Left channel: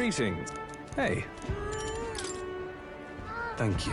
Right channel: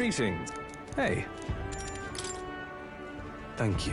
Greetings. Hey. Thank you.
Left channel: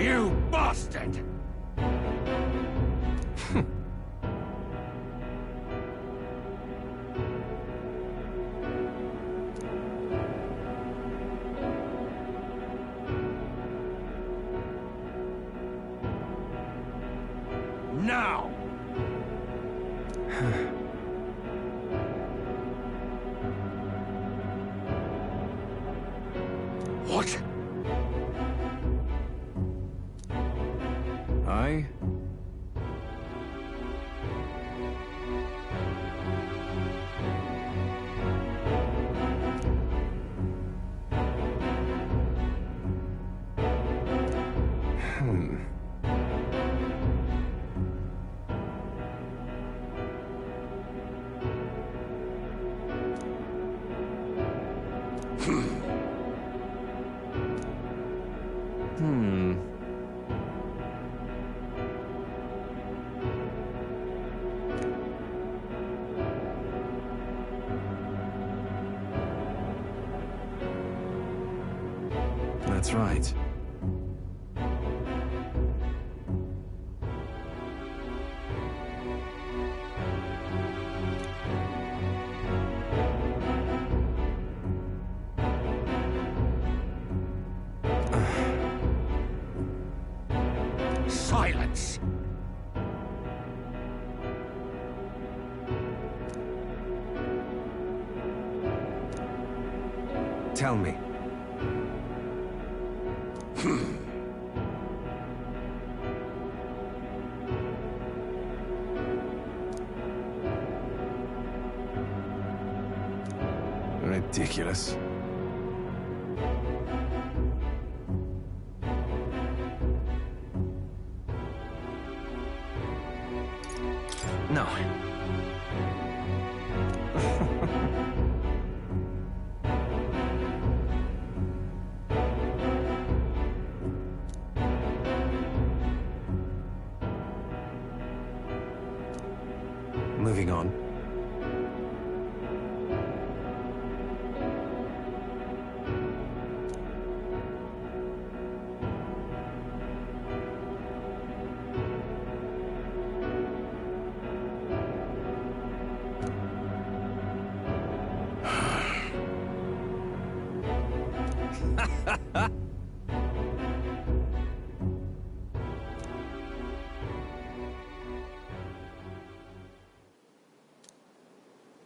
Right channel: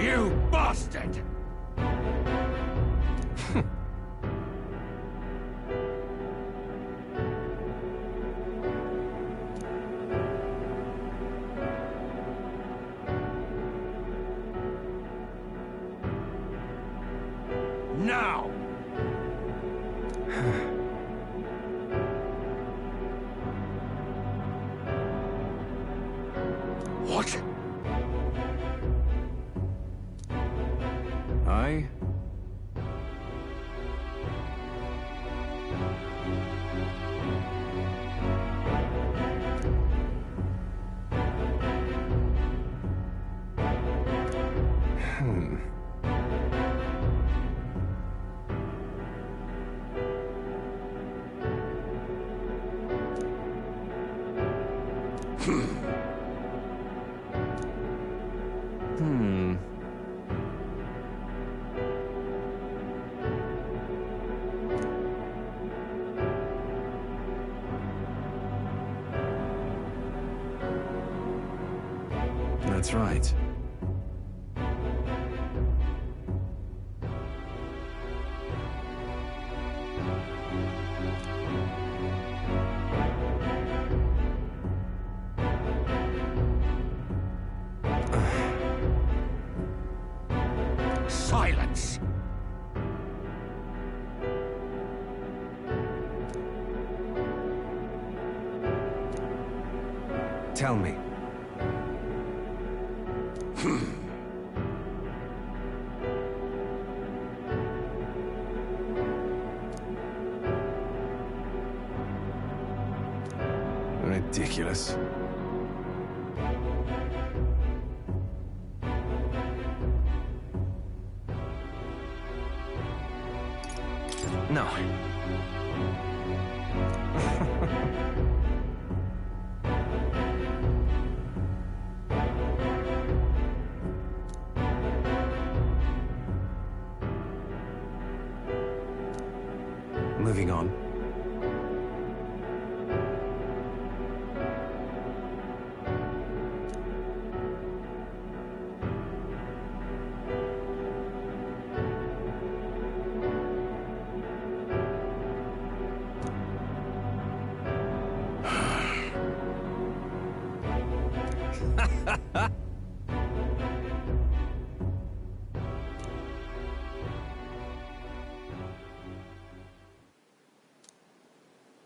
You bastard! Now! What? I... That's right. Silence! Tell me. Ridiculous. No. Moving on.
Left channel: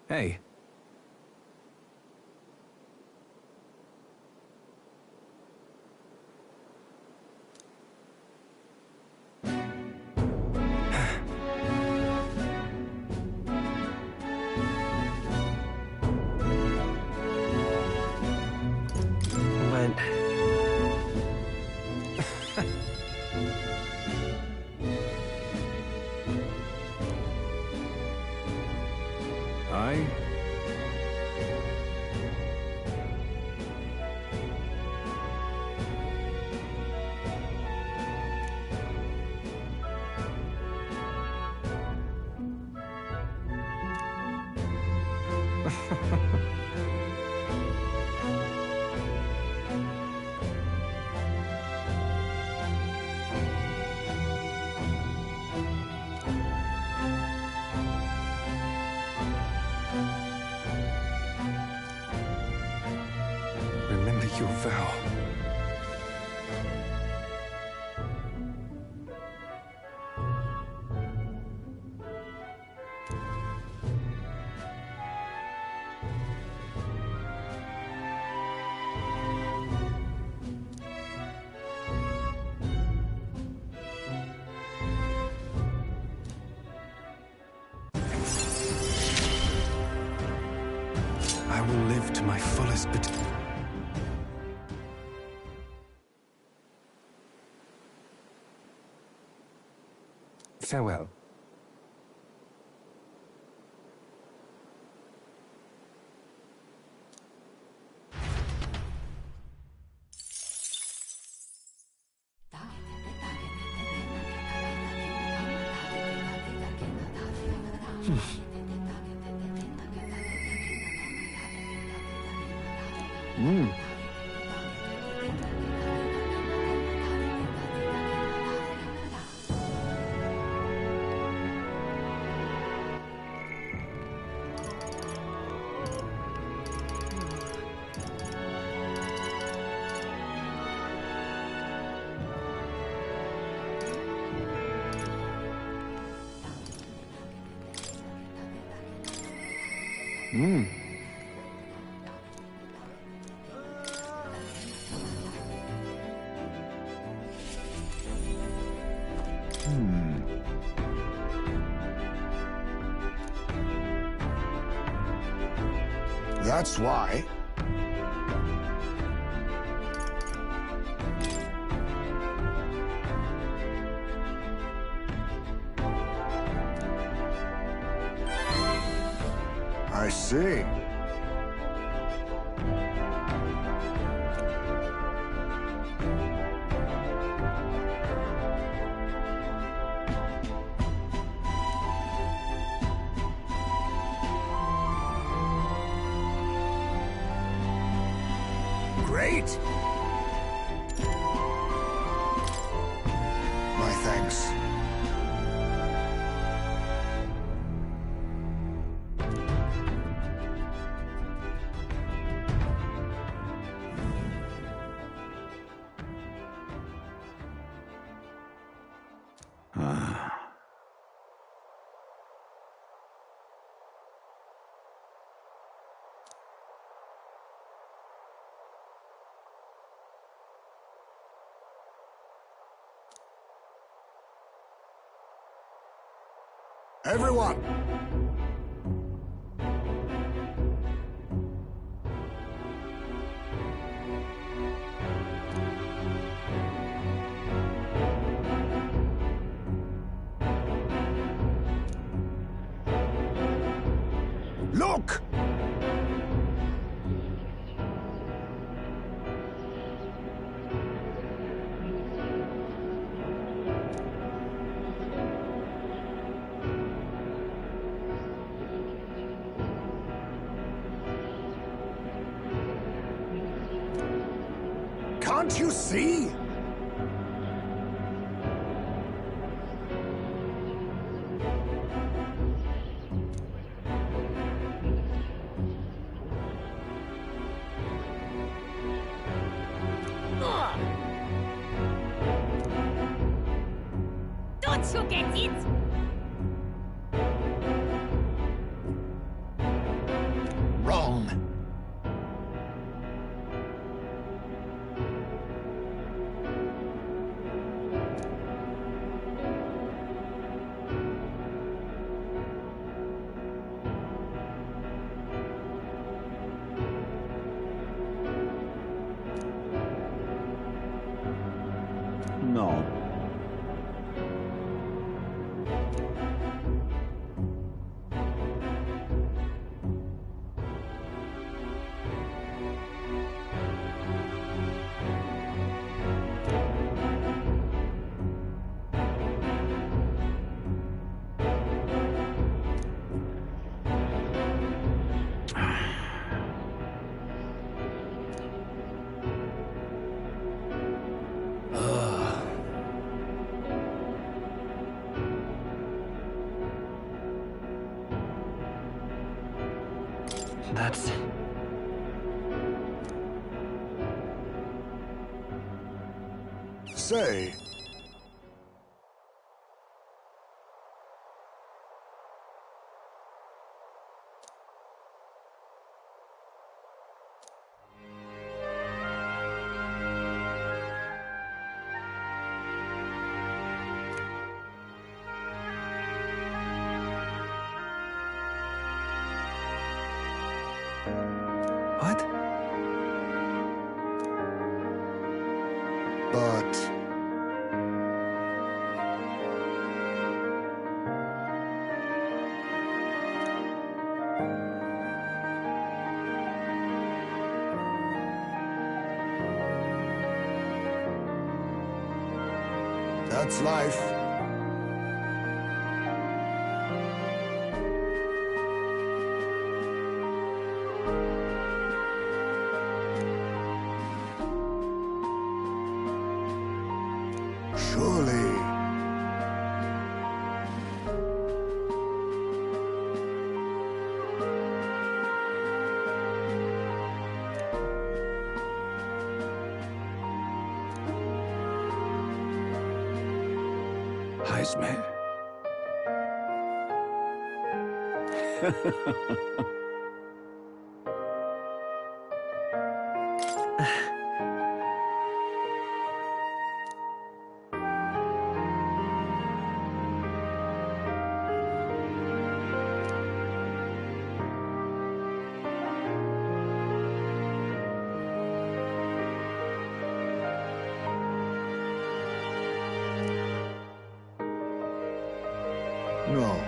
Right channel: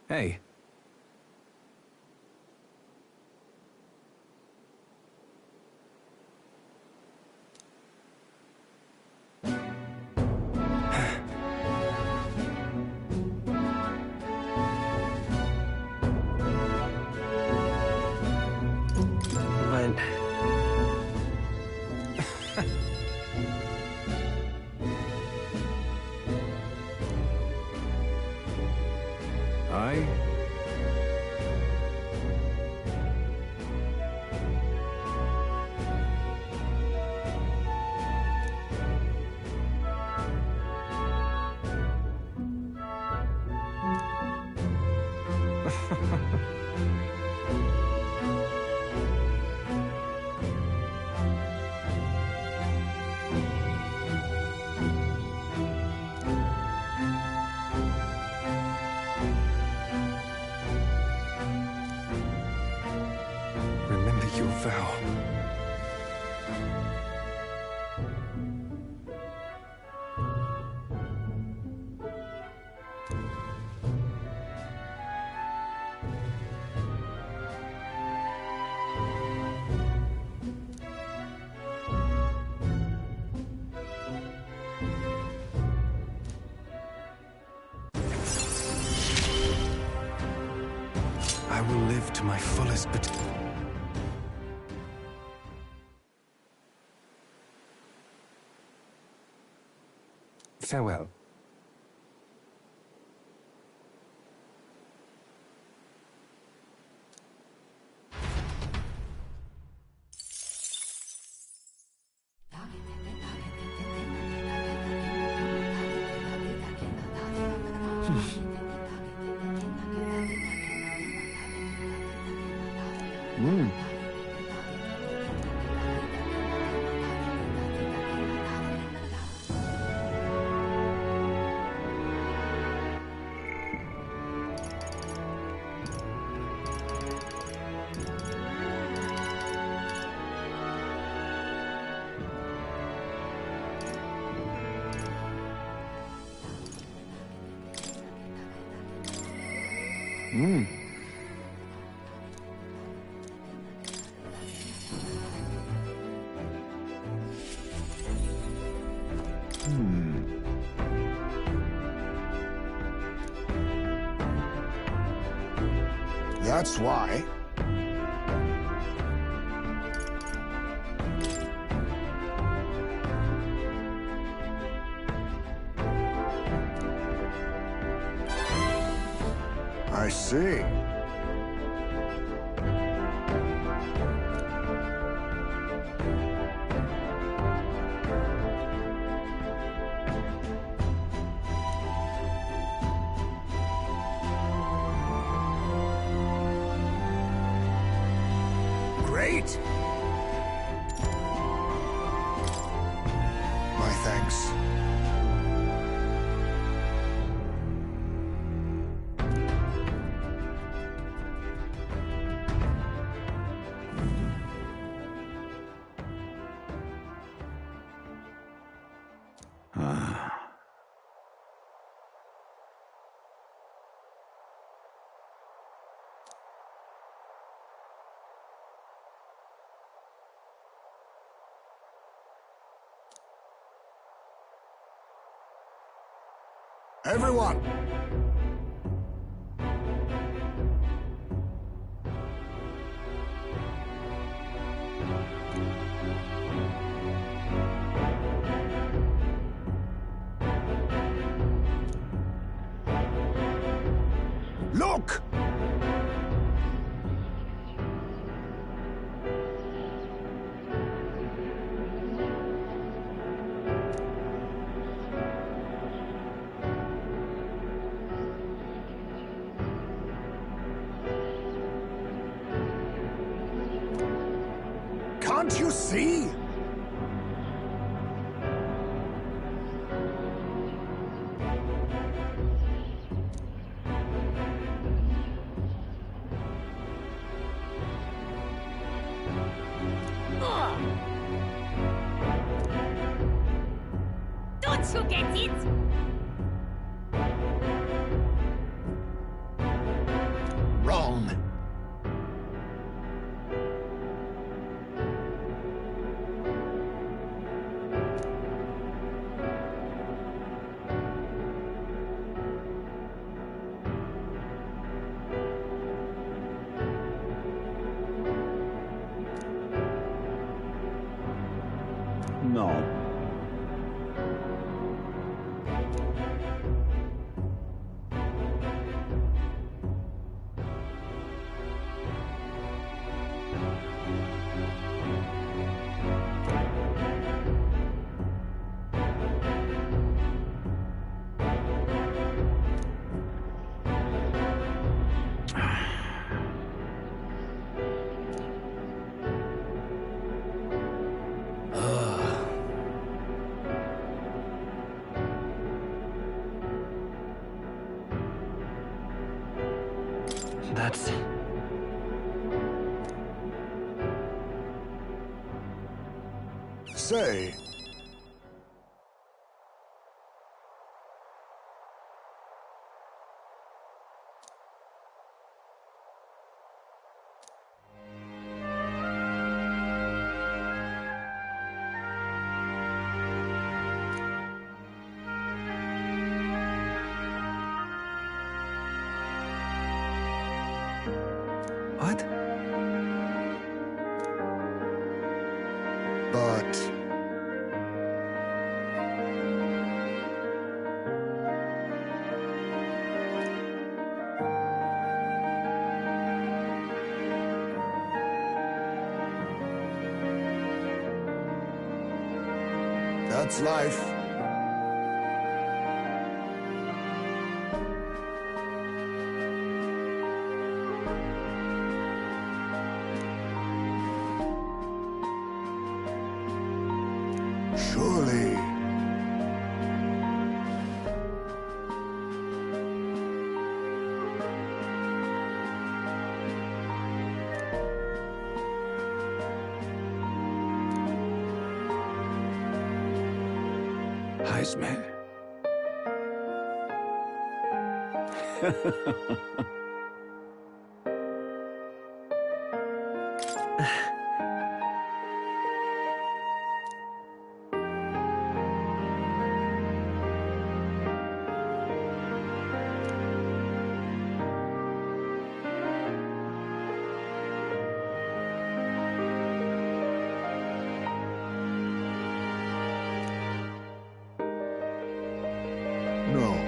Hey. But... I... Remember your vow. will live to my fullest potential. Farewell. That's why. I see. Great! My thanks. Everyone! Look! Can't you see? Don't you get it? Wrong. No. That's... Say, But... that's life. Surely. Heisman. No.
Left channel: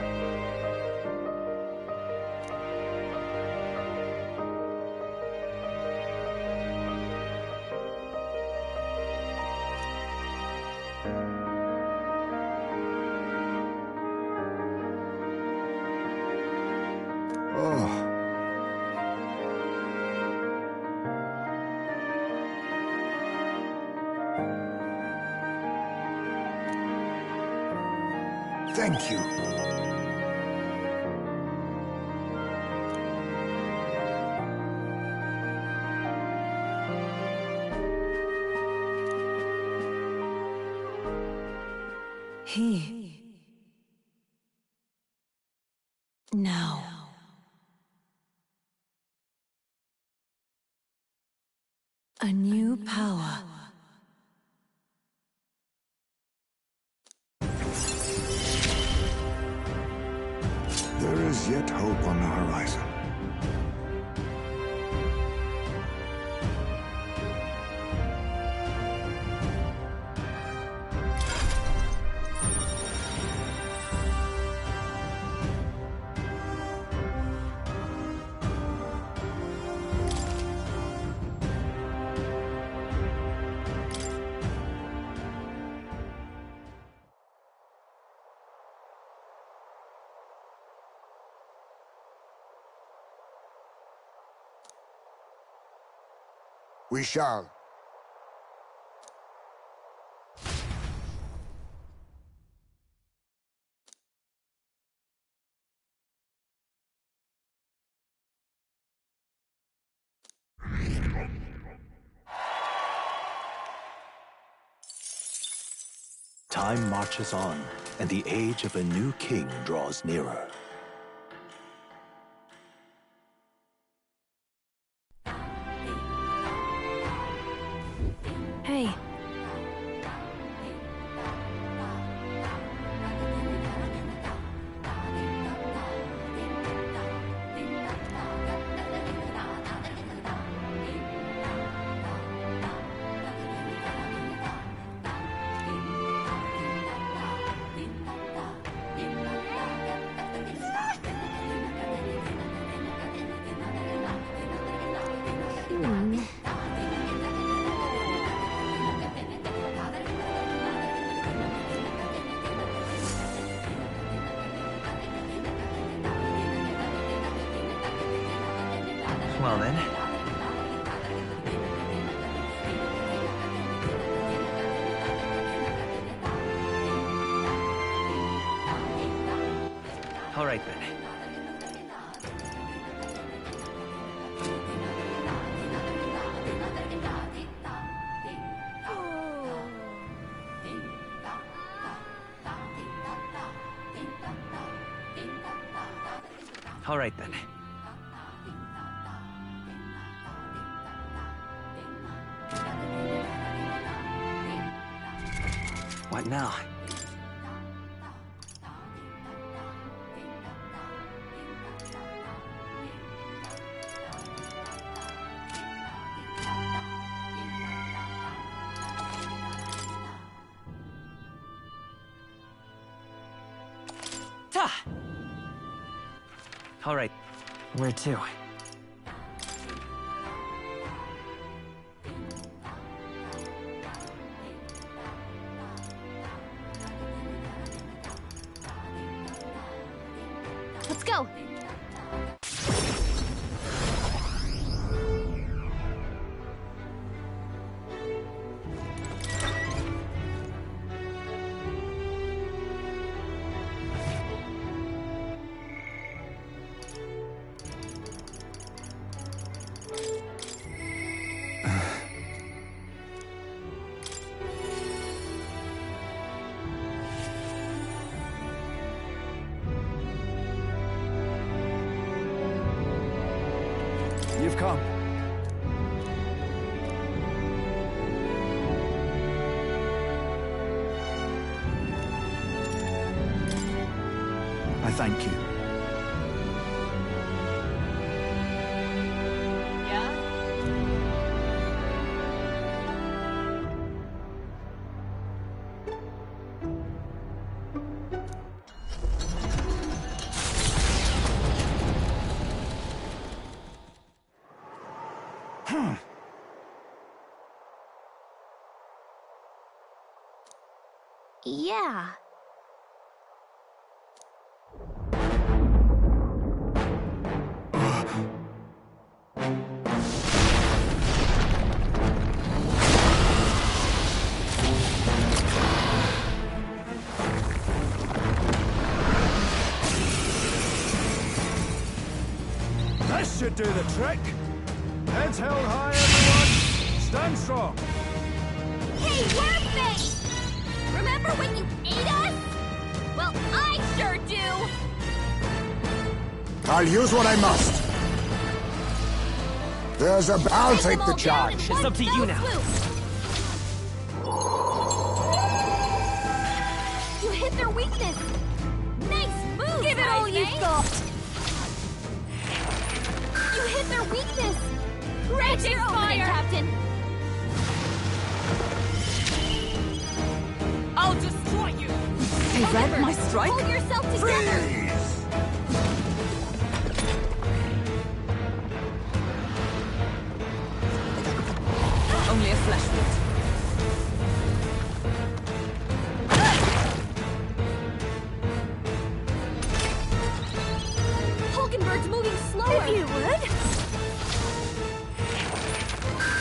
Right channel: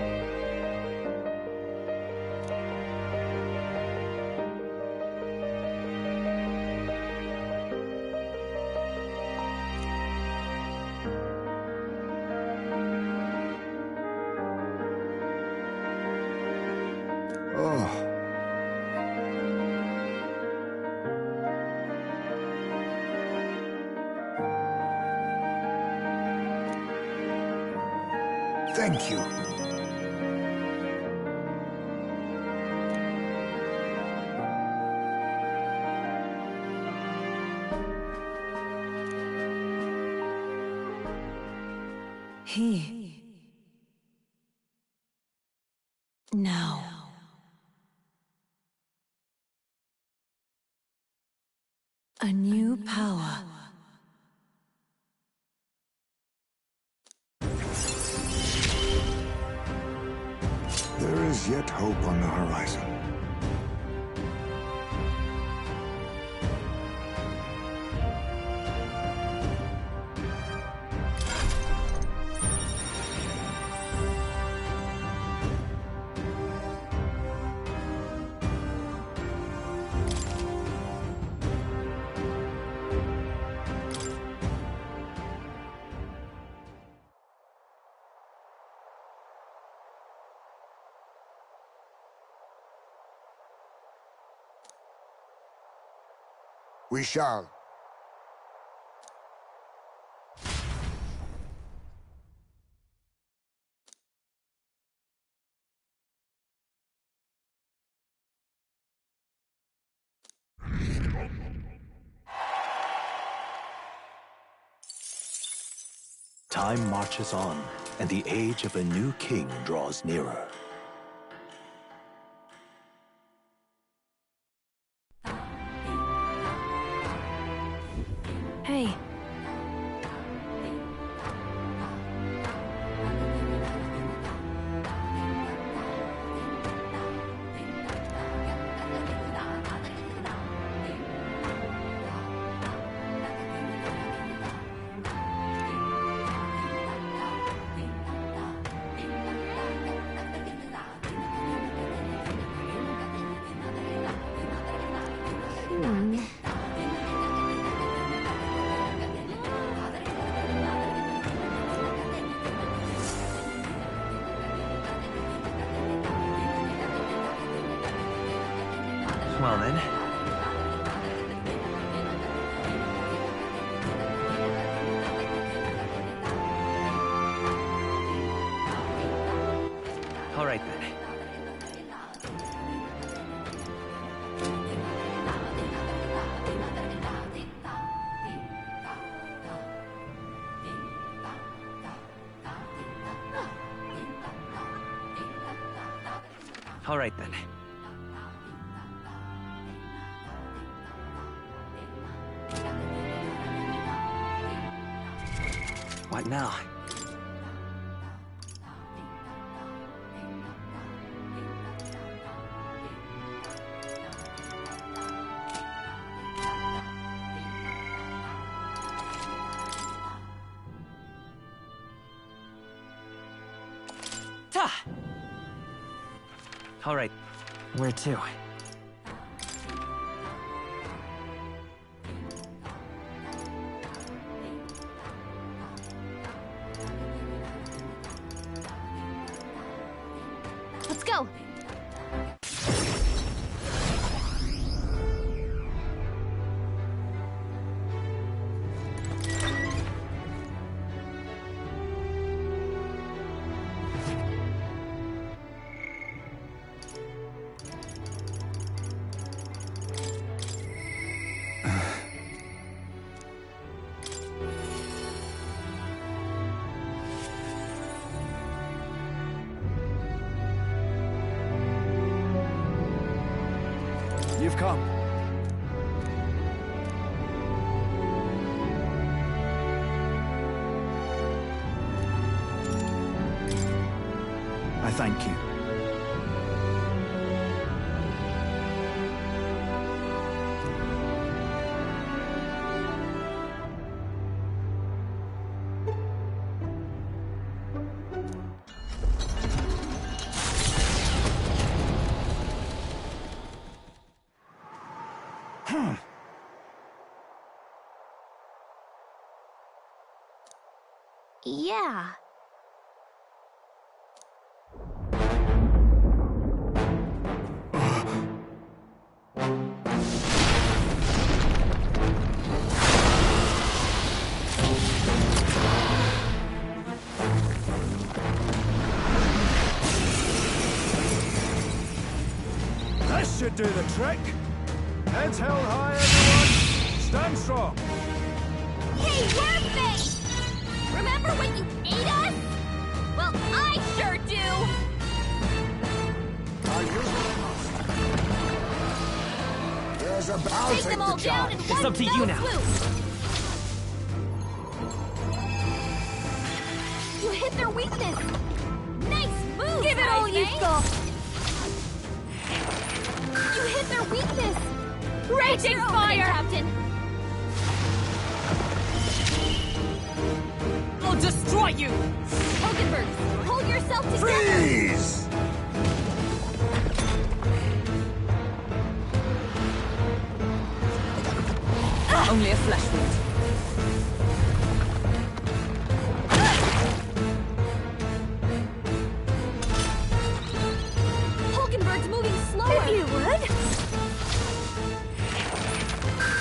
Oh. Thank you. Now. A new power. There is yet hope on the horizon. We shall. Time marches on, and the age of a new king draws nearer. Hey. Well then. All right then. All right then. What now? Ah! All right. Where to? Let's go. You've come. I thank you. Yeah. This should do the trick. Heads held high, everyone. Stand strong. Hey, Wormface! Remember when you ate us? Well, I sure do! I'll use what I must. I'll take the charge. It's up to you now. You hit their weakness. Nice move, Give it all you've got. You hit their weakness. Raging fire! Captain. I'll destroy you! Remember, hold yourself together. Freeze! Only a flesh wound. Hulkenberg's moving slower. If you would.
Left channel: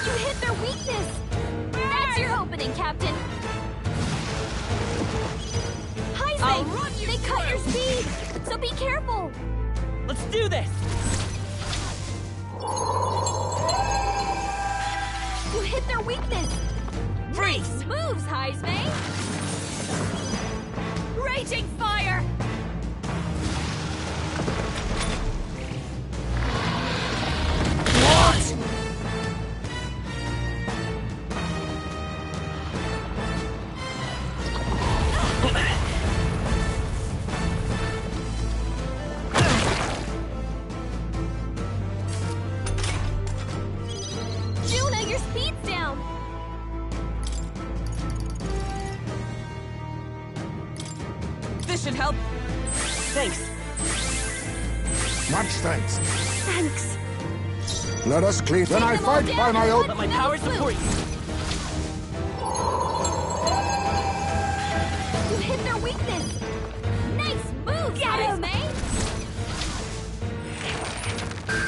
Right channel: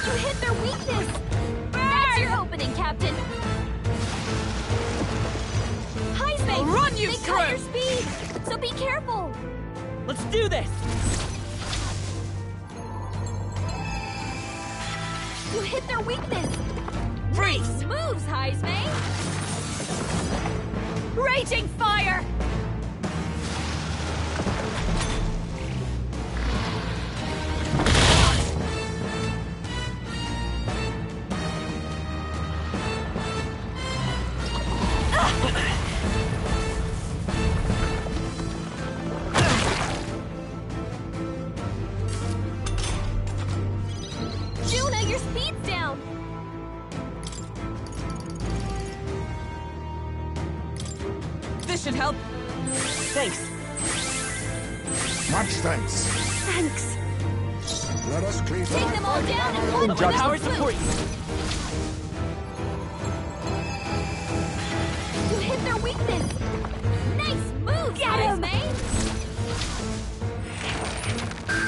You hit their weakness. That's your opening, Captain. I'll run you They through. cut your speed, so be careful. Let's do this! You hit their weakness. Freeze! Nice moves, Heismay. Raging fire! Juna, your speed's down. This should help. Thanks. Much thanks. Thanks. Let us clean. Then I them all fight down by my and own one My by judgment. powers support you. You hit their weakness. Nice moves, Get him. Heismay.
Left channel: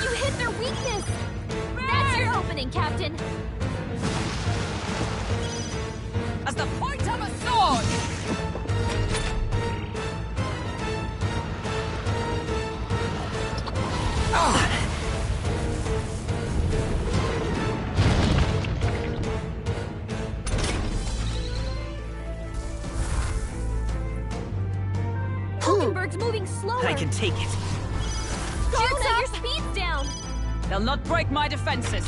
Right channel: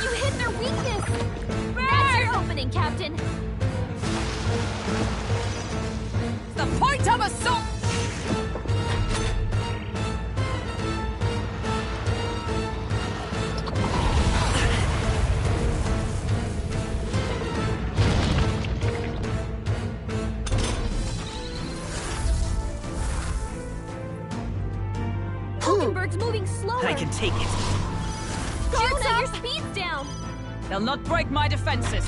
You hit their weakness. That's your opening, Captain. As the point of a sword! Hulkenberg's moving slower. I can take it. Juna, your speed's down. They'll not break my defenses.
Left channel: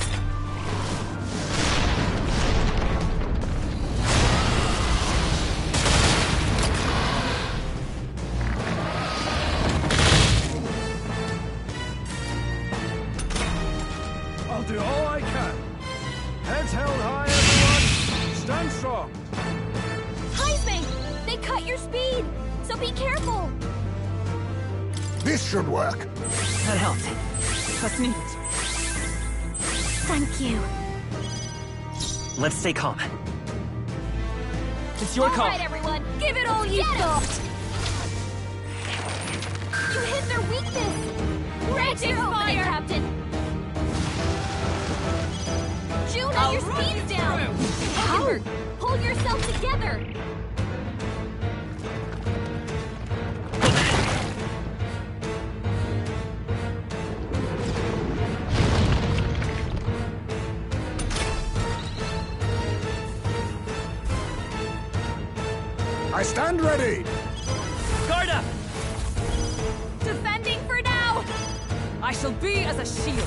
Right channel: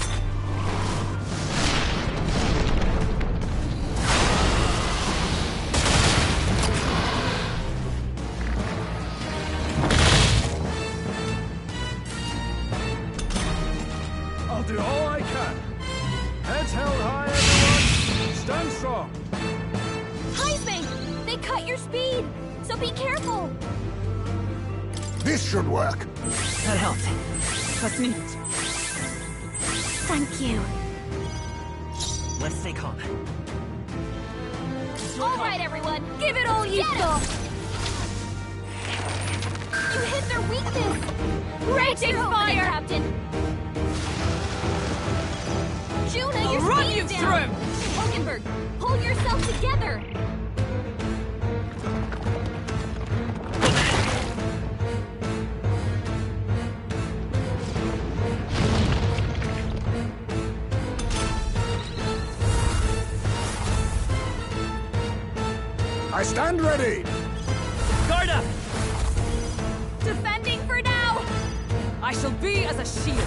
I'll do all I can. Heads held high, everyone. Stand strong. Heismay, they cut your speed, so be careful. This should work. That helped. That's needed. Thank you. Let's stay calm. It's your All call. right, everyone. Give it all you've got. You hit their weakness. Raging fire, Captain. Juna, I'll your run speed's you down. Hulkenberg, pull yourself together. I stand ready. Guard up! Defending for now. I shall be as a shield.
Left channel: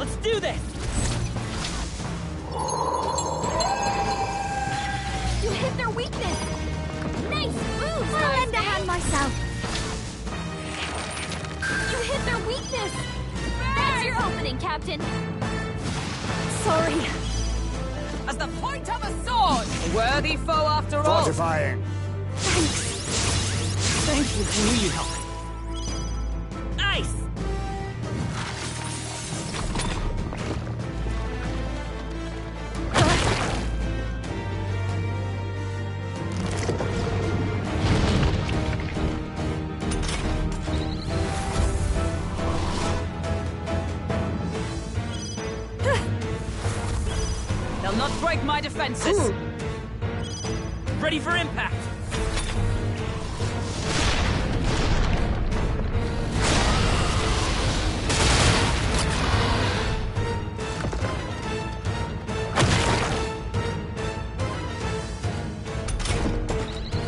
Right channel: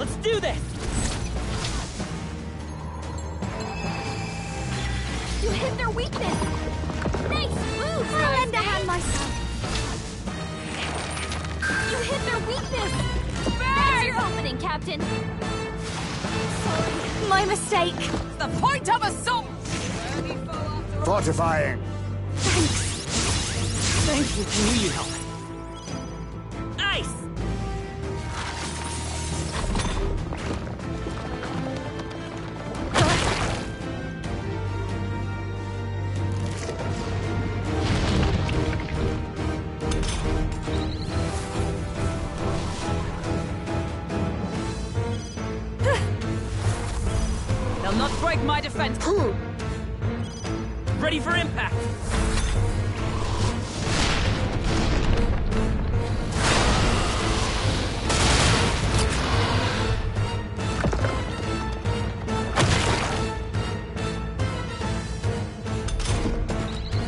Let's do this! You hit their weakness. Nice move. I'll lend a hand myself. You hit their weakness. That's your opening, Captain. Sorry, my mistake. As the point of a sword! A worthy foe after all. Fortifying. Thank you. I knew you'd help. Ice! They'll not break my defenses. Ready for impact!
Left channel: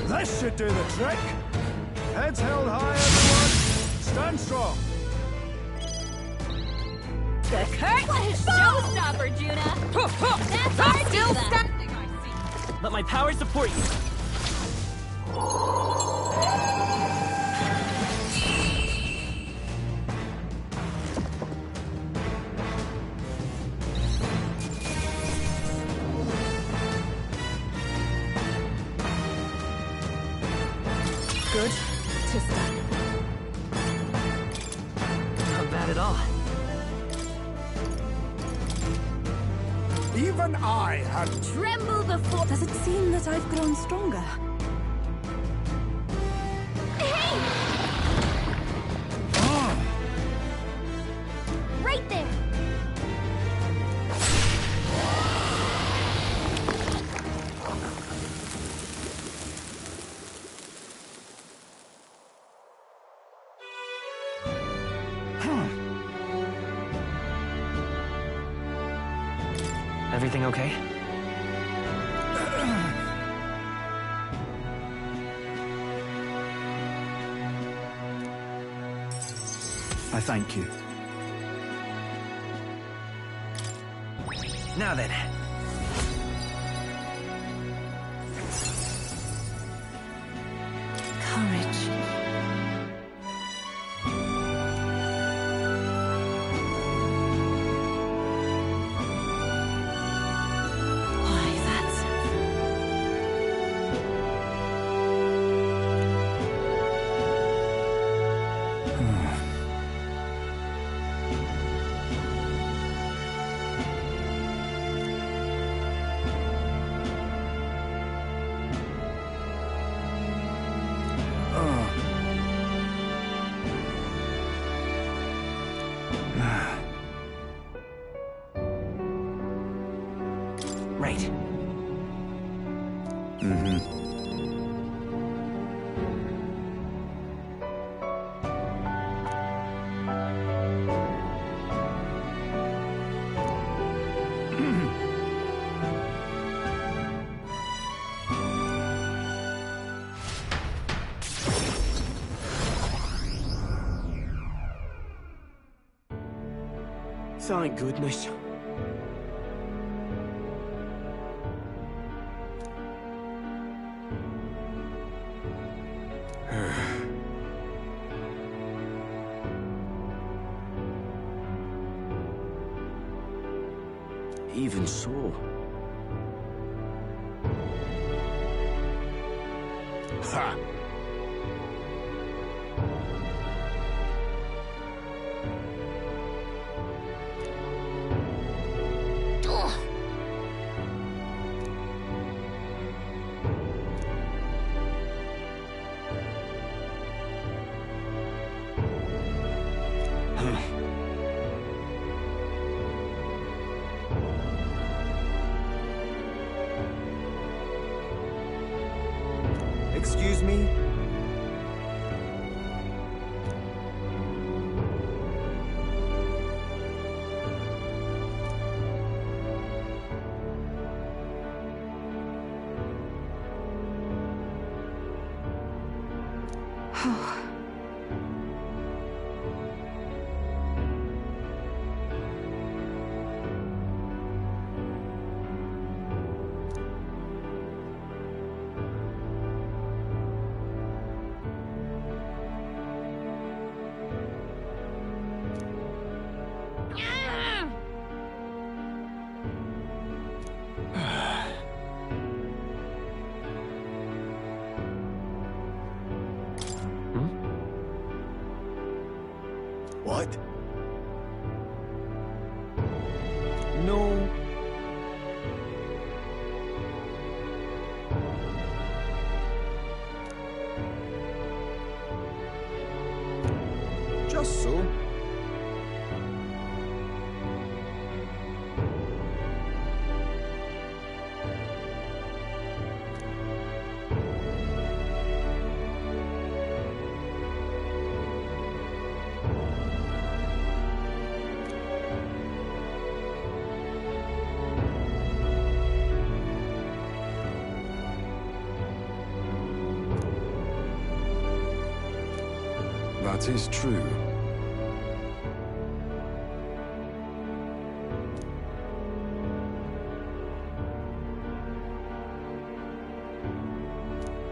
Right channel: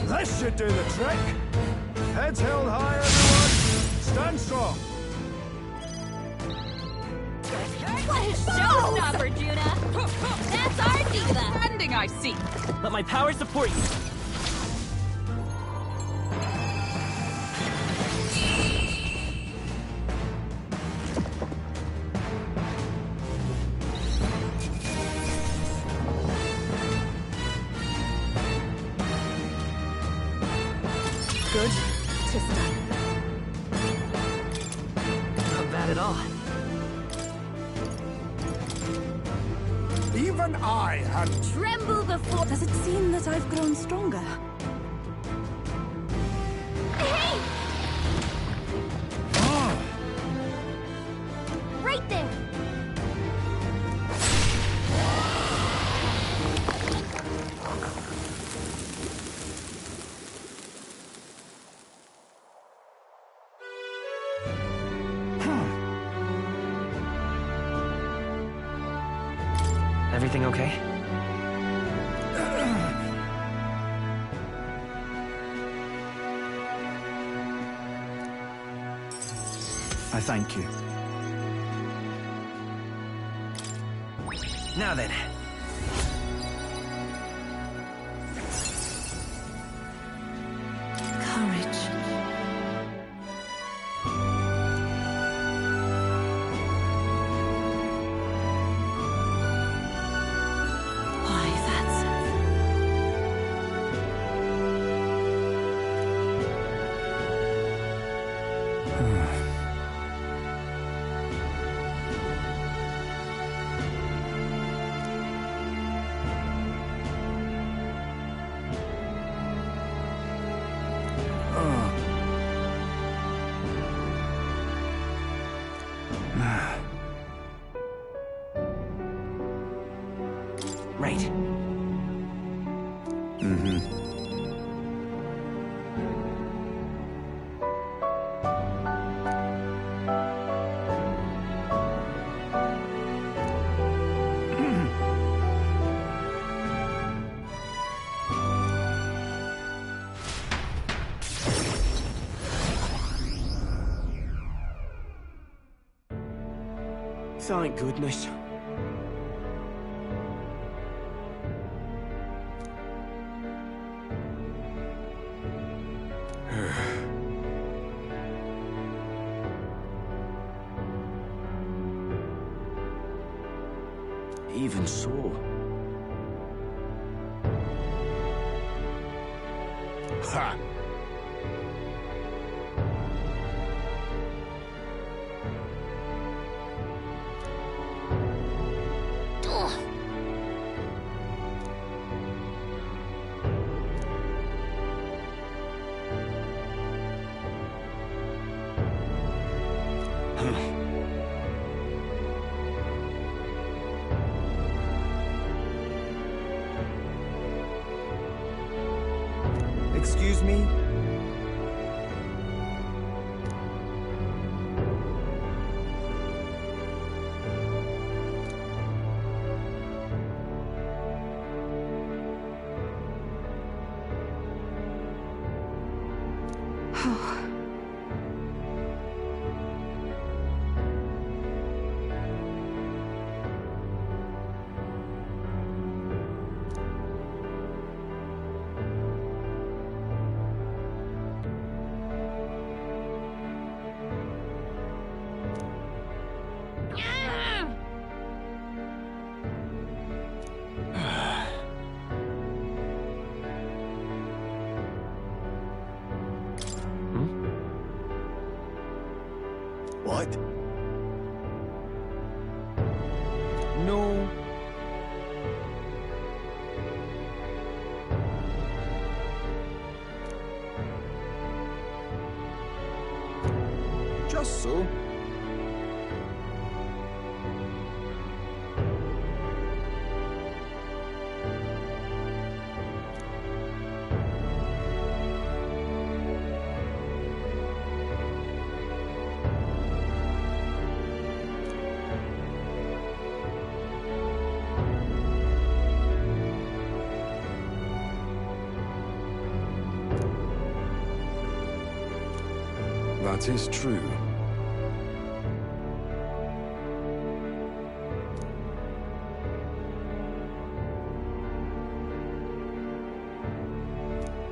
This should do the trick. Heads held high, everyone. Stand strong. What a showstopper, Juna. That's our Still diva. standing, I see. Let my power support you. Good to stun. Not bad at all. Even I had... Tremble before. Does it seem that I've grown stronger? Hey! Right there. Everything okay? I thank you. Now then. Courage. Why, that's... Right. Thank goodness. Even so. Ha! Ugh. Excuse me? What? No. Just so. That is true.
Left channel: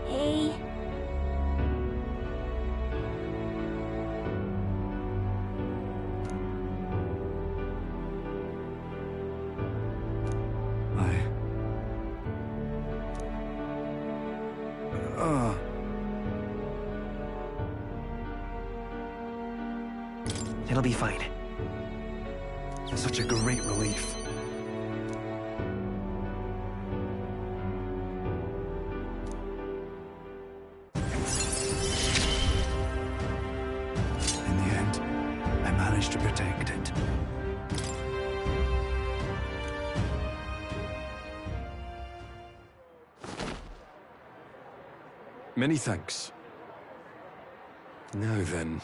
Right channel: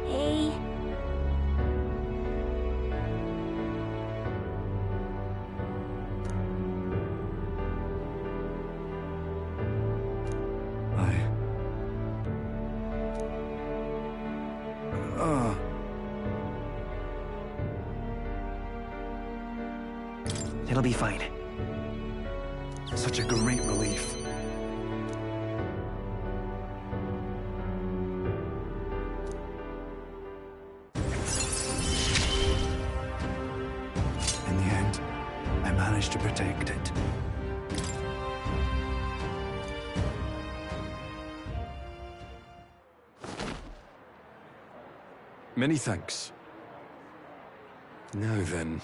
Hey. It'll be fine. Such a great relief. In the end, I managed to protect it. Many thanks. Now then.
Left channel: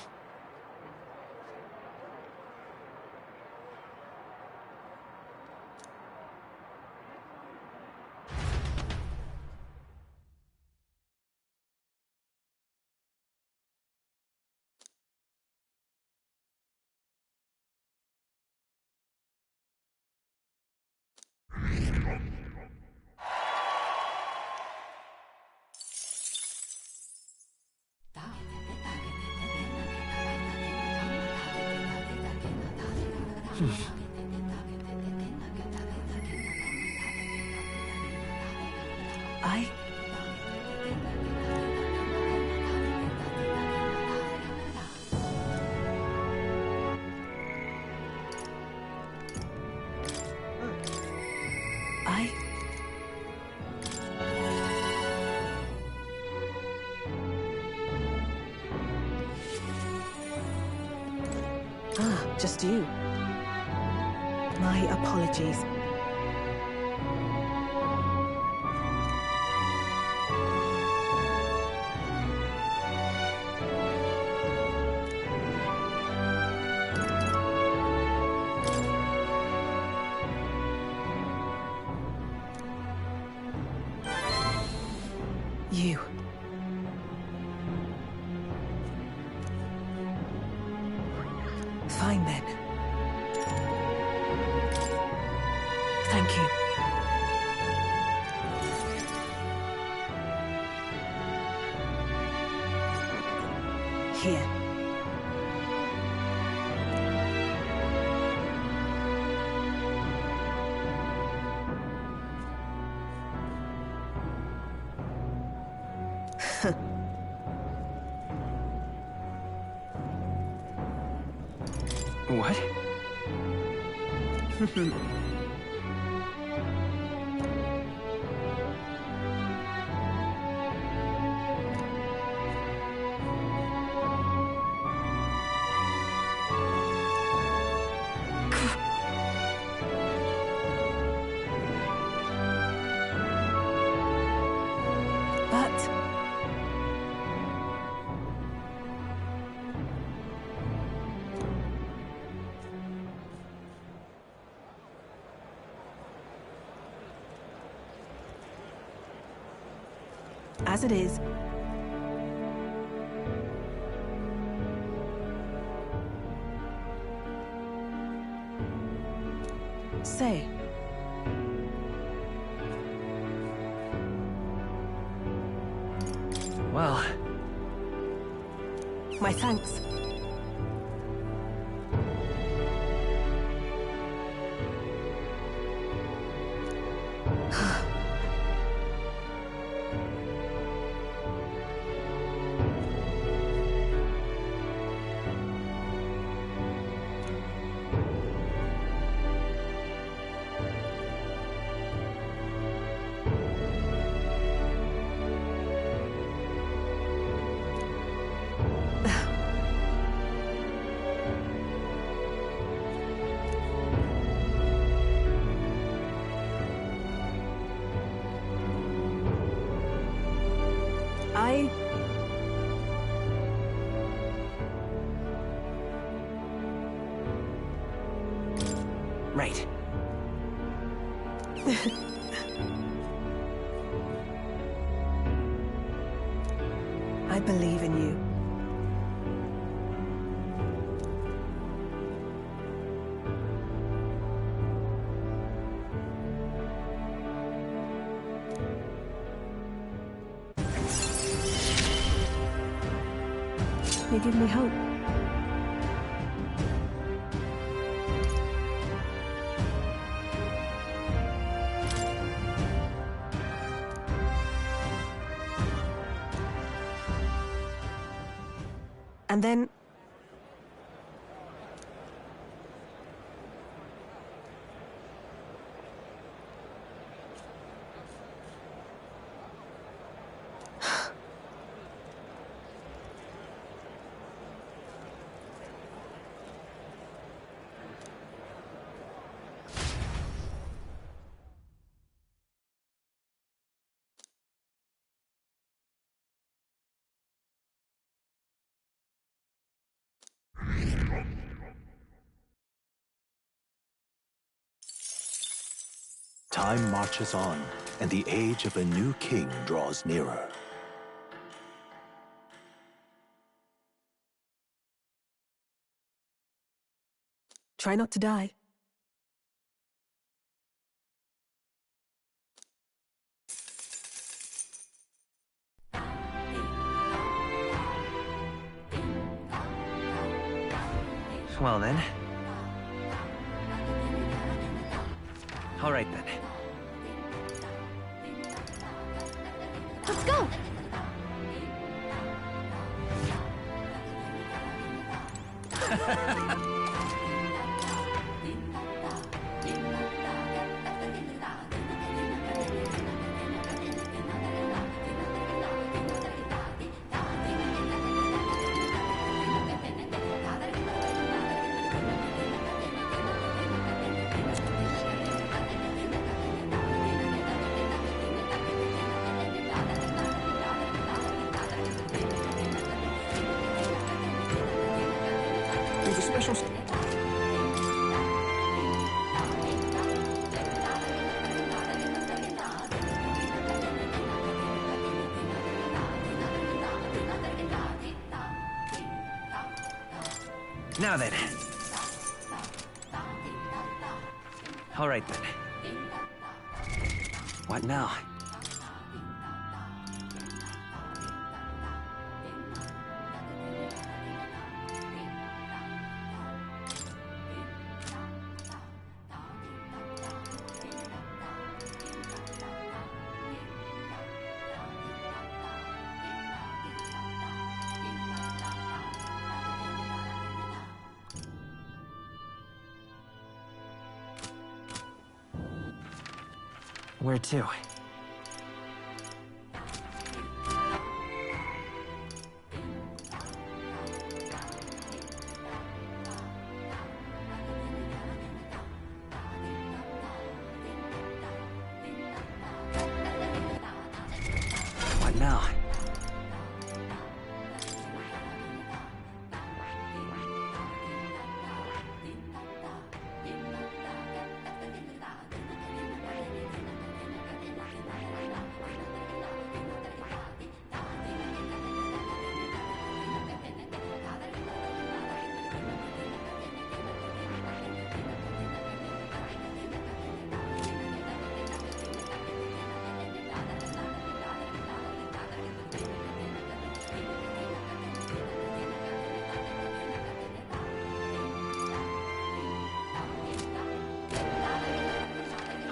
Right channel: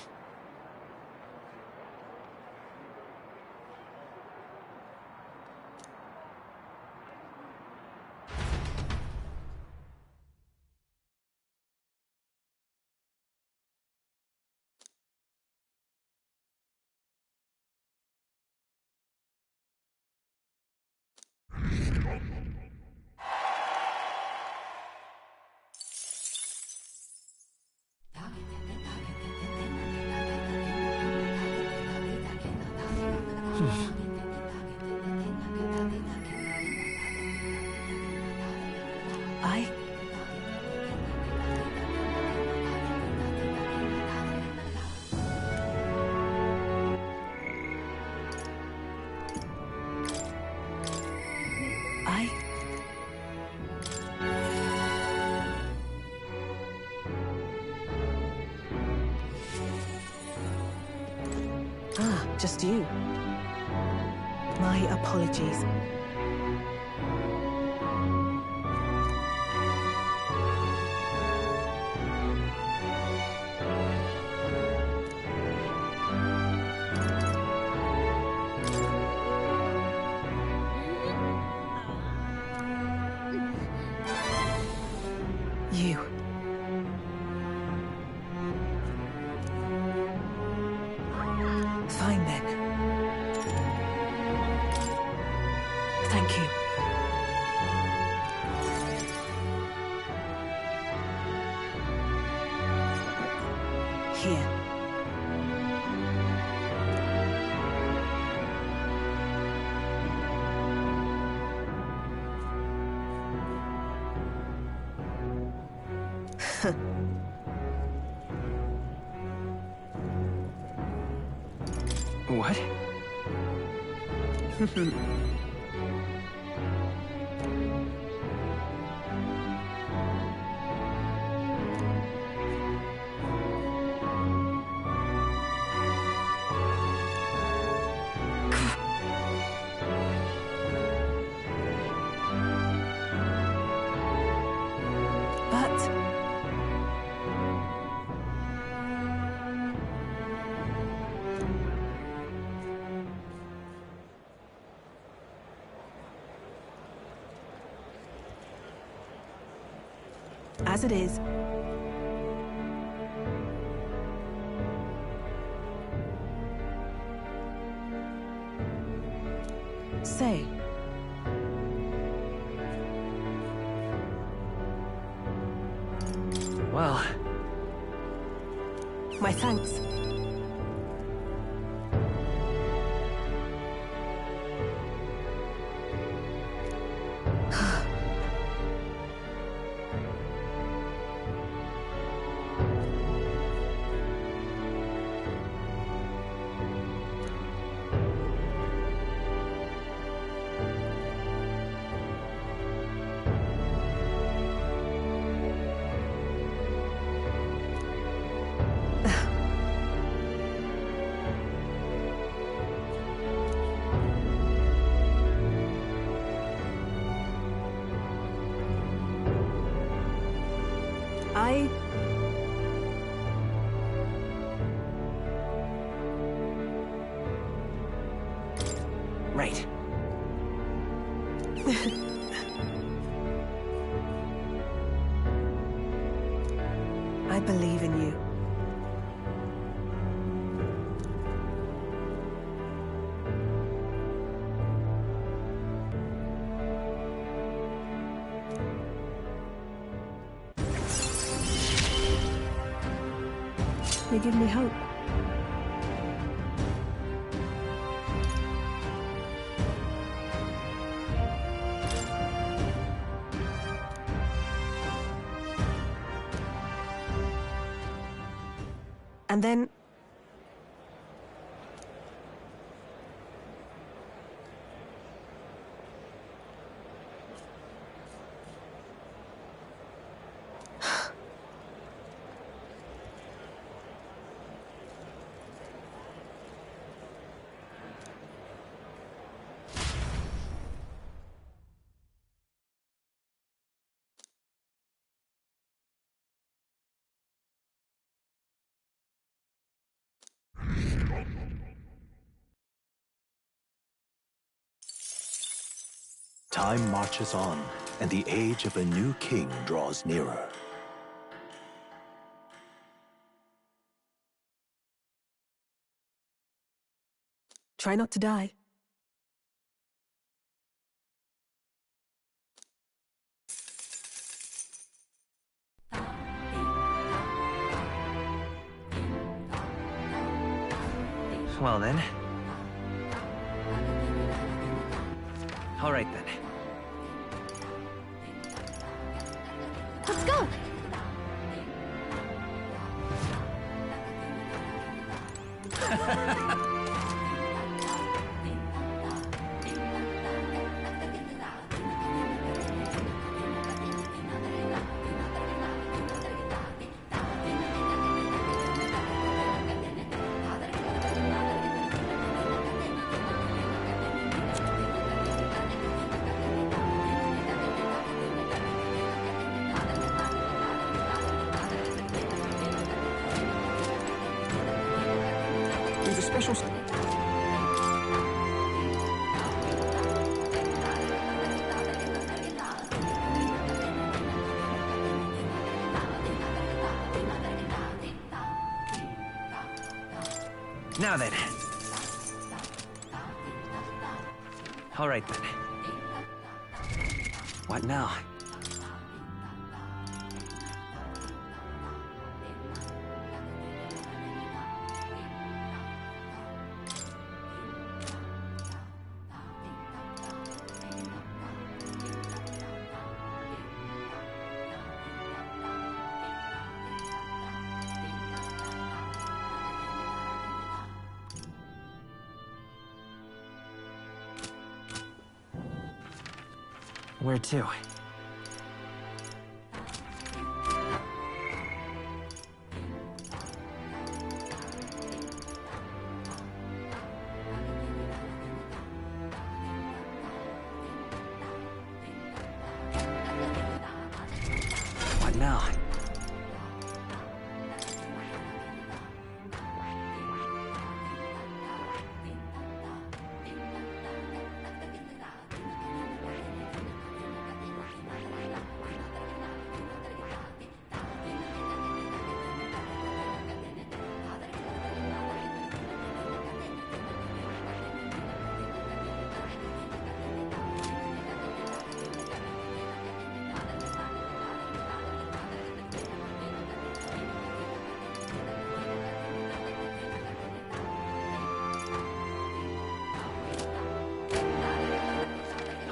Just you. My apologies. You. Fine then. Thank you. Here. What? But as it is, say, Well, my thanks. I... right. I believe in you. You give me hope. And then... Time marches on, and the age of a new king draws nearer. Try not to die. Well then. All right then. Let's go! There's a special... Now then. All right then. What now? Where to? What now?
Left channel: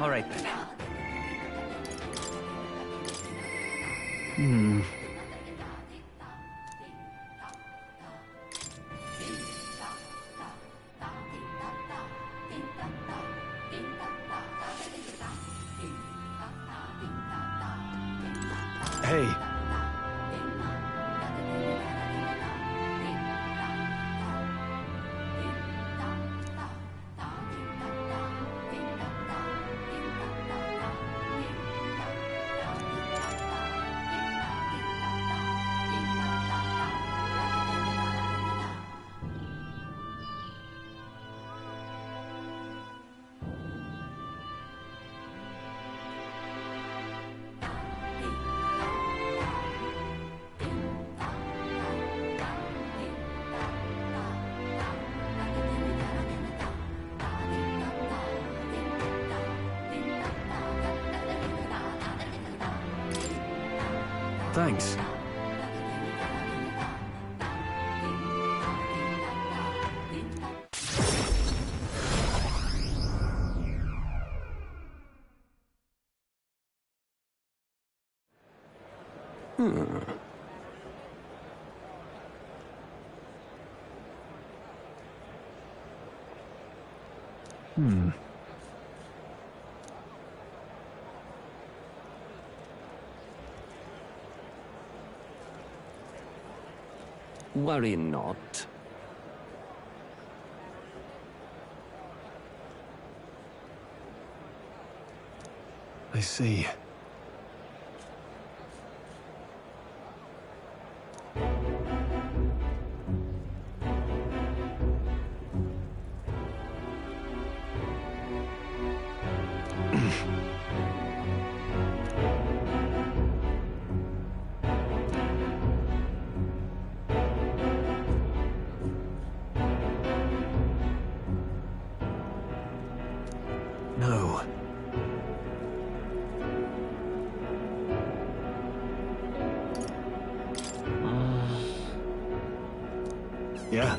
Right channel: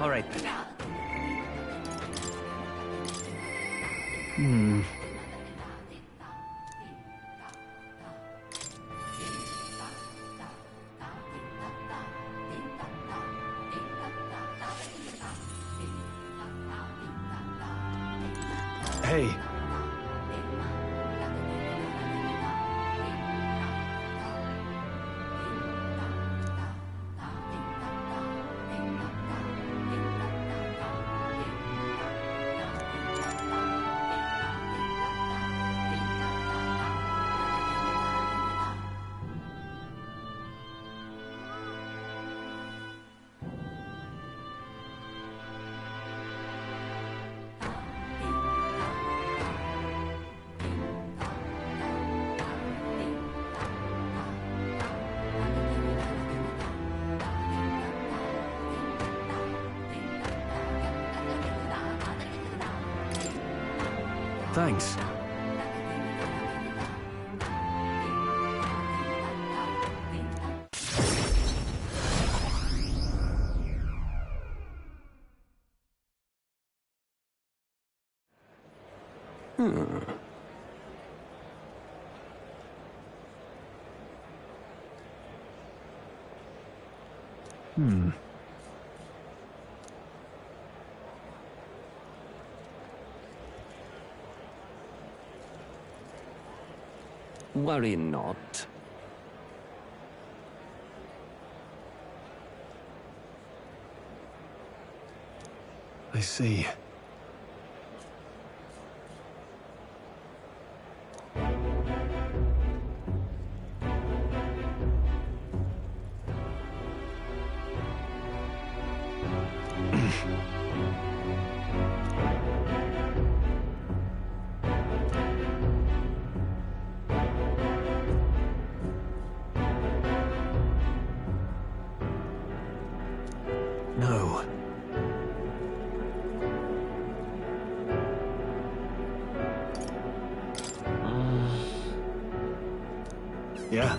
All right, then. Hey. Thanks. Worry not. I see. No. Yeah.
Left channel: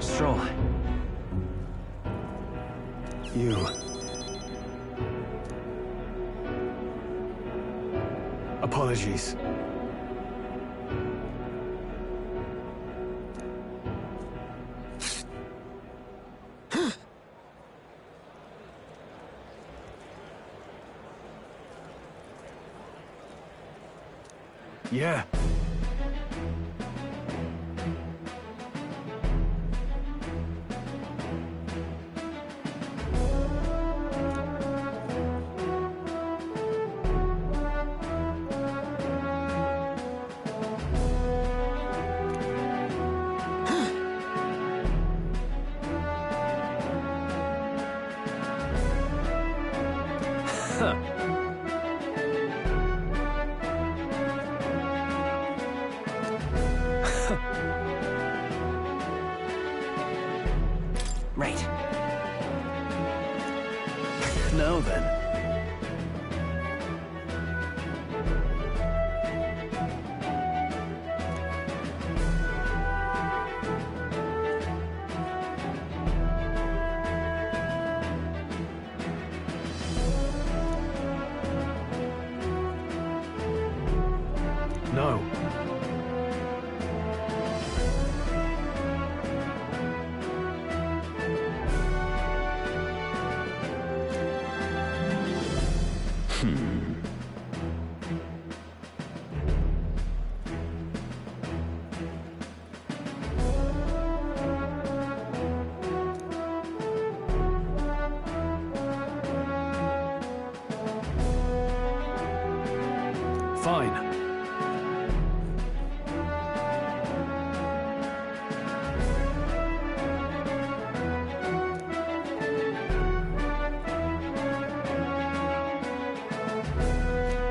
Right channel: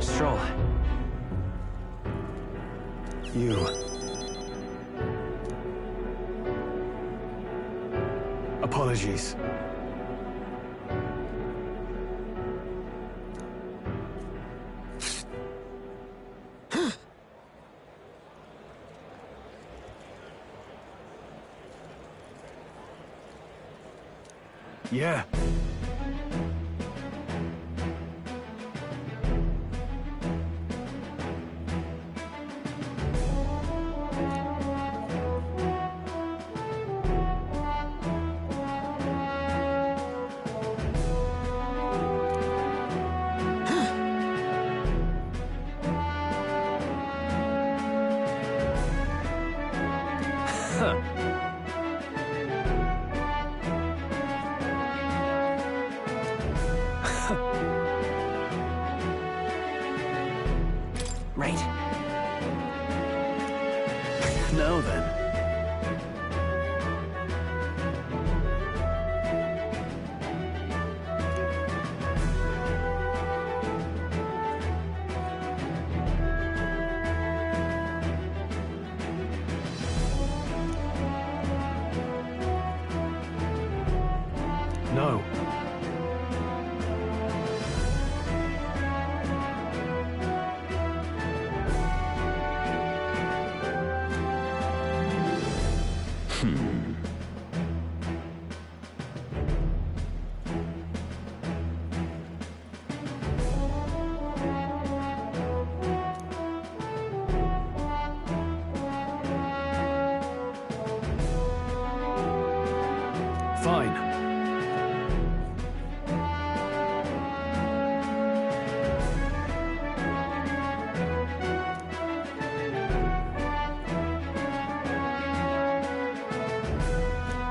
Stroll. You. Apologies. Yeah. Right. Now then. No. Fine.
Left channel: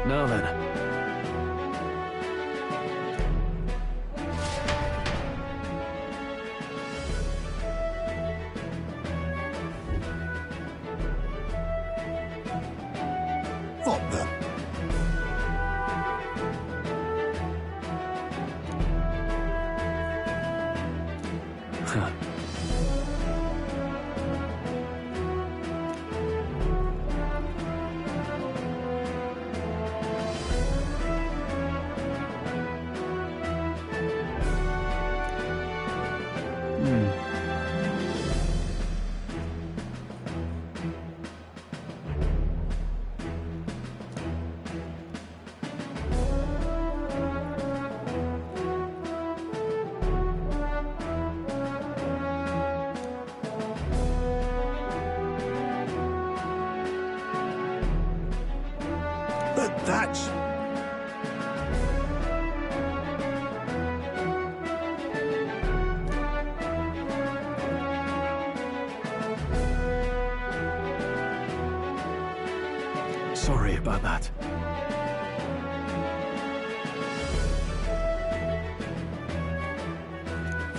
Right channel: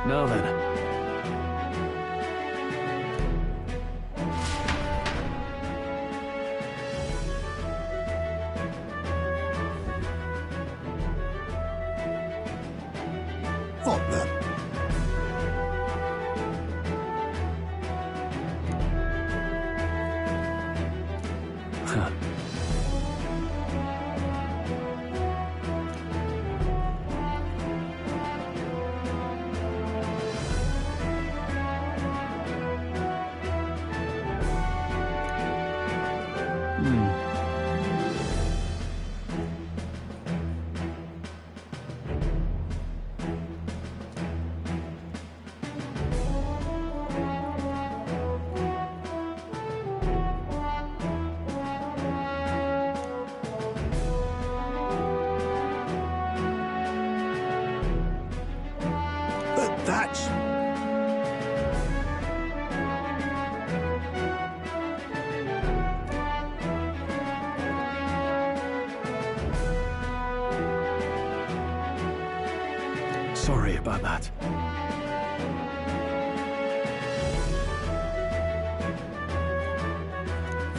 Now then. What the? Huh. But that's... Sorry about that.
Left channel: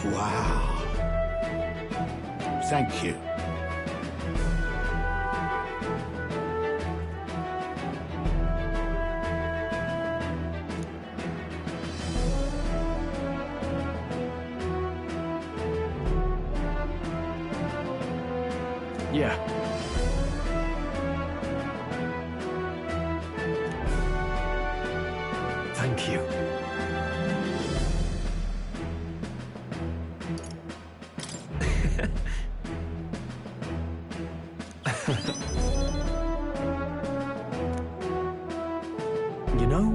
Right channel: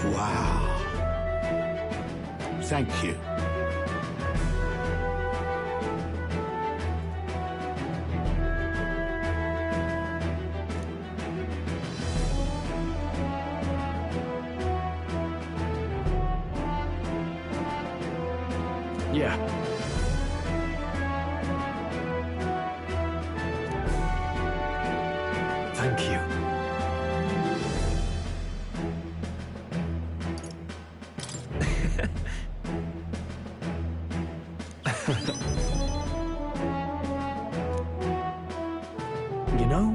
Wow. Thank you. Yeah. Thank you. You know?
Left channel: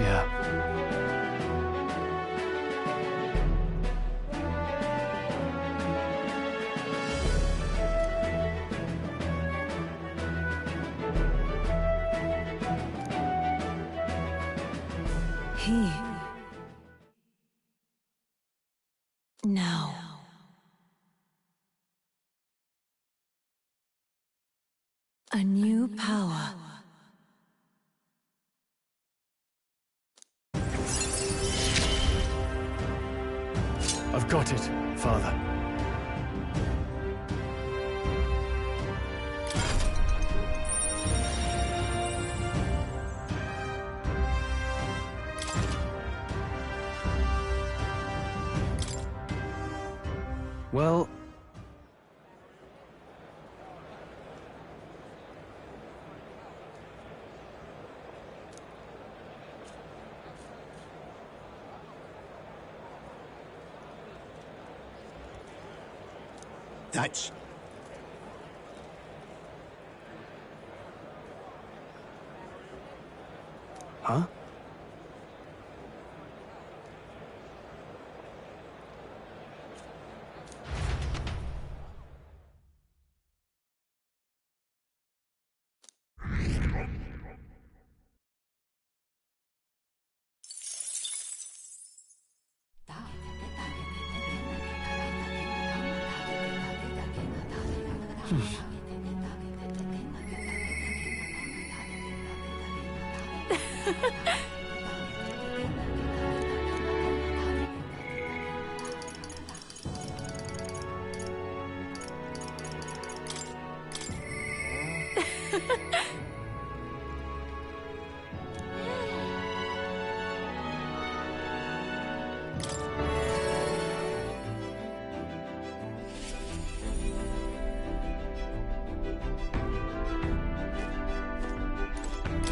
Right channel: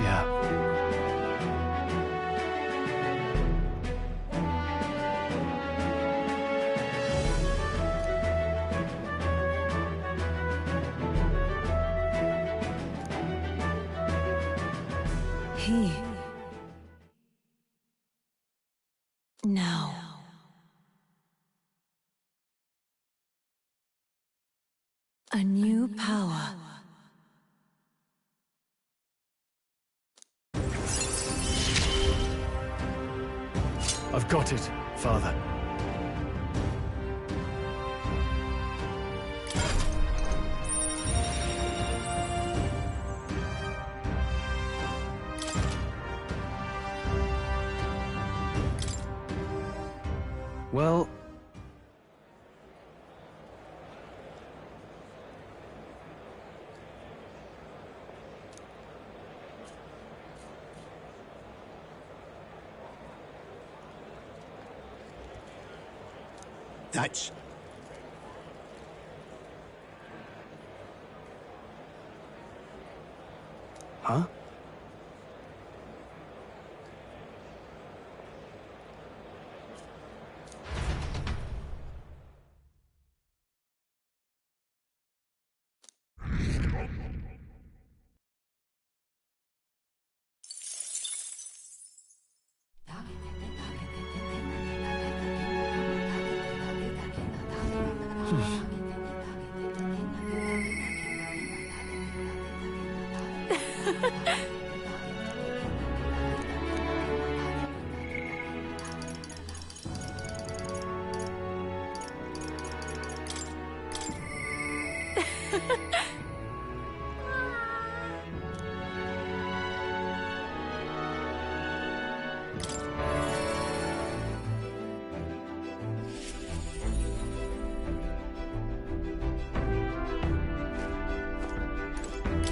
Yeah. He. Now. A new power. I've got it, Father. Well... That's... Huh?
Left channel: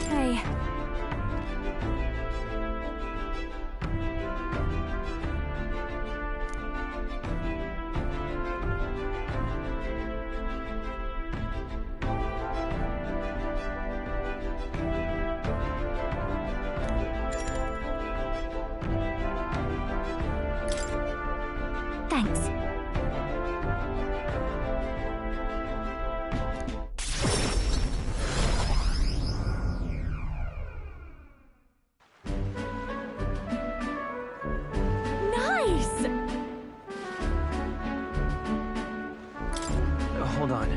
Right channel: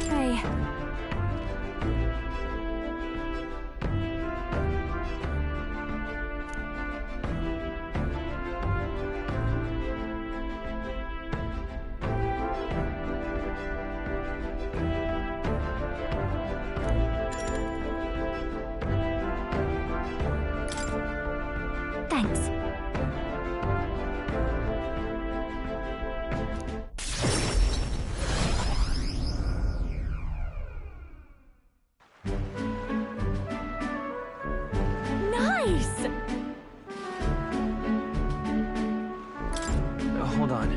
Hey. Thanks. Nice! Hold on.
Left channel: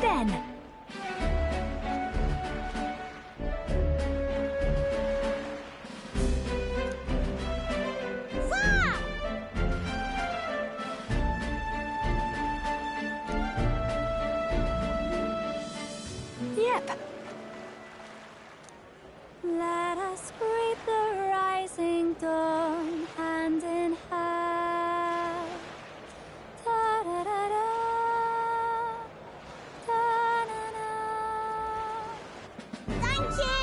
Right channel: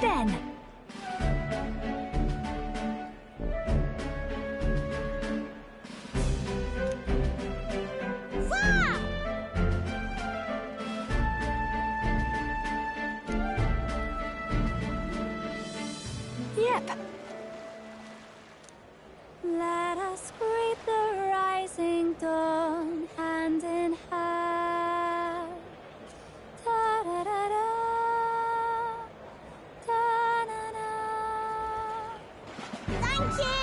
Then. Yep. Let us greet the rising dawn hand in hand. Da da da da. Da na na. Thank you.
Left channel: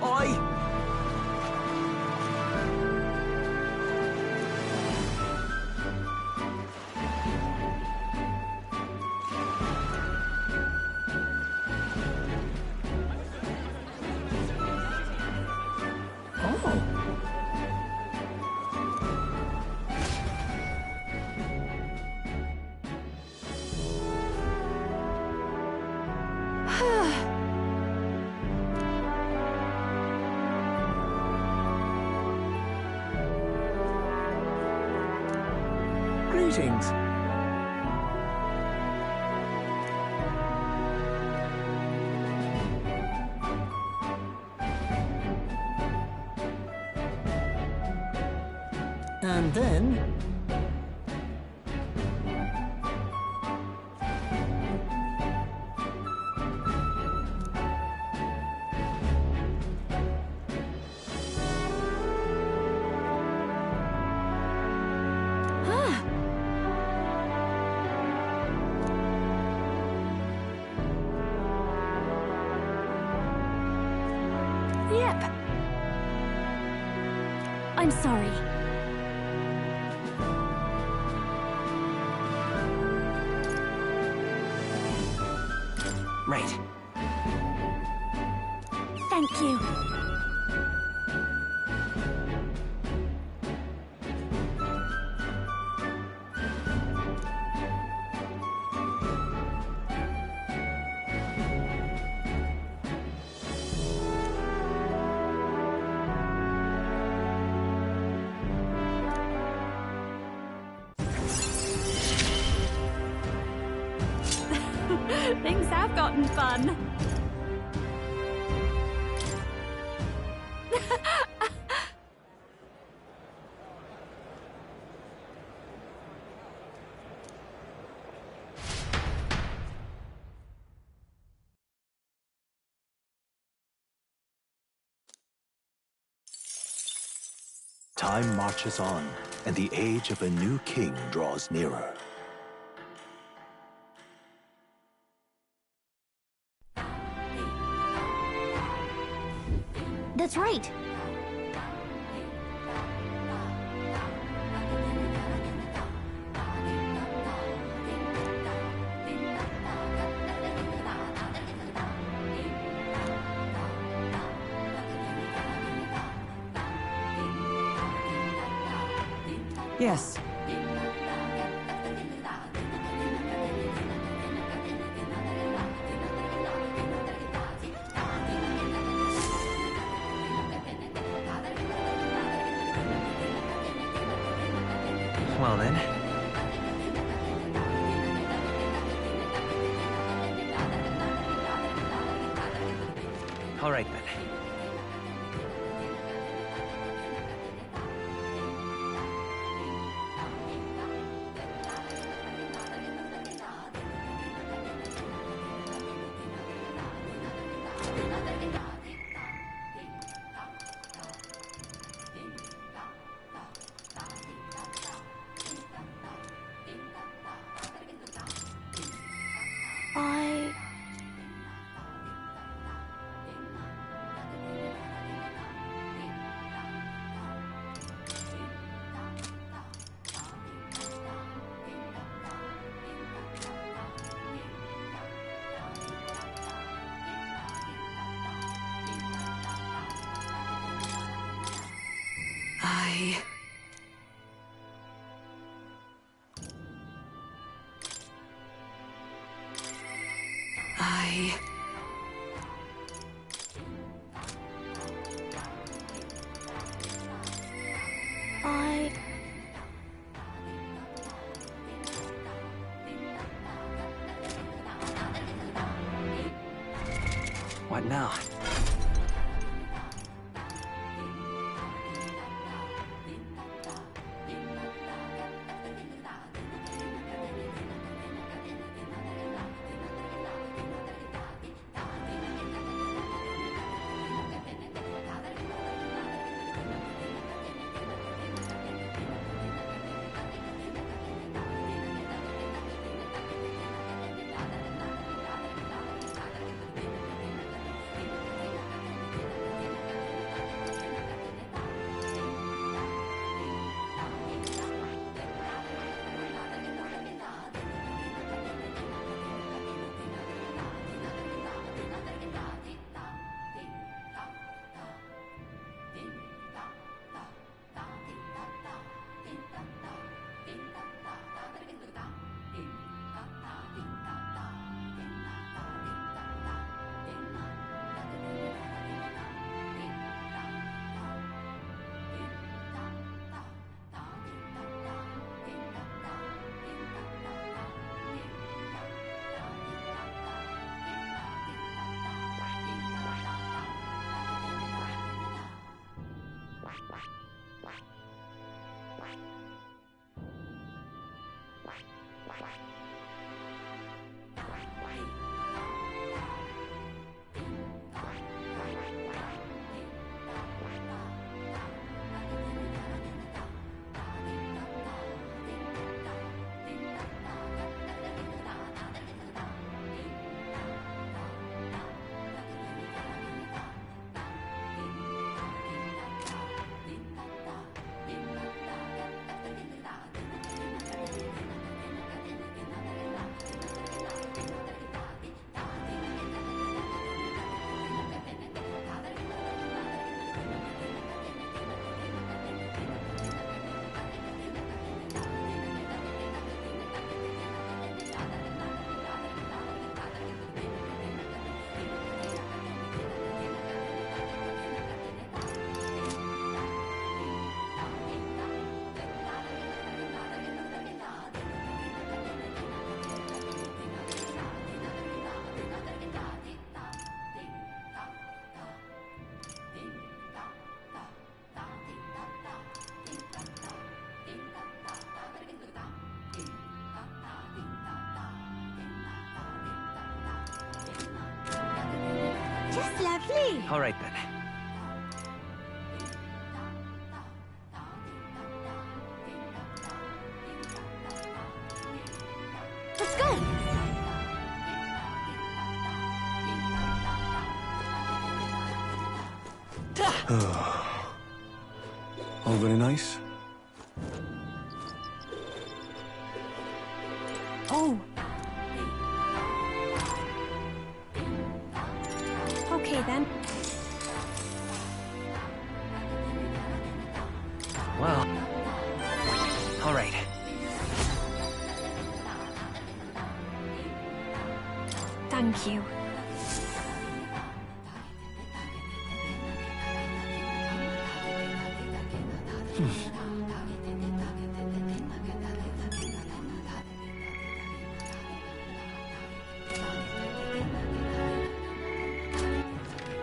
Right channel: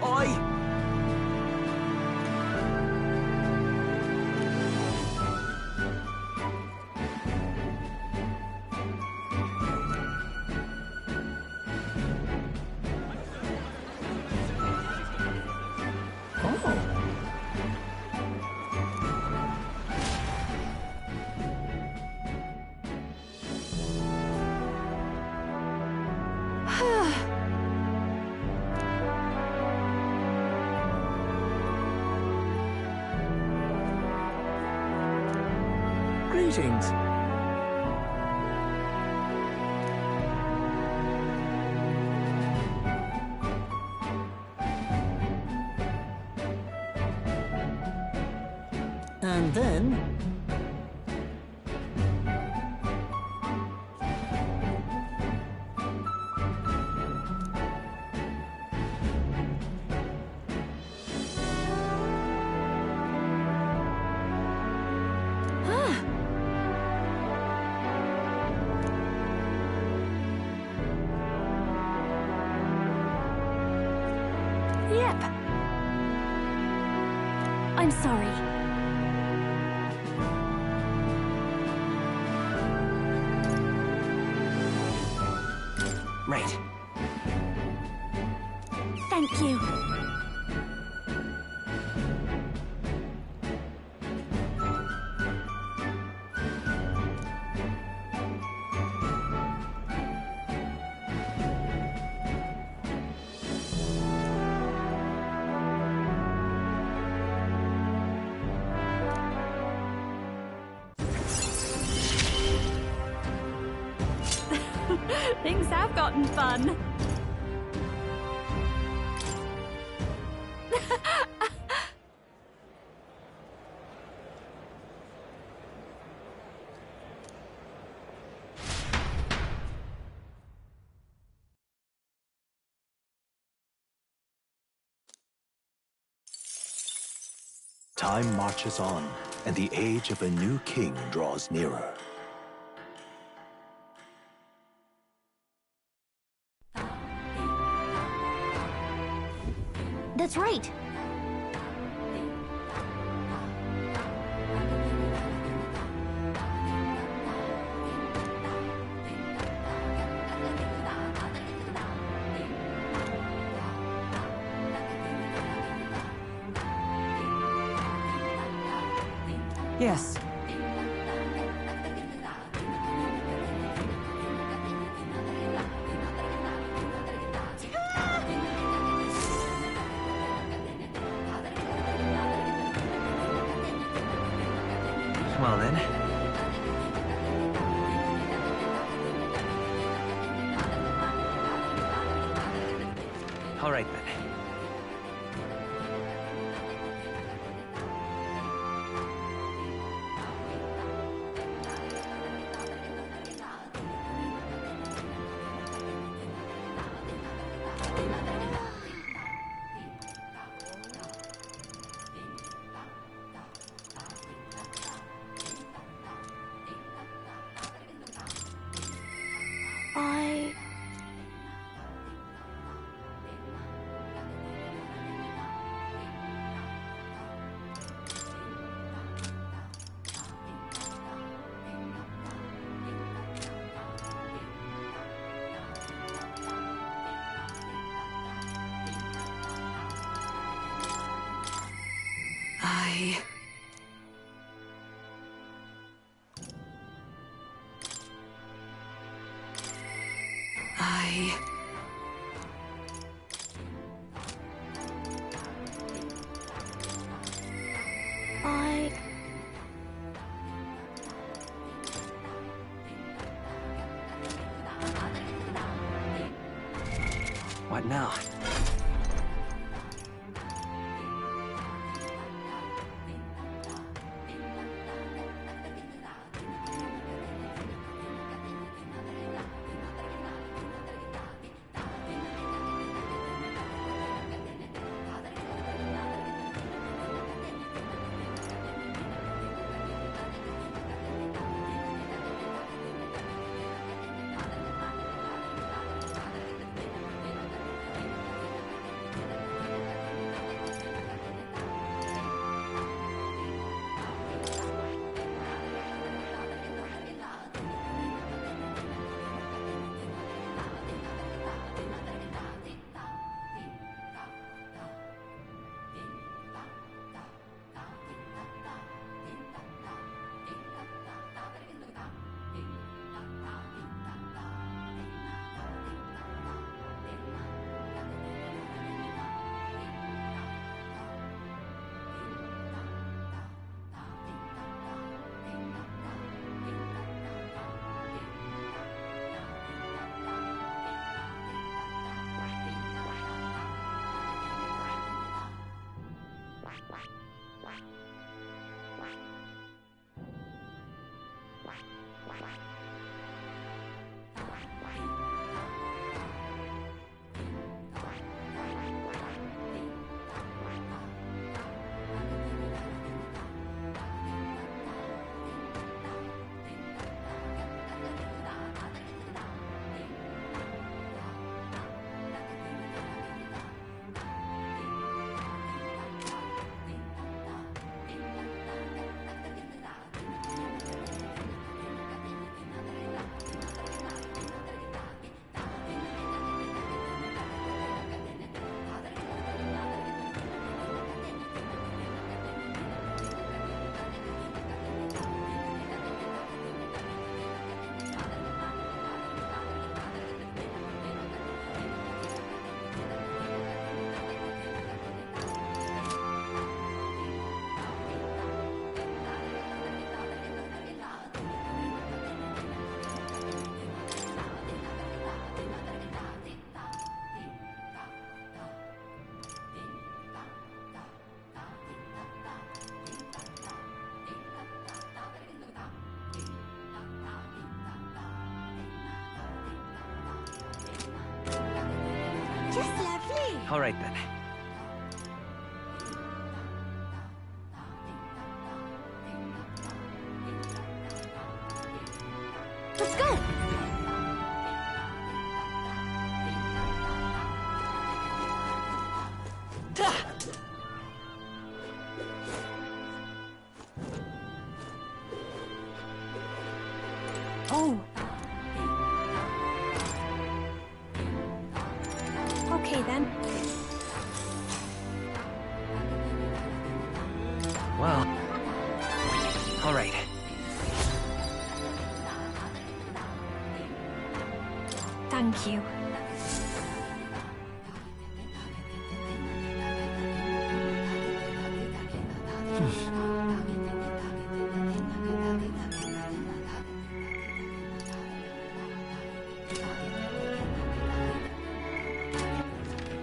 Oi! Greetings. And then... Yep. I'm sorry. Right. Thank you. Things have gotten fun. Time marches on, and the age of a new king draws nearer. That's right. Yes. Well then. All right then. What now? Just lovely. All right then. Let's go! All very nice. Oh! Okay then. Well, all right. Thank you.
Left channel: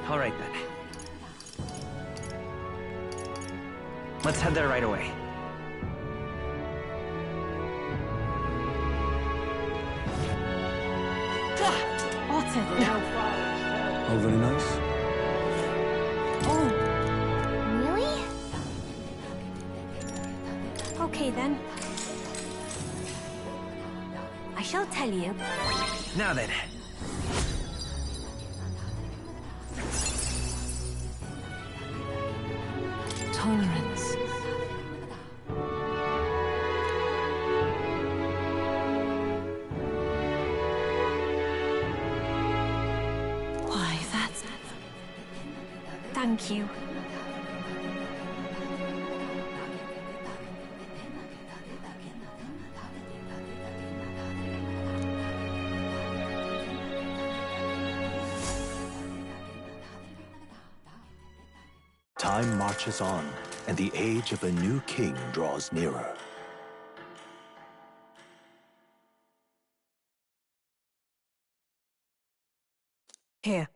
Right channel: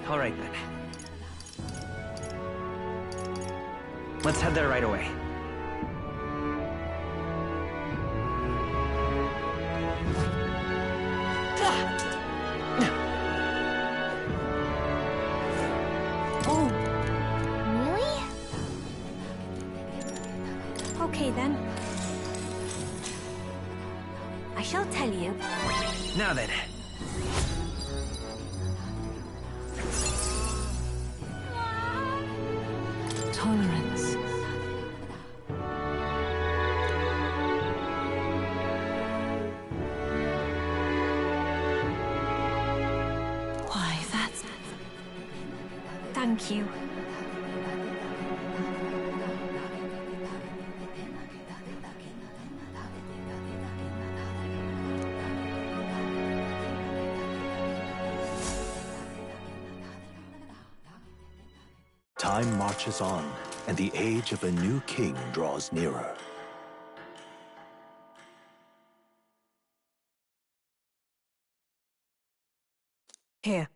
All right then. Let's head there right away. All very nice. Oh, really? Okay then. I shall tell you. Now then. Tolerance. Why, that's... Thank you. Time marches on, and the age of a new king draws nearer. Here.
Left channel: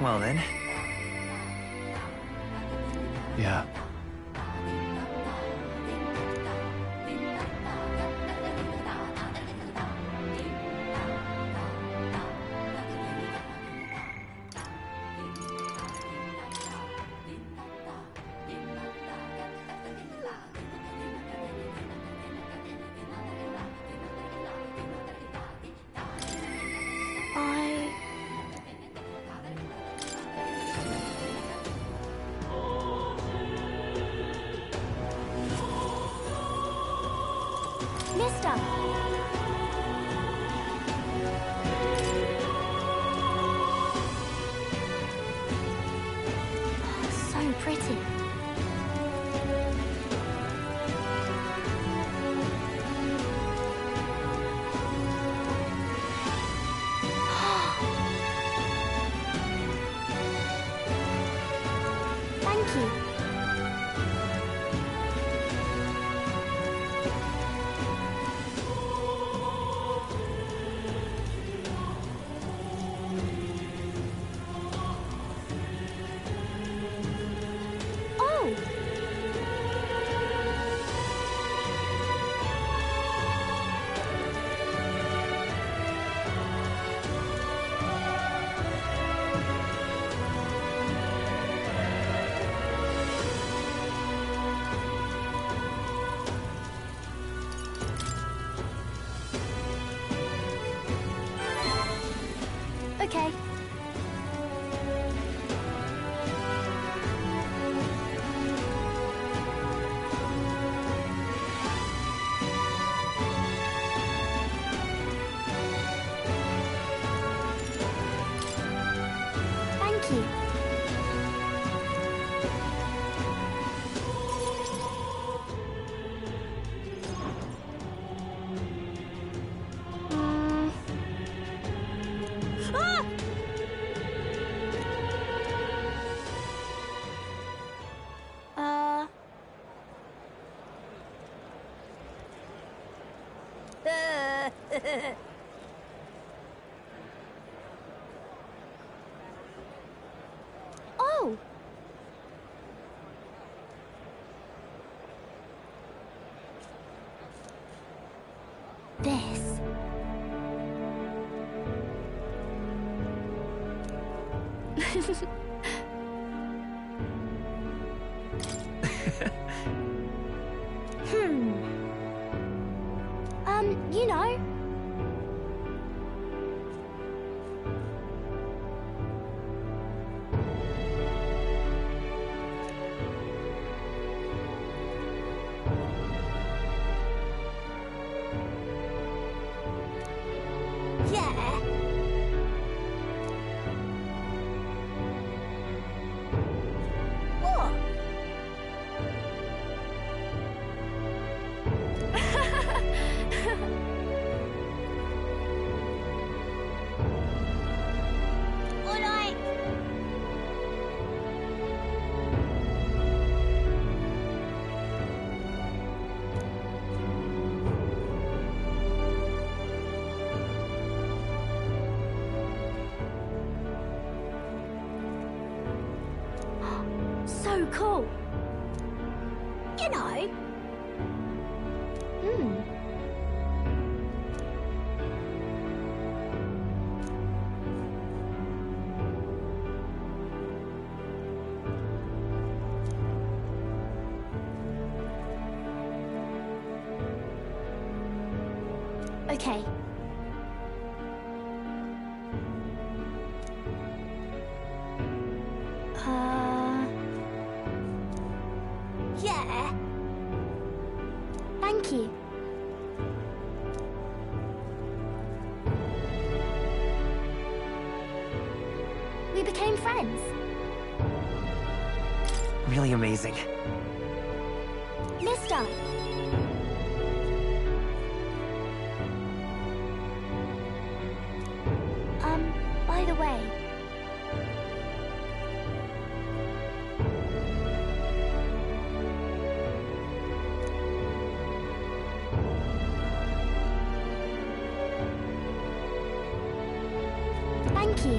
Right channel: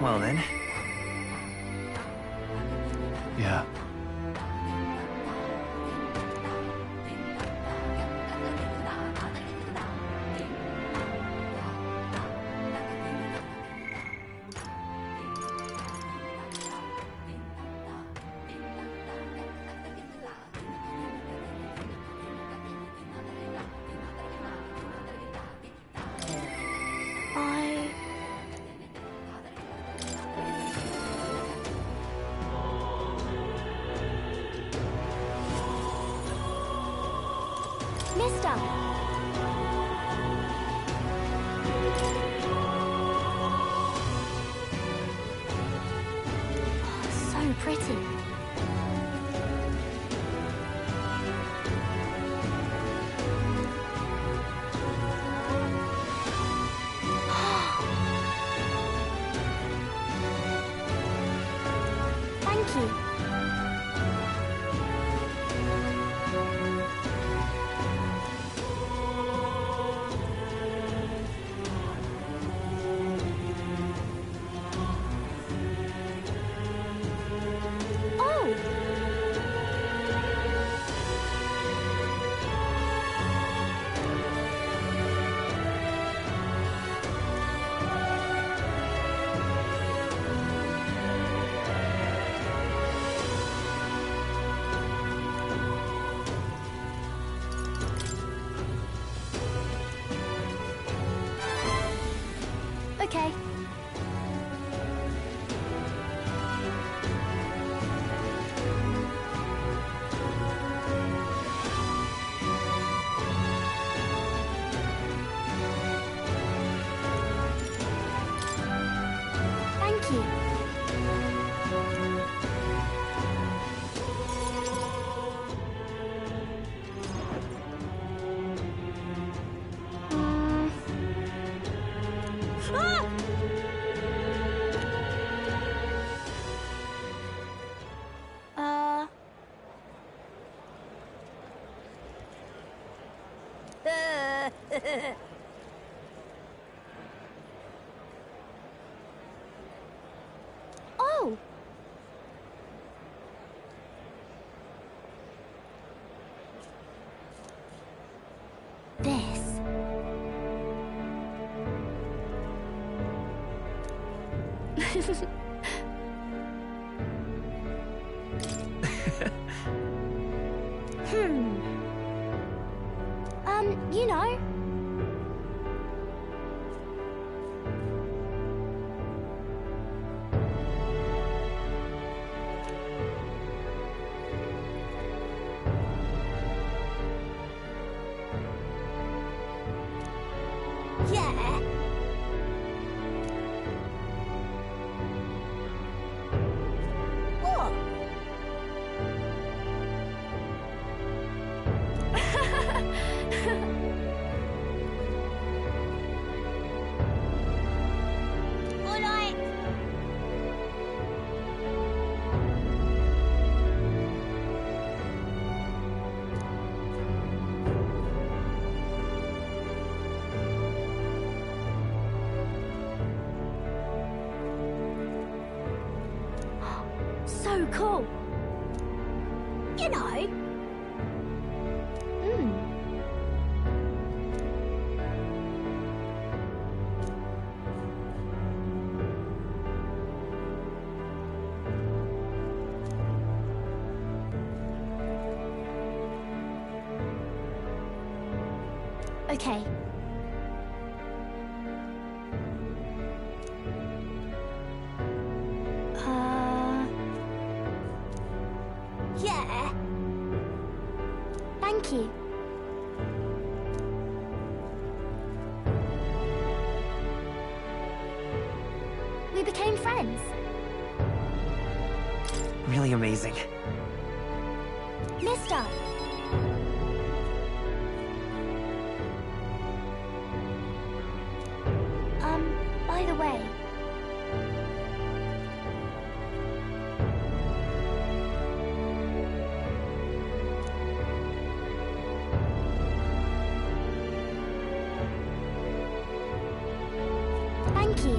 Well then. Yeah. I... Mister! Oh, so pretty. Thank you. Oh! Okay. Thank you. Ah! Uh... Oh! This. You know. Yeah. What? All right. So cool. You know. Okay. Yeah. Thank you. We became friends. Really amazing. Mister. By the way. Thank you.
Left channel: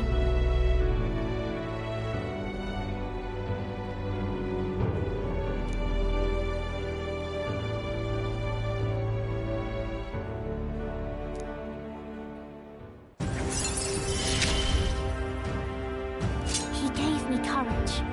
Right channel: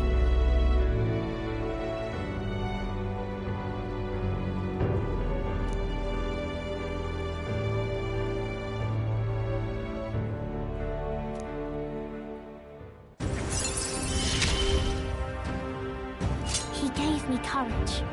He gave me courage.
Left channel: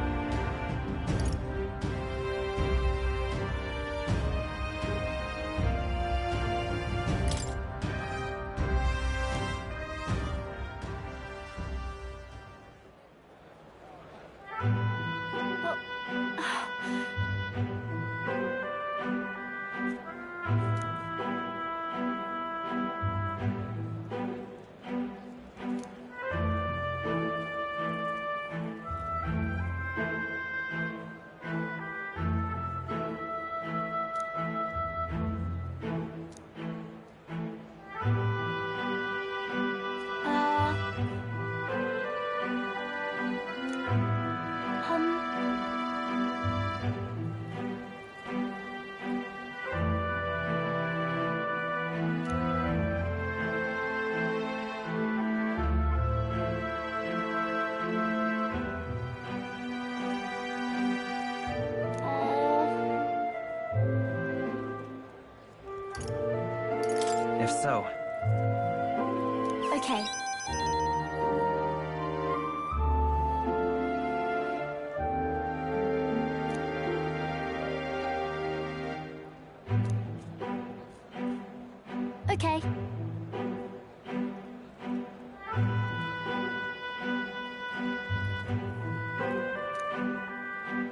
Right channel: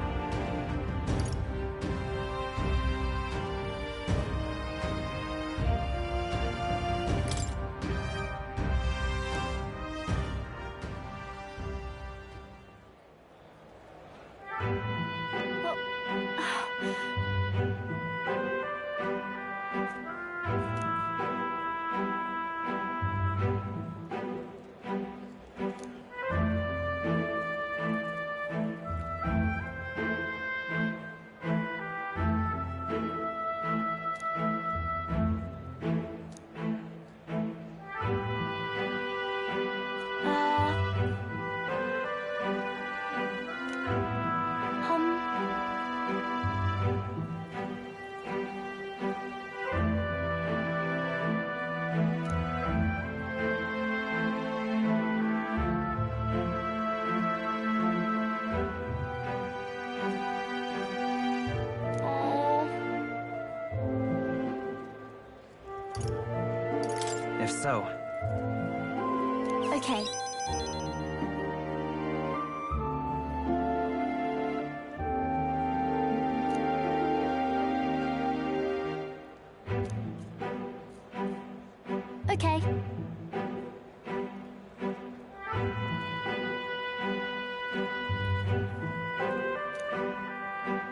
If so. Okay. Okay.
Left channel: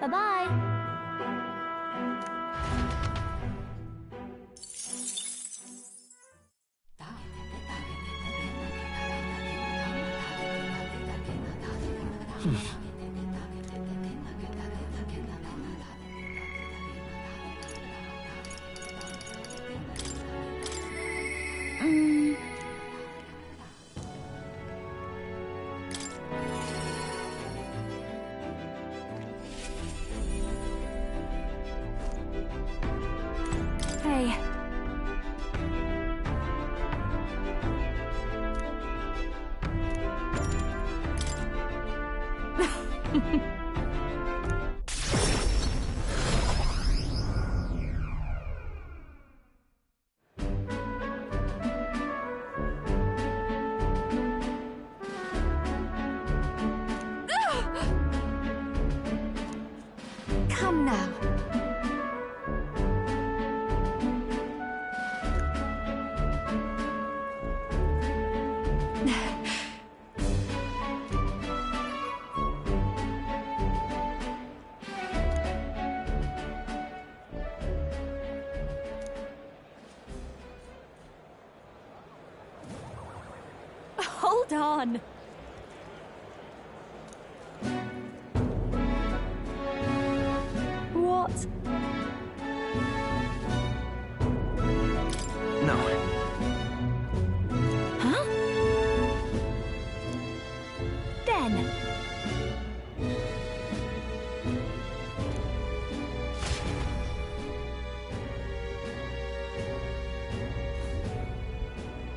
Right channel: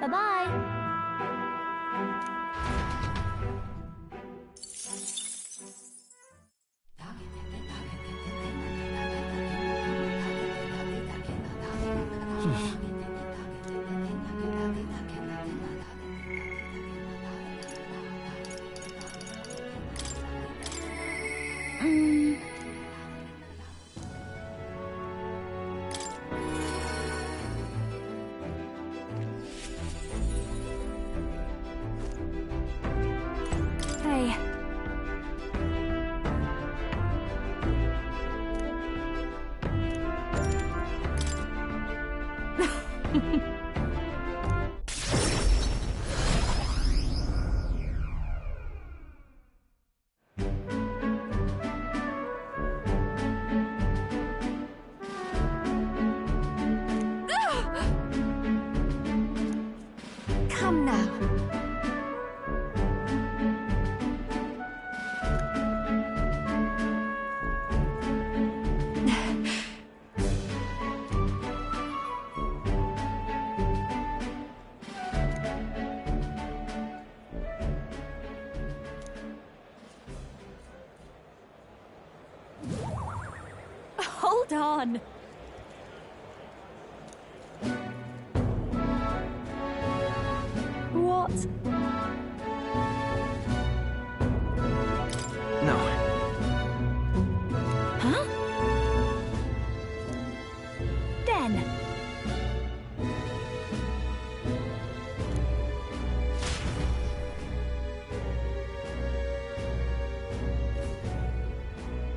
Bye-bye. Hey. Hold on. What? No. Huh? Then.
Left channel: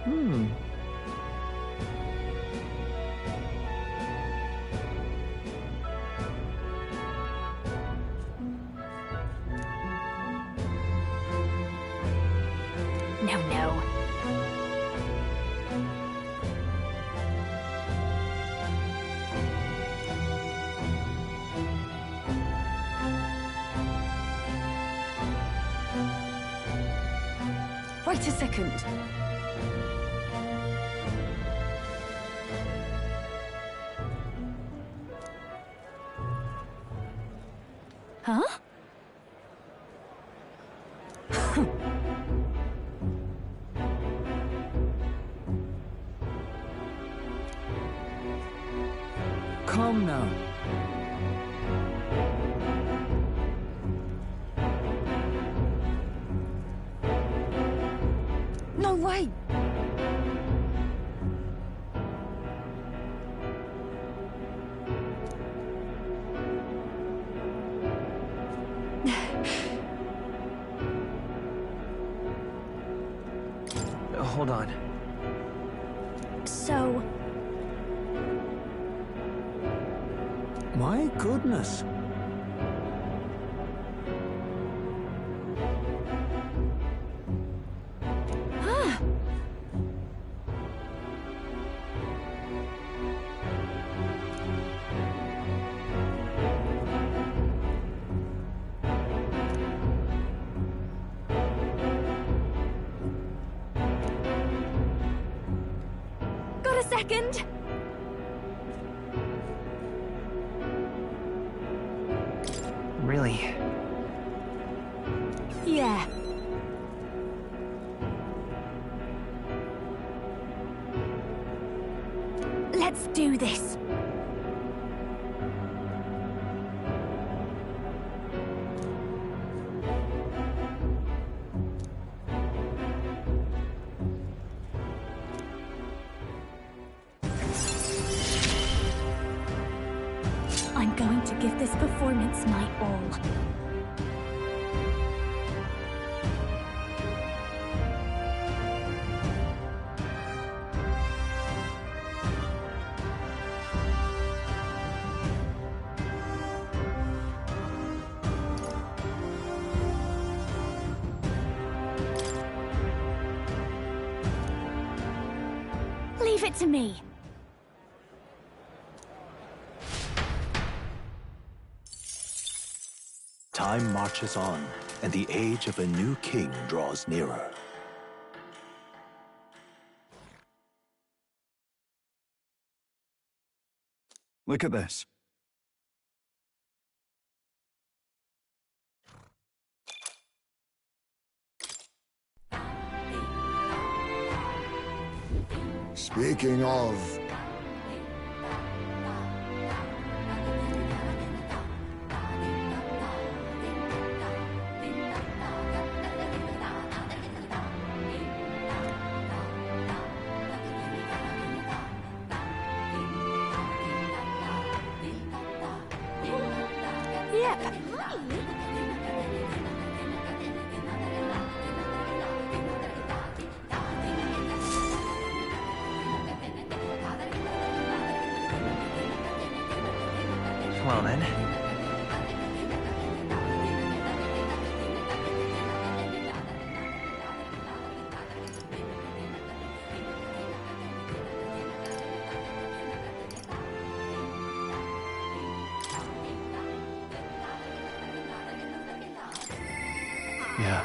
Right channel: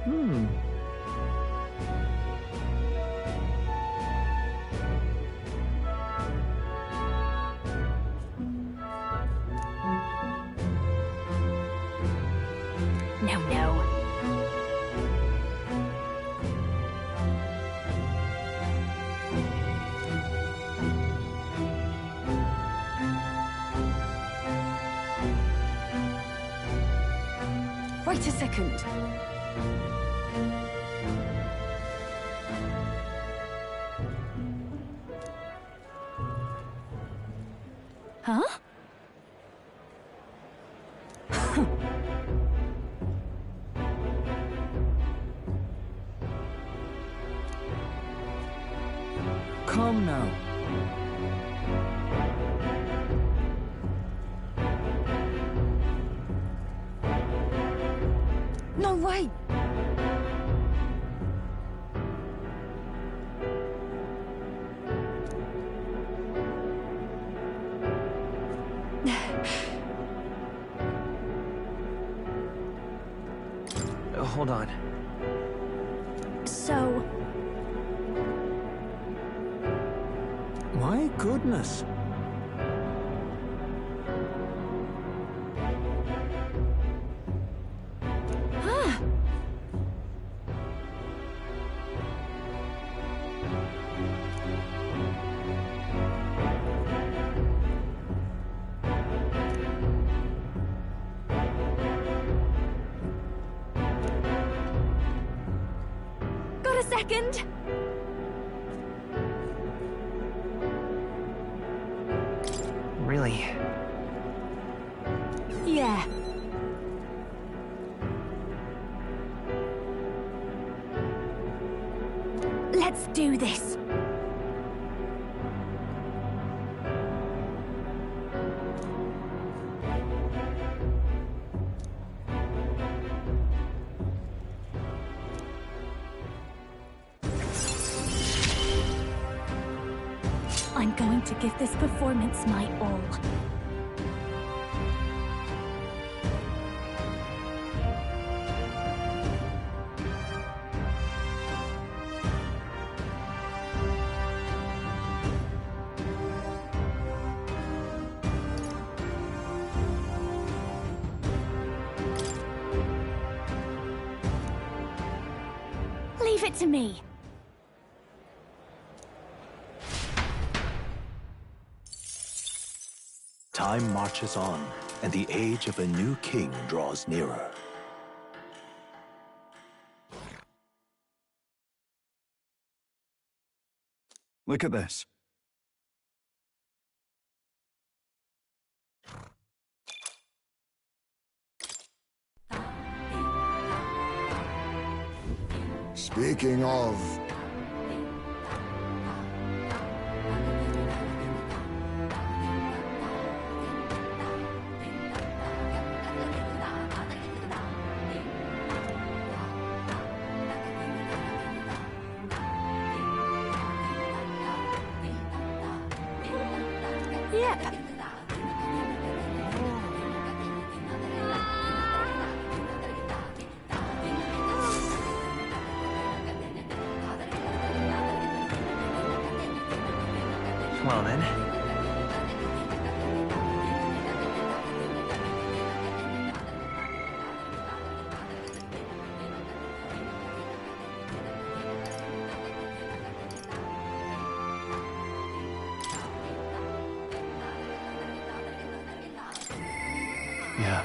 No. Wait a second. Huh? Come now. No way! Hold on. So... My goodness. Huh? Got a second? Really? Yeah. Let's do this. I'm going to give this performance my all. Leave it to me. Time marches on, and the age of a new king draws nearer. Look at this. Speaking of... Yep. Well then. Yeah.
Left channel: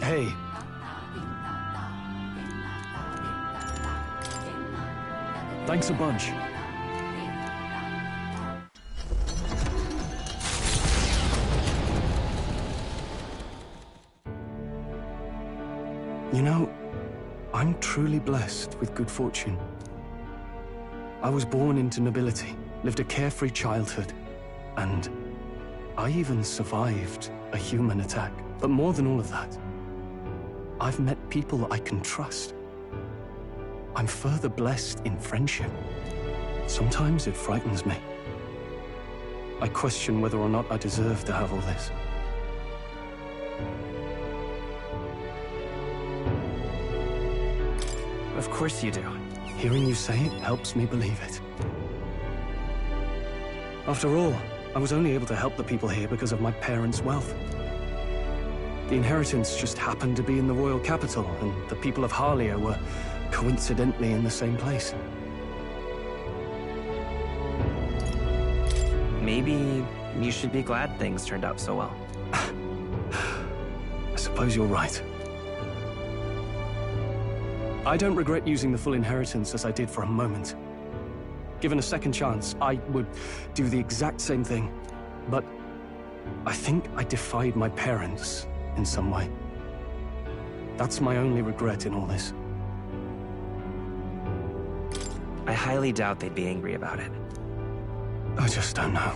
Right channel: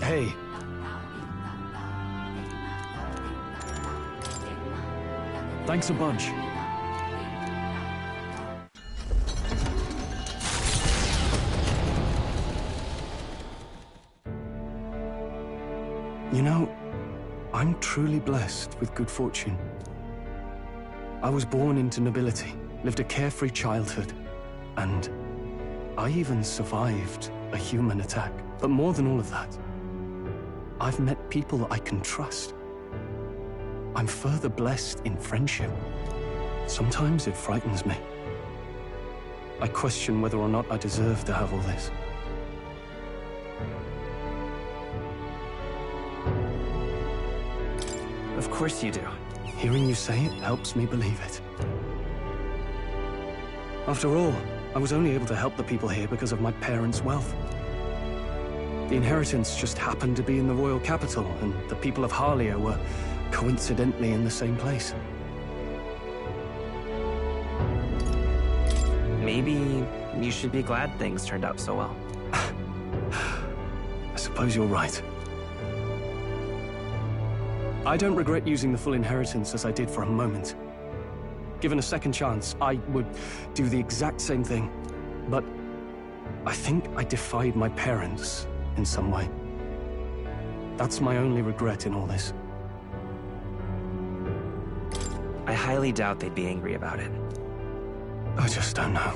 Hey. Thanks a bunch. You know, I'm truly blessed with good fortune. I was born into nobility, lived a carefree childhood, and I even survived a human attack. But more than all of that, I've met people I can trust. I'm further blessed in friendship. Sometimes it frightens me. I question whether or not I deserve to have all this. Of course you do. Hearing you say it helps me believe it. After all, I was only able to help the people here because of my parents' wealth. The inheritance just happened to be in the royal capital, and the people of Harlia were coincidentally in the same place. Maybe you should be glad things turned out so well. I suppose you're right. I don't regret using the full inheritance as I did for a moment. Given a second chance, I would do the exact same thing. But I think I defied my parents in some way. That's my only regret in all this. I highly doubt they'd be angry about it. I just don't know.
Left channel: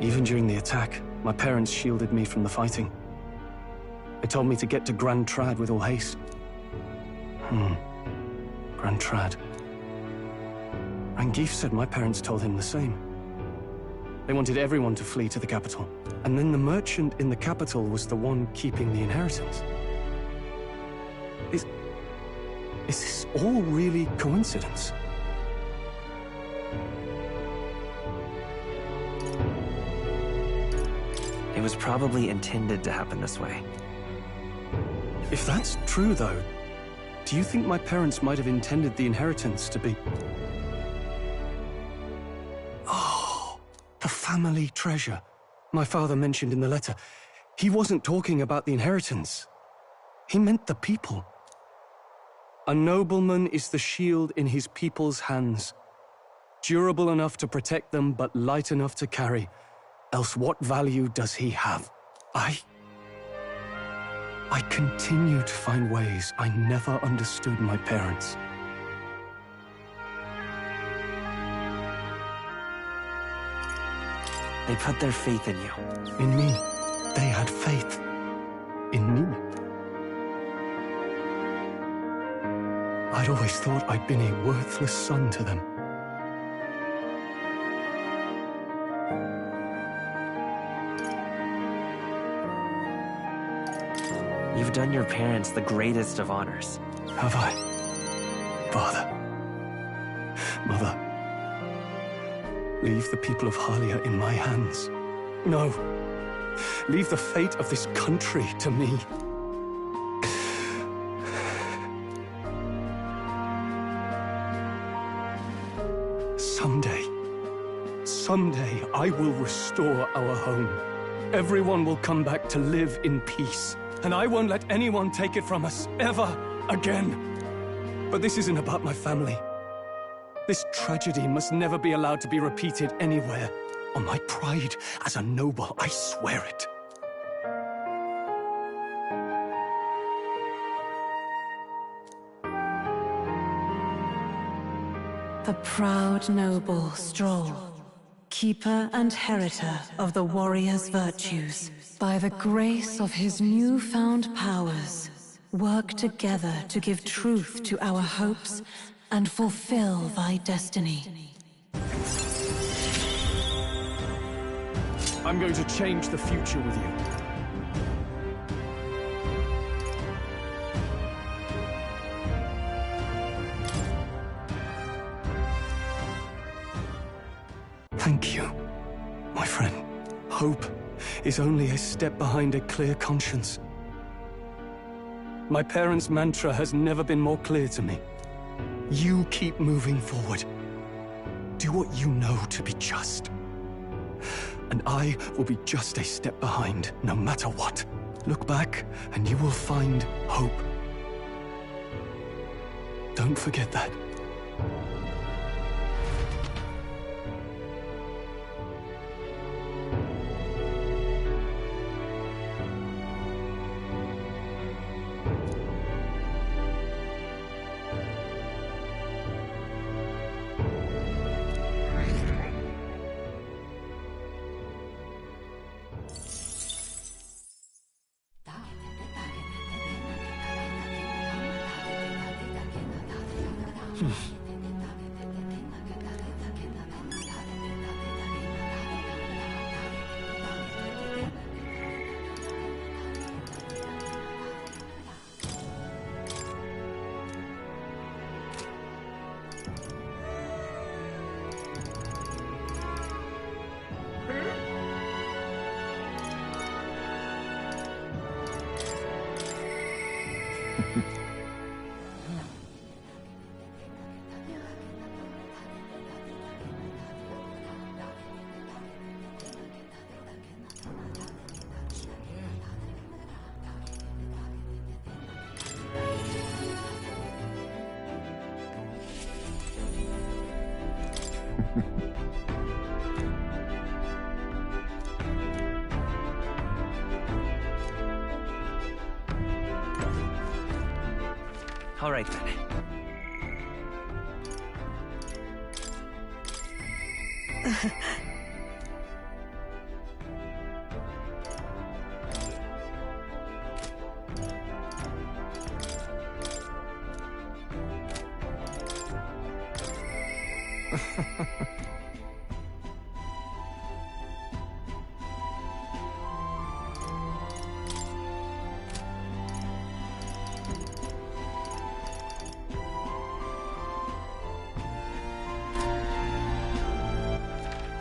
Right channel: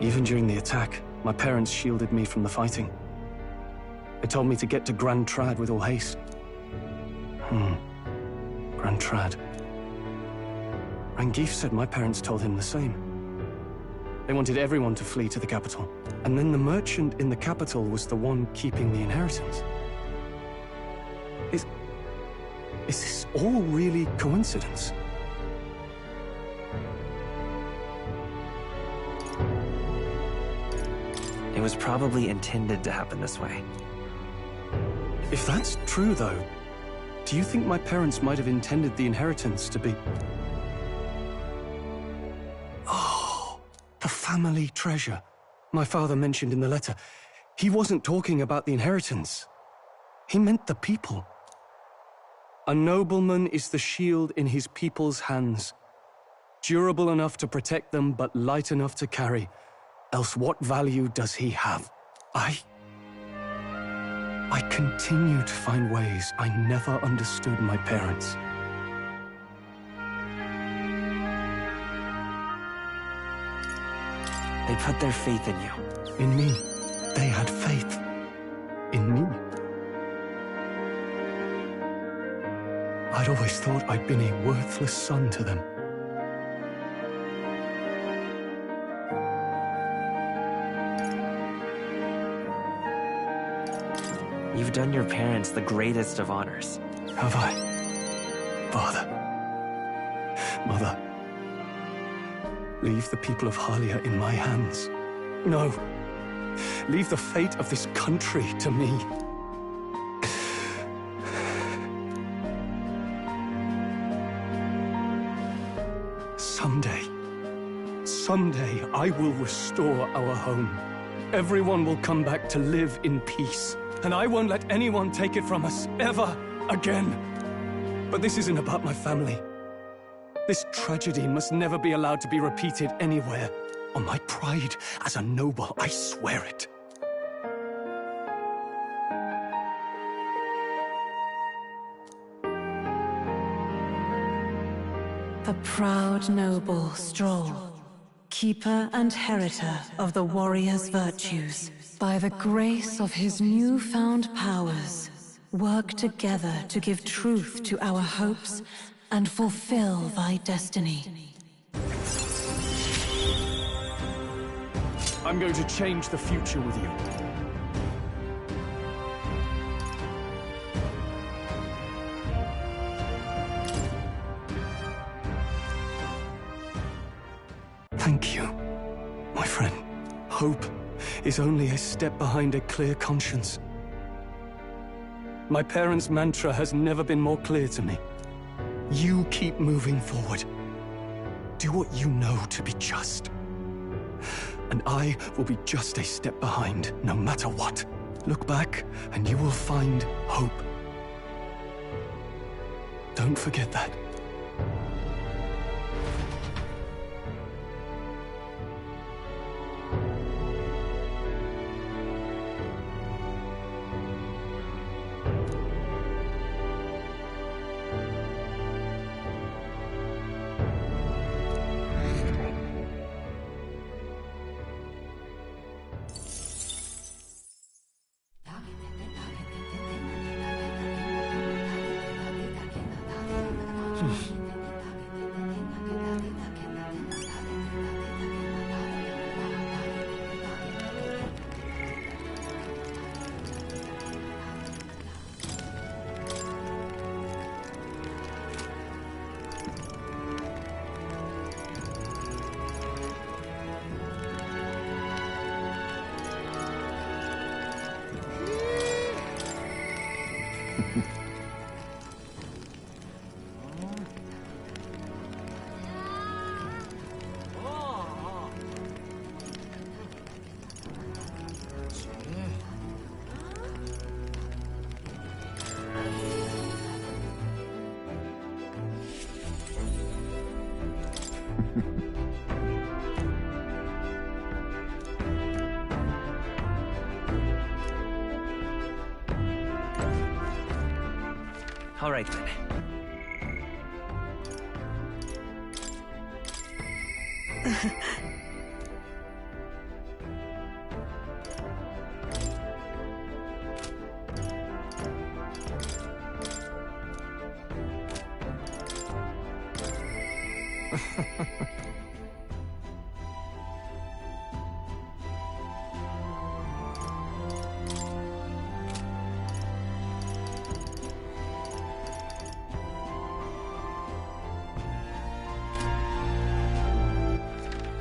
Even during the attack, my parents shielded me from the fighting. They told me to get to Grand Trad with all haste. Grand Trad. Rangif said my parents told him the same. They wanted everyone to flee to the capital. And then the merchant in the capital was the one keeping the inheritance. Is this all really coincidence? It was probably intended to happen this way. If that's true, though, do you think my parents might have intended the inheritance to be... Oh, the family treasure my father mentioned in the letter. He wasn't talking about the inheritance. He meant the people. A nobleman is the shield in his people's hands, durable enough to protect them, but light enough to carry. Else what value does he have? I continue to find ways I never understood my parents. They put their faith in you. In me. They had faith. In me. I'd always thought I'd been a worthless son to them. You've done your parents the greatest of honors. Have I? Father. Mother. Leave the people of Harlia in my hands. No. Leave the fate of this country to me. Someday I will restore our home. Everyone will come back to live in peace. And I won't let anyone take it from us, ever again. But this isn't about my family. This tragedy must never be allowed to be repeated anywhere. On my pride as a noble, I swear it. The proud noble Stroll, keeper and heritor of the warrior's virtues, by the grace of his newfound powers, work together to give truth to our hopes and fulfill thy destiny. I'm going to change the future with you. Thank you, my friend. Hope is only a step behind a clear conscience. My parents' mantra has never been more clear to me. You keep moving forward. Do what you know to be just. And I will be just a step behind, no matter what. Look back, and you will find hope. Don't forget that. All right then.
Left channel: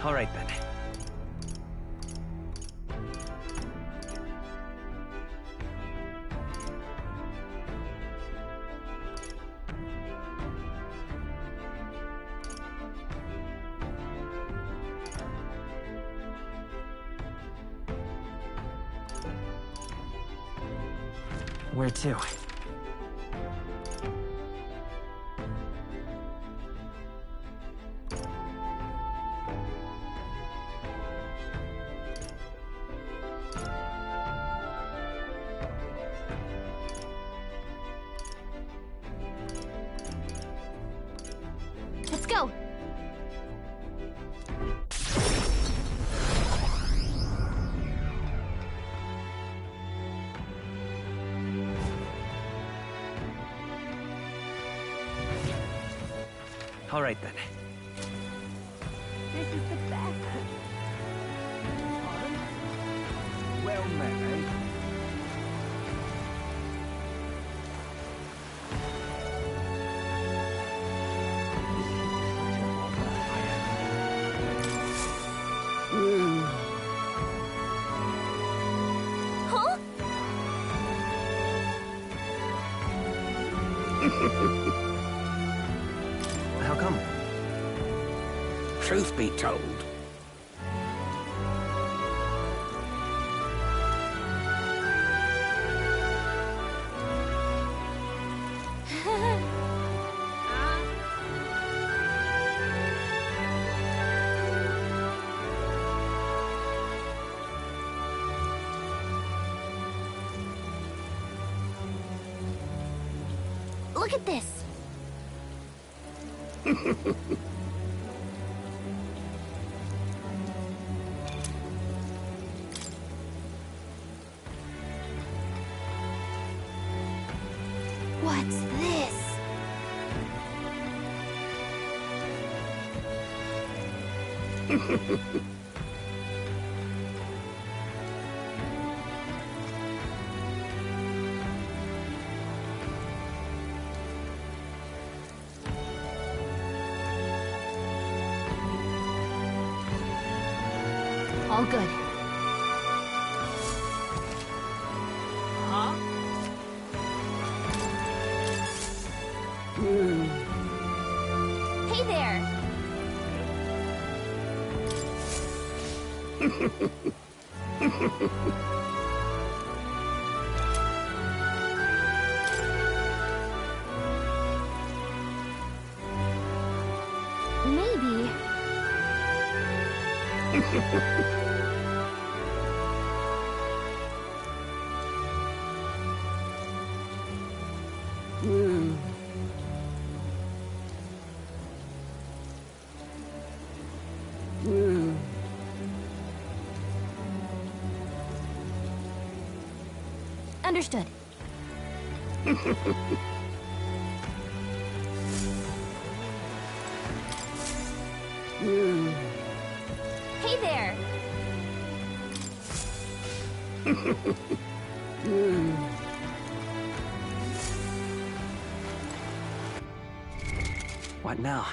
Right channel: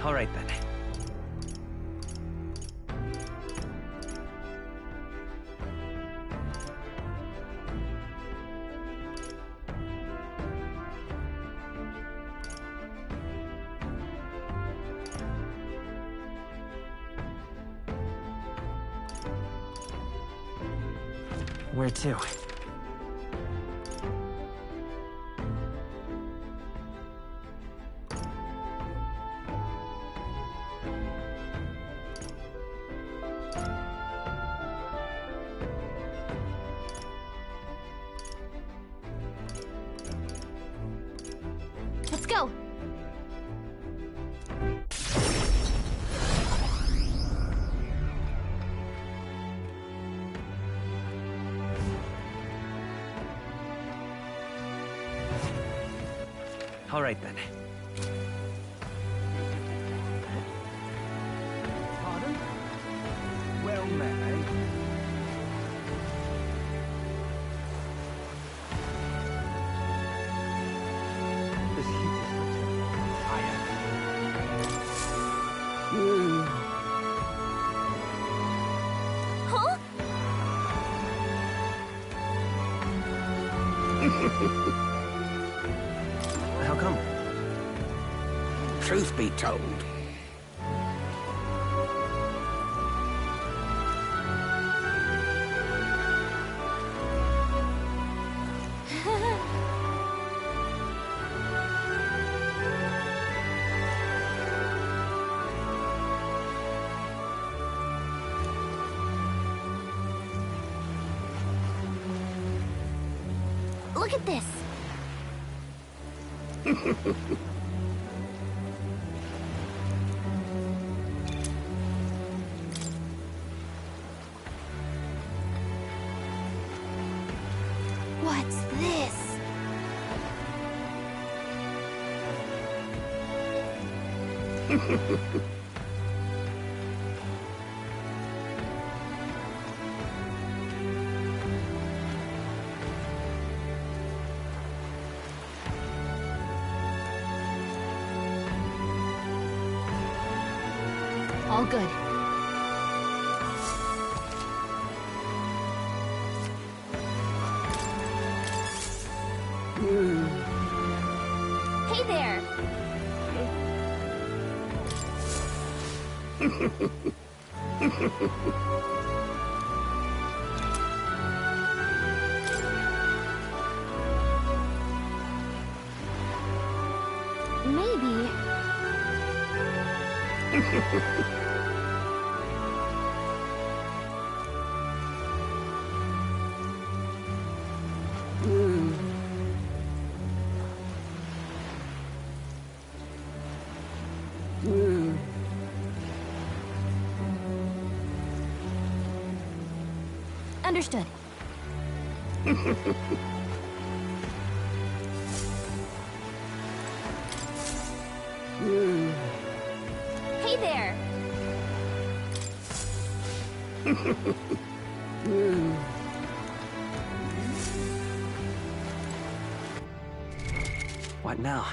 All right then. Where to? Let's go! All right then. This is the best. Pardon? Well met, eh? This heat is not too warm. I am. Huh? How come? Truth be told, Look at this! What's this? All good. Hey there! Maybe. Understood. Hey there! What now?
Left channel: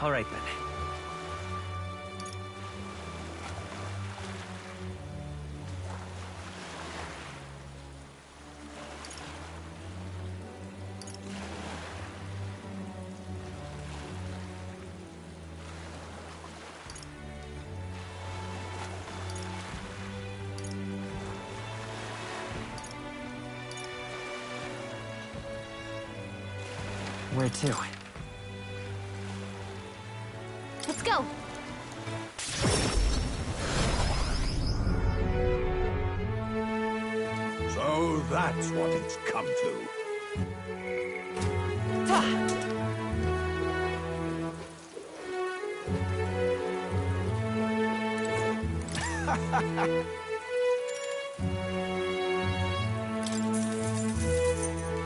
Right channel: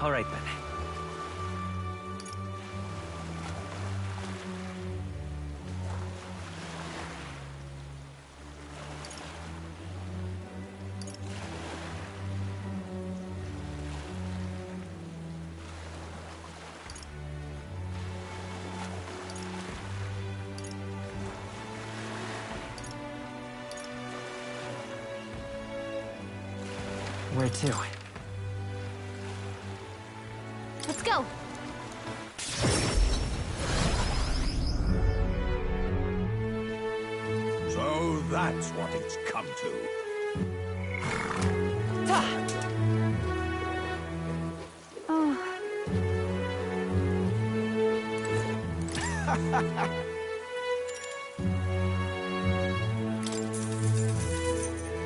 All right, then. Where to? Let's go! So that's what it's come to.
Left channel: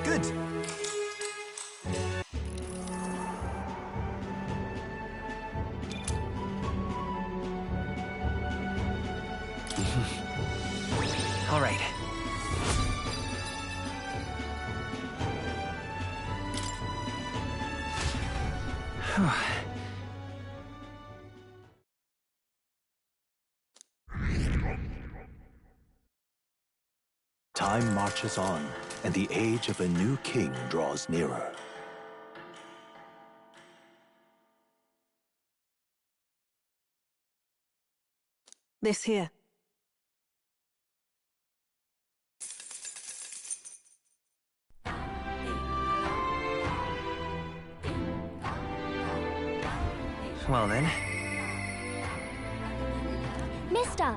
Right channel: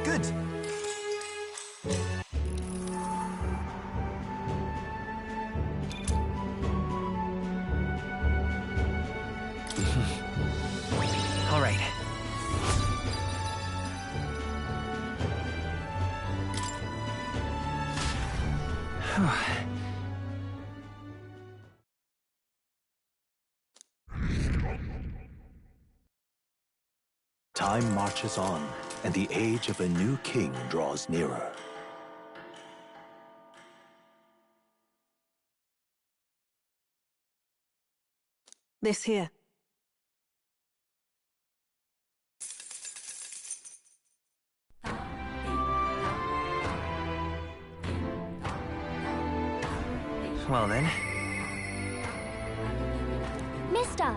Good. All right. Time marches on, and the age of a new king draws nearer. This here. Well then. Mister!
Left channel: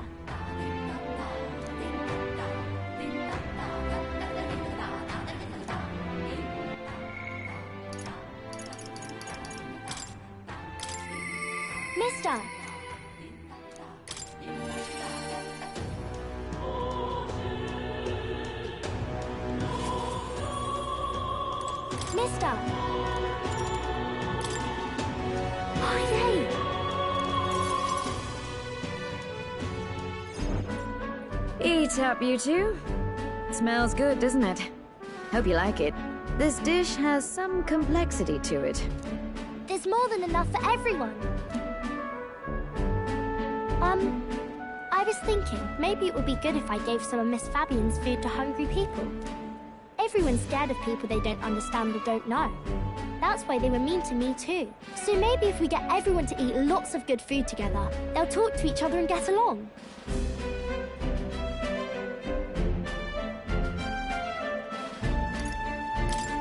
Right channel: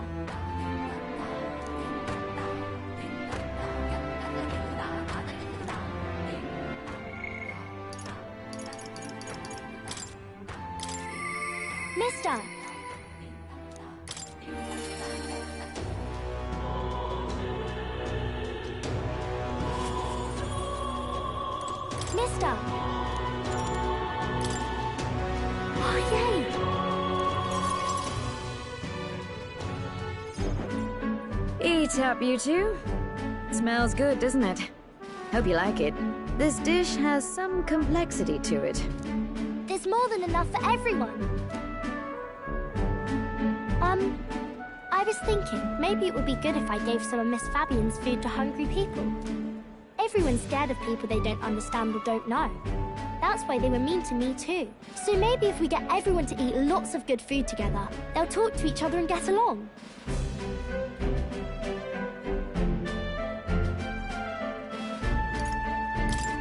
Mister! Mister! Oh, yay! Eat up, you two. Smells good, doesn't it? Hope you like it. This dish has some complexity to it. There's more than enough for everyone. I was thinking, maybe it would be good if I gave some of Miss Fabian's food to hungry people. Everyone's scared of people they don't understand or don't know. That's why they were mean to me too. So maybe if we get everyone to eat lots of good food together, they'll talk to each other and get along.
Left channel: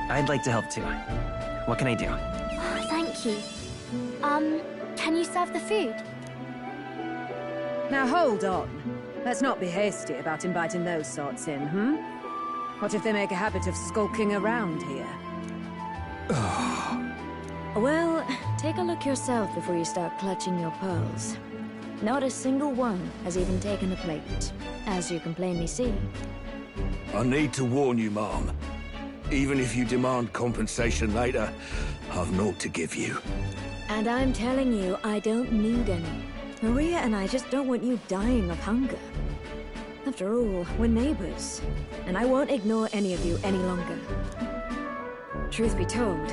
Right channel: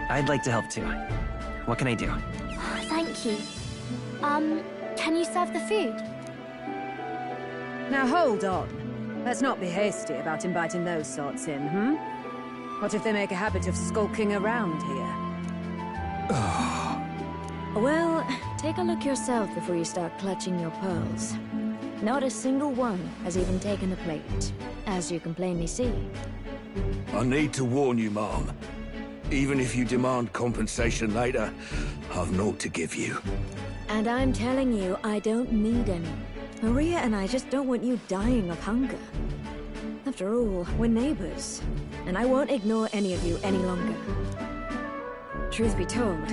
I'd like to help too. What can I do? Oh, thank you. Can you serve the food? Now hold on. Let's not be hasty about inviting those sorts in, hmm? What if they make a habit of skulking around here? Well, take a look yourself before you start clutching your pearls. Not a single one has even taken the plate, as you can plainly see. I need to warn you, Mom. Even if you demand compensation later, I've naught to give you. And I'm telling you, I don't need any. Maria and I just don't want you dying of hunger. After all, we're neighbors, and I won't ignore any of you any longer. Truth be told,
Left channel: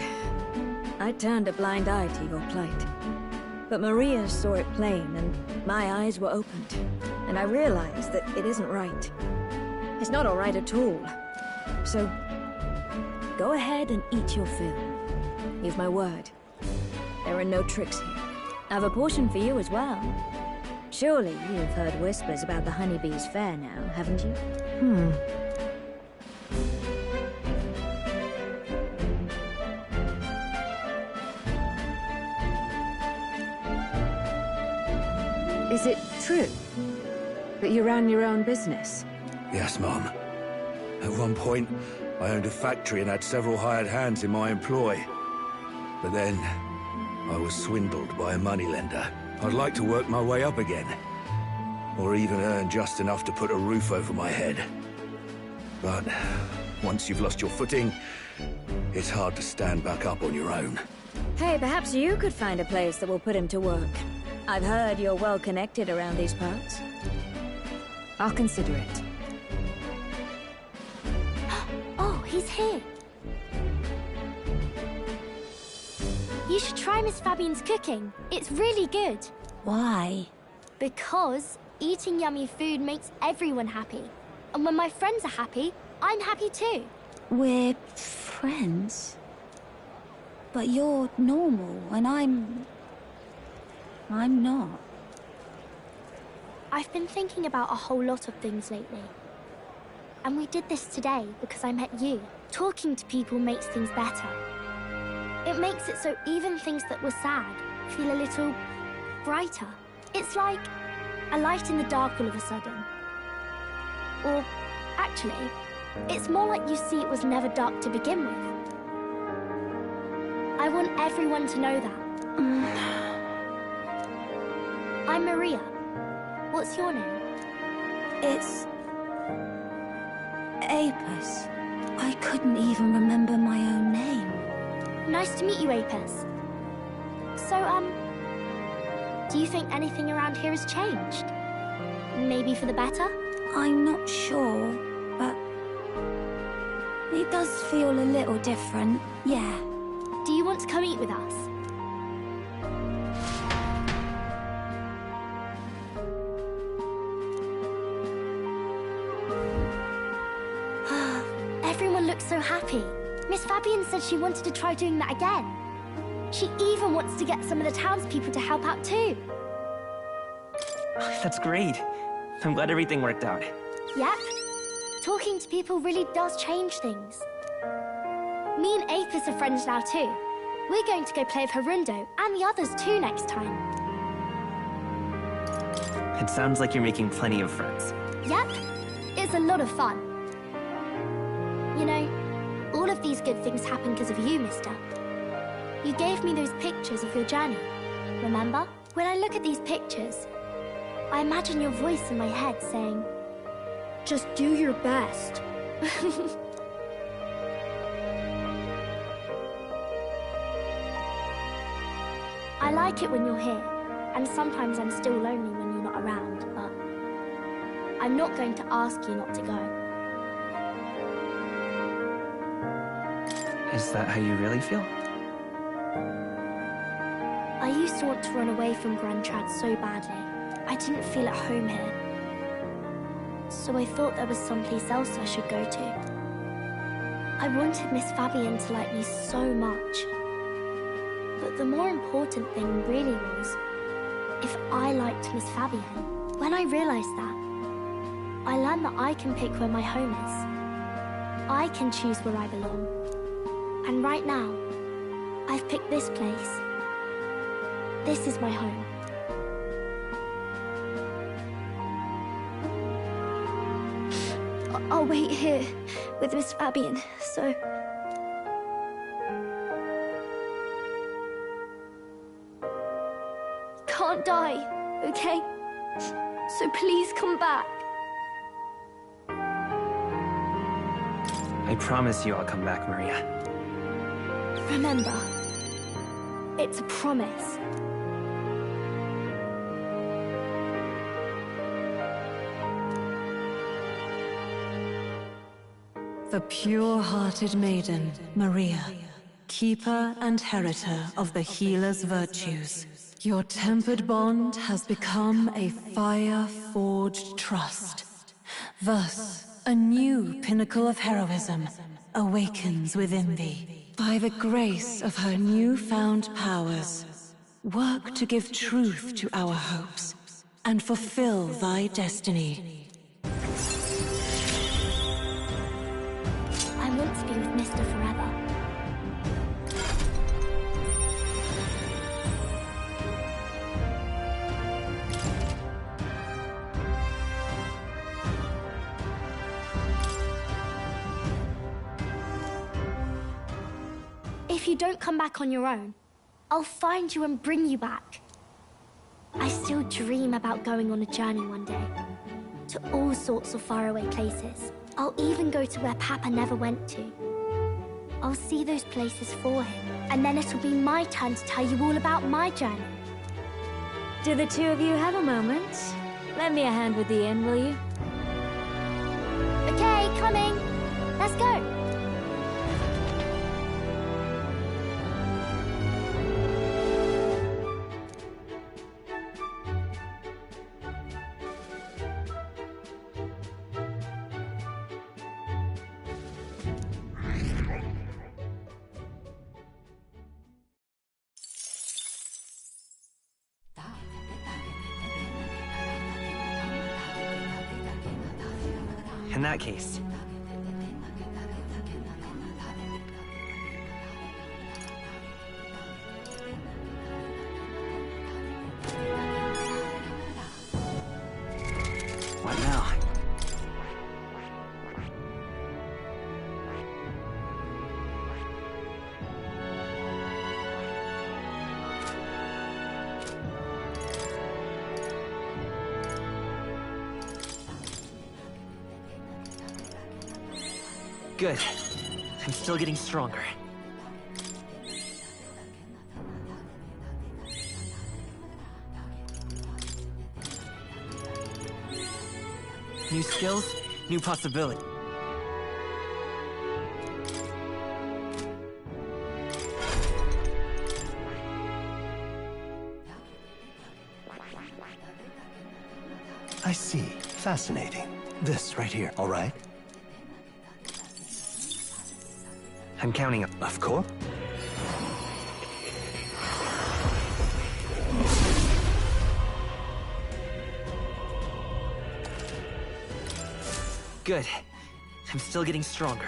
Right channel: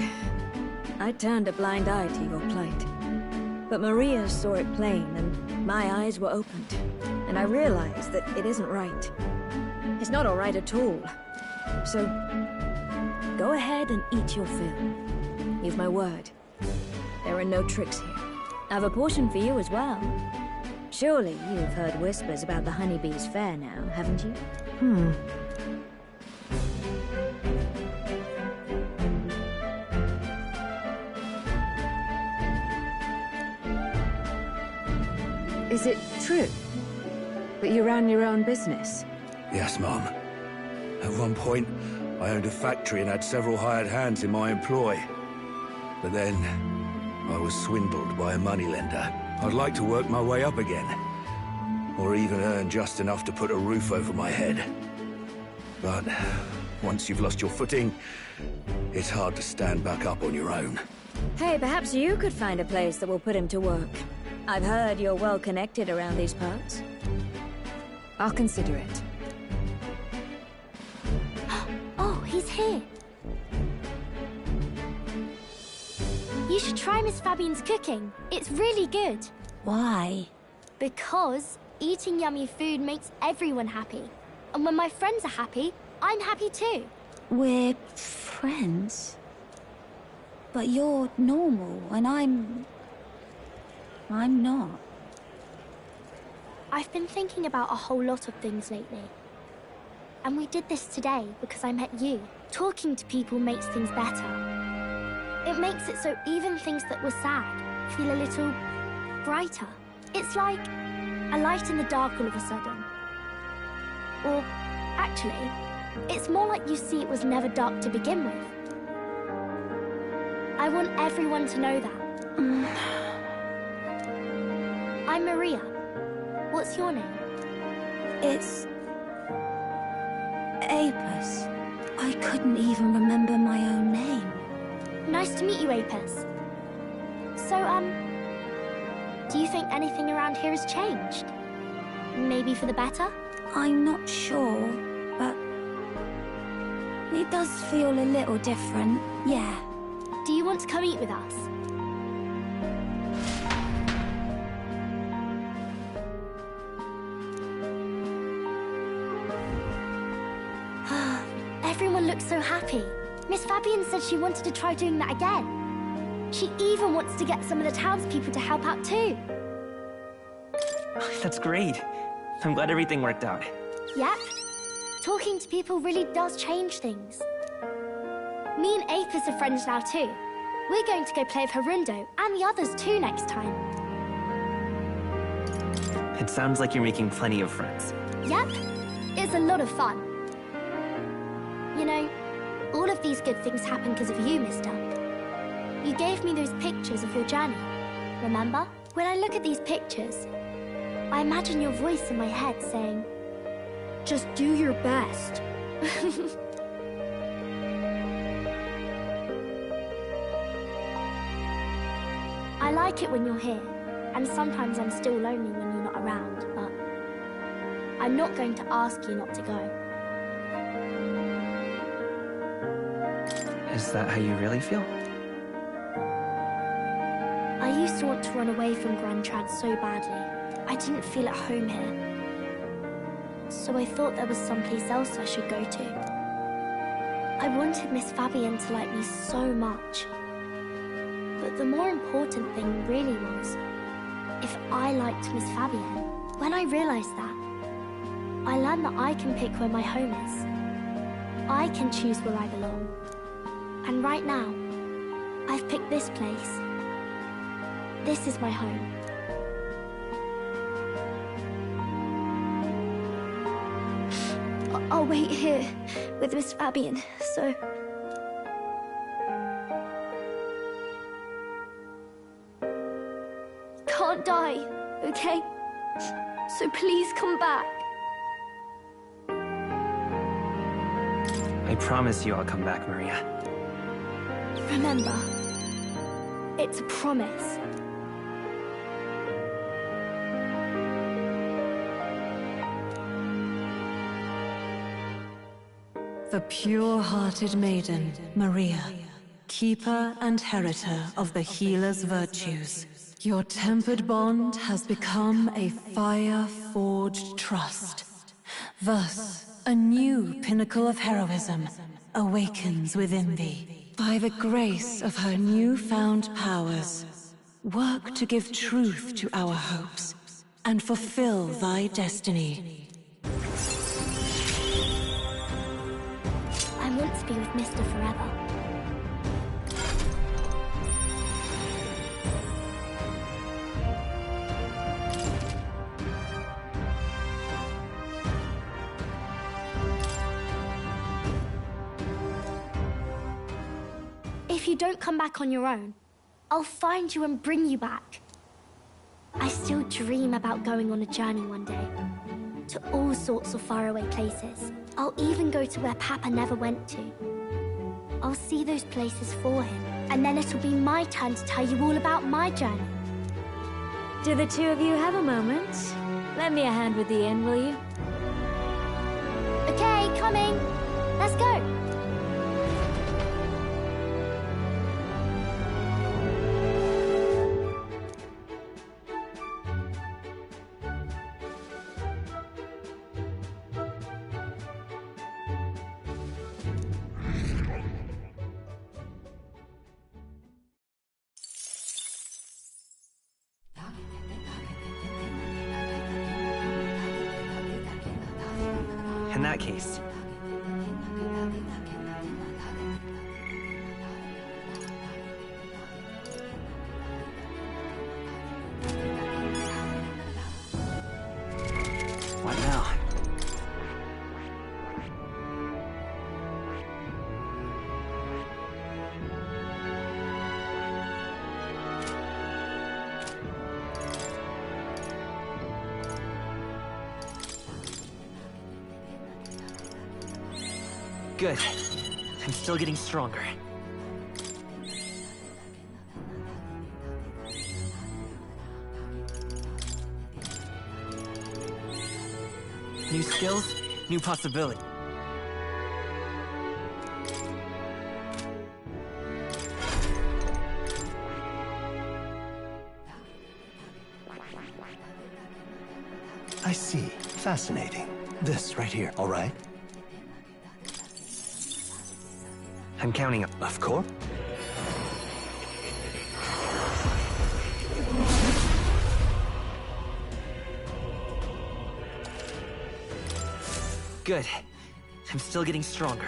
I turned a blind eye to your plight. But Maria saw it plain, and my eyes were opened. And I realized that it isn't right. It's not all right at all. So, go ahead and eat your fill. You've my word. There are no tricks here. I've a portion for you as well. Surely you've heard whispers about the honeybees fair now, haven't you? Is it true that you ran your own business? Yes, Mom. At one point, I owned a factory and had several hired hands in my employ. But then, I was swindled by a moneylender. I'd like to work my way up again. Or even earn just enough to put a roof over my head. But once you've lost your footing, it's hard to stand back up on your own. Hey, perhaps you could find a place that will put him to work. I've heard you're well connected around these parts. I'll consider it. Oh, he's here. You should try Miss Fabian's cooking. It's really good. Why? Because eating yummy food makes everyone happy. And when my friends are happy, I'm happy too. We're friends. But you're normal, and I'm not. I've been thinking about a whole lot of things lately. And we did this today because I met you. Talking to people makes things better. It makes it so even things that were sad feel a little brighter. It's like a light in the dark all of a sudden. Or, actually, it's more like you see it was never dark to begin with. I want everyone to know that. I'm Maria. What's your name? It's... Apis. I couldn't even remember my own name. Nice to meet you, Apis. So, do you think anything around here has changed? Maybe for the better? I'm not sure, but... it does feel a little different, yeah. Do you want to come eat with us? Everyone looks so happy. Miss Fabian said she wanted to try doing that again. She even wants to get some of the townspeople to help out too. That's great. I'm glad everything worked out. Yep. Talking to people really does change things. Me and Apis are friends now too. We're going to go play with Harundo and the others too next time. It sounds like you're making plenty of friends. Yep. It's a lot of fun. You know, all of these good things happen because of you, mister. You gave me those pictures of your journey, remember? When I look at these pictures, I imagine your voice in my head saying, just do your best. I like it when you're here, and sometimes I'm still lonely when you're not around, but I'm not going to ask you not to go. Is that how you really feel? I used to want to run away from Grand Trad so badly. I didn't feel at home here. So I thought there was someplace else I should go to. I wanted Miss Fabian to like me so much. But the more important thing really was if I liked Miss Fabian. When I realized that, I learned that I can pick where my home is. I can choose where I belong. And right now, I've picked this place. This is my home. I'll wait here with Miss Fabian, so... Can't die, okay? So please come back. I promise you I'll come back, Maria. Remember, it's a promise. The pure-hearted maiden, Maria, keeper and heritor of the healer's virtues. Your tempered bond has become a fire-forged trust. Thus, a new pinnacle of heroism awakens within thee. By the grace of her newfound powers, work to give truth to our hopes and fulfill thy destiny. want to be with Mr. Forever. If you don't come back on your own, I'll find you and bring you back. I still dream about going on a journey one day, to all sorts of faraway places. I'll even go to where Papa never went to. I'll see those places for him, and then it'll be my turn to tell you all about my journey. Do the two of you have a moment? Lend me a hand with the inn, will you? Okay, coming. Let's go. In that case... What now? Good. I'm still getting stronger. New skills, new possibility. I see. Fascinating. This right here, all right? I'm counting up. Of course. Good. I'm still getting stronger.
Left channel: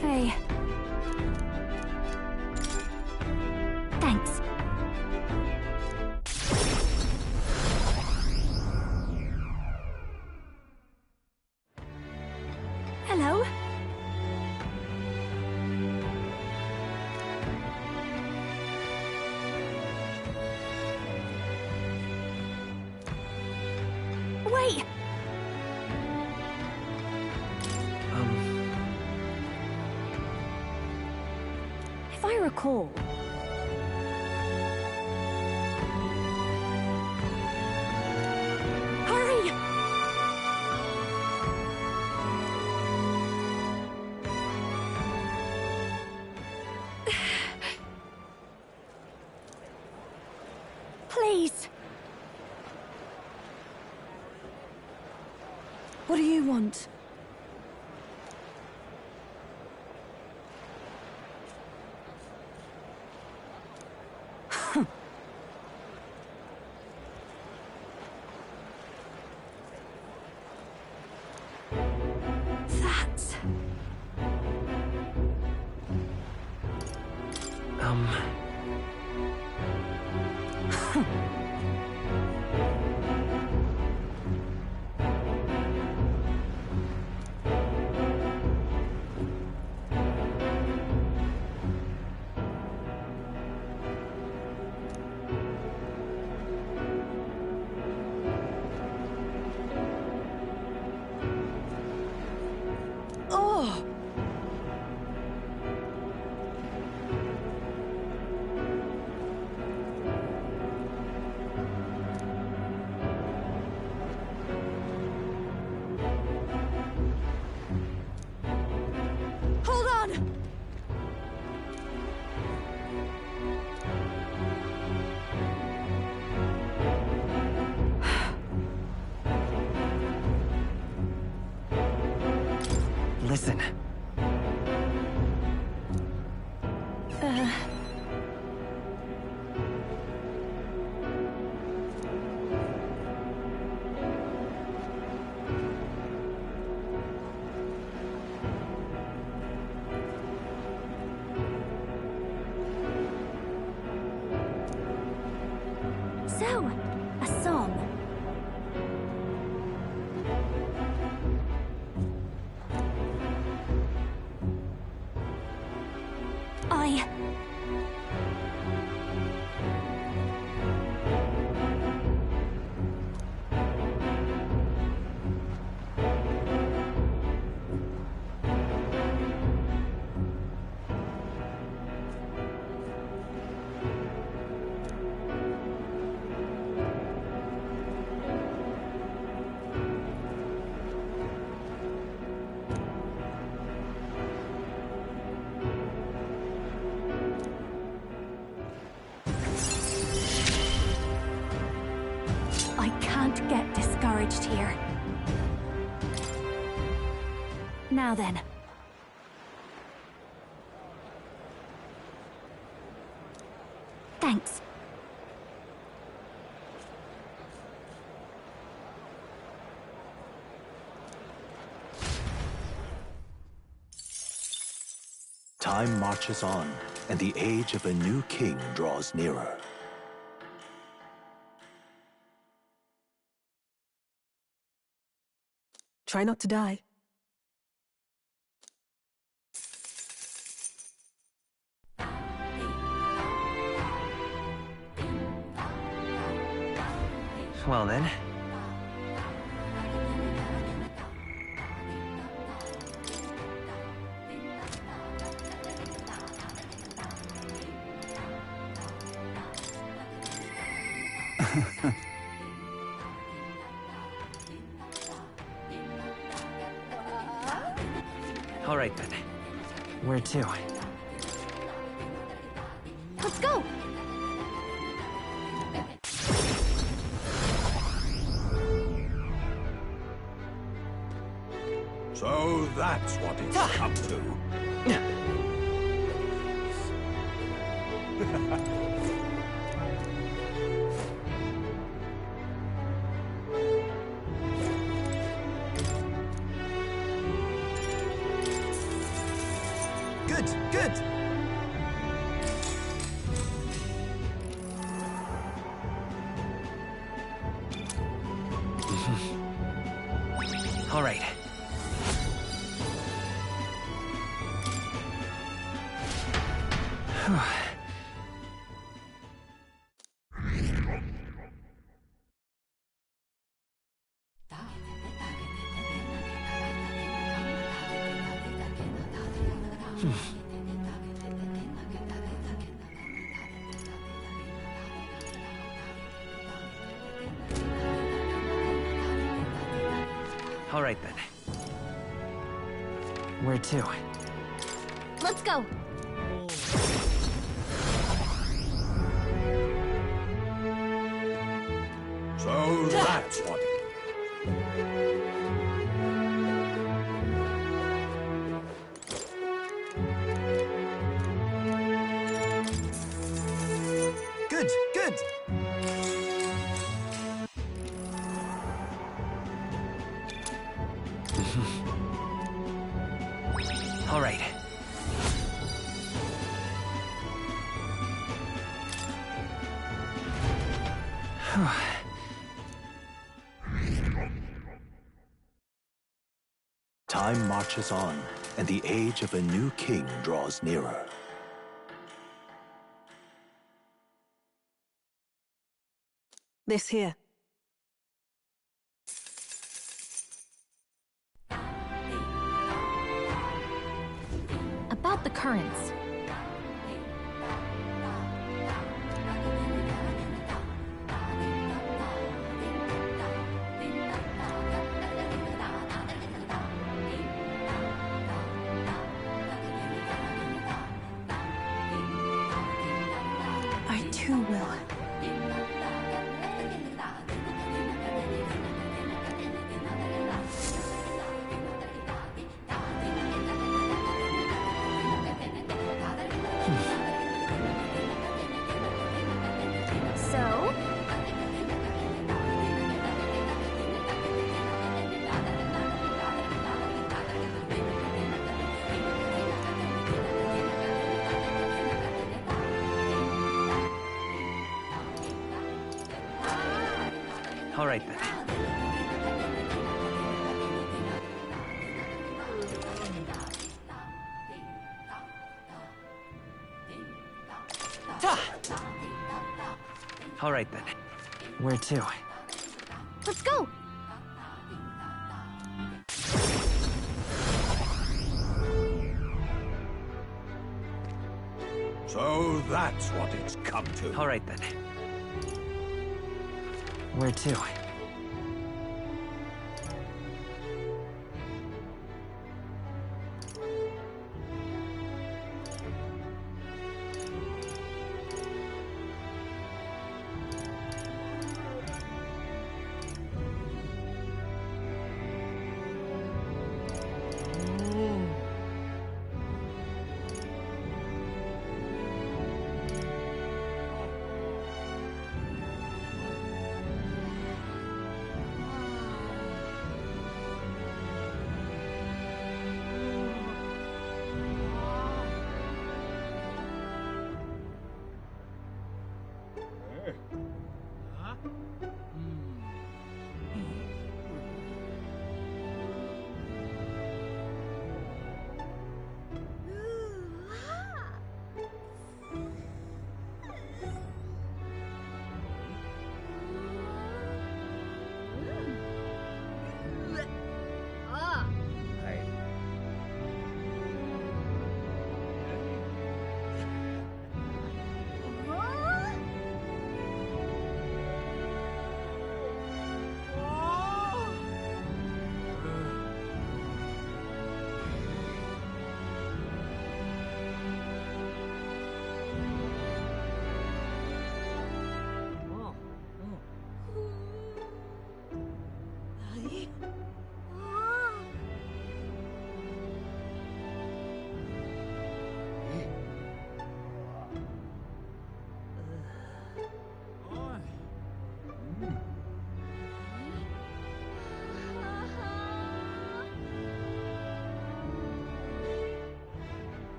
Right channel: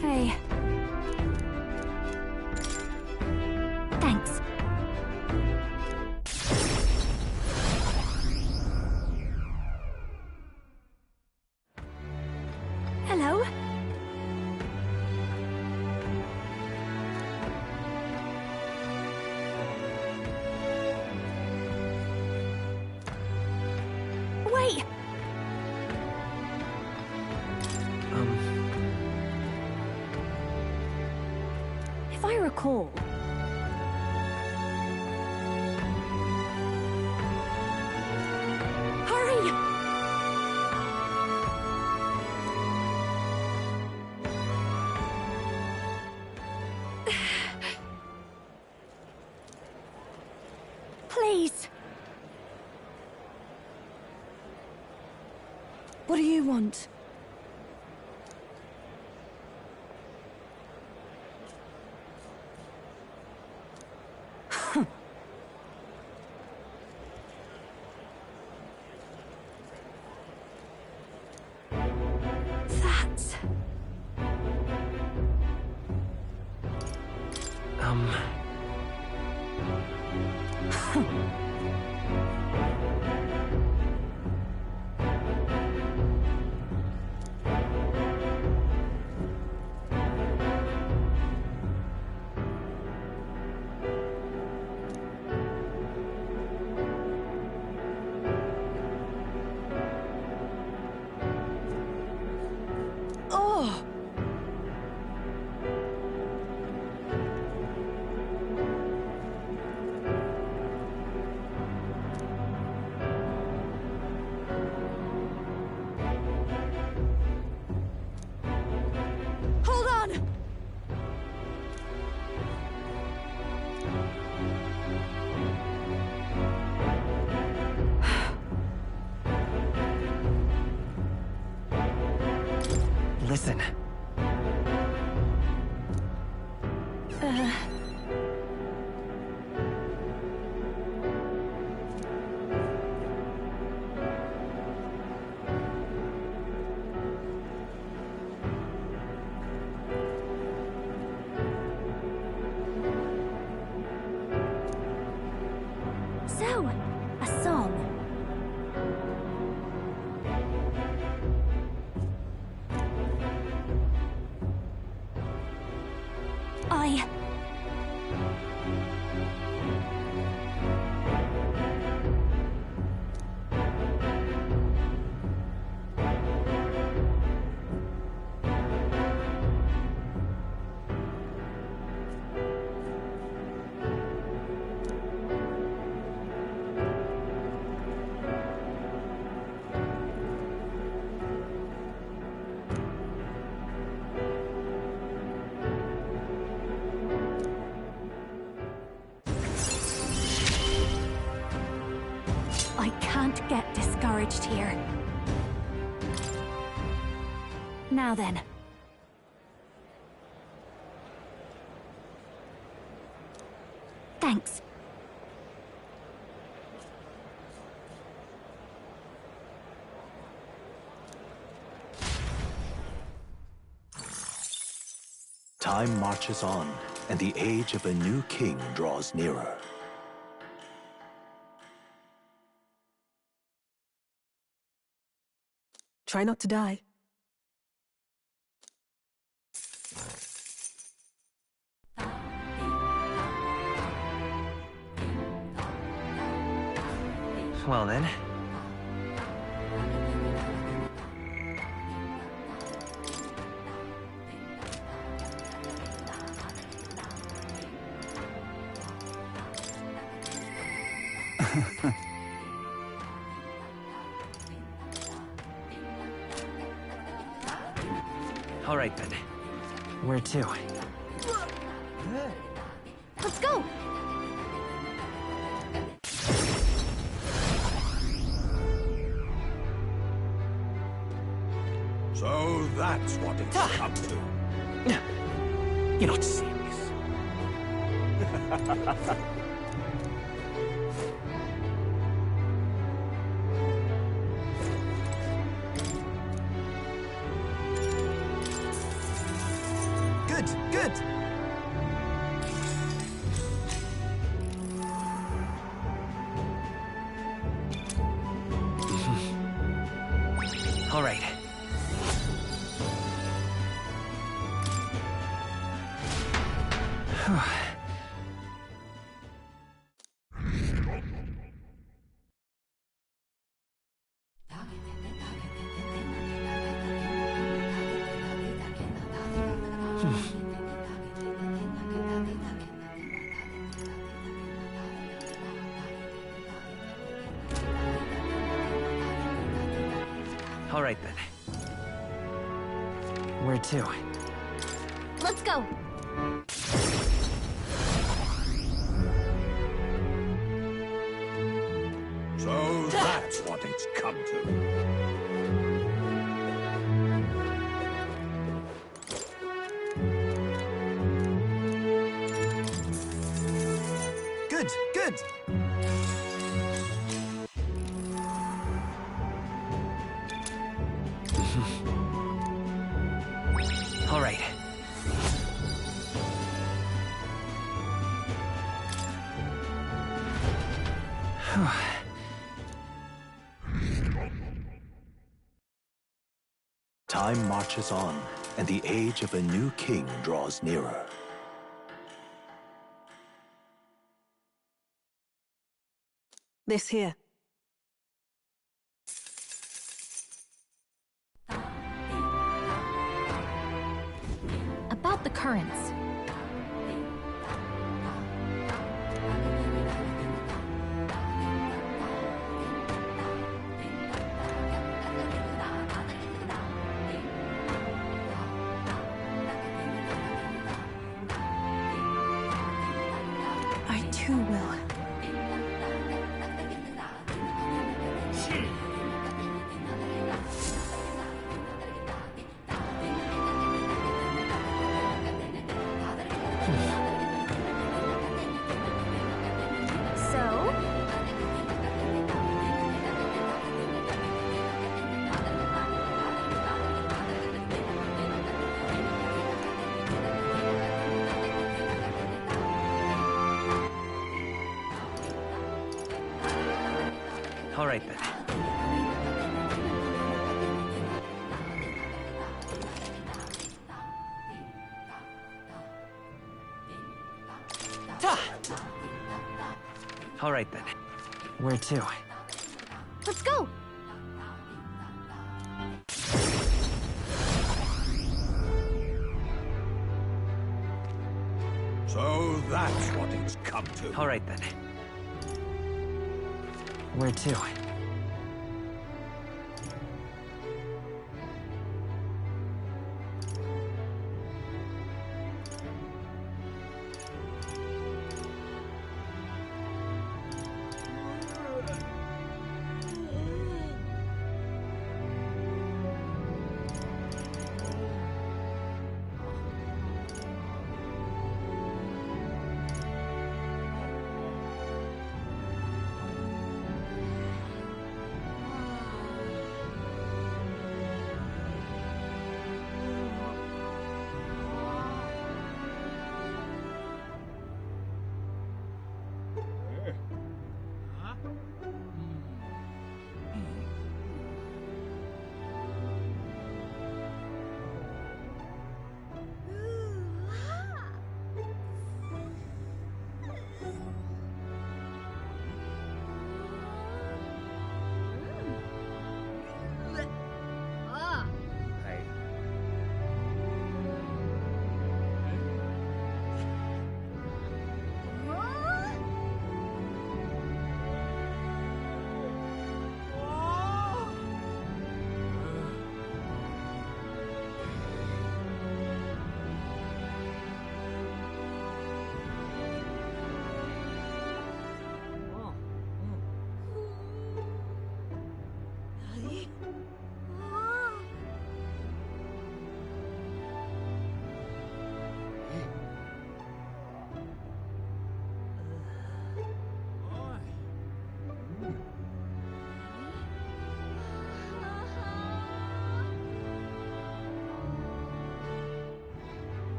Hey. Thanks. Hello? Wait! If I recall... Hurry! Please! What do you want? That's... Oh! Hold on! Listen. So, a song. I... I can't get discouraged here. Now then. Thanks. Time marches on, and the age of a new king draws nearer. Try not to die. Well then. All right then. Where to? Let's go! So that's what it's come to. You're not serious. Good, good. All right. All right then. Where to? Let's go! So that's what it's come to. Good, good. All right. Time marches on, and the age of a new king draws nearer. This here. about the currents? I too will. So? All right then. All right then. Where to? Let's go! So that's what it's come to. All right then. Where to?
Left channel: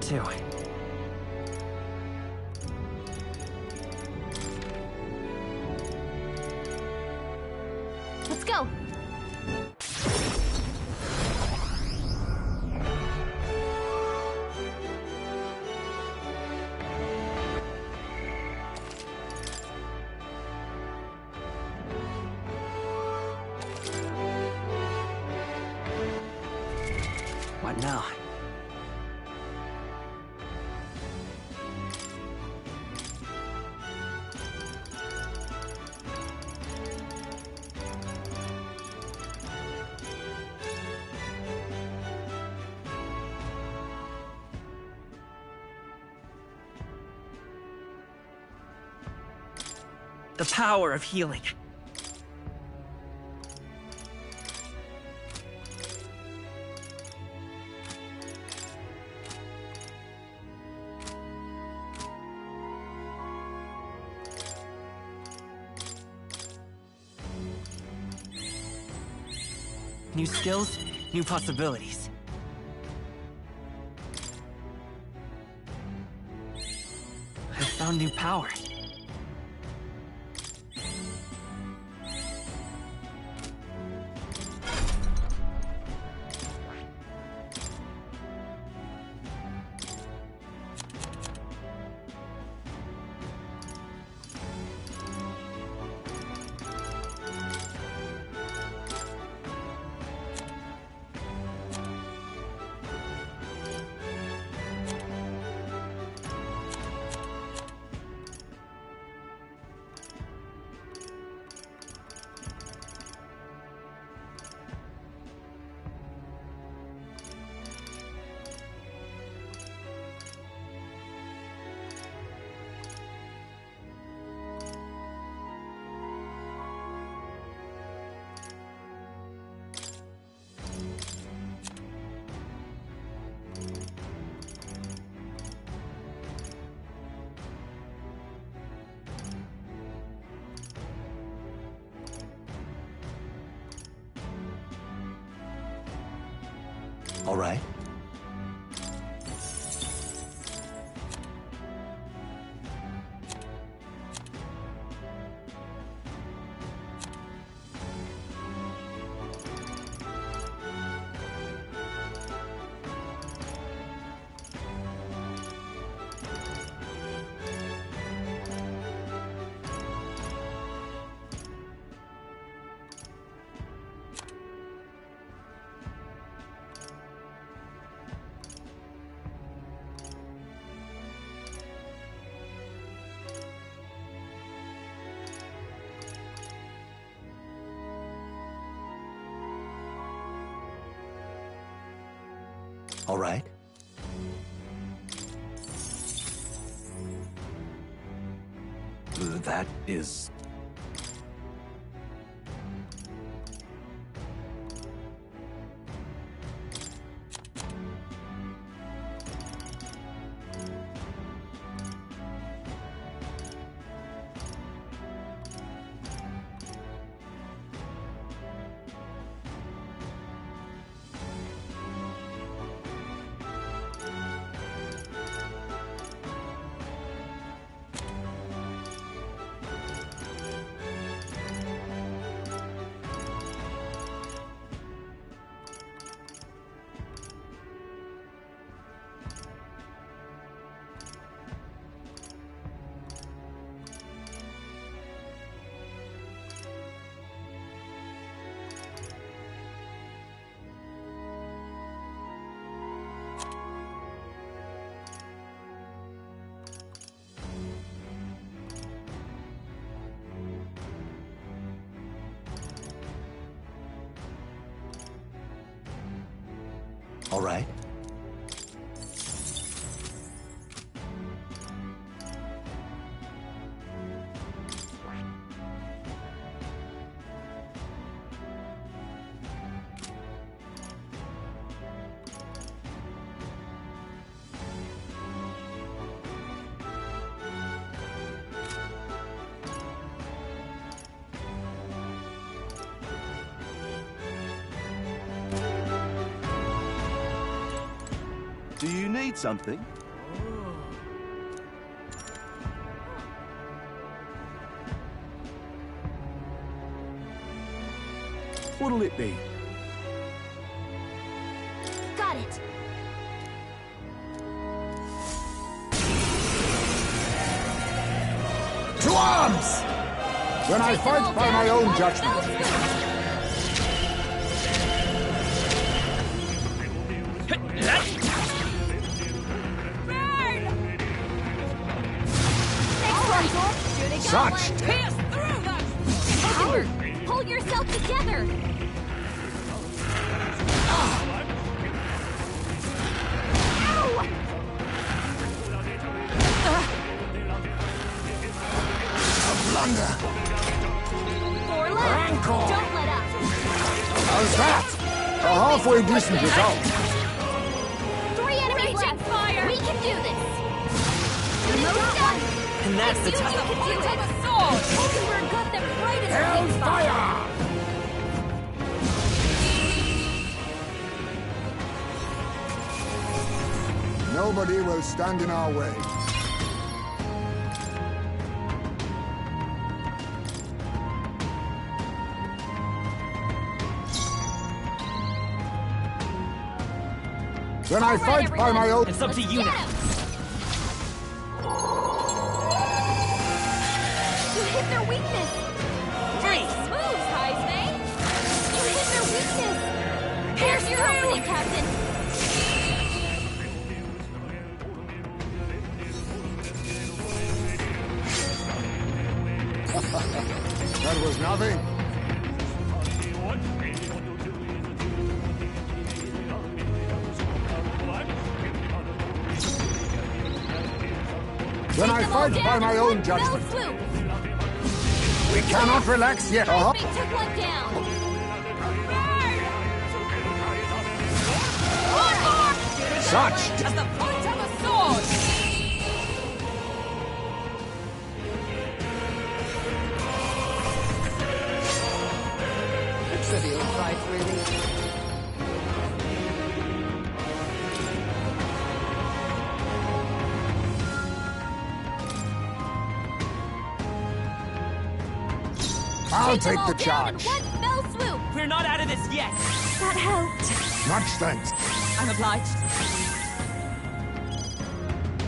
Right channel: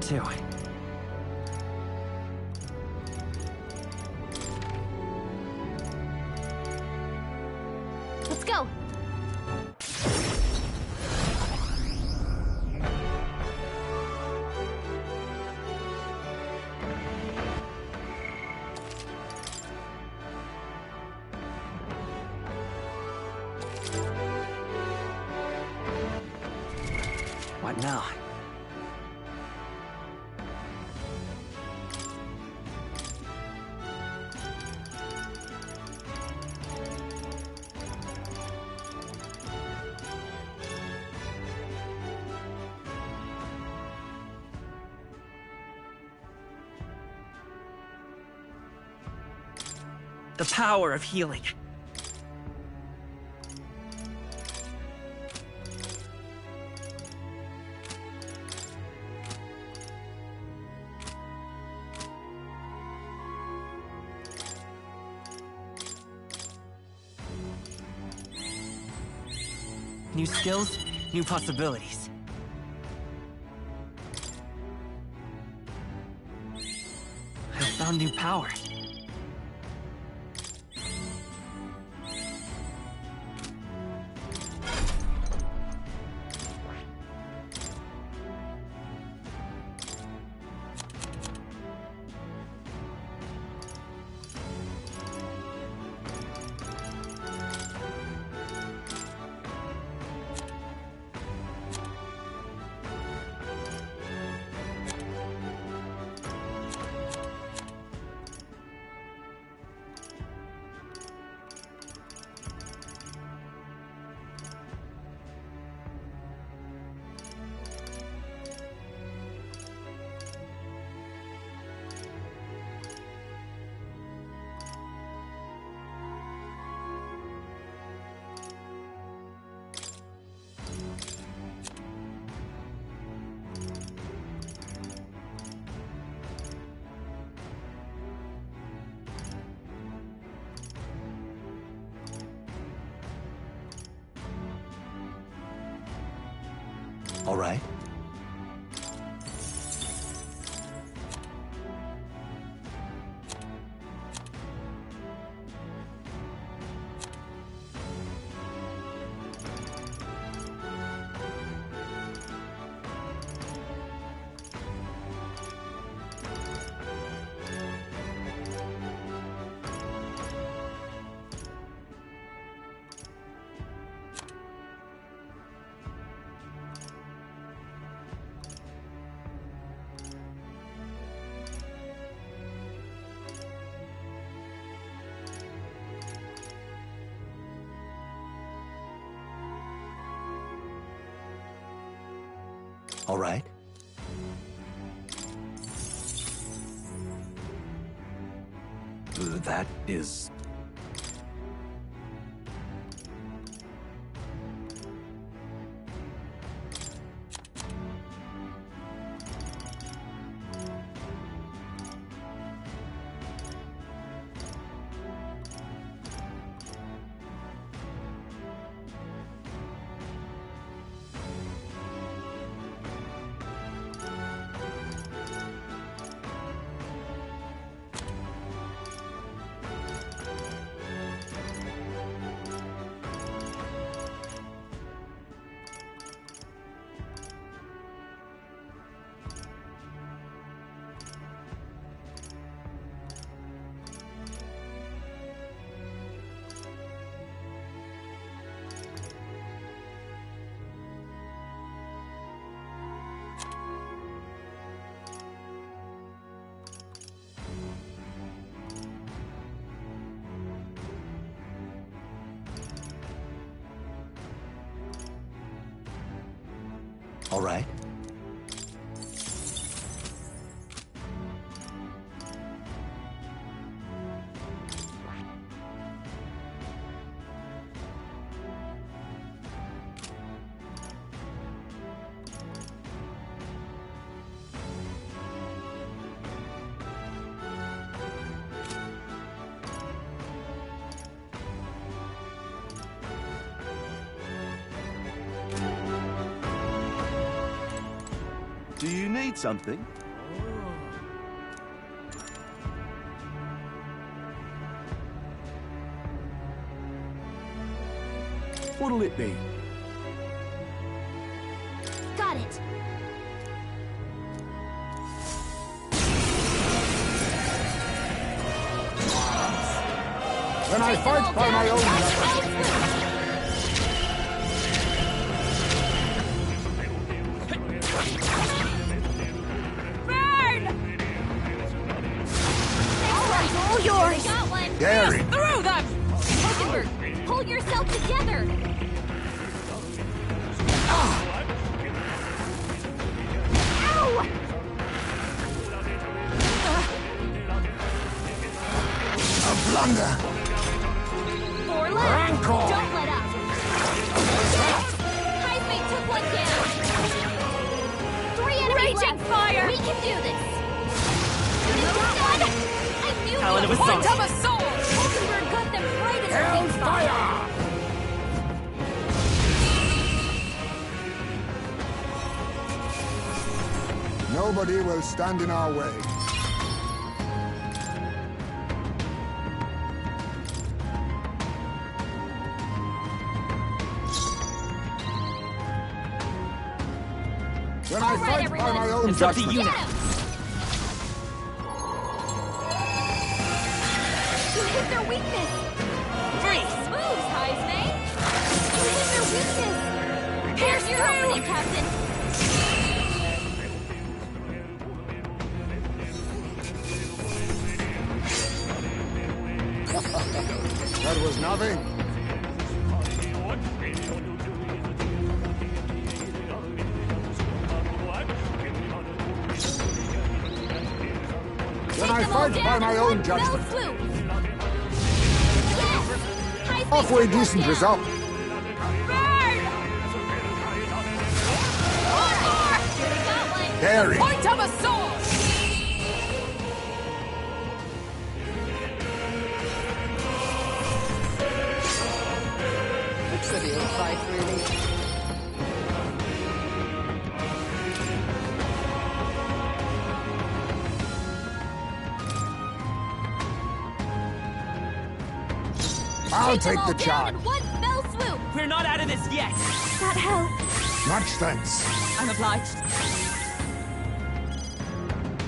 too. Let's go. What now? The power of healing. New skills, new possibilities. I found new power. All right. All right. That is... All right. need something? What'll it be? Got it. To arms! When I fight by my own judgment. Such daring! Through them! Hulkenberg, pull yourself together! Ow! A blunder! Four left! Rancor! Don't let up! How's that? A halfway decent result. 3 enemies Raging left! fire! We can do this! Almost done! I the feel talent the of a point sword. of a sword! Hulkenberg got them right in the sweet spot! Hellfire! Nobody will stand in our way. When I fight by my own It's up to you Get now. him! You hit their weakness! Freeze! Moves, Heisme! You hit their weakness! Here's your opening, Captain! That was nothing. When I fight by my own judgment. We cannot relax yet. A halfway decent result. Such daring. Point of a sword! A trivial fight, really. I'll take the charge. One fell swoop! We're not out of this yet. That helped. Much thanks. I'm obliged.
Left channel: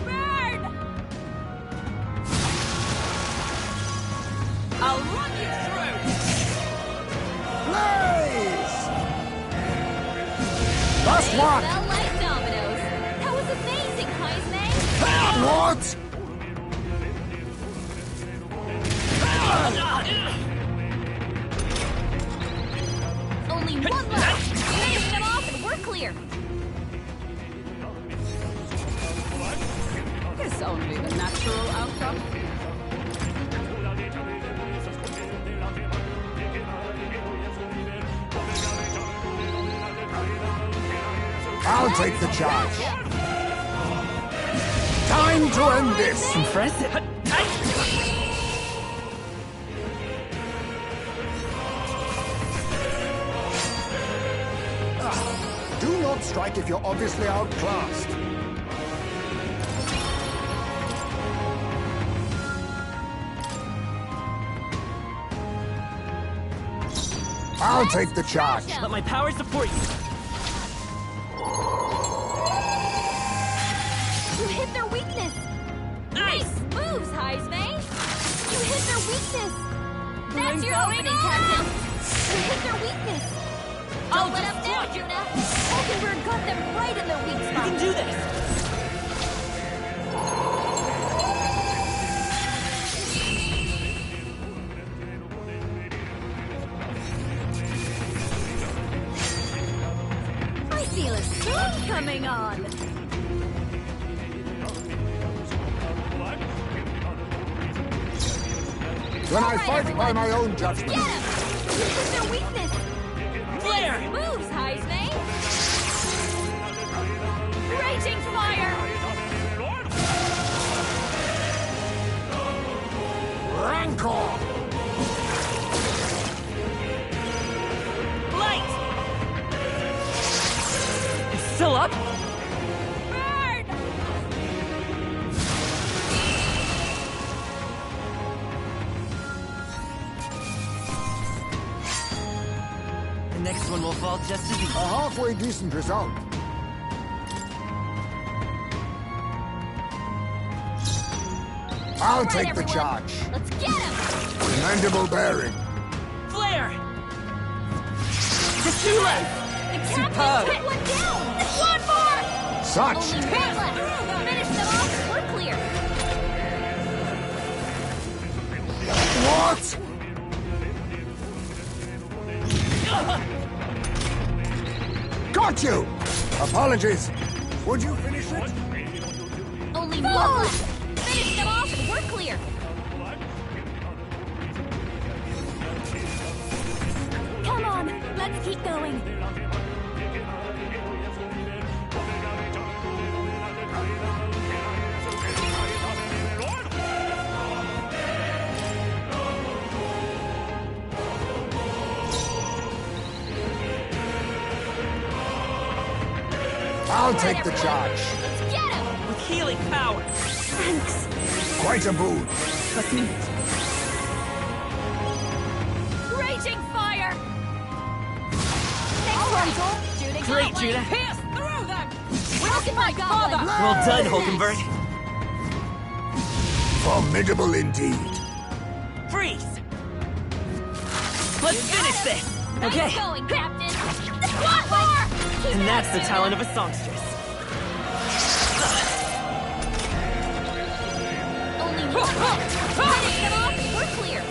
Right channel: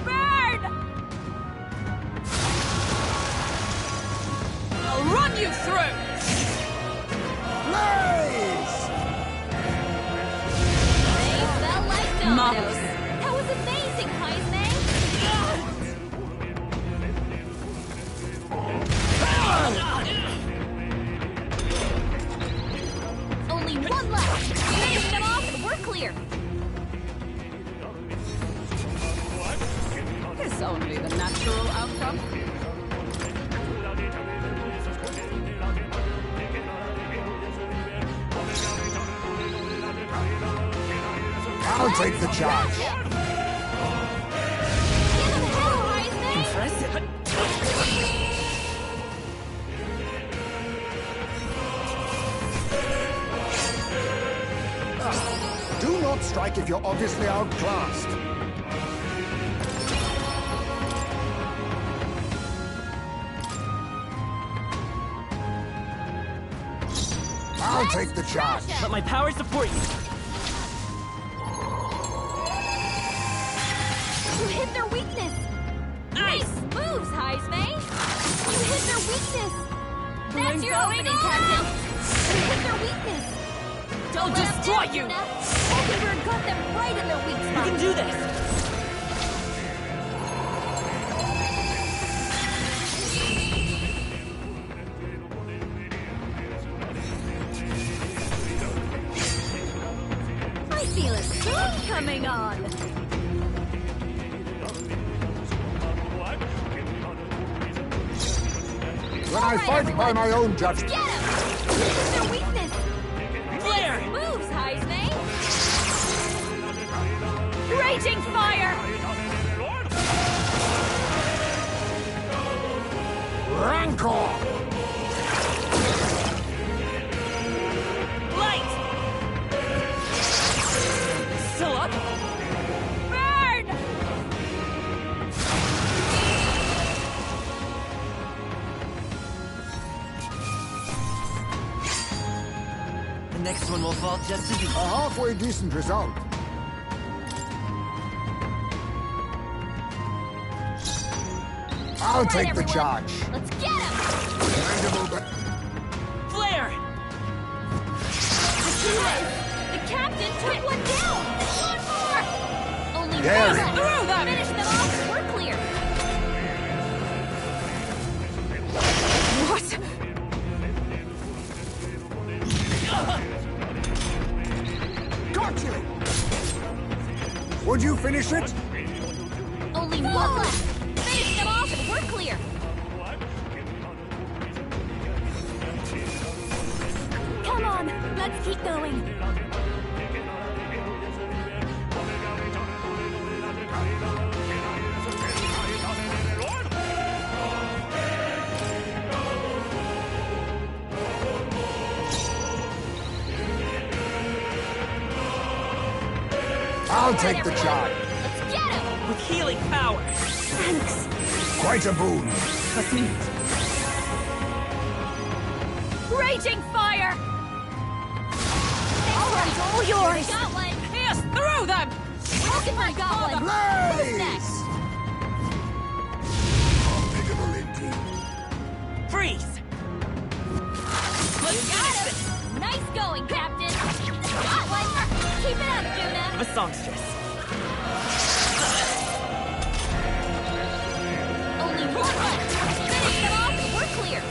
Burn! I'll run you through! Blaze! Last They one. fell like dominoes. That was amazing, Heisme! What? Only one left! Finish them off and we're clear! It's only the natural outcome. I'll take the charge. Time to end this. Impressive. Do not strike if you're obviously outclassed. I'll take the charge. Let my power support you. You hit their weakness! Nice moves, Heisme! You hit their weakness! That's your opening, Captain! You hit their weakness! I'll Don't let them destroy down, you. Yuna! Hulkenberg got them right in their weak You spot! can do this. I feel a storm coming on! When I fight by my own judgment. Get him! You hit their weakness! Flare! Moves, Heisme! Raging fire! Rancor! Light! It's still up? Burn! Next one will fall just as easy. A halfway decent result. I'll take the charge. Let's get him! Commendable bearing. Flare! Just two left! The captain took one down! One more! Such Only one daring. left! Through them! Finish them off! We're clear! What? Got you! Apologies. Would you finish it? Only one left! Finish them off and we're clear! Come on! Let's keep going! I'll take the charge. Let's get him! With healing power. Thanks! Quite a boon. Trust me. Raging fire! All right, all yours! Great, pierce through them! Welcome my goblin! Well done, Holdenberg. Formidable indeed. Freeze! Let's finish this! Nice Okay. going, Captain! One more! Keep it That's up, the Tuna. talent of a songstress. Only one left! Finish them off and we're clear!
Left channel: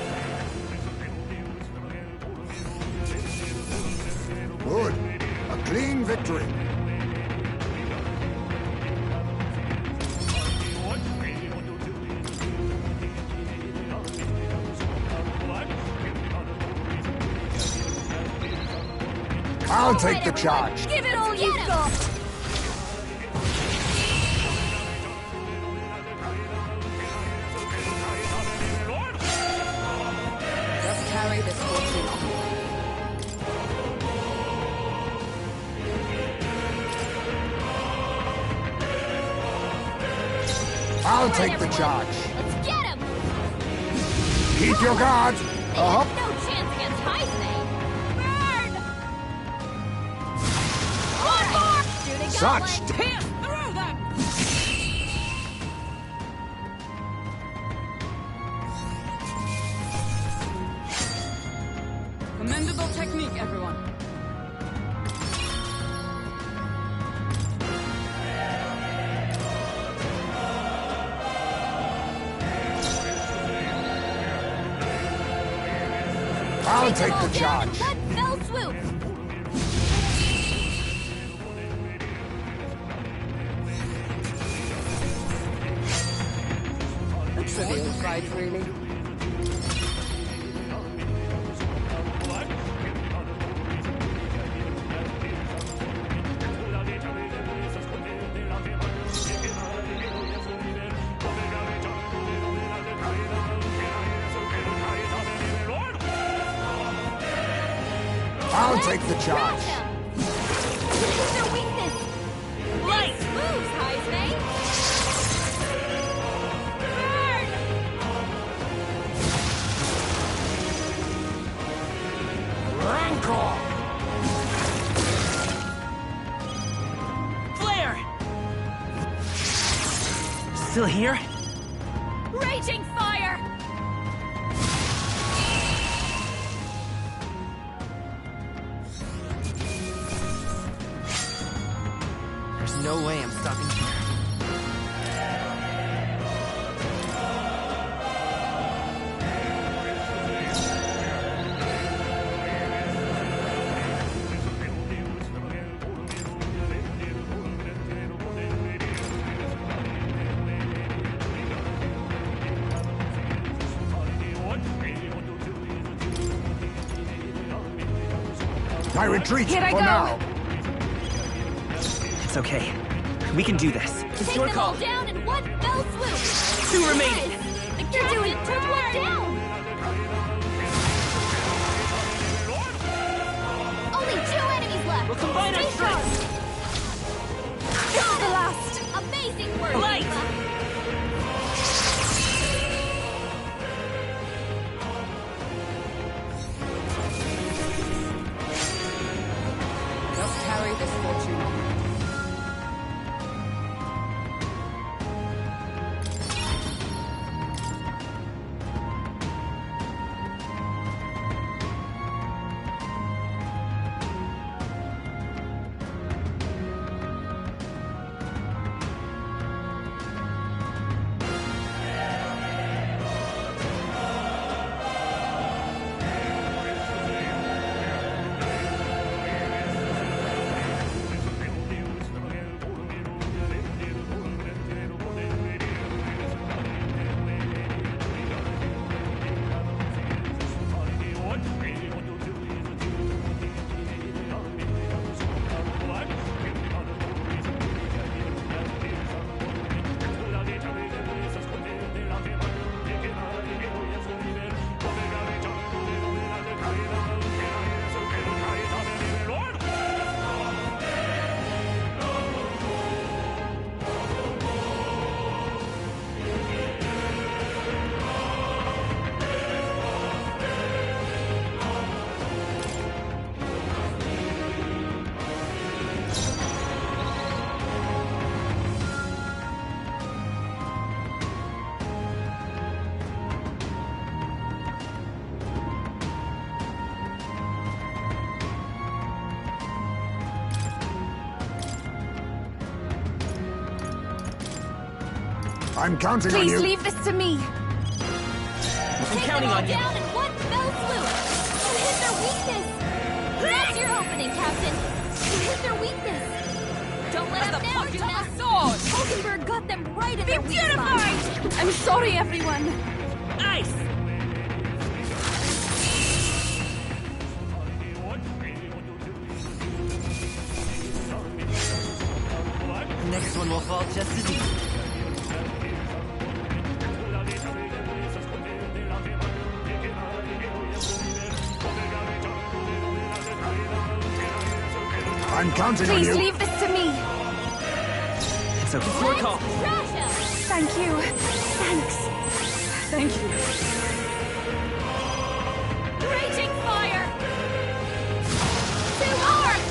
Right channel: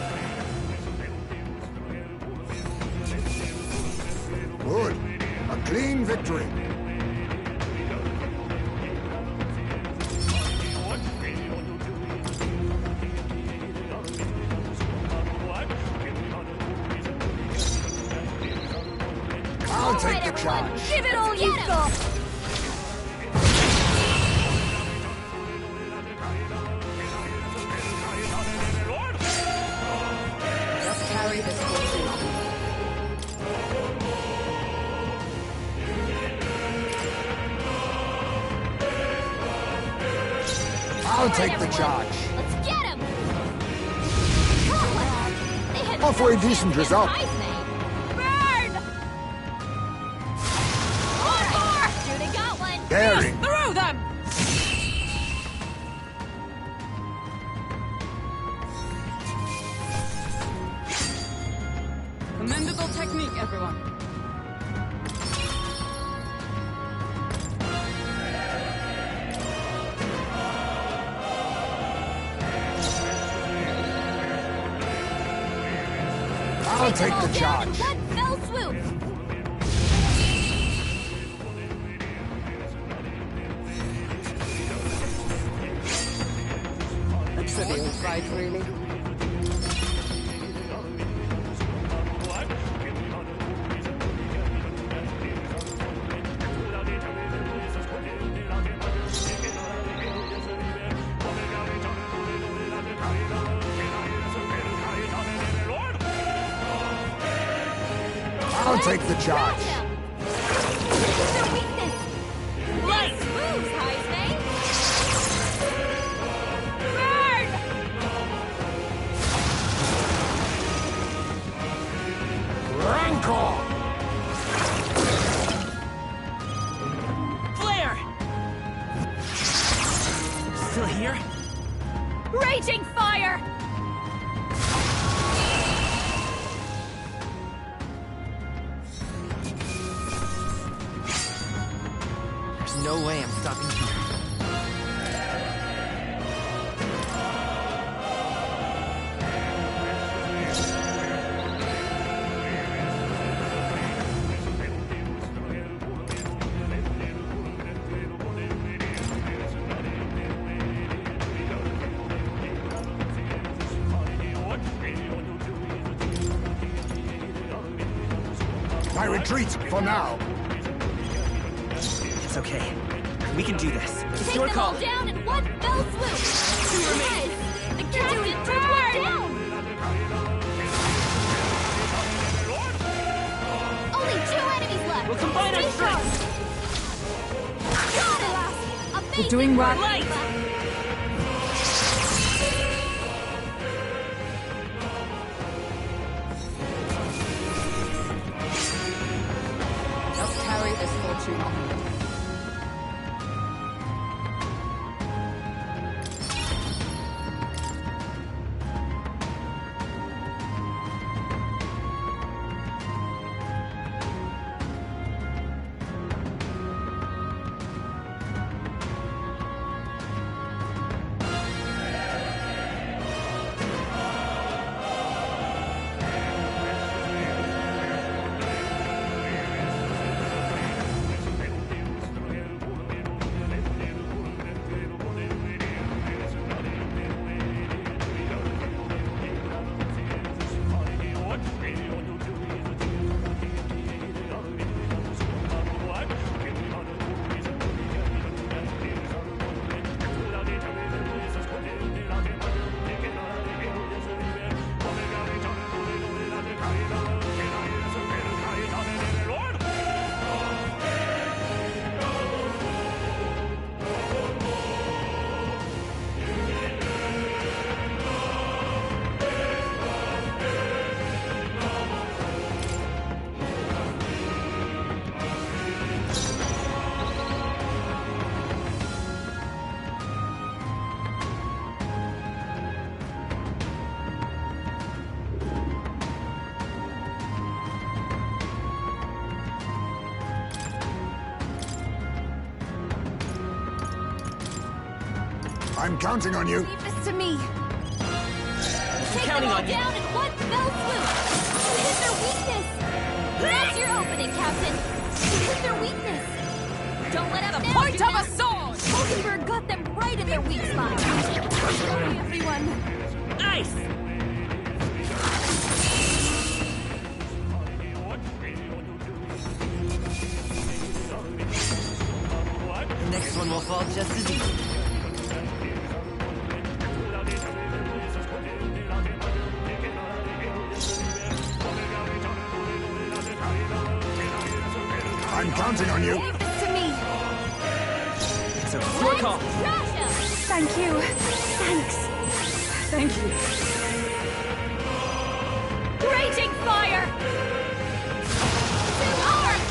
Good. A clean victory. I'll take the charge. Give it all you've got! Just carry this fortune on. I'll take the charge. Let's get him! Keep your guard. They A had halfway no chance decent against result. Heisman. Burn! One more! Shooting gauntlet! Such daring. Through them! Commendable technique, everyone. I'll take the Down in charge. one fell swoop! A trivial fight, really. I'll take the charge. Grab him! This is their weakness! Light! Nice moves, Heisman! Burn! Rancor! Flare! Still here? Raging fire! There's no way I'm stopping here. My retreat Here I for go. now. It's okay. We can do this. It's Take your them call. all down in one fell swoop! Two remaining. Yes! The captain took one down! Only 2 enemies left! We'll combine our Stay strengths. strong. Got the last! Amazing doing well. work, Light. Eva. I'm counting on Please you. leave this to me. I'm counting on you. Down in one fell swoop. You hit their weakness. That's your opening, Captain. You hit their weakness. Don't let up The now, point of a sword! Hulkenberg got them right in their weak spot. I'm sorry, everyone. Ice! The next one will fall just as easy. I'm counting on Please you. leave this to me. It's okay. Your call. Thank you. Thanks. Thank you. Raging fire! Too hard!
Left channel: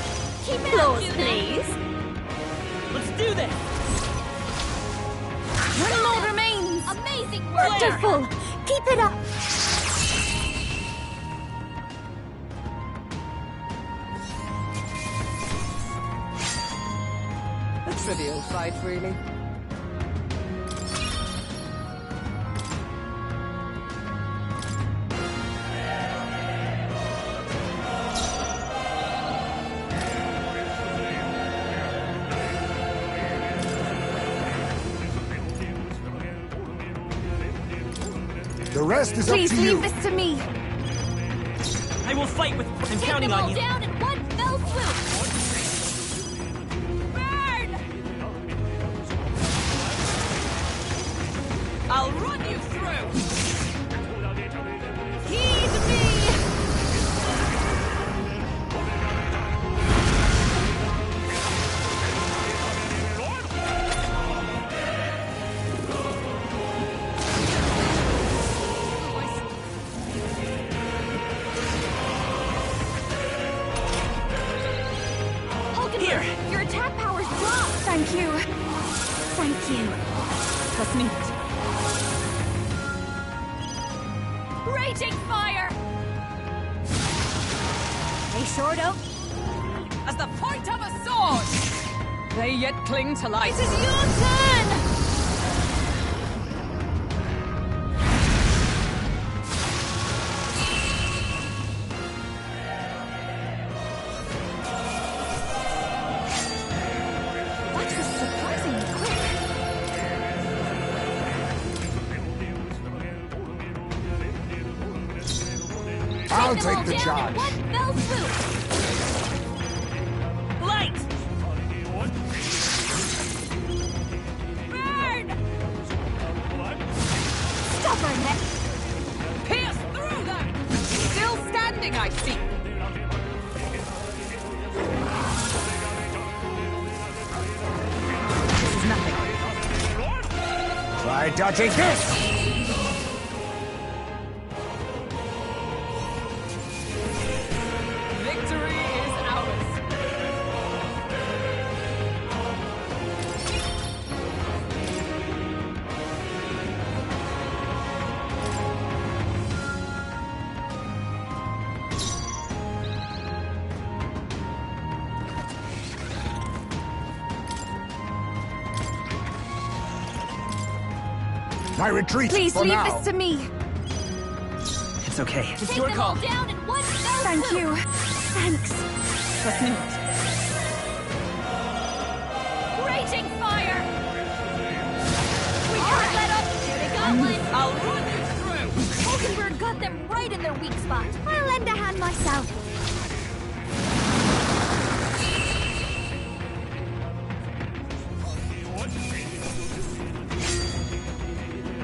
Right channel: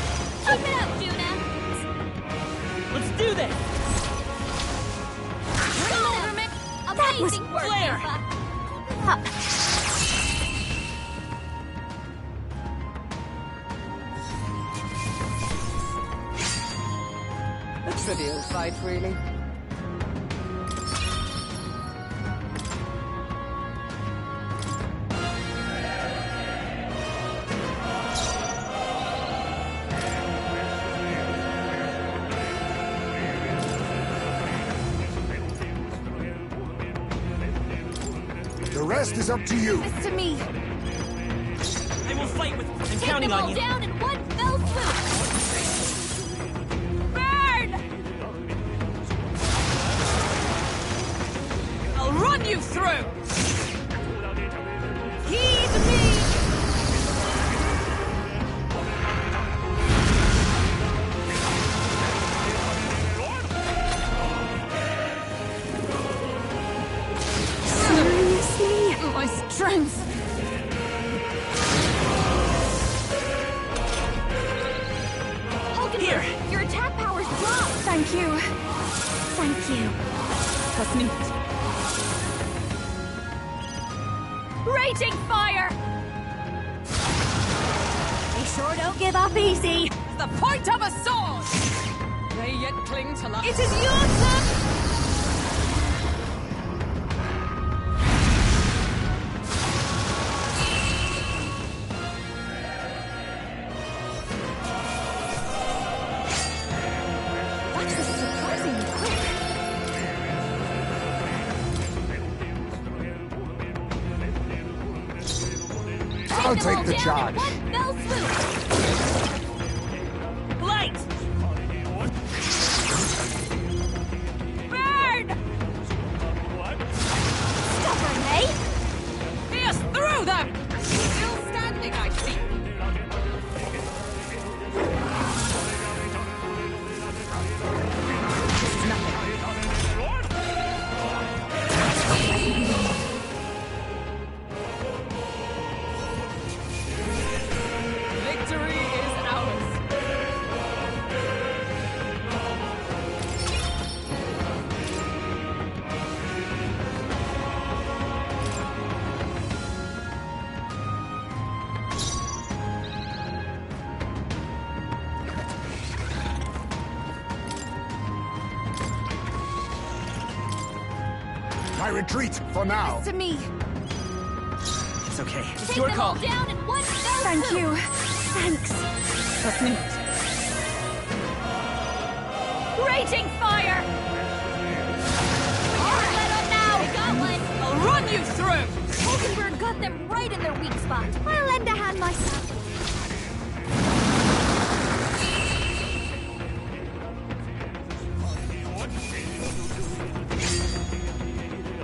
Keep it up, please. Let's do this! One more remains. Amazing work, Wonderful. Keep it up. A trivial fight, really. The rest is up Please to you. leave this to me. I will fight with... I'm Take counting them all on you. down in one fell swoop. Burn! I'll run you through. Heed me. My strength. Hulkenberg, your attack power's dropped. Thank you. Thank you. Trust me. Raging fire! They sure don't give up easy. As the point of a sword. They yet cling to life. It is your turn! That was surprisingly quick. I'll them all take the down charge. in one fell swoop. Light! Burn! Stubborn, eh? Pierce through them! Still standing, I see. This is nothing. Try dodging it. Victory is ours. My retreat Please for leave now. this to me. It's okay. It's Take your them call. all down in one fell Thank swoop. you. Thanks. Trust me. Raging fire! We can't let up now. They got one. I'll run you through. Hulkenberg got them right in their weak spot. I'll lend a hand myself.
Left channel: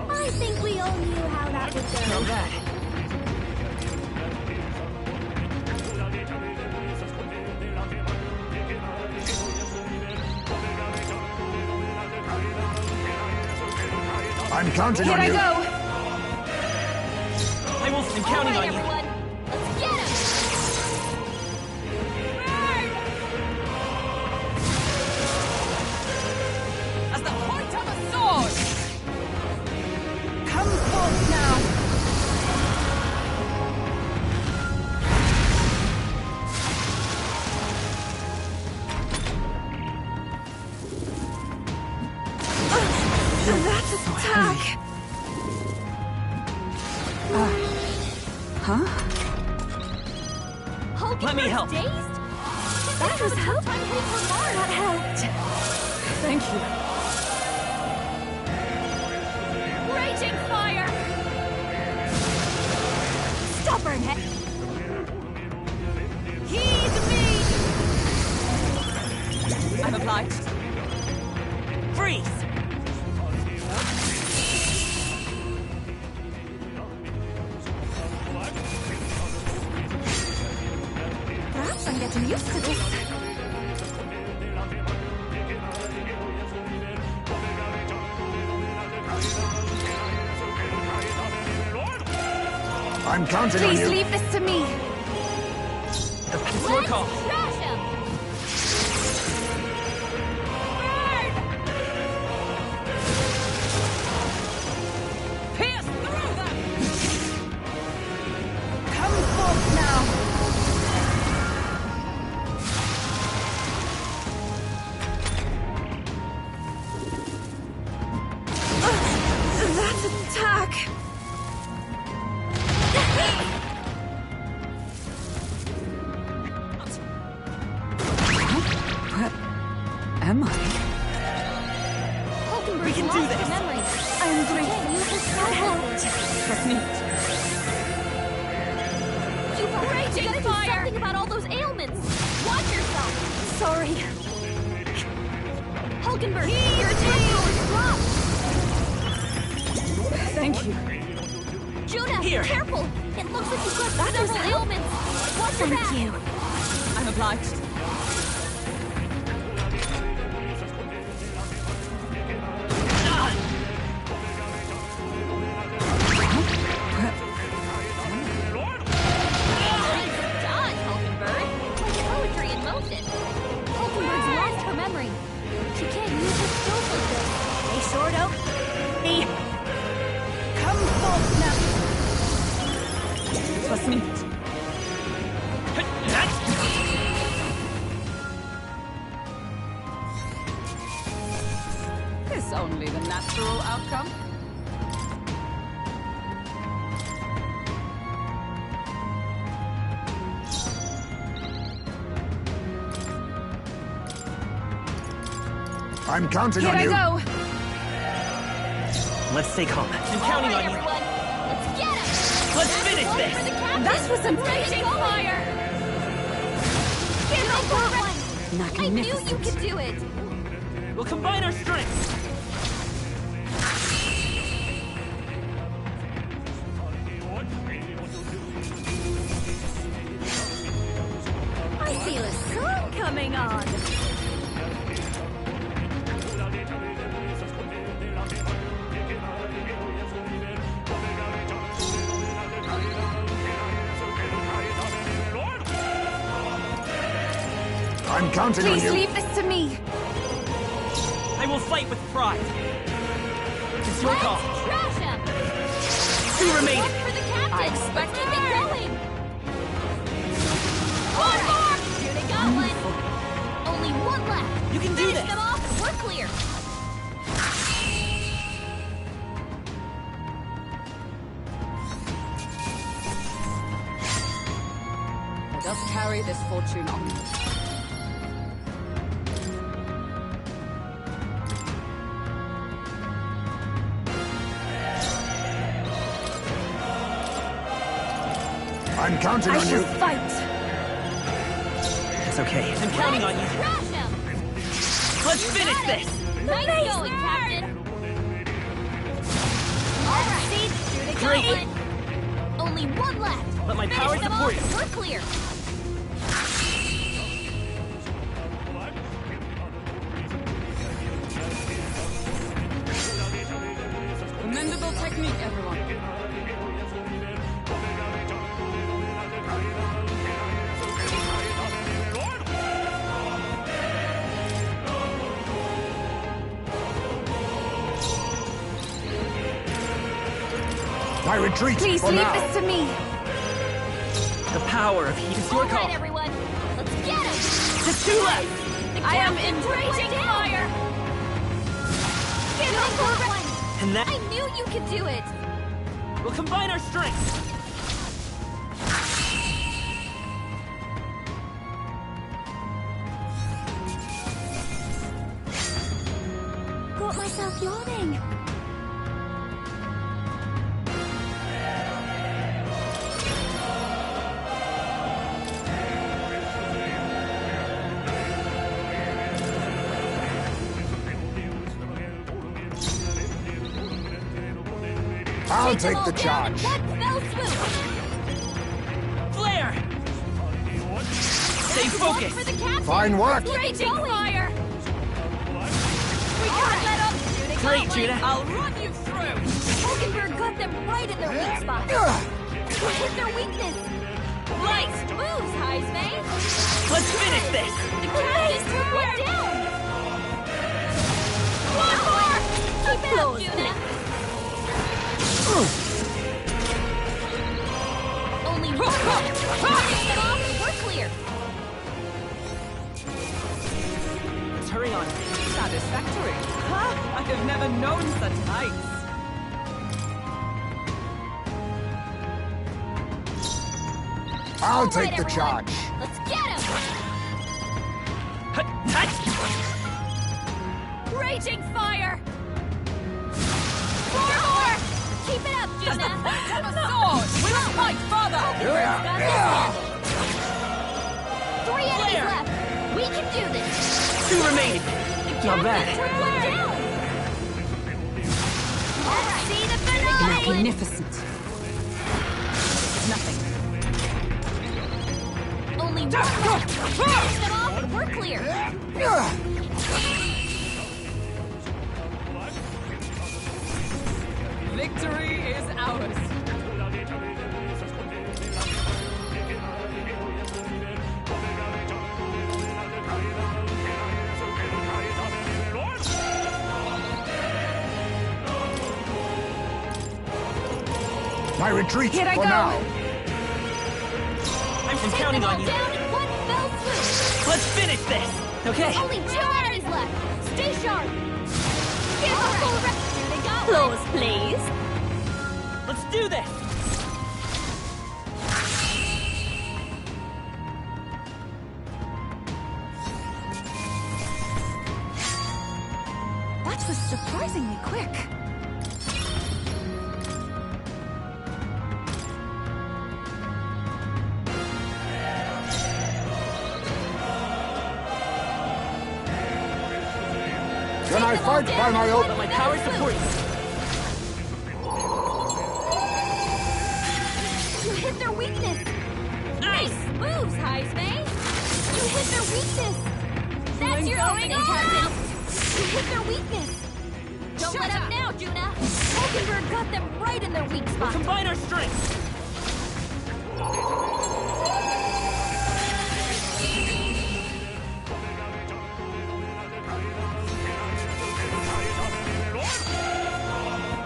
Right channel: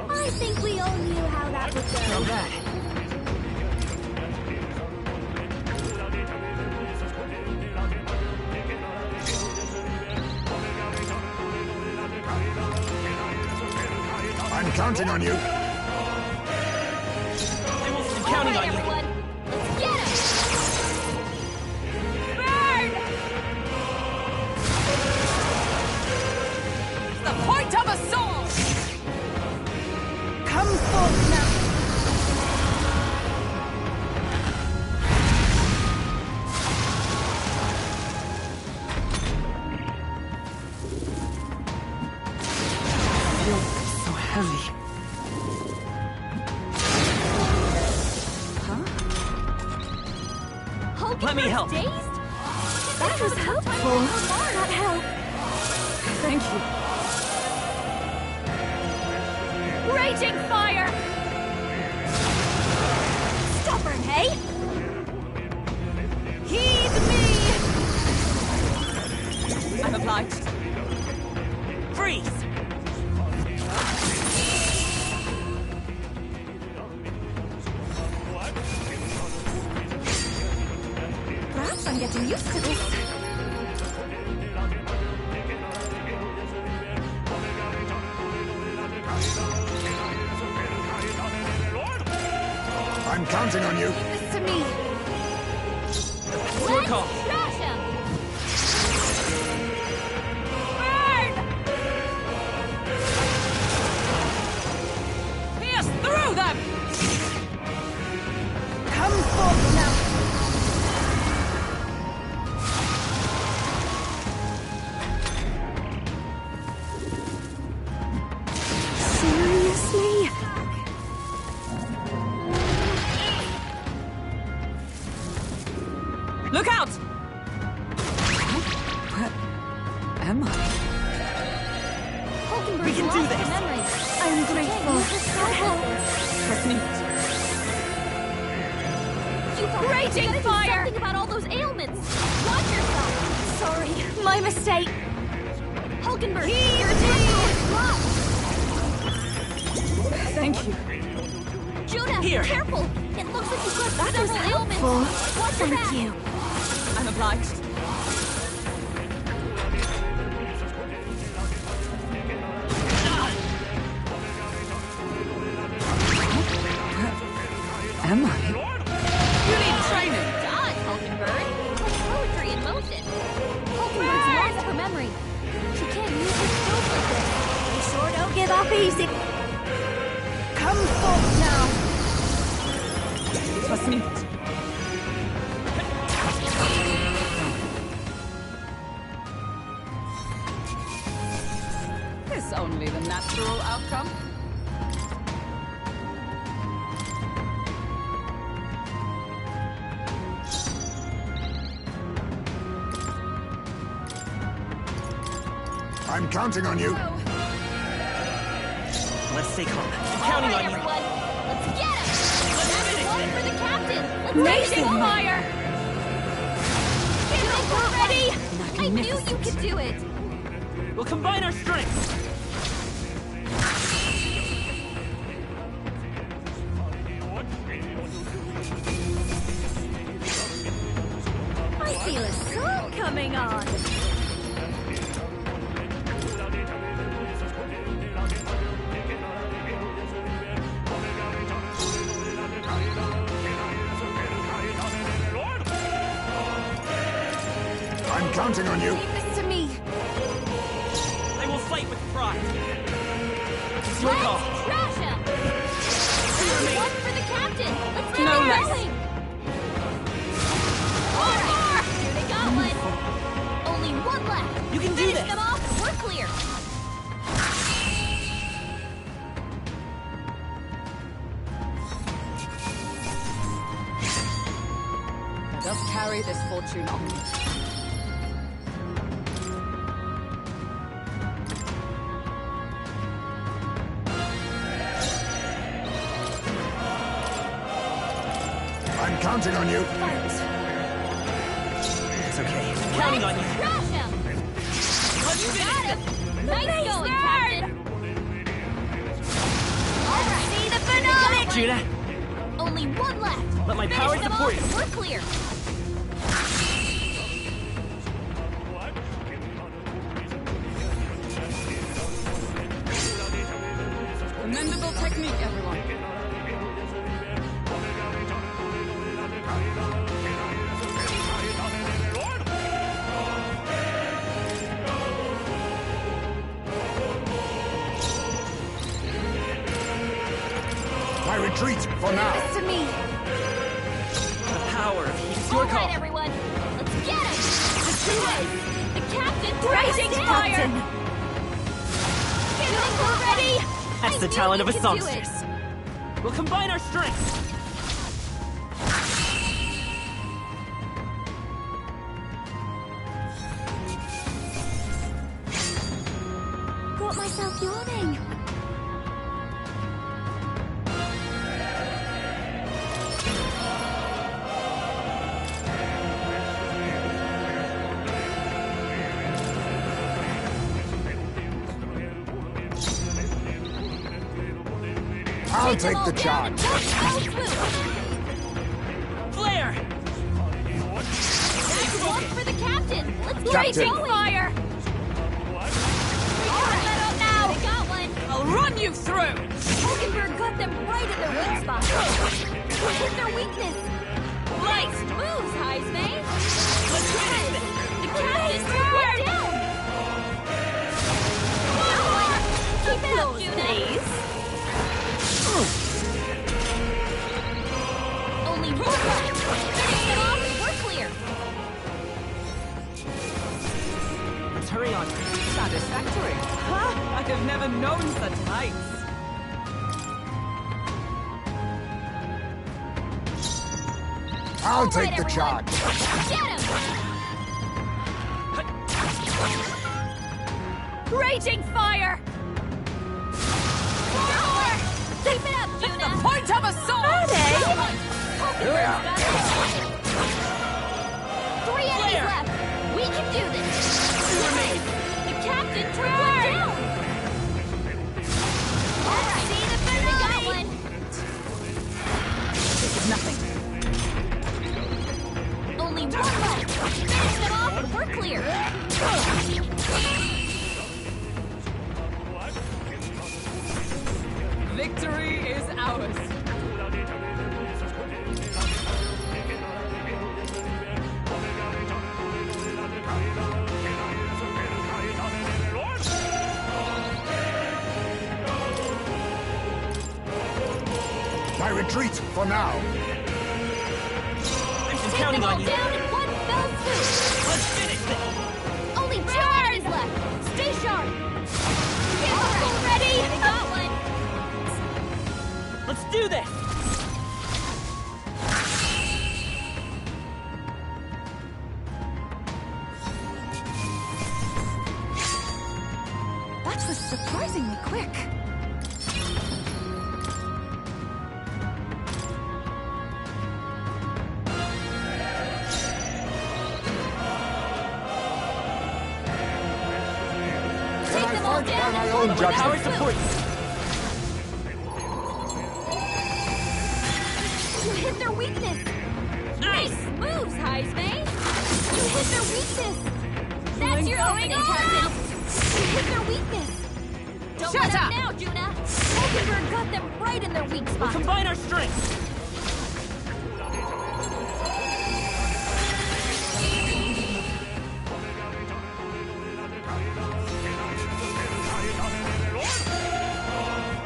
I think we all knew how that would go. Not bad. I'm counting on you. I'm counting All right, on you. everyone. Let's get him. Burn! As the point of a sword. Come forth now. Let me help. That was helpful. That helped. Thank you. Raging fire! Stubborn, hey? Heed me! I'm obliged. Freeze! Perhaps I'm getting used to this. I'm counting on you. Leave this to me. It's your call. Trash him! Burn! Pierce through them! Come forth now! Attack! Look out! Where am I? We can do this! I am grateful. That helped. Trust me. Raging Do fire! something about all those ailments. Watch yourself. Sorry, my mistake. Hulkenberg, your attack power is dropped. Thank you. Judah, Here. careful. It looks like you've got several ailments. Watch your back. Thank you. I'm obliged. Am I? Trying to dodge, Hulkenberg. Like poetry in motion. Hulkenberg's lost her memory. She can't use her skills like this. They sure don't give up easy. Come forth now! Trust me. Is only the natural outcome. I'm counting Here on I you. go! Let's stay calm. I'm counting on you. Everyone, let's get him. Let's finish One this! for the captain. This was amazing fire! Get ready. I knew you Magnificent. could do it. We'll combine our strengths. I feel a sun coming on. I'm counting on you. Leave this to me. I will fight with pride. It's your call. Let's trash him. Two remaining. One for the captain. Let's keep it going. One more. Judah got one. Only one left. You can do Finish this. them off and we're clear. Let us carry this fortune on. I'm counting on you. Fight! It's okay. I'm counting on you. Trash him. Let's finish this! Nice going, Captain. All right. See the Great, finale. Judah. Only one left. Let my power Finish them support off you. and we're clear. Commendable technique, everyone. I retreat Please for leave now. this to me. The power of heat is your All call. right, everyone. Let's get him. Just two left. The captain's Raging fire! Get him already. And that's I the knew talent you of a could do songstress. it. We'll combine our strengths. I'll take the charge. Flare! Stay focused! For the captain! Fine work, Raging Captain. fire! We can't let up now! They got one! I'll run you through! Hulkenberg got them right in their weak spot. We hit their weakness. Nice moves, Heisman! Let's finish this! The captain's turned down! One more! Keep it up, Juna! Only one more! Finish it off and we're clear! Let's hurry on. Satisfactory. Ha! I have never known such heights. I'll take the charge. Get him! Raging fire! Four more! Keep it up, Juna! The point of a sword! One point, father! Hulkenberg's got this! 3 enemies left! We can do this! 2 remaining! The captain turned down! Alright, see the finale! Magnificent. This is nothing. Only one more! Finish them off and we're clear! Victory is ours. My retreat Here I for go. now. I'm Take counting them all on you. down in one fell swoop! Let's finish this! Okay. Only 2 enemies left! Stay sharp! Get all ready! They got close, please! Let's do this! That was surprisingly quick. Can I fight by my own My judgment? power supports you. You hit their weakness. Nice moves, Heisman! You hit their weakness! That's your opening, Captain! You hit their weakness. Don't Shut let up up. now, Juna! Hulkenberg got them right in their weak We'll spot. combine our strengths!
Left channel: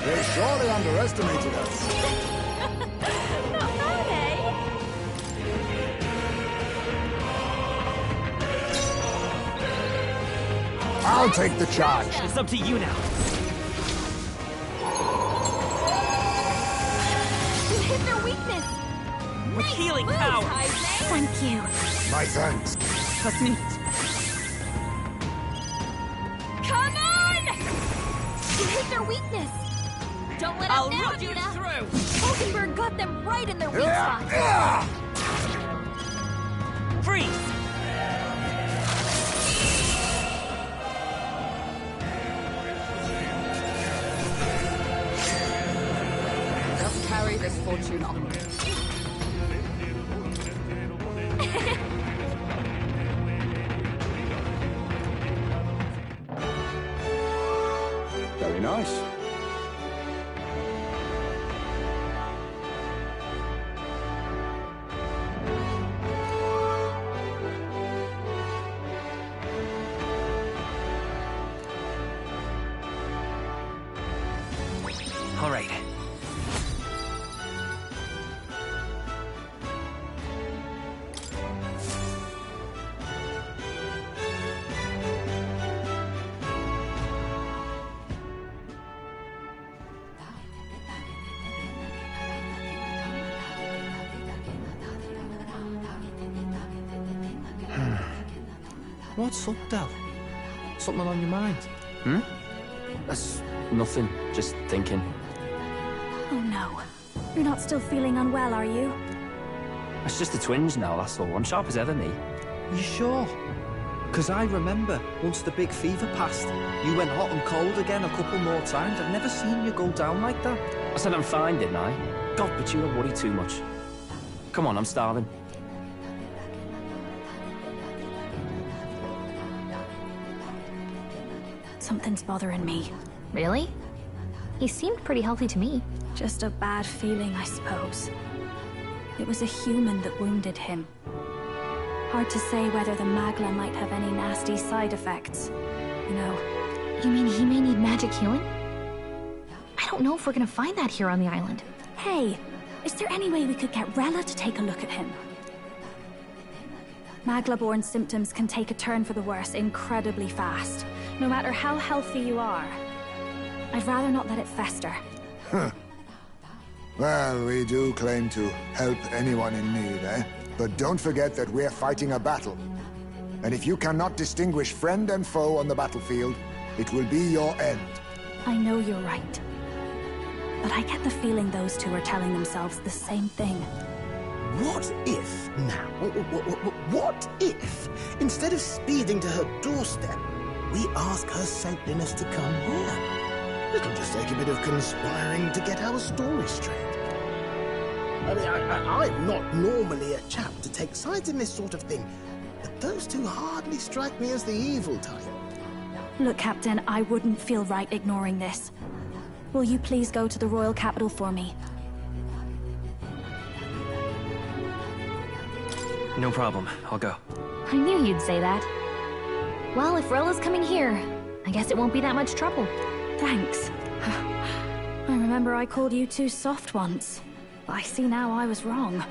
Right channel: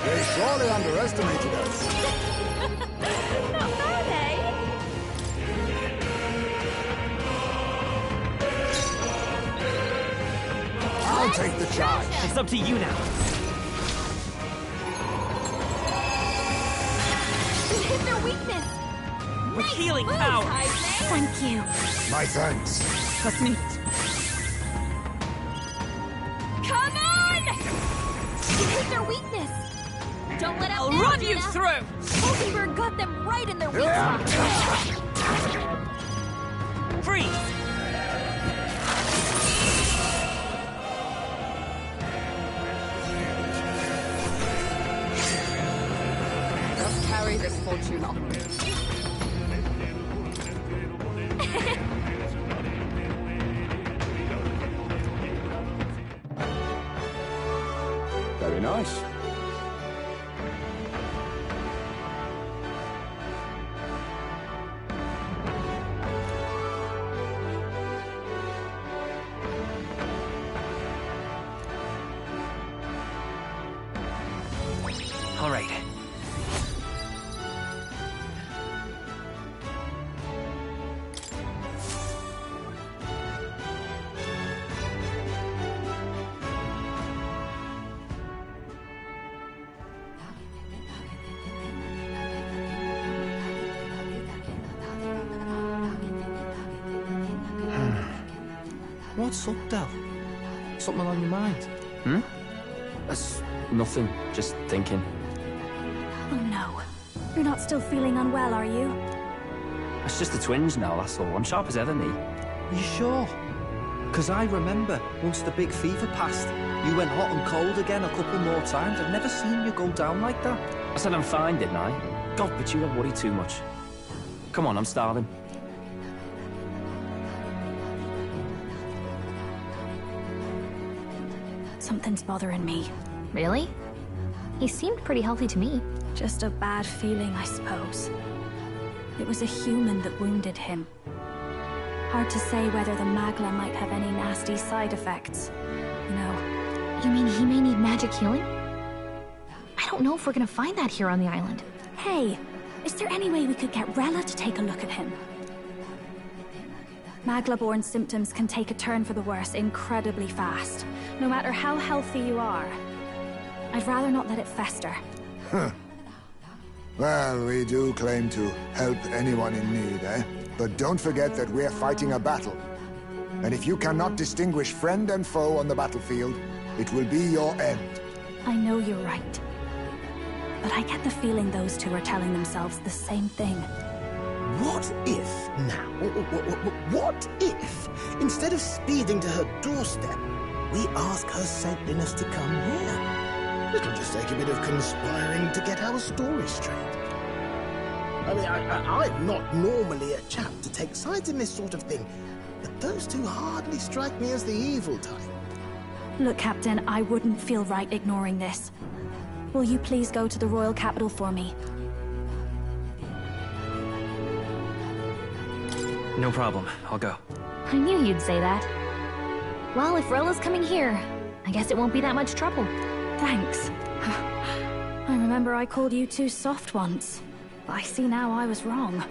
They surely underestimated us. Not bad, eh? I'll take the charge. It's up to you now. You hit their weakness. With healing Moves, power. Heisman! Thank you. My thanks. Let's meet. Come on! You hit their weakness. Don't let I'll up now, run you Juna! through! Hulkenberg got them right in their weak spot. Freeze! Just carry this fortune onward. Very nice. All right. What's up, Del? Something on your mind? That's nothing. Just thinking. Oh no. You're not still feeling unwell, are you? It's just the twinge now, that's all. I'm sharp as ever, me. You sure? Because I remember, once the big fever passed, you went hot and cold again a couple more times. I've never seen you go down like that. I said I'm fine, didn't I? God, but you don't worry too much. Come on, I'm starving. Something's bothering me. Really? He seemed pretty healthy to me. Just a bad feeling, I suppose. It was a human that wounded him. Hard to say whether the Magla might have any nasty side effects. You know. You mean he may need magic healing? I don't know if we're gonna find that here on the island. Hey, is there any way we could get Rella to take a look at him? Magla-born symptoms can take a turn for the worse incredibly fast, no matter how healthy you are. I'd rather not let it fester. Huh. Well, we do claim to help anyone in need, eh? But don't forget that we're fighting a battle. And if you cannot distinguish friend and foe on the battlefield, it will be your end. I know you're right. But I get the feeling those two are telling themselves the same thing. What if, now, what if, instead of speeding to her doorstep, we ask her saintliness to come here? It'll just take a bit of conspiring to get our story straight. I mean, I'm not normally a chap to take sides in this sort of thing, but those two hardly strike me as the evil type. Look, Captain, I wouldn't feel right ignoring this. Will you please go to the royal capital for me? No problem. I'll go. I knew you'd say that. Well, if Rella's coming here, I guess it won't be that much trouble. Thanks. I remember I called you too soft once. I see now I was wrong.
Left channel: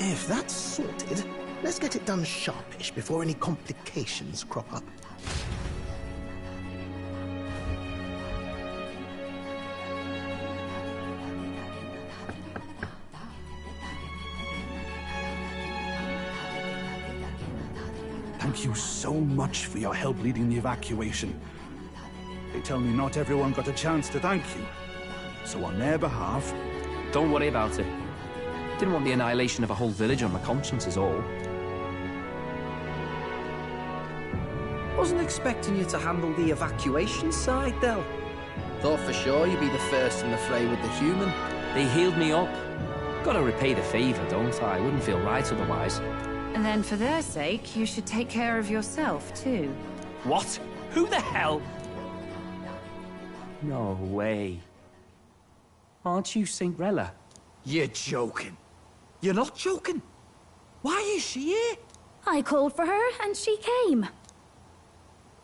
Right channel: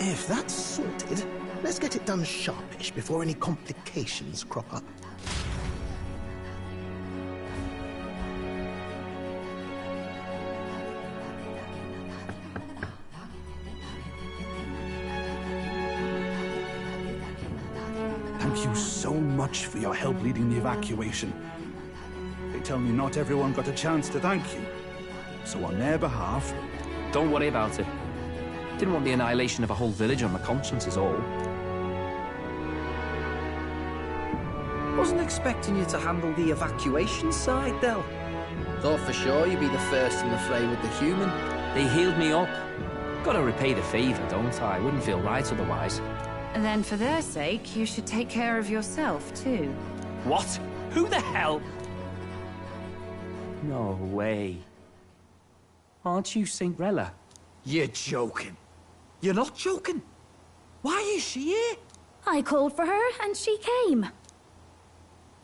If that's sorted, let's get it done sharpish before any complications crop up. Thank you so much for your help leading the evacuation. They tell me not everyone got a chance to thank you. So on their behalf... Don't worry about it. Didn't want the annihilation of a whole village on my conscience is all. Wasn't expecting you to handle the evacuation side, Del. Thought for sure you'd be the first in the fray with the human. They healed me up. Gotta repay the favor, don't I? Wouldn't feel right otherwise. And then for their sake, you should take care of yourself, too. What? Who the hell? No way. Aren't you Saint Rella? You're joking. You're not joking. Why is she here? I called for her, and she came.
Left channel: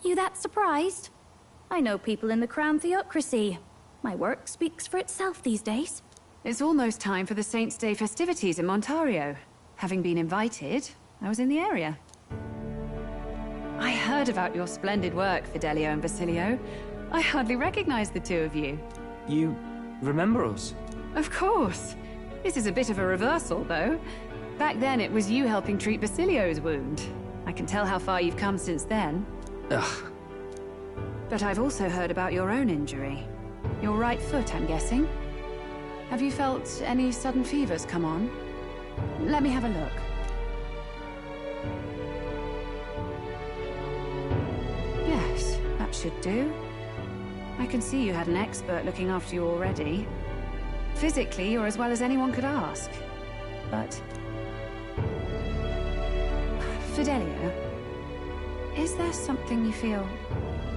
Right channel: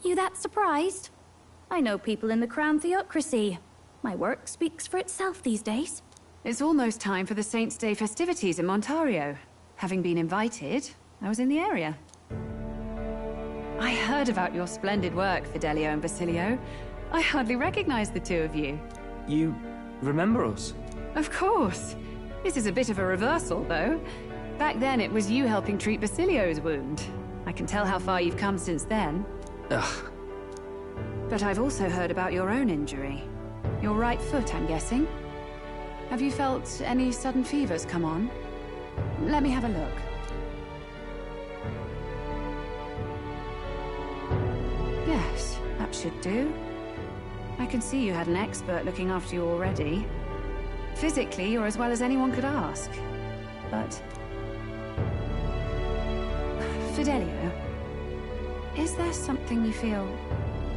You that surprised? I know people in the Crown Theocracy. My work speaks for itself these days. It's almost time for the Saints' Day festivities in Montario. Having been invited, I was in the area. I heard about your splendid work, Fidelio and Basilio. I hardly recognized the two of you. You remember us? Of course. This is a bit of a reversal, though. Back then, it was you helping treat Basilio's wound. I can tell how far you've come since then. Ugh. But I've also heard about your own injury. Your right foot, I'm guessing. Have you felt any sudden fevers come on? Let me have a look. Yes, that should do. I can see you had an expert looking after you already. Physically, you're as well as anyone could ask. But... Fidelio, is there something you feel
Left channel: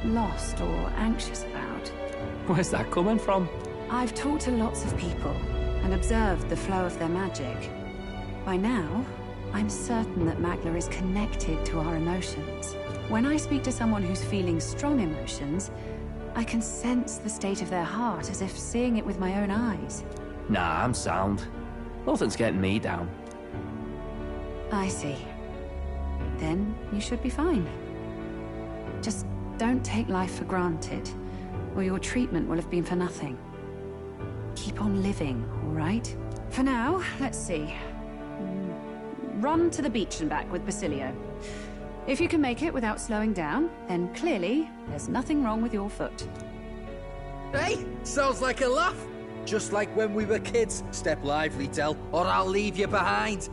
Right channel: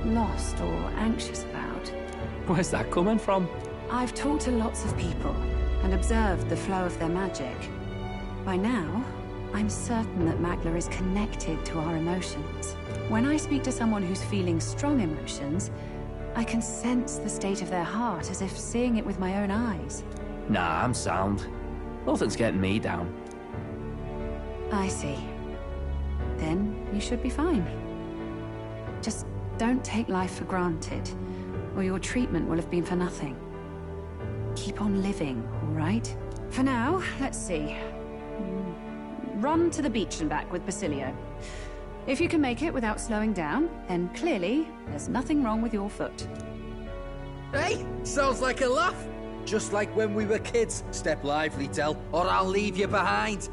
lost or anxious about? Where's that coming from? I've talked to lots of people and observed the flow of their magic. By now, I'm certain that Magla is connected to our emotions. When I speak to someone who's feeling strong emotions, I can sense the state of their heart as if seeing it with my own eyes. Nah, I'm sound. Nothing's getting me down. I see. Then you should be fine. Just don't take life for granted, or your treatment will have been for nothing. Keep on living, all right? For now, let's see. Run to the beach and back with Basilio. If you can make it without slowing down, then clearly there's nothing wrong with your foot. Hey, sounds like a laugh. Just like when we were kids. Step lively, Del, or I'll leave you behind.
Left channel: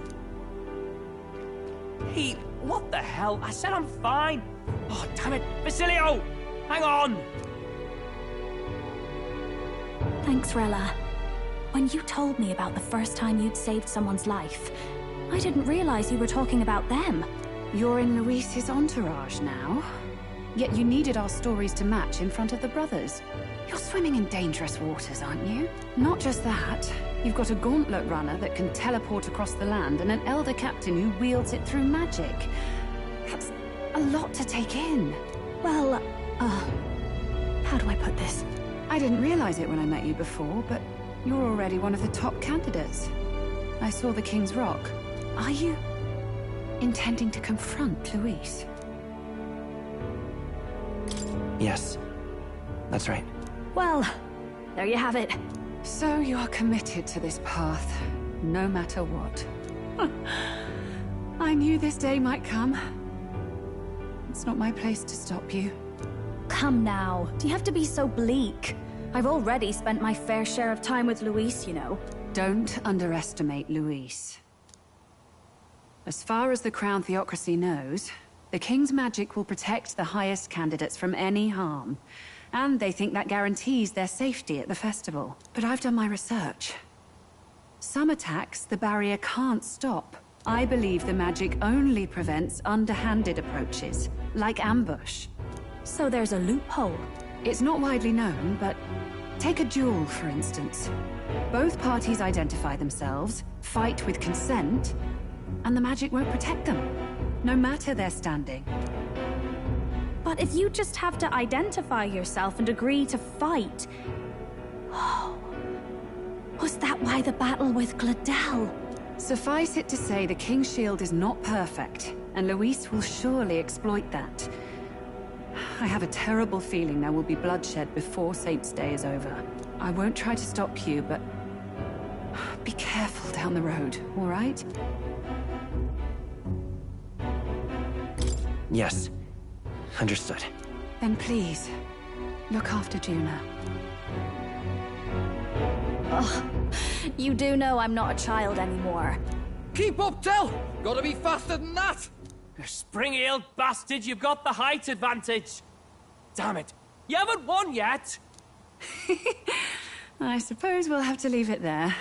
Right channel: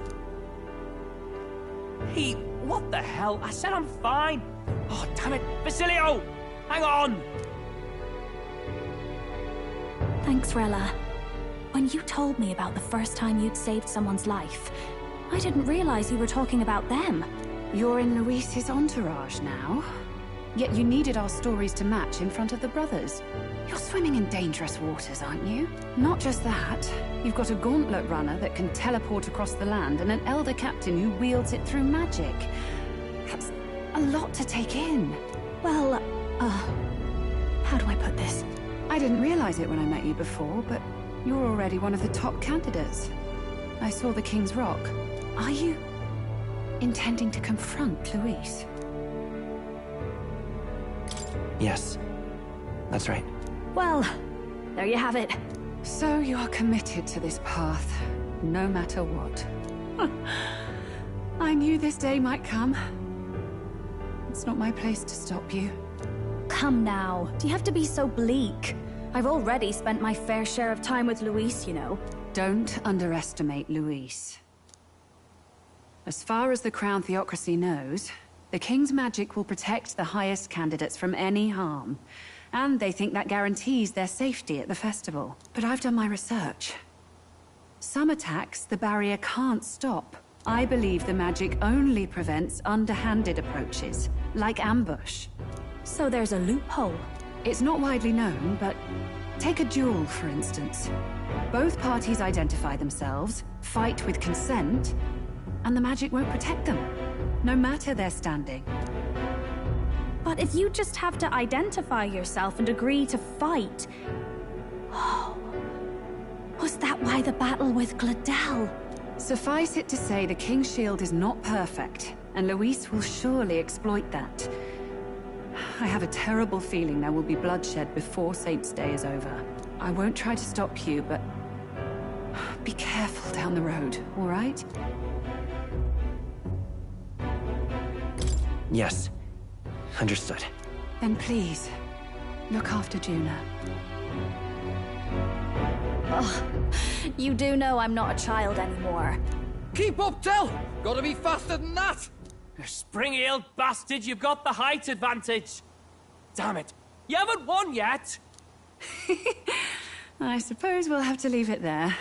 Hey, what the hell? I said I'm fine. Oh, damn it. Basilio! Hang on! Thanks, Rella. When you told me about the first time you'd saved someone's life, I didn't realize you were talking about them. You're in Luis's entourage now. Yet you needed our stories to match in front of the brothers. You're swimming in dangerous waters, aren't you? Not just that, you've got a gauntlet runner that can teleport across the land and an elder captain who wields it through magic. That's a lot to take in. Well, how do I put this? I didn't realize it when I met you before, but you're already one of the top candidates. I saw the King's Rock. Are you intending to confront Luis? Yes, that's right. Well, there you have it. So you're committed to this path, no matter what. I knew this day might come. It's not my place to stop you. Come now, do you have to be so bleak? I've already spent my fair share of time with Luis, you know. Don't underestimate Luis. As far as the Crown Theocracy knows, the King's magic will protect the highest candidates from any harm. And they think that guarantees their safety at the festival. But I've done my research. Some attacks the barrier can't stop. I believe the magic only prevents underhanded approaches, like ambush. So there's a loophole. It's not widely known, but take a duel, for instance. Both parties identify themselves, fight with consent, and the magic won't protect them, no matter their standing. But if you just have to identify yourself and agree to fight... Oh... Was that why the battle with Gladel? Suffice it to say, the King's Shield is not perfect, and Luis will surely exploit that. I have a terrible feeling there will be bloodshed before Saint's Day is over. I won't try to stop you, but... be careful down the road, all right? Yes. Understood. Then please, look after Juna. Ugh. You do know I'm not a child anymore. Keep up, Del! Gotta be faster than that! You spring-heeled bastard, you've got the height advantage! Damn it, you haven't won yet! I suppose we'll have to leave it there.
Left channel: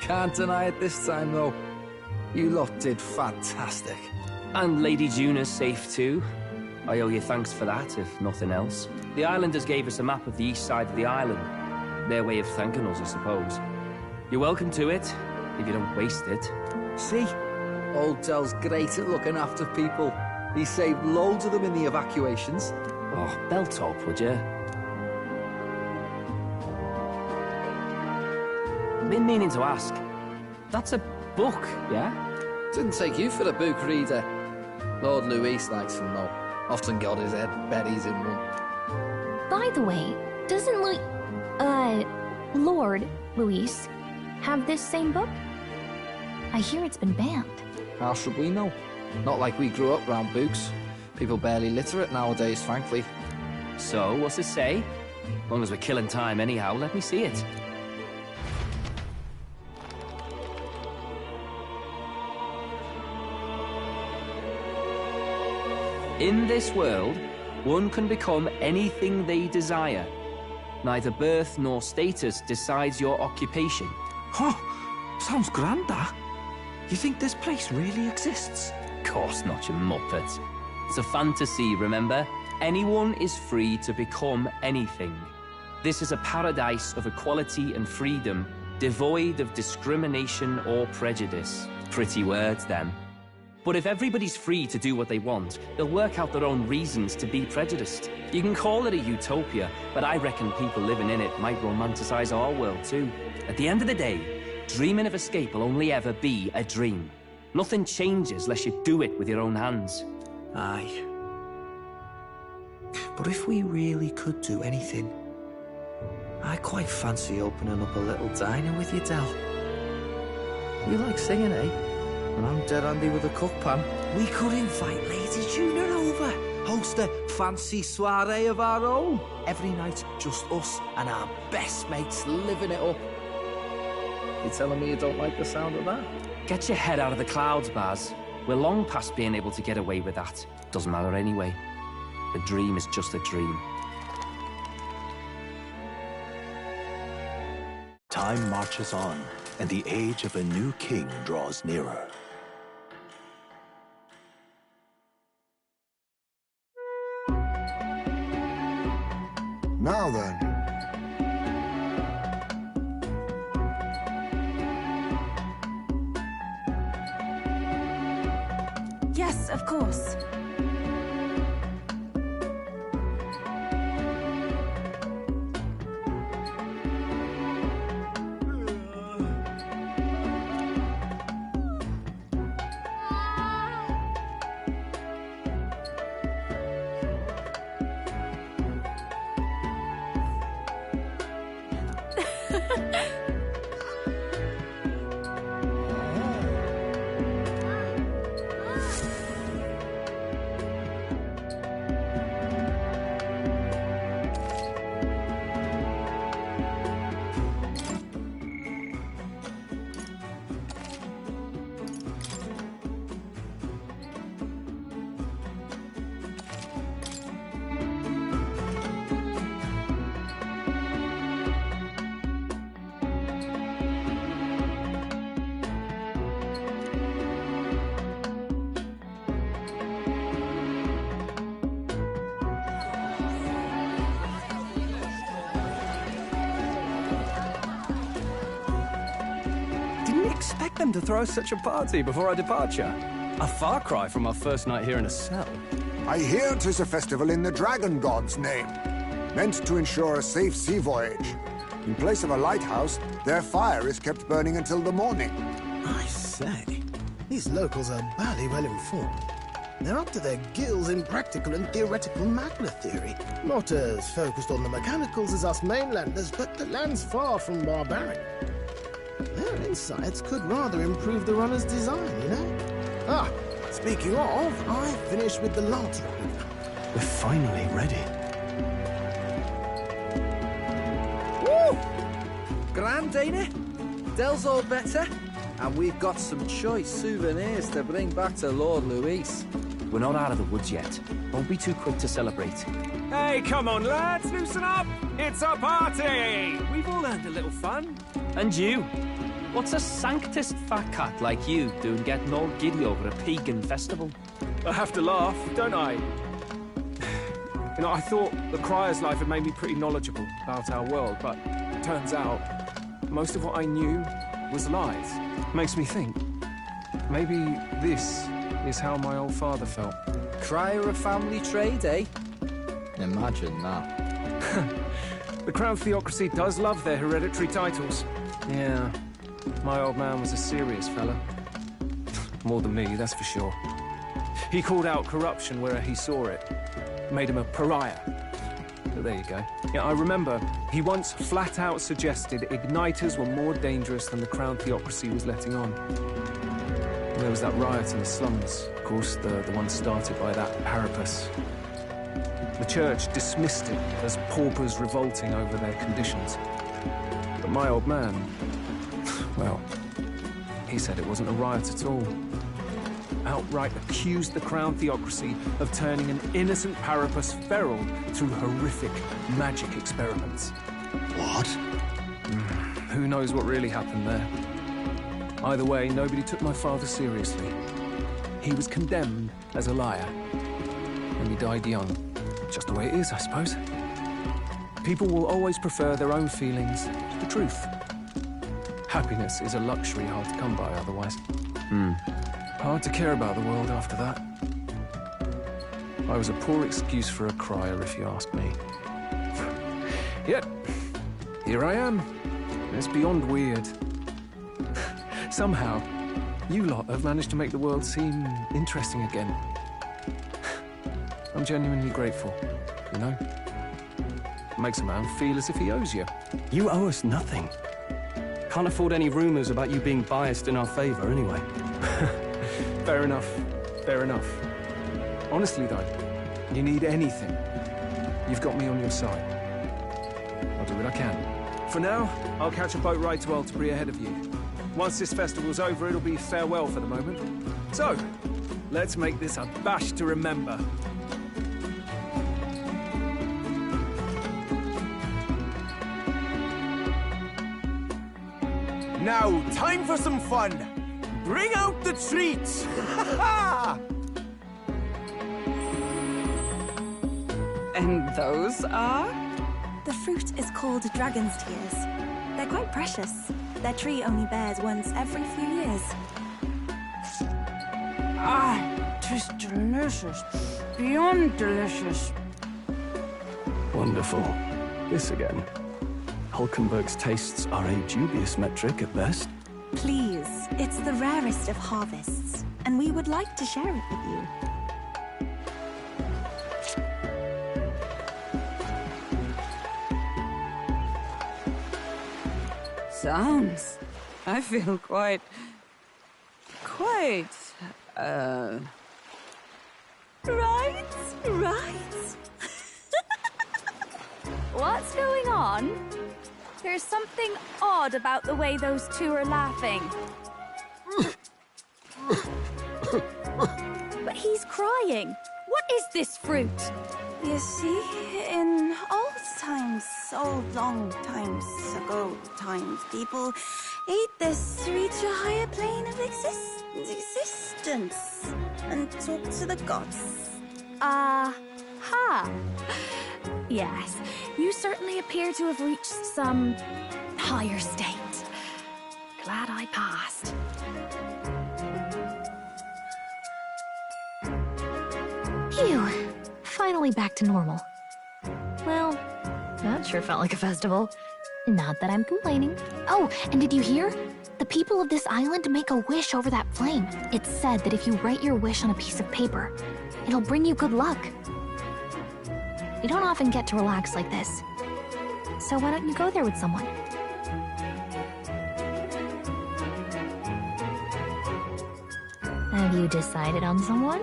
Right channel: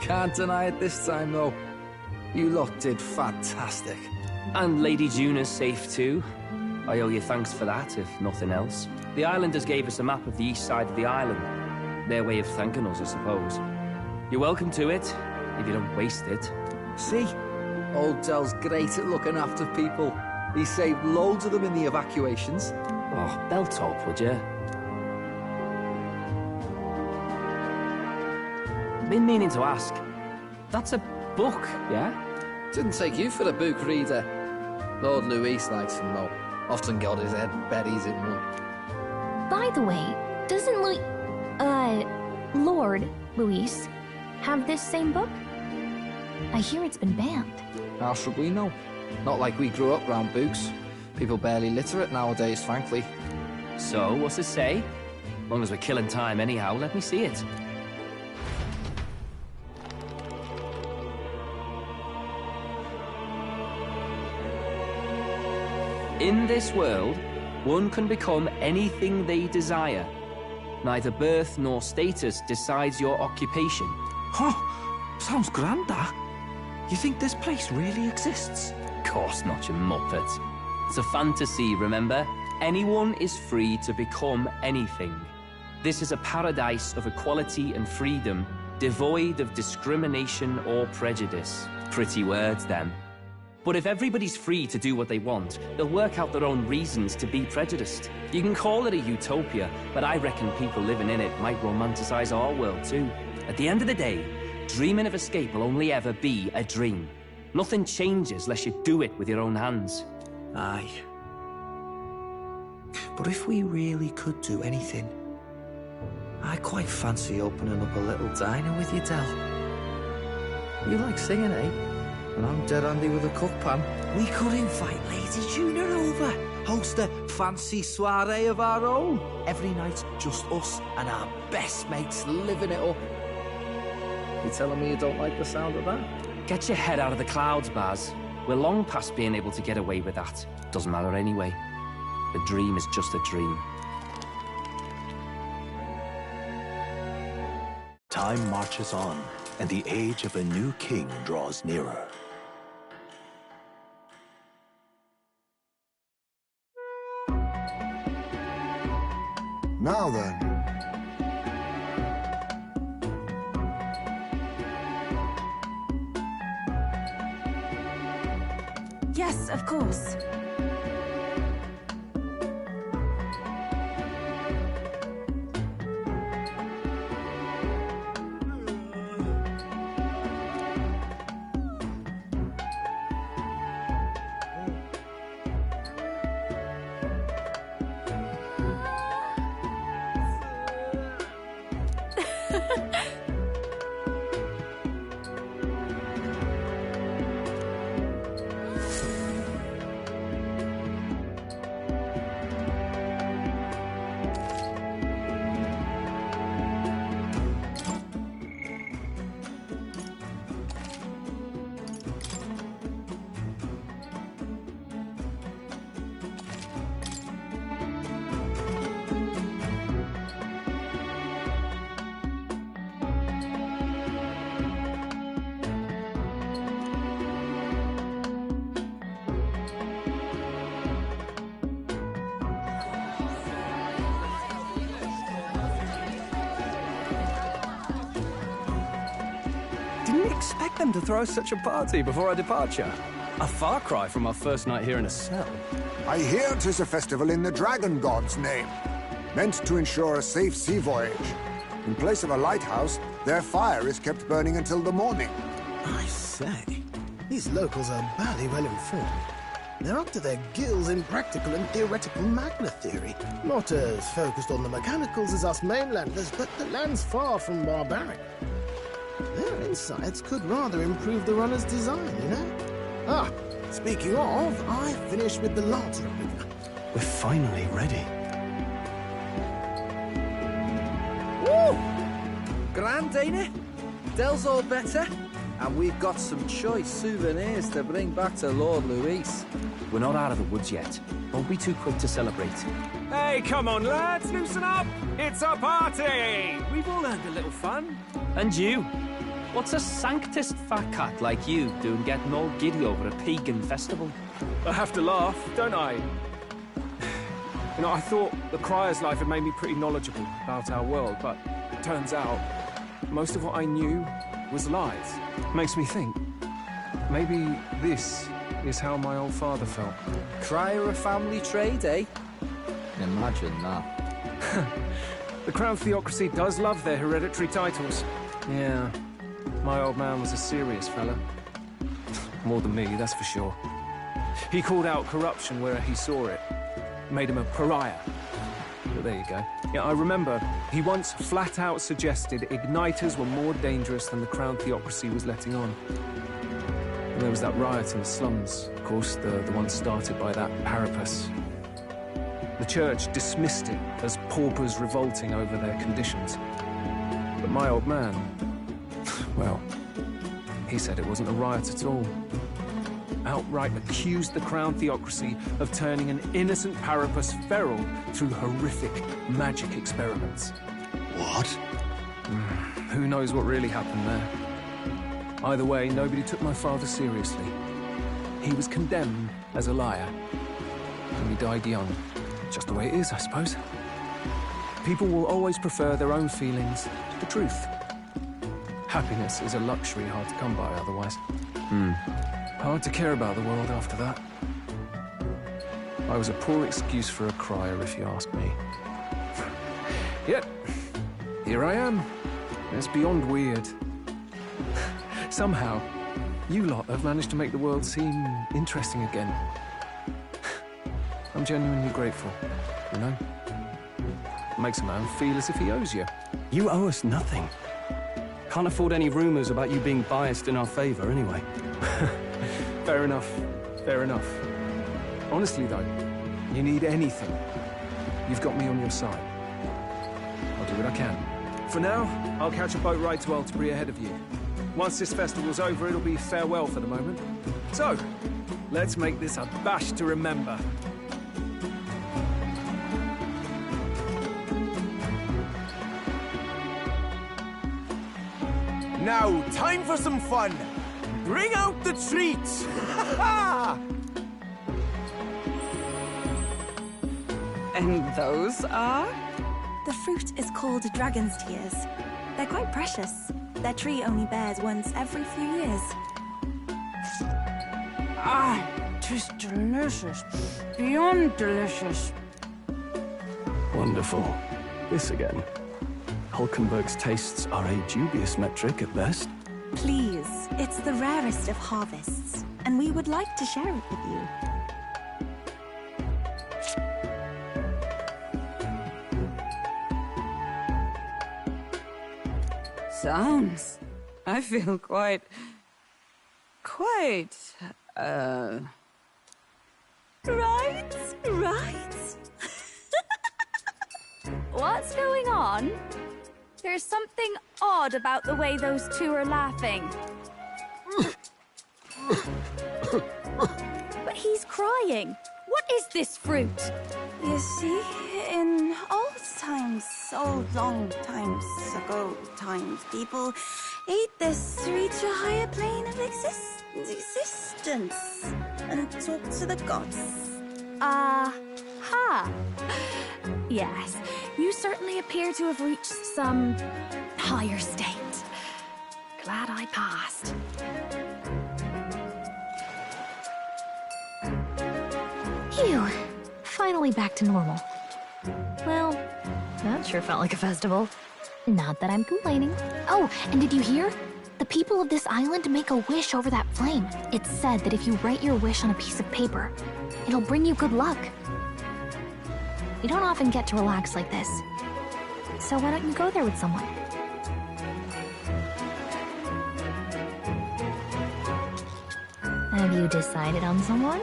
Can't deny it this time, though. You lot did fantastic. And Lady Juna's safe too. I owe you thanks for that, if nothing else. The islanders gave us a map of the east side of the island. Their way of thanking us, I suppose. You're welcome to it, if you don't waste it. See? Old Del's great at looking after people. He saved loads of them in the evacuations. Oh, belt up, would you? Been meaning to ask. That's a book, yeah? Didn't take you for a book reader. Lord Luis likes them, though. Often got his head buried in one. By the way, doesn't Lord Luis have this same book? I hear it's been banned. How should we know? Not like we grew up round books. People barely literate nowadays, frankly. So, what's it say? Long as we're killing time anyhow, let me see it. In this world, one can become anything they desire. Neither birth nor status decides your occupation. Huh, sounds grand, that. You think this place really exists? Of course not, you muppet. It's a fantasy, remember? Anyone is free to become anything. This is a paradise of equality and freedom, devoid of discrimination or prejudice. Pretty words, them. But if everybody's free to do what they want, they'll work out their own reasons to be prejudiced. You can call it a utopia, but I reckon people living in it might romanticize our world too. At the end of the day, dreaming of escape will only ever be a dream. Nothing changes unless you do it with your own hands. Aye. But if we really could do anything, I quite fancy opening up a little diner with you, Del. You like singing, eh? And I'm dead handy with a cook pan. We could invite Lady Juna over. host a fancy soiree of our own. Every night, just us and our best mates living it up. You telling me you don't like the sound of that? Get your head out of the clouds, Baz. We're long past being able to get away with that. Doesn't matter anyway. A dream is just a dream. Time marches on, and the age of a new king draws nearer. Now then. Yes, of course. Didn't expect them to throw such a party before our departure. A far cry from our first night here in a cell. I hear 'tis a festival in the Dragon God's name, meant to ensure a safe sea voyage. In place of a lighthouse, their fire is kept burning until the morning. I say, these locals are bally well informed. They're up to their gills in practical and theoretical magna theory. Not as focused on the mechanicals as us mainlanders, but the land's far from barbaric. Their insights could rather improve the runner's design, you know? Ah, speaking of, I finished with the lance replica. We're finally ready. Woo! Grand, ain't it? Dell's all better. And we've got some choice souvenirs to bring back to Lord Luis. We're not out of the woods yet. Don't be too quick to celebrate. Hey, come on, lads, loosen up! It's a party! We've all earned a little fun. And you? What's a sanctist fat cat like you doing getting all giddy over a pagan festival? I have to laugh, don't I? You know, I thought the Crier's life had made me pretty knowledgeable about our world, but turns out most of what I knew was lies. Makes me think, maybe this is how my old father felt. Crier a family trade, eh? Imagine that. The Crown Theocracy does love their hereditary titles. Yeah, my old man was a serious fella. More than me, that's for sure. He called out corruption where he saw it. Made him a pariah. But there you go. Yeah, I remember he once flat out suggested igniters were more dangerous than the Crown Theocracy was letting on. And there was that riot in the slums, of course, the one started by that Parapus. The church dismissed it as paupers revolting over their conditions. But my old man, well, he said it wasn't a riot at all. Outright accused the Crown Theocracy of turning an innocent Parapus feral through horrific magic experiments. What? Who knows what really happened there? Either way, nobody took my father seriously. He was condemned as a liar, and he died young. Just the way it is, I suppose. People will always prefer their own feelings to the truth. Happiness is a luxury hard to come by otherwise. Hard to care about the world after that. I was a poor excuse for a crier, if you ask me. Yet, here I am. It's beyond weird. Somehow, you lot have managed to make the world seem interesting again. I'm genuinely grateful, you know? Makes a man feel as if he owes you. You owe us nothing. Can't afford any rumors about you being biased in our favor, anyway. Fair enough. Fair enough. Honestly, though, You need anything, you've got me on your side. I'll do what I can. For now, I'll catch a boat ride to Altabri ahead of you. Once this festival's over, it'll be farewell for the moment. So, let's make this a bash to remember. Now, time for some fun. Bring out the treats! And those are? The fruit is called dragon's tears. They're quite precious. Their tree only bears once every few years. Ah, tis delicious. Beyond delicious. Wonderful. This again. Hulkenberg's tastes are a dubious metric at best. Please, it's the rarest of harvests, and we would like to share it with you. Sounds. I feel quite... Right? What's going on? There's something odd about the way those two are laughing. But he's crying. What is this fruit? You see, in old times, so long times ago people ate this to reach a higher plane of existence and talk to the gods. Ha! Yes, you certainly appear to have reached some higher state. Glad I passed. Phew. Finally back to normal. Well, that sure felt like a festival. Not that I'm complaining. Oh, and did you hear? The people of this island make a wish over that flame. It's said that if you write your wish on a piece of paper, it'll bring you good luck. We don't often get to relax like this. So why don't you go there with someone? Have you decided on someone?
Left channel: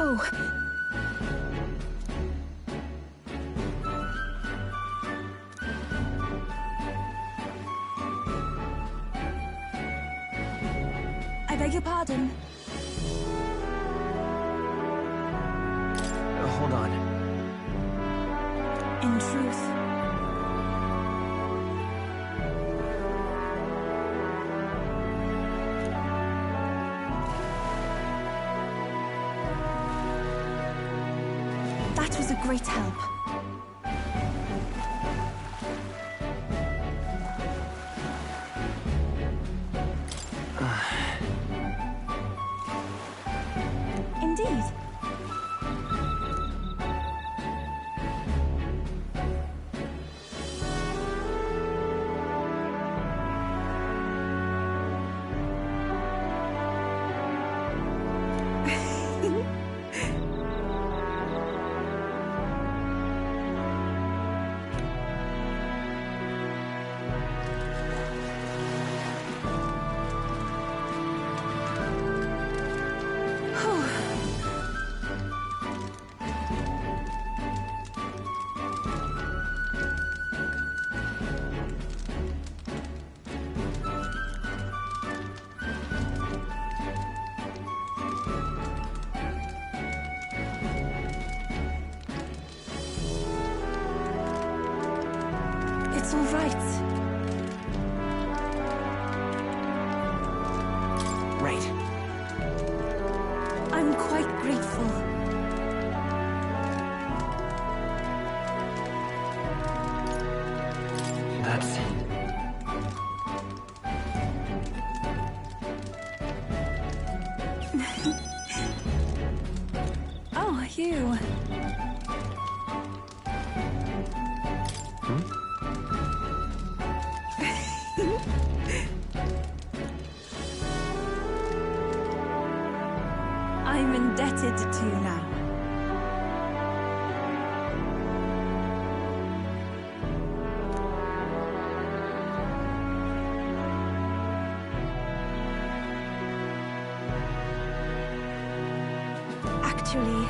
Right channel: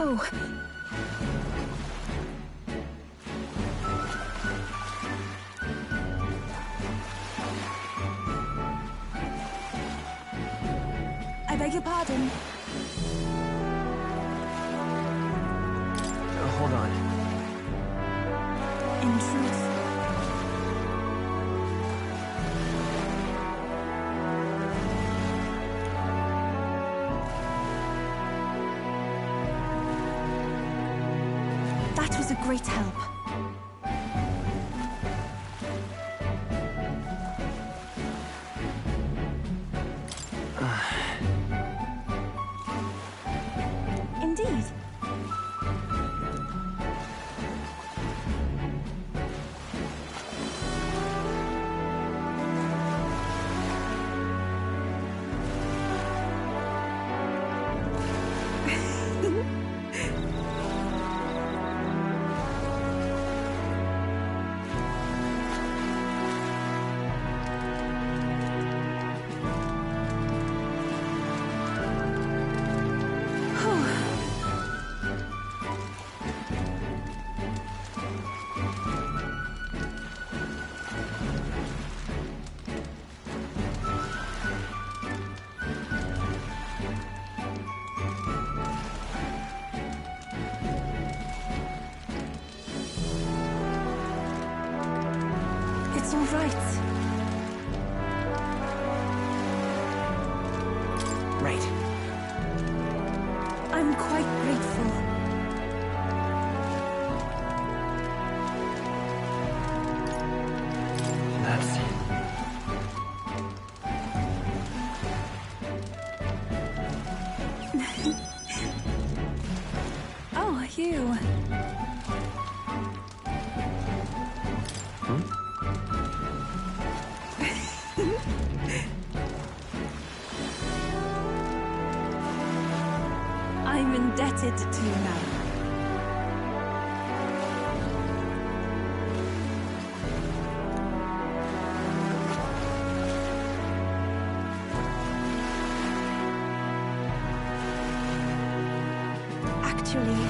Oh. I beg your pardon. Hold on. In truth, that was a great help. Indeed. It's all right. Right. I'm quite grateful. That's... Oh, you. I'm indebted to you now. Actually...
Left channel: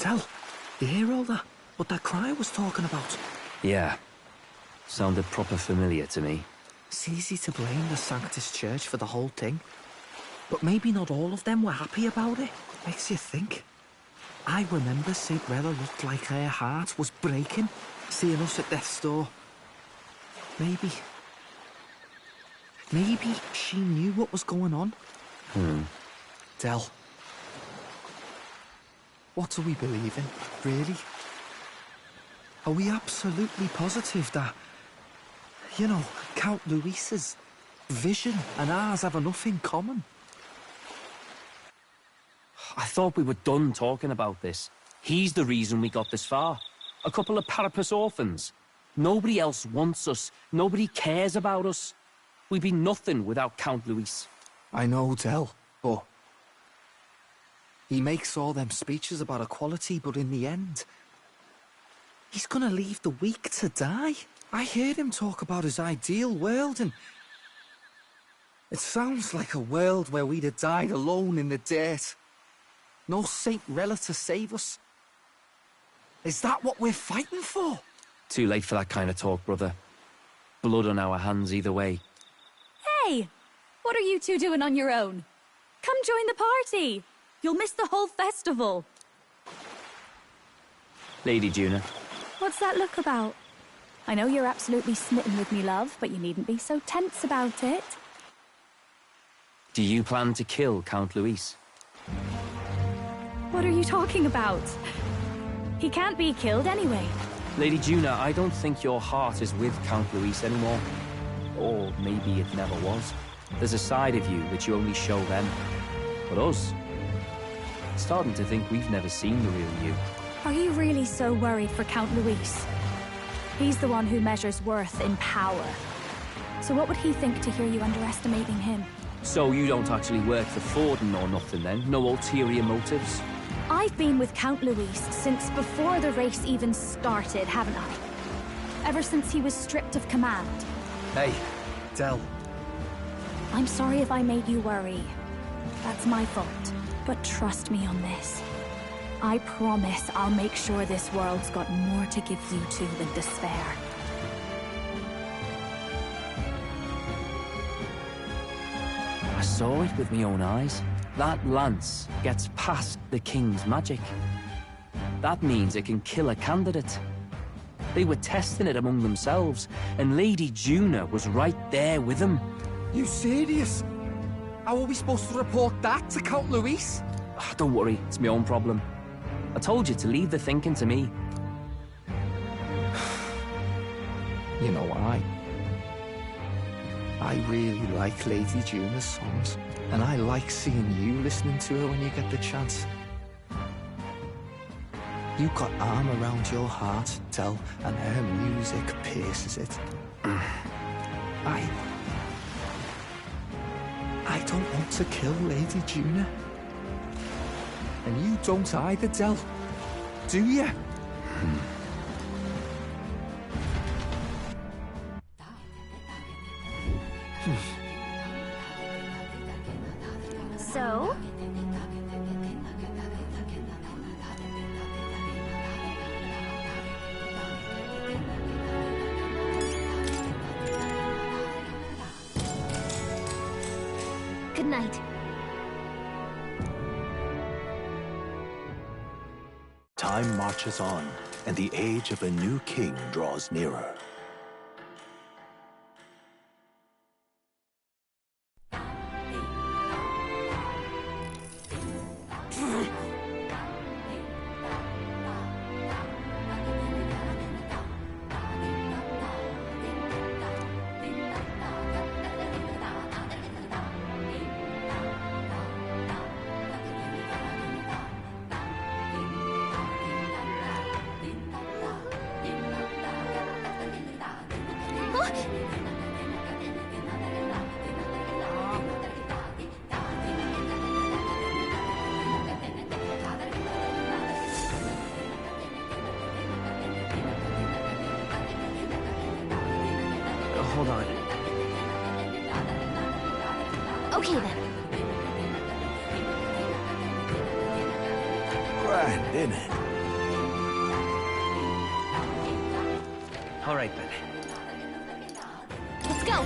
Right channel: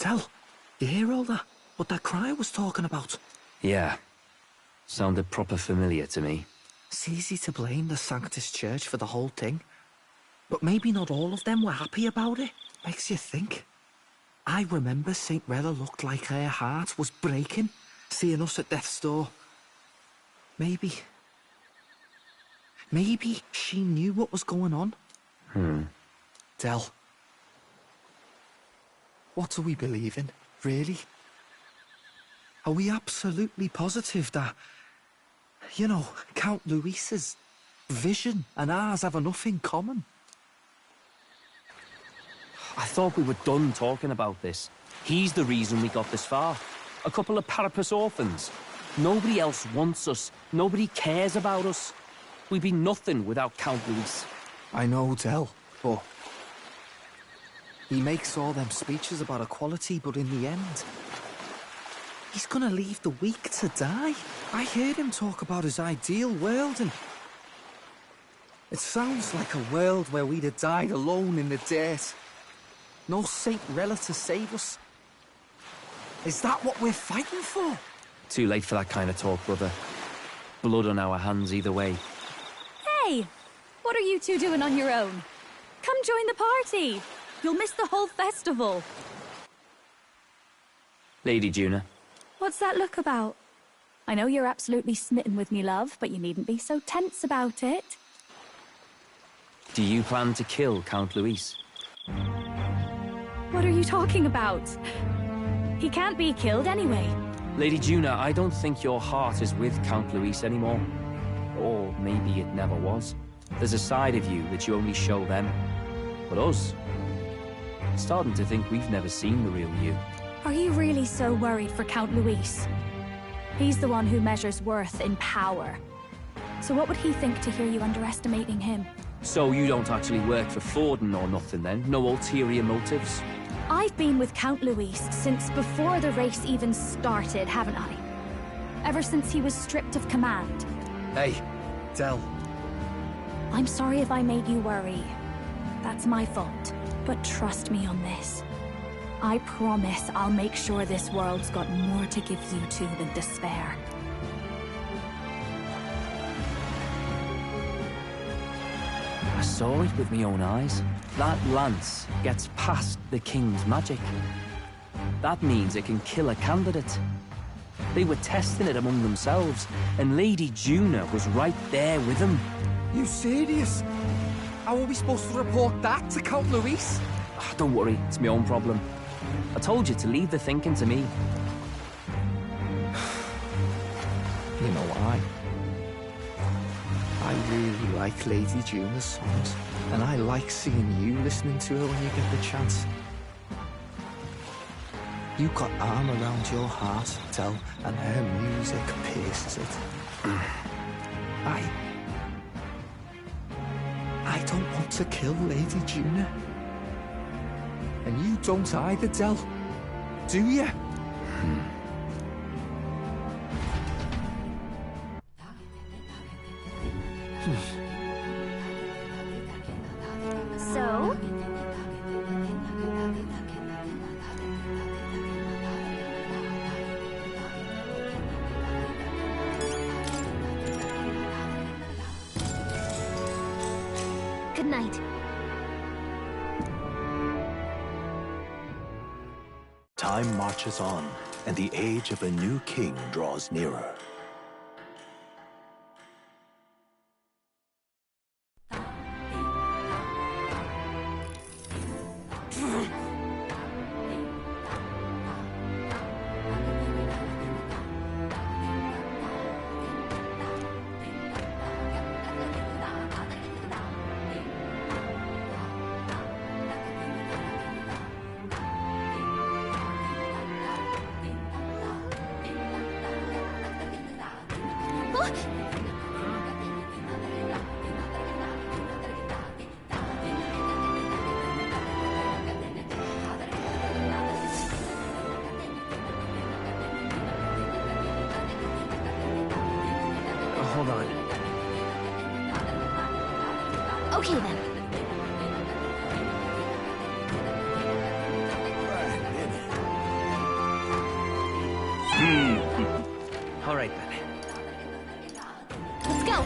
Tell, you hear all that? What that crier was talking about? Yeah. Sounded proper familiar to me. It's easy to blame the Sanctus Church for the whole thing. But maybe not all of them were happy about it. Makes you think. I remember St. Rella looked like her heart was breaking, seeing us at death's door. Maybe she knew what was going on. Del. What do we believe in, really? Are we absolutely positive that, you know, Count Luis's vision and ours have enough in common? I thought we were done talking about this. He's the reason we got this far. A couple of Parapus orphans. Nobody else wants us. Nobody cares about us. We'd be nothing without Count Luis. I know, Del, but... he makes all them speeches about equality, but in the end... he's gonna leave the weak to die. I heard him talk about his ideal world, and... it sounds like a world where we'd have died alone in the dirt. No Saint Rella to save us. Is that what we're fighting for? Too late for that kind of talk, brother. Blood on our hands either way. Hey! What are you two doing on your own? Come join the party! You'll miss the whole festival. Lady Juna. What's that look about? I know you're absolutely smitten with me, love, but you needn't be so tense about it. Do you plan to kill Count Luis? What are you talking about? He can't be killed anyway. Lady Juna, I don't think your heart is with Count Luis anymore. Or maybe it never was. There's a side of you that you only show them. But us? Starting to think we've never seen the real you. Are you really so worried for Count Luis? He's the one who measures worth in power. So what would he think to hear you underestimating him? So you don't actually work for Forden or nothing then? No ulterior motives? I've been with Count Luis since before the race even started, haven't I? Ever since he was stripped of command. Hey, Del. I'm sorry if I made you worry. That's my fault. But trust me on this. I promise I'll make sure this world's got more to give you two than despair. I saw it with my own eyes. That lance gets past the king's magic. That means it can kill a candidate. They were testing it among themselves, and Lady Juna was right there with them. You serious? How are we supposed to report that to Count Luis? Don't worry, it's my own problem. I told you to leave the thinking to me. You know why? I really like Lady Juna's songs, and I like seeing you listening to her when you get the chance. You got arm around your heart, Del, and her to kill Lady Juna. And you don't either, Del. Do you? So? Good night. Time marches on, and the age of a new king draws nearer. Hold on. Okay then. Grand, isn't it? All right then. Let's go.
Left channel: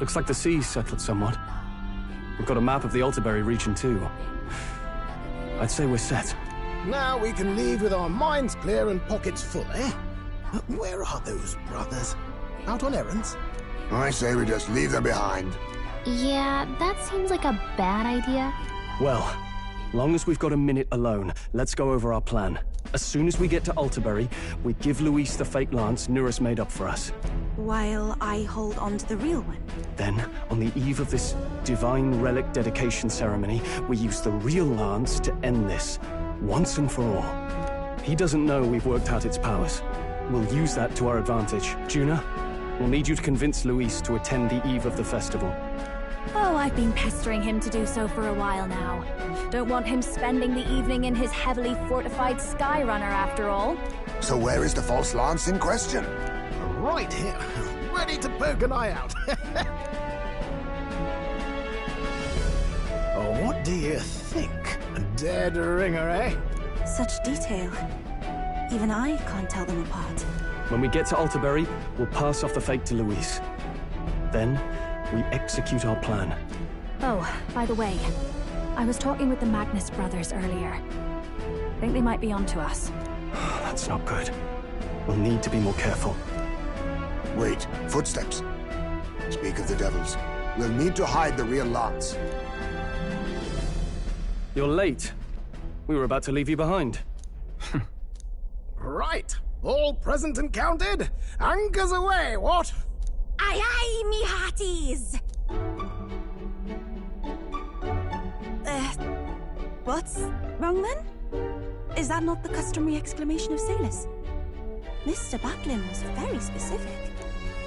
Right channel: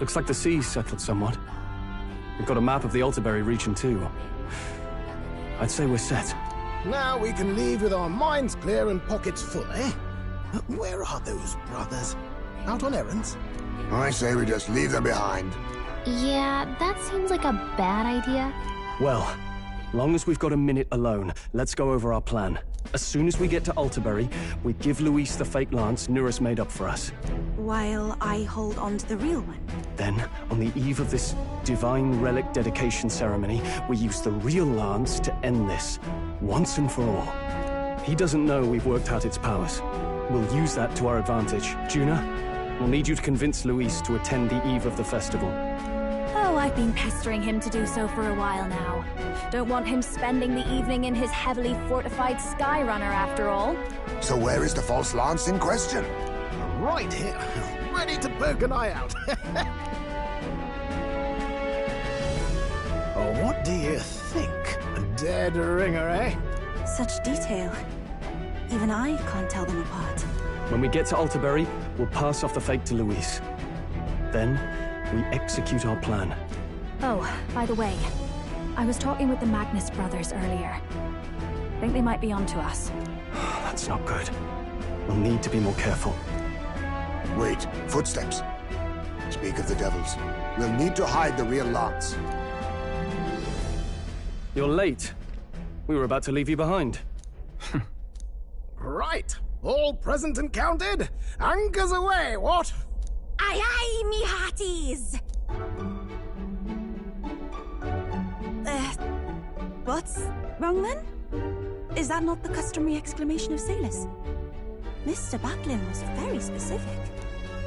Looks like the sea's settled somewhat. We've got a map of the Altaberry region too. I'd say we're set. Now we can leave with our minds clear and pockets full, eh? Where are those brothers? Out on errands? I say we just leave them behind. Yeah, that seems like a bad idea. Well, long as we've got a minute alone, let's go over our plan. As soon as we get to Altaberry, we give Luis the fake lance Nurus made up for us. While I hold on to the real one. Then, on the eve of this divine relic dedication ceremony, we use the real lance to end this, once and for all. He doesn't know we've worked out its powers. We'll use that to our advantage. Juna, we'll need you to convince Luis to attend the eve of the festival. Oh, I've been pestering him to do so for a while now. Don't want him spending the evening in his heavily fortified Skyrunner after all. So where is the false lance in question? Right here, ready to poke an eye out. Oh, what do you think? A dead ringer, eh? Such detail. Even I can't tell them apart. When we get to Altaberry, we'll pass off the fake to Luis. Then, we execute our plan. Oh, by the way, I was talking with the Magnus brothers earlier. Think they might be onto us. That's not good. We'll need to be more careful. Wait, footsteps. Speak of the devils. We'll need to hide the real lance. You're late. We were about to leave you behind. Right, all present and counted. Anchors away, what? Aye aye, me hearties! What's wrong then? Is that not the customary exclamation of sailors? Mr. Butlin was very specific.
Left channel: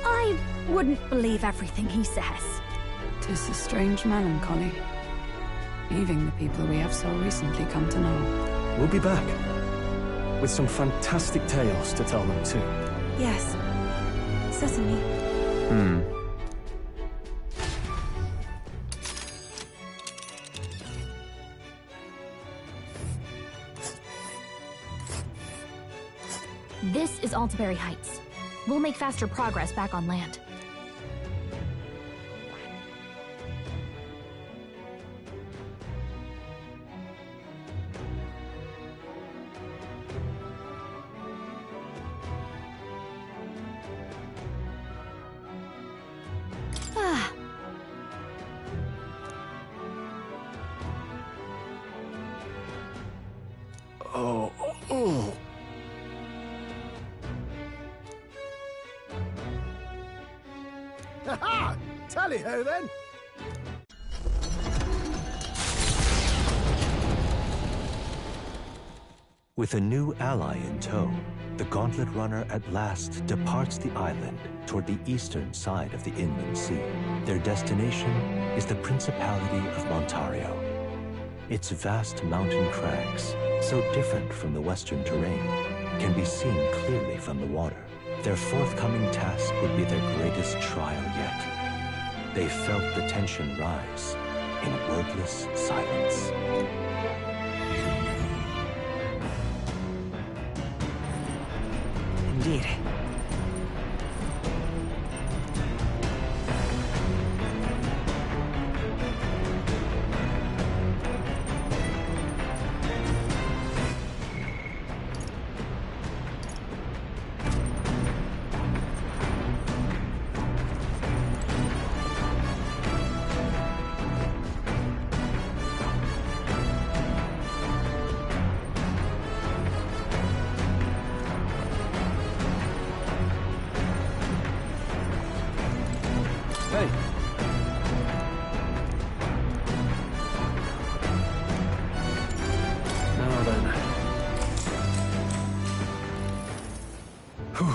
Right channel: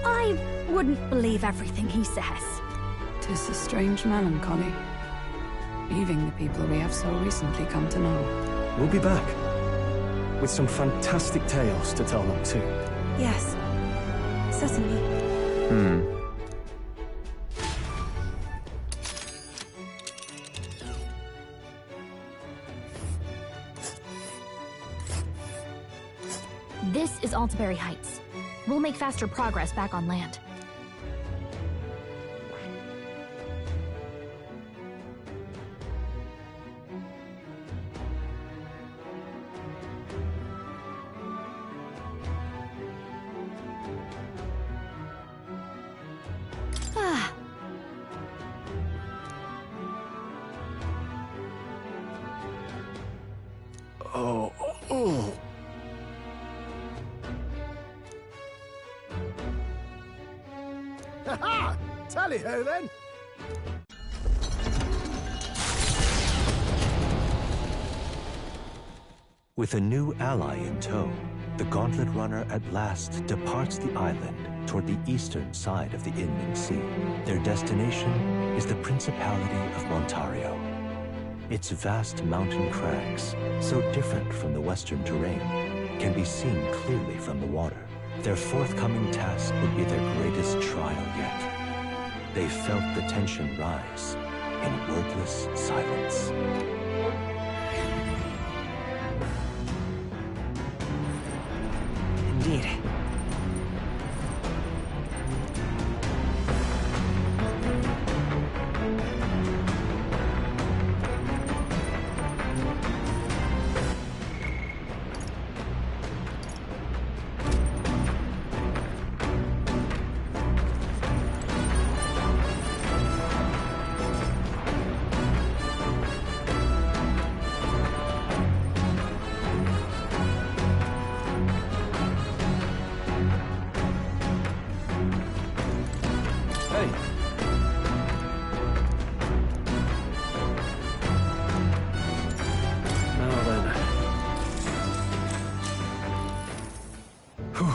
I wouldn't believe everything he says. 'Tis a strange melancholy, leaving the people we have so recently come to know. We'll be back. With some fantastic tales to tell them too. Yes, certainly. This is Altaberry Heights. We'll make faster progress back on land. Oh. Ha-ha! Tally-ho then! With a new ally in tow, the Gauntlet Runner at last departs the island toward the eastern side of the inland sea. Their destination is the Principality of Montario. Its vast mountain crags, so different from the western terrain, can be seen clearly from the water. Their forthcoming task would be their greatest trial yet. They felt the tension rise in wordless silence. Indeed. Hey. Now then. Whew.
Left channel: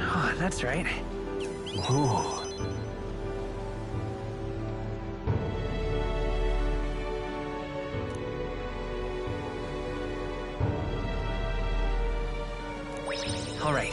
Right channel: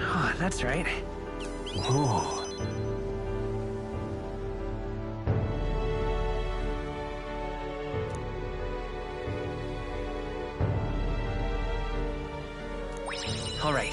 Oh, that's right. Whoa. All right.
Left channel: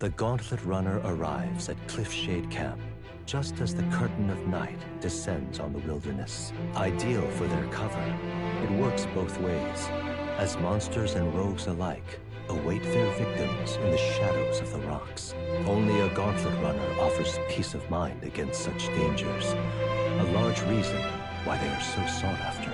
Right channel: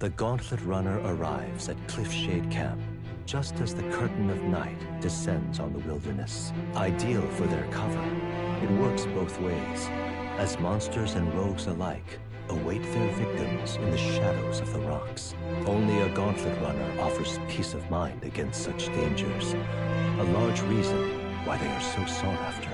The Gauntlet Runner arrives at Cliffshade Camp, just as the curtain of night descends on the wilderness. Ideal for their cover, it works both ways, as monsters and rogues alike await their victims in the shadows of the rocks. Only a Gauntlet Runner offers peace of mind against such dangers, a large reason why they are so sought after.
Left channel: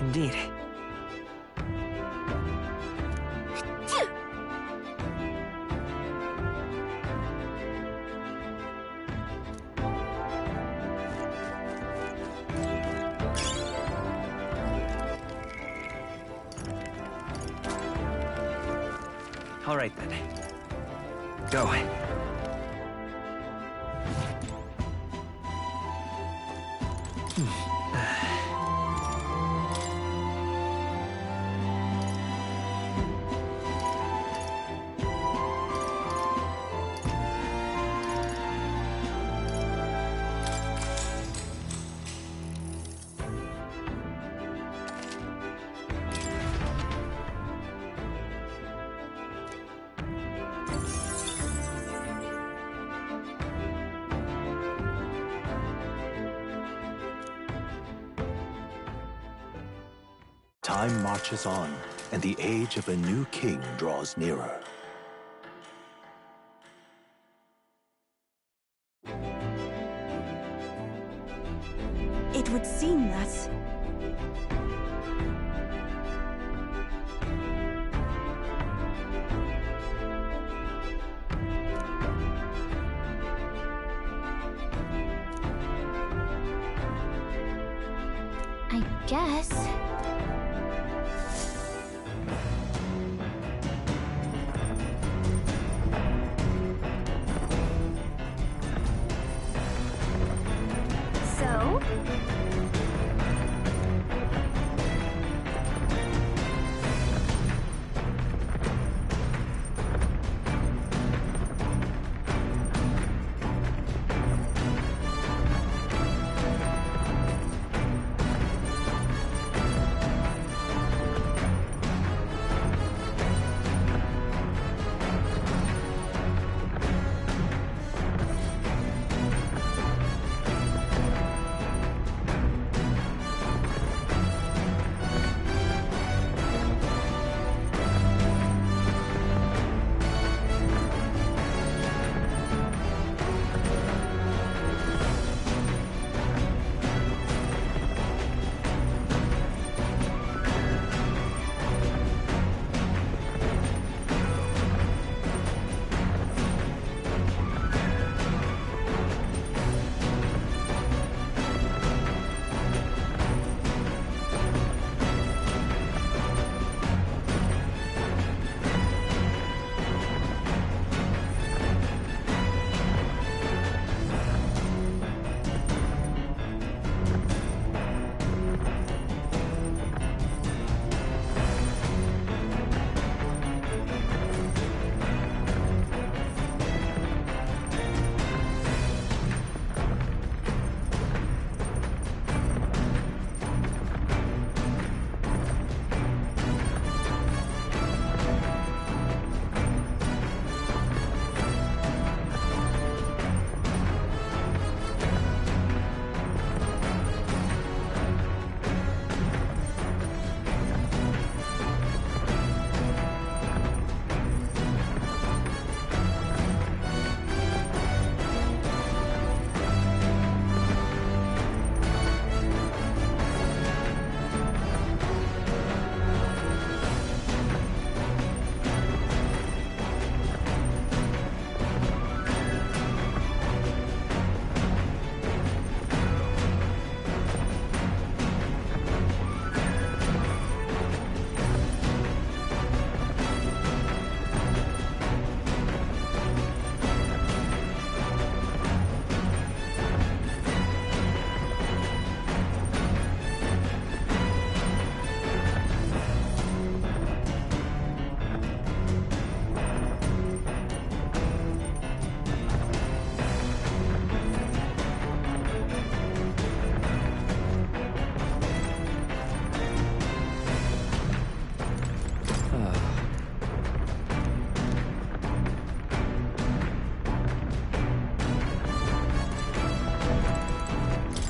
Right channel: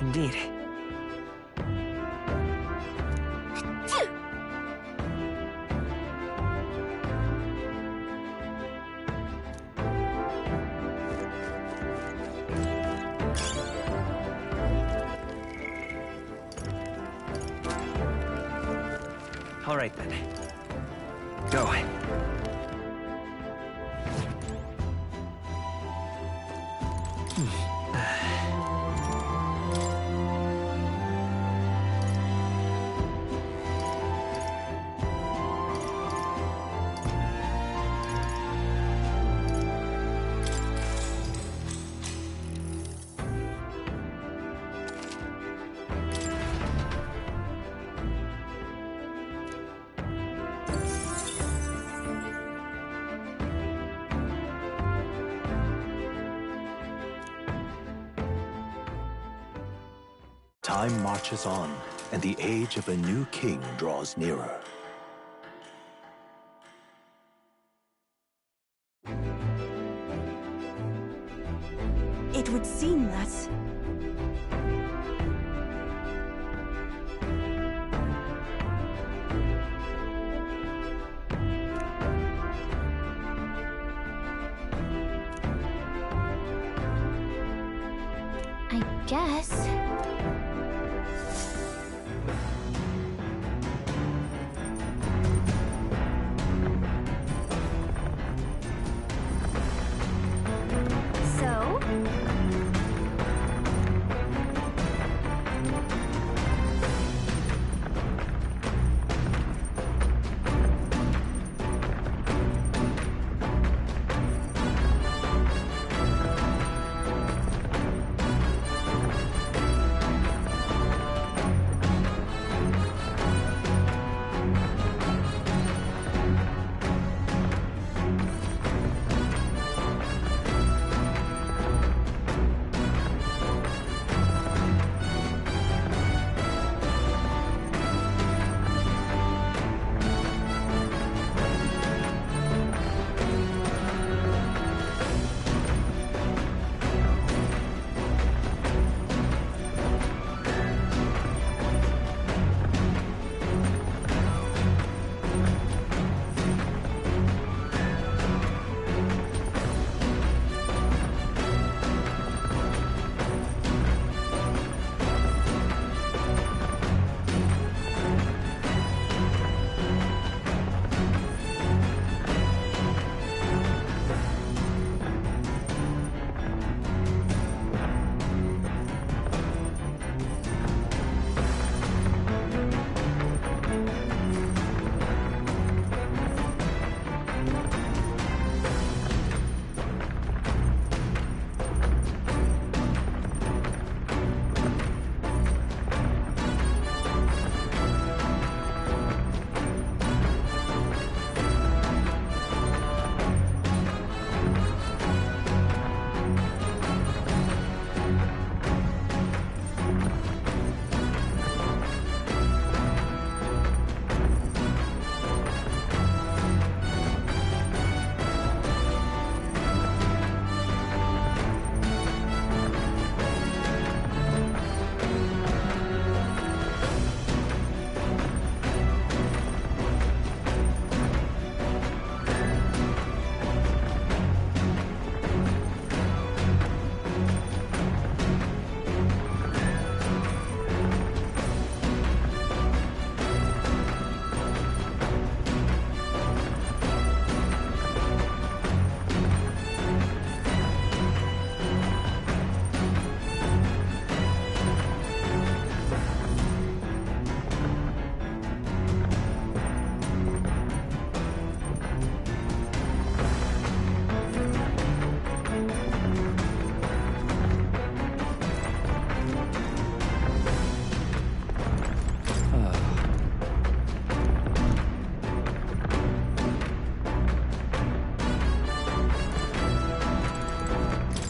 Indeed. All right, then. Go. Time marches on, and the age of a new king draws nearer. It would seem that... I guess. So?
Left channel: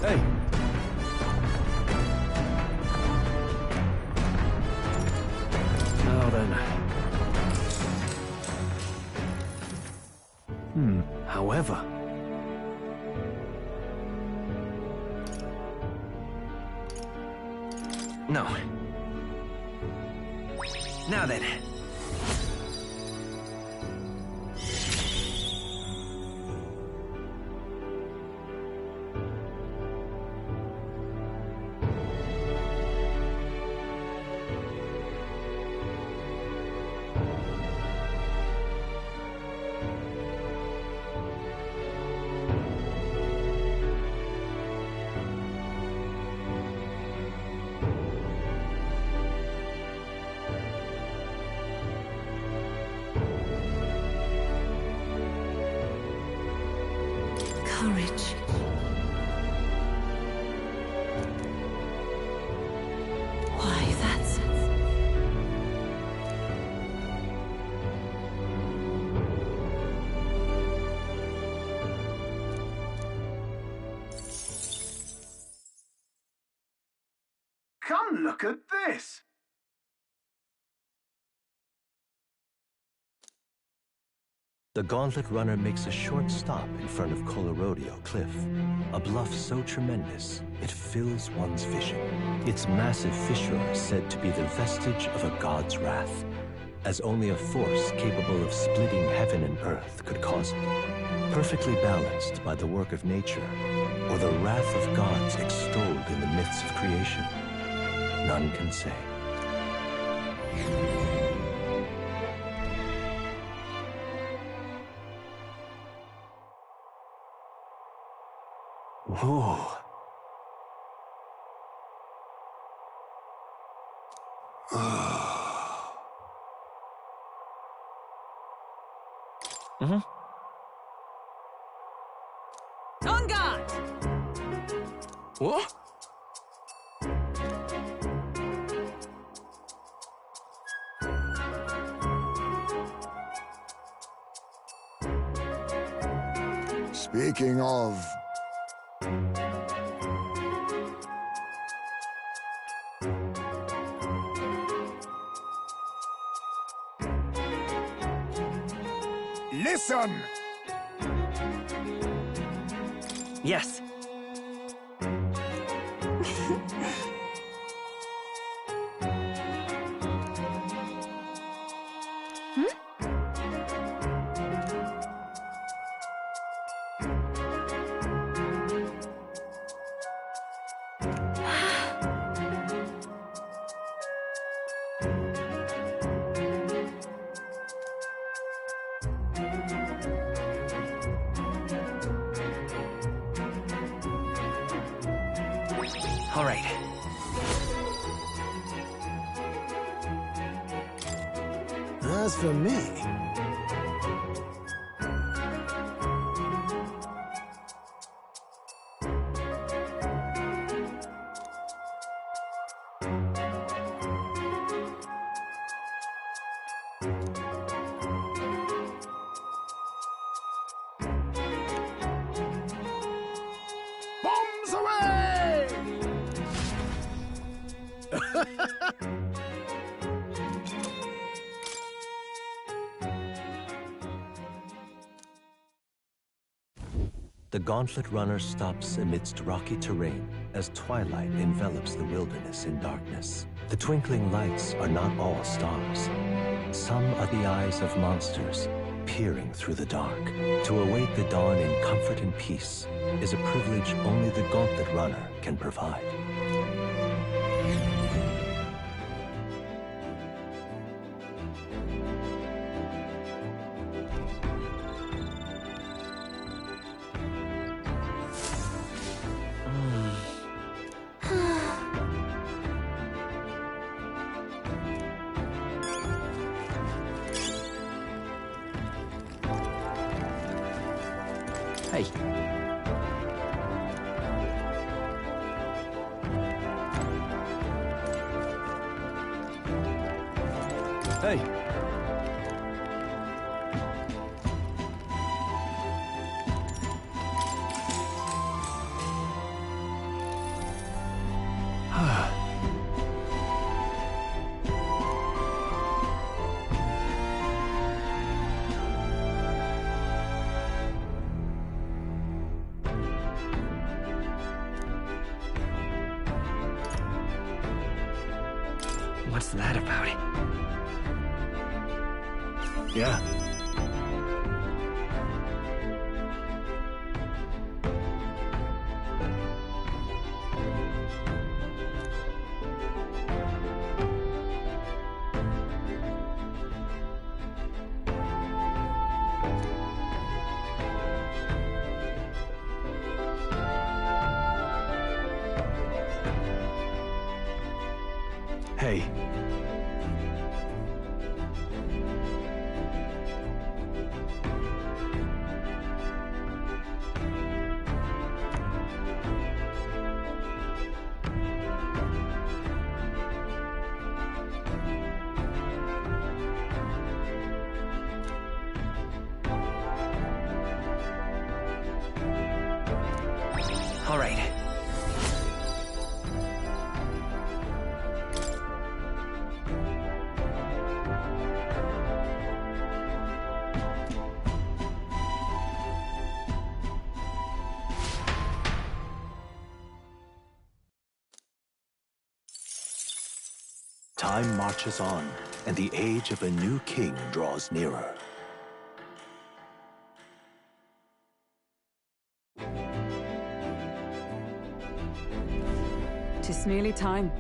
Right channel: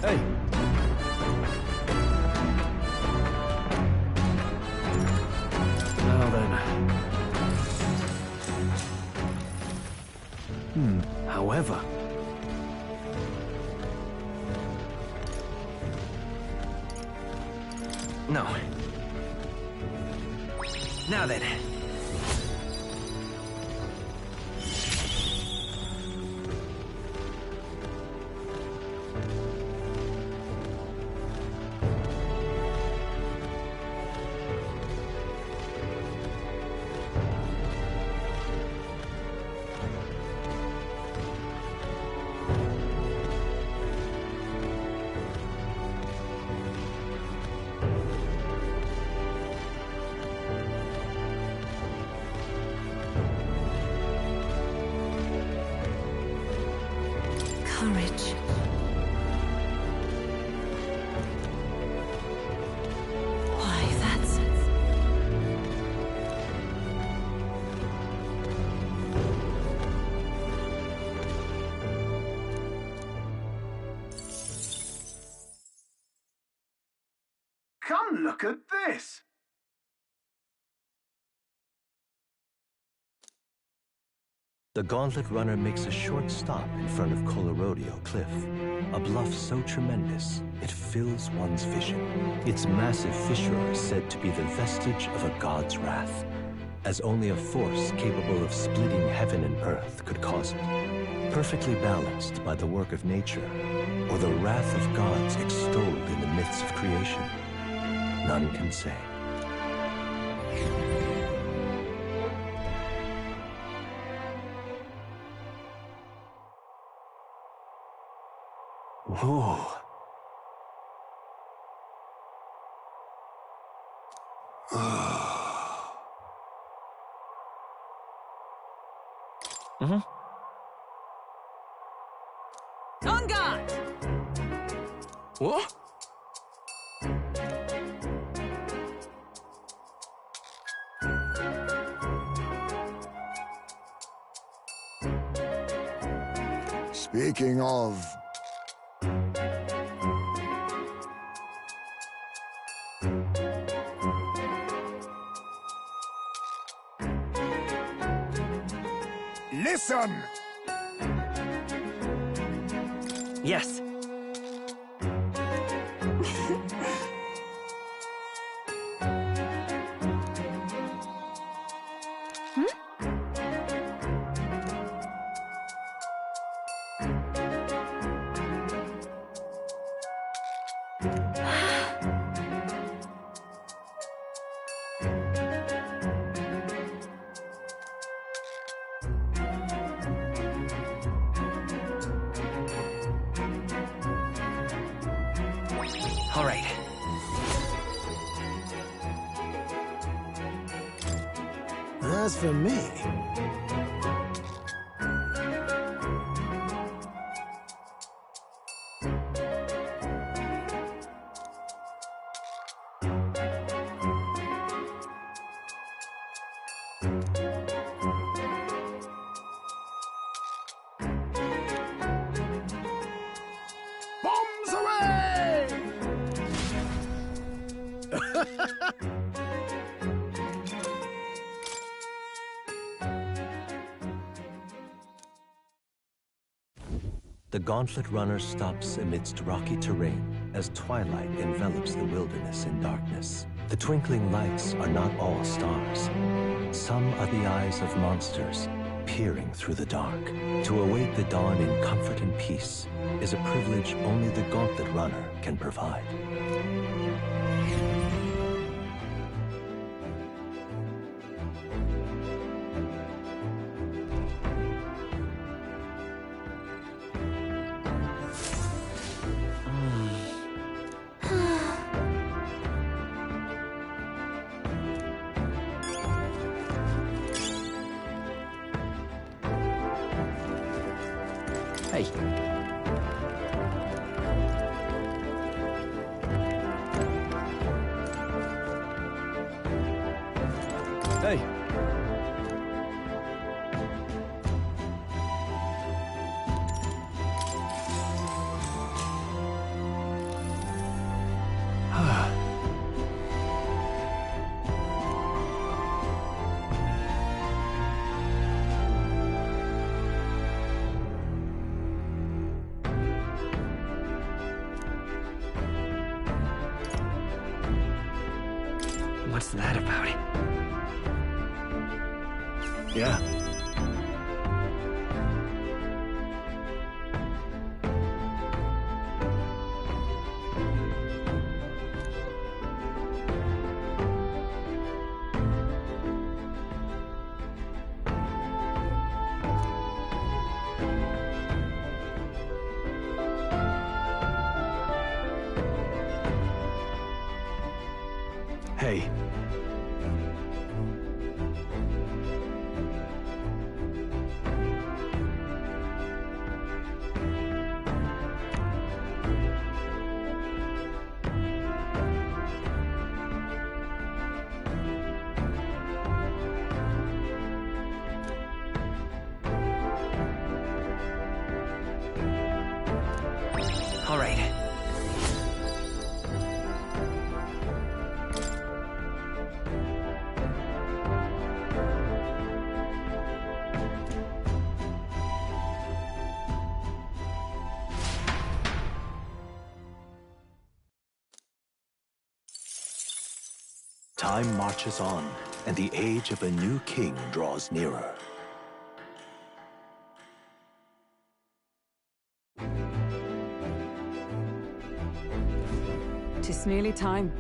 Hey. Now then. However... No. Now then. Courage. Why, that's... Come look at this! The Gauntlet Runner makes a short stop in front of Colorodeo Cliff, a bluff so tremendous it fills one's vision. Its massive fissure is said to be the vestige of a god's wrath, as only a force capable of splitting heaven and earth could cause it. Perfectly balanced by the work of nature, or the wrath of gods extolled in the myths of creation, none can say. Whoa. On guard! What? Speaking of... Listen! Yes. All right. As for me... Bombs away! The Gauntlet Runner stops amidst rocky terrain as twilight envelops the wilderness in darkness. The twinkling lights are not all stars. Some are the eyes of monsters, peering through the dark. To await the dawn in comfort and peace is a privilege only the Gauntlet Runner can provide. Hey. Hey. What's that about? Yeah. Hey. All right. Time marches on, and the age of a new king draws nearer. Tis nearly time.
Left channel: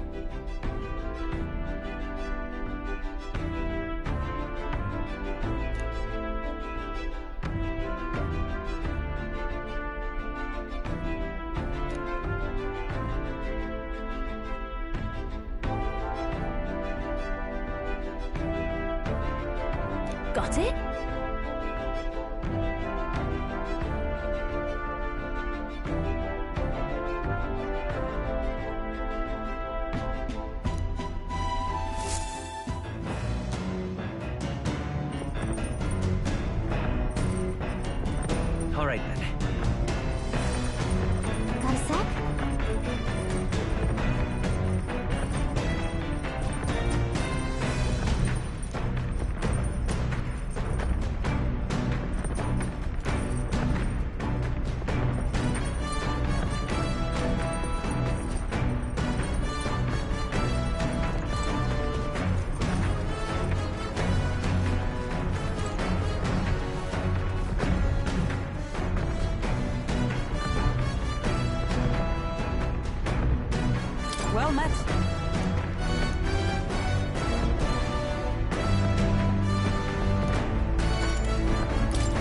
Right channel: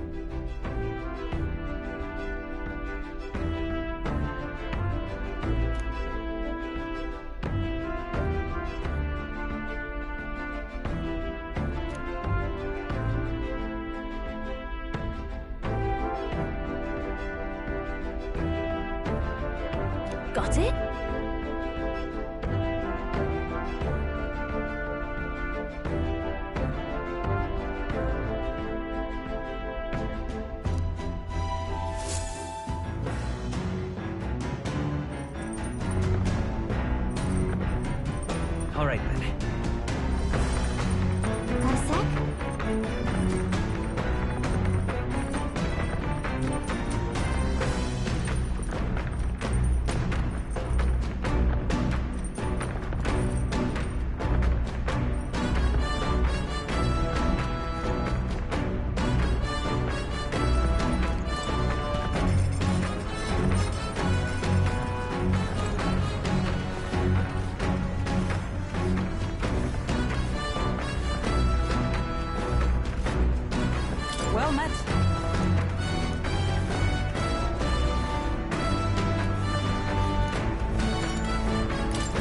Got it? All right, then. Got a sec? Well met.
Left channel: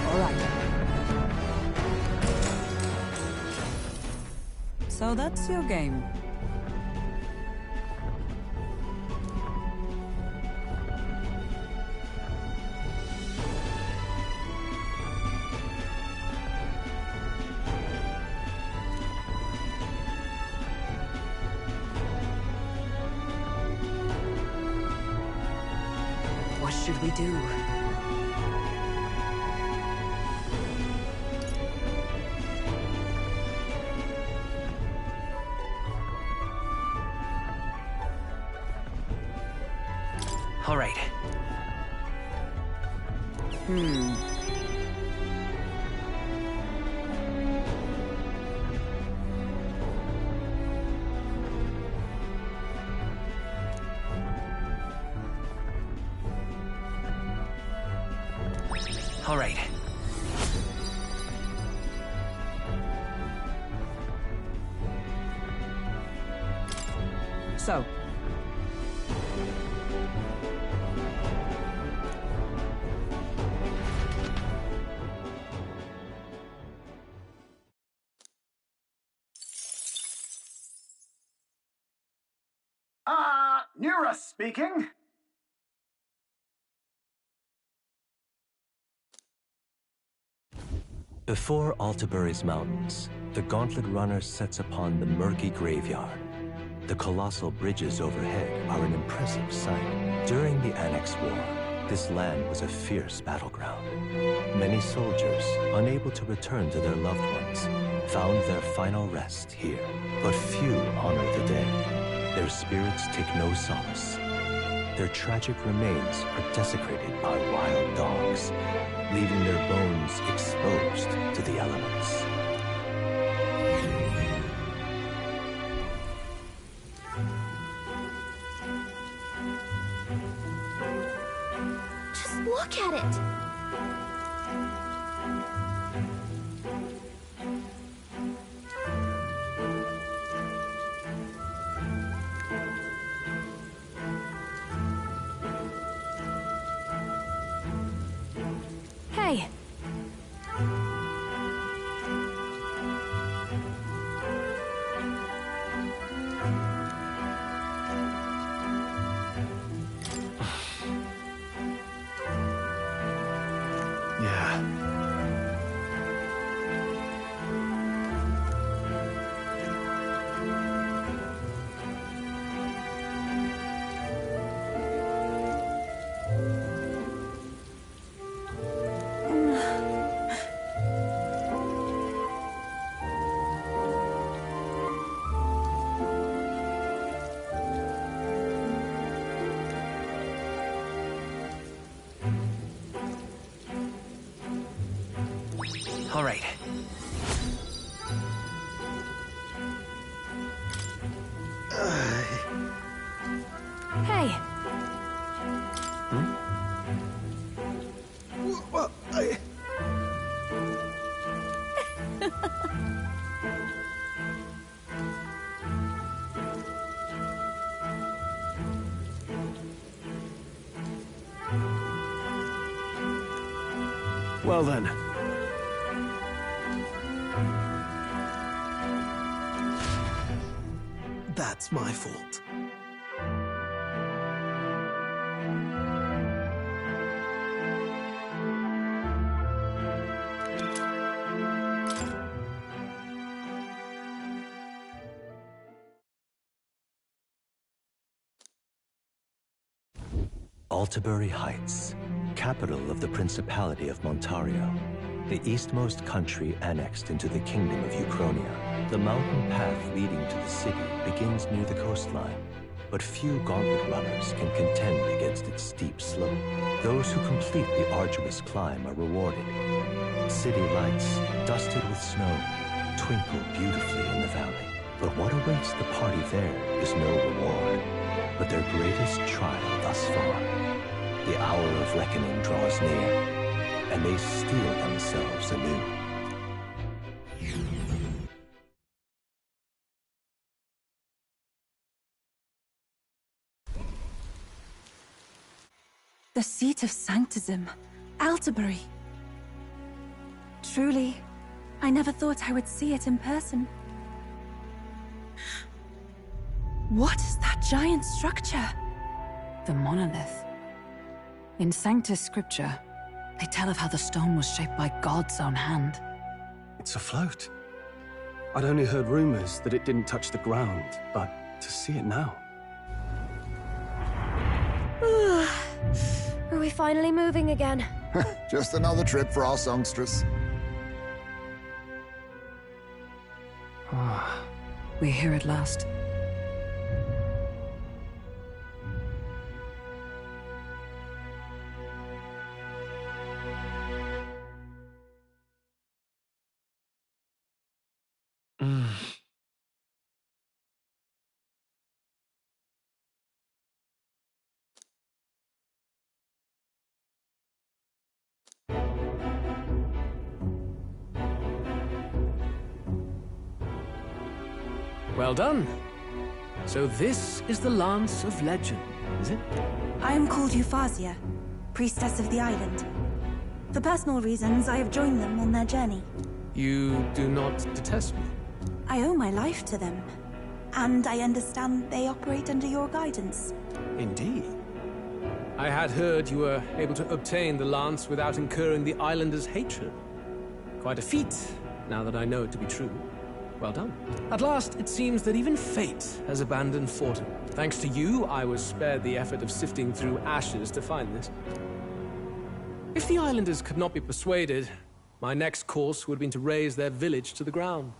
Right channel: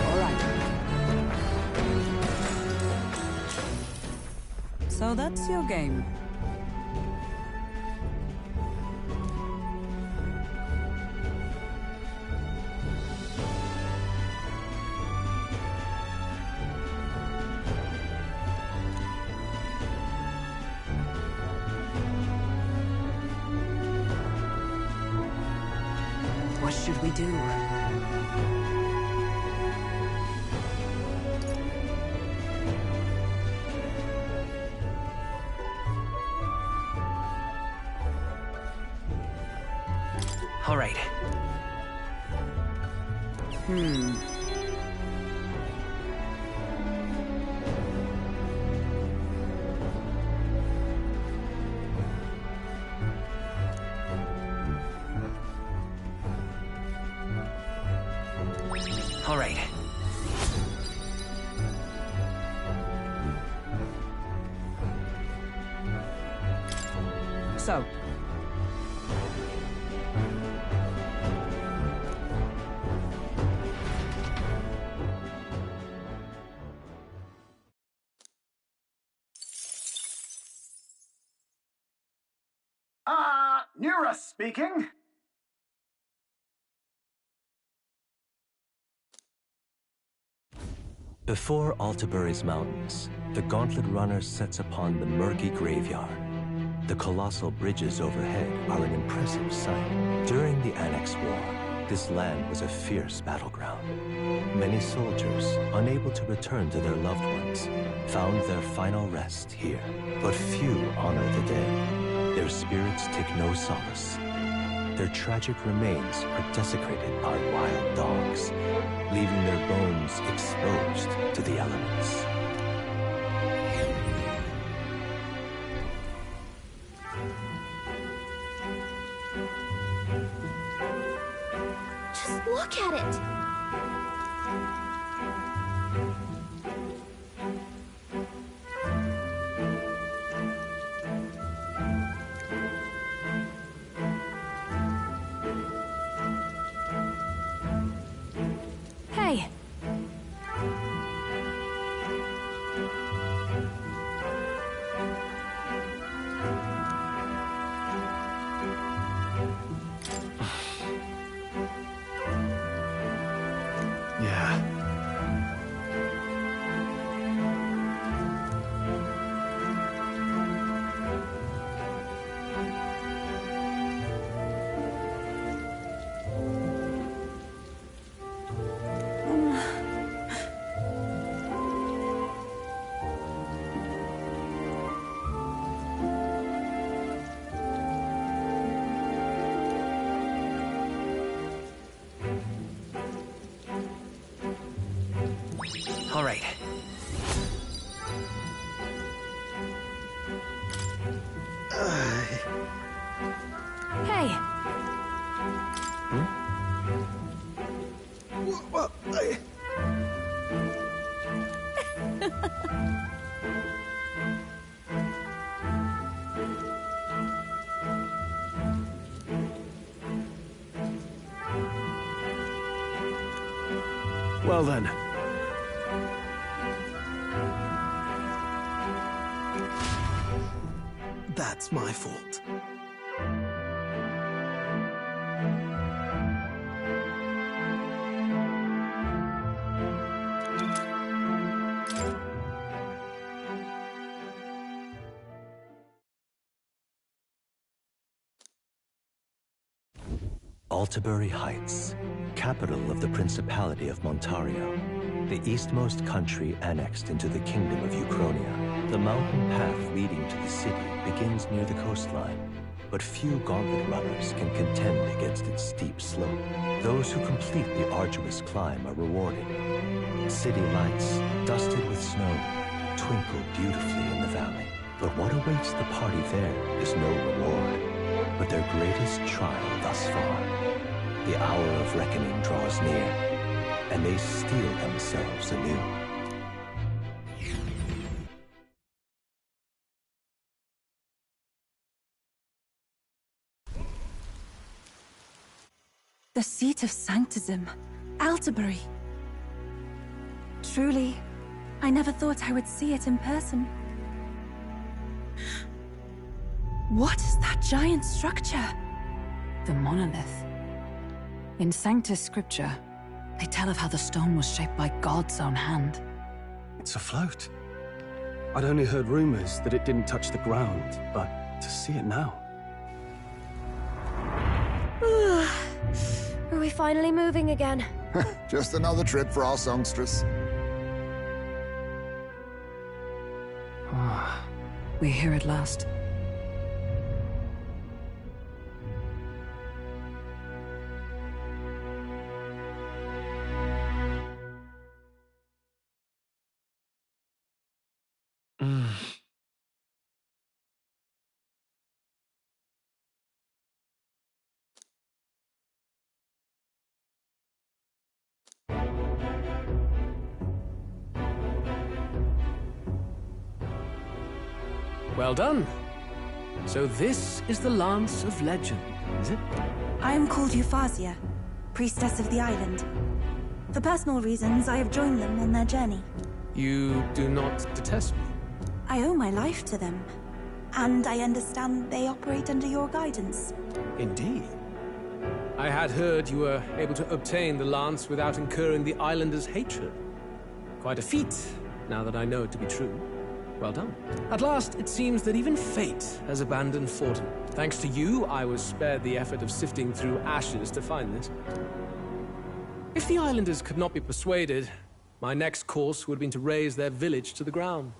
All right. So that's your game. What should we do? All right. All right. So. Nura speaking. Before Altabury's mountains, the Gauntlet Runner sets upon the murky graveyard. The colossal bridges overhead are an impressive sight. During the Annex War, this land was a fierce battleground. Many soldiers, unable to return to their loved ones, found their final rest here. But few honor the dead. Their spirits take no solace. Their tragic remains are desecrated by wild dogs, leaving their bones exposed to the elements. at it! Hey! Yeah. All right. Hey! Well, Well then. That's my fault. Altabury Heights, capital of the Principality of Montario, the eastmost country annexed into the Kingdom of Uchronia. The mountain path leading to the city begins near the coastline, but few gauntlet runners can contend against its steep slope. Those who complete the arduous climb are rewarded. City lights, dusted with snow, twinkle beautifully in the valley. But what awaits the party there is no reward, but their greatest trial thus far. The hour of reckoning draws near, and they steel themselves anew. The seat of Sanctism, Altabury. Truly, I never thought I would see it in person. What is that giant structure? The monolith. In Sanctus Scripture, they tell of how the stone was shaped by God's own hand. It's afloat. I'd only heard rumors that it didn't touch the ground, but to see it now. Are we finally moving again? Just another trip for our songstress. We're here at last. Well done. So this is the Lance of Legend, is it? I am called Euphazia, priestess of the island. For personal reasons, I have joined them on their journey. You do not detest me? I owe my life to them, and I understand they operate under your guidance. Indeed. I had heard you were able to obtain the lance without incurring the islanders' hatred. Quite a feat, now that I know it to be true. Well done. At last, it seems that even fate has abandoned Fortin. Thanks to you, I was spared the effort of sifting through ashes to find this. If the islanders could not be persuaded, my next course would have been to raze their village to the ground.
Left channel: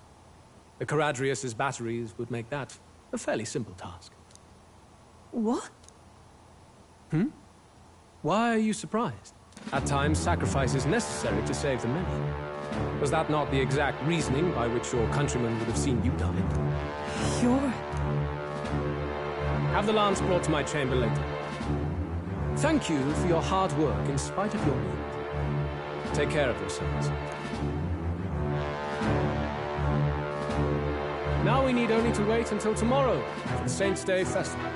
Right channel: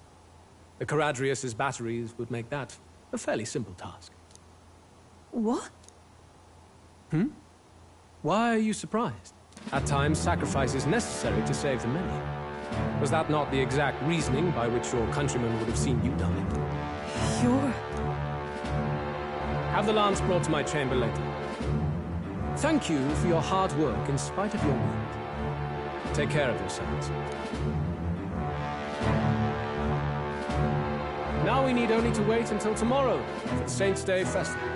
The Caradrius' batteries would make that a fairly simple task. What? Why are you surprised? At times, sacrifice is necessary to save the many. Was that not the exact reasoning by which your countrymen would have seen you die? You're... Have the lance brought to my chamber later. Thank you for your hard work in spite of your wound. Take care of yourselves. Now we need only to wait until tomorrow for the Saints' Day Festival.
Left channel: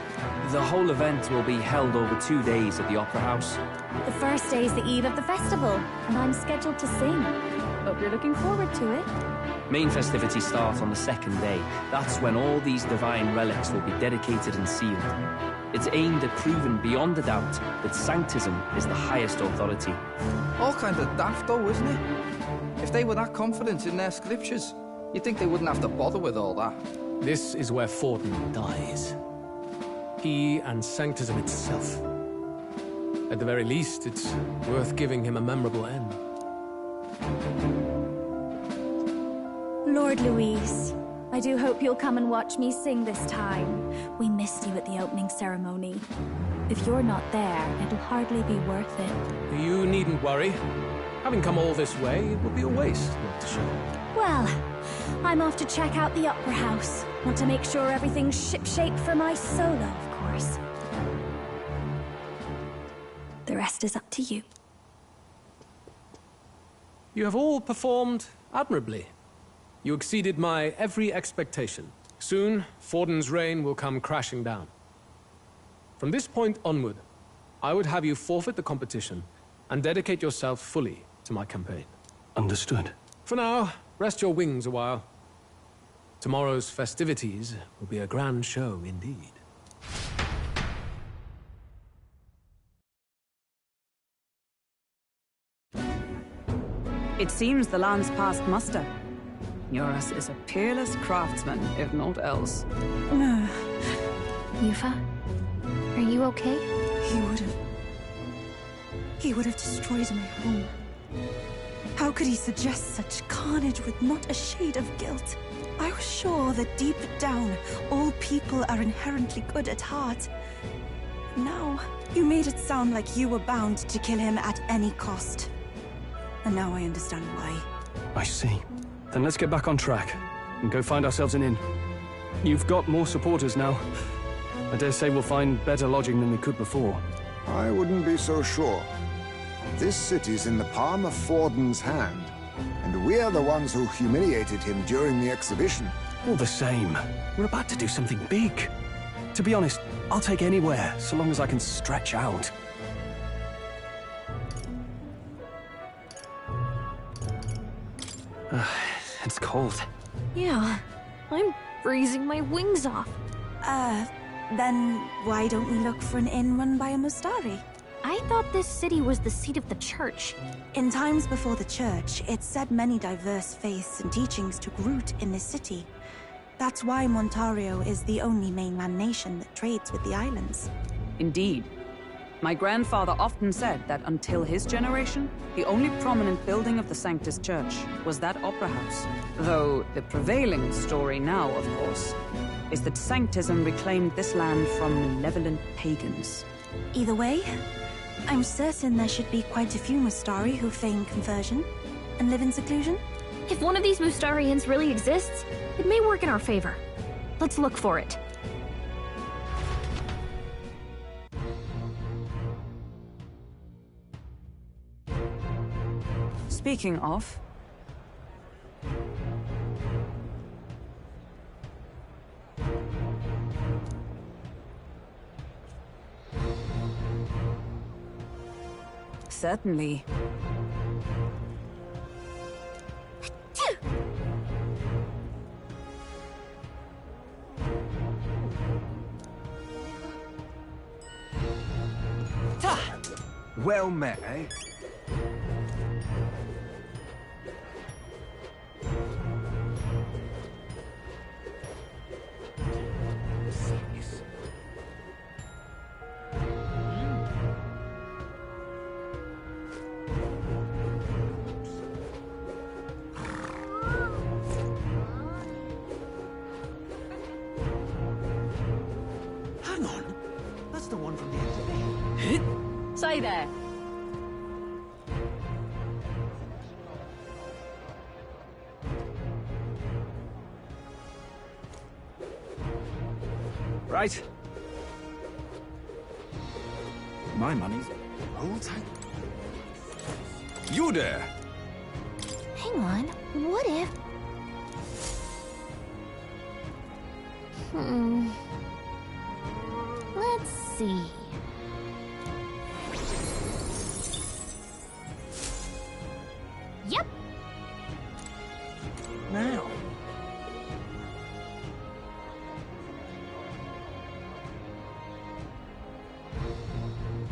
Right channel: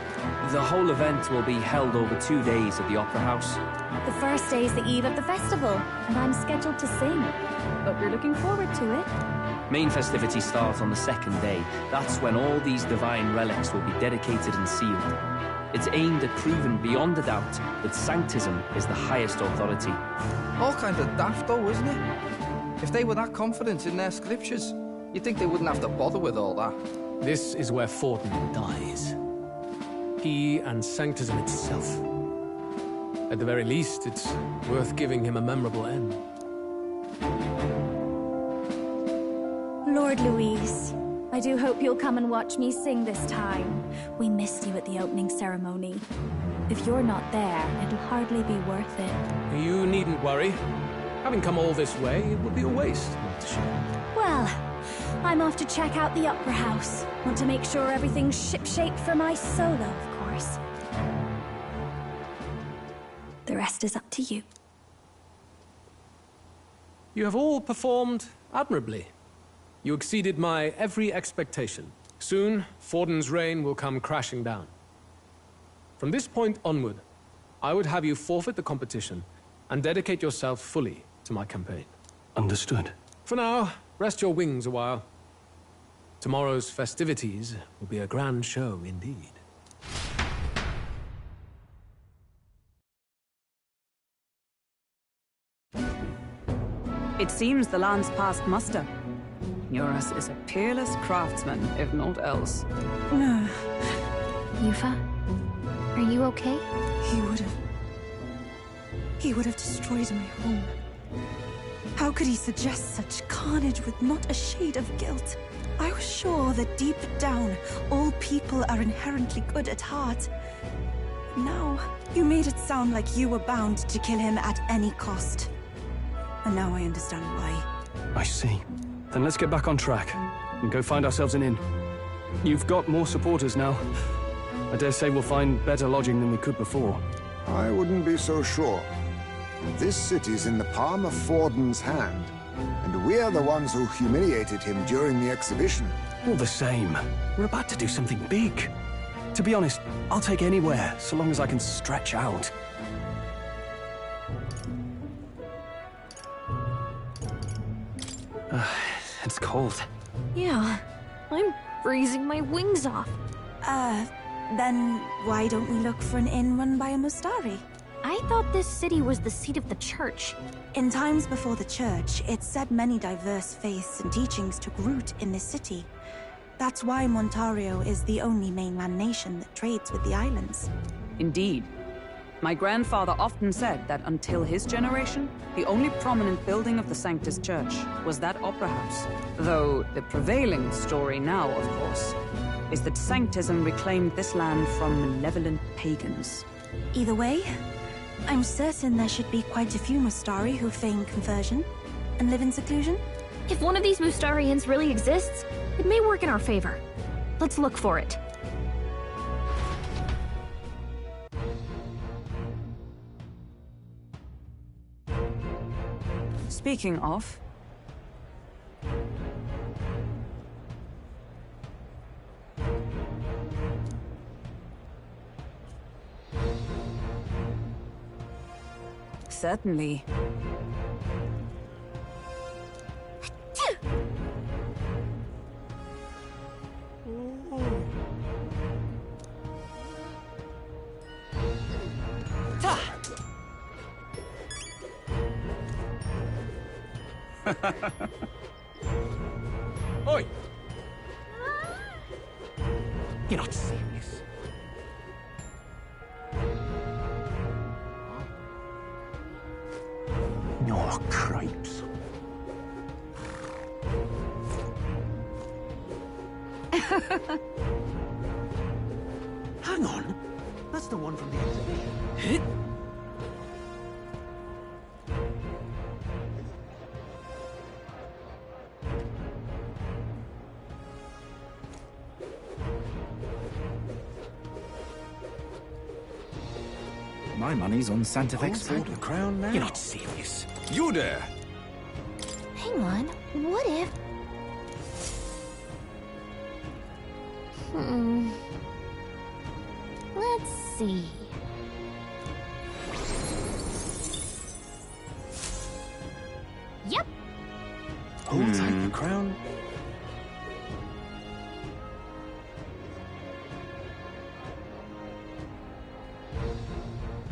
The whole event will be held over 2 days at the Opera House. The first day is the eve of the festival, and I'm scheduled to sing. Hope you're looking forward to it. Main festivities start on the second day. That's when all these divine relics will be dedicated and sealed. It's aimed at proving beyond a doubt that Sanctism is the highest authority. All kind of daft though, isn't it? If they were that confident in their scriptures, you'd think they wouldn't have to bother with all that. This is where Forden dies. He and Sanctism itself. At the very least, it's worth giving him a memorable end. Lord Louise, I do hope you'll come and watch me sing this time. We missed you at the opening ceremony. If you're not there, it'll hardly be worth it. You needn't worry. Having come all this way, it would be a waste not to show. Well, I'm off to check out the Opera House. Want to make sure everything's shipshape for my solo, of course. The rest is up to you. You have all performed admirably. You exceeded my every expectation. Soon, Forden's reign will come crashing down. From this point onward, I would have you forfeit the competition and dedicate yourself fully to my campaign. Understood. For now, rest your wings a while. Tomorrow's festivities will be a grand show indeed. It seems the land's past muster. Eurus is a peerless craftsman, if not else. Yufa, are you okay? He would have destroyed my home. How could he suggest such carnage with not a shade of guilt? I was sure that deep down, all people are inherently good at heart. But now, you made it sound like you were bound to kill him at any cost. And now I understand why. I see. Then let's get back on track and go find ourselves an inn. You've got more supporters now. I dare say we'll find better lodging than we could before. I wouldn't be so sure. This city's in the palm of Forden's hand, and we're the ones who humiliated him during the exhibition. All the same, we're about to do something big. To be honest, I'll take anywhere, so long as I can stretch out. It's cold. Yeah, I'm freezing my wings off. Then why don't we look for an inn run by a Mustari? I thought this city was the seat of the church. In times before the church, it's said many diverse faiths and teachings took root in this city. That's why Montario is the only mainland nation that trades with the islands. Indeed. My grandfather often said that until his generation, the only prominent building of the Sanctus Church was that opera house. Though the prevailing story now, of course, is that Sanctism reclaimed this land from malevolent pagans. Either way, I'm certain there should be quite a few Mustari who feign conversion and live in seclusion. If one of these Mustarians really exists, it may work in our favor. Let's look for it. Speaking of... Certainly. Well met, eh? Oi! You're not serious. You're cripes. Hang on. That's the one from the exhibition. Say there. Right. My money's on Santa Fe. Hold the crown now. You're not serious. You there! Hang on, what if... Let's see... Yep! Hold tight the crown now.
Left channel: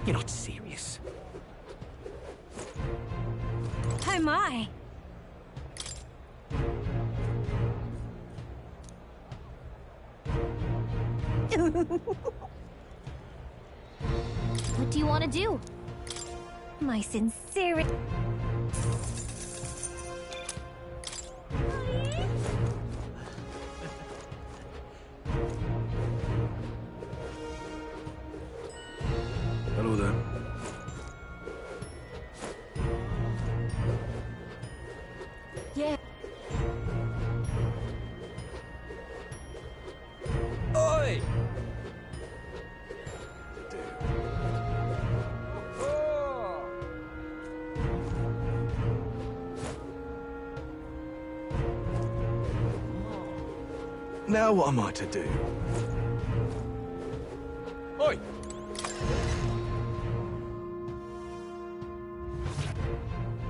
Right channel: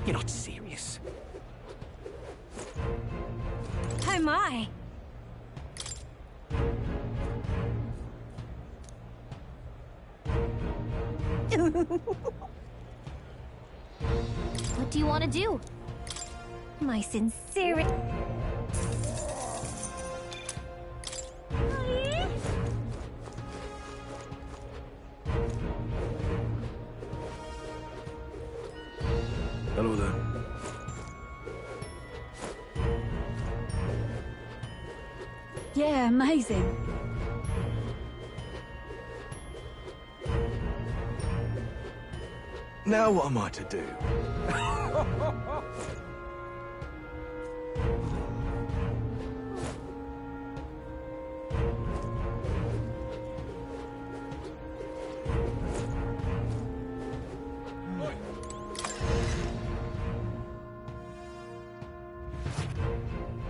You're not serious. Oh my. What do you want to do? My sincerity. Hello there. Yeah, amazing. Oi! Now what am I to do? Now what am I to do? Oi!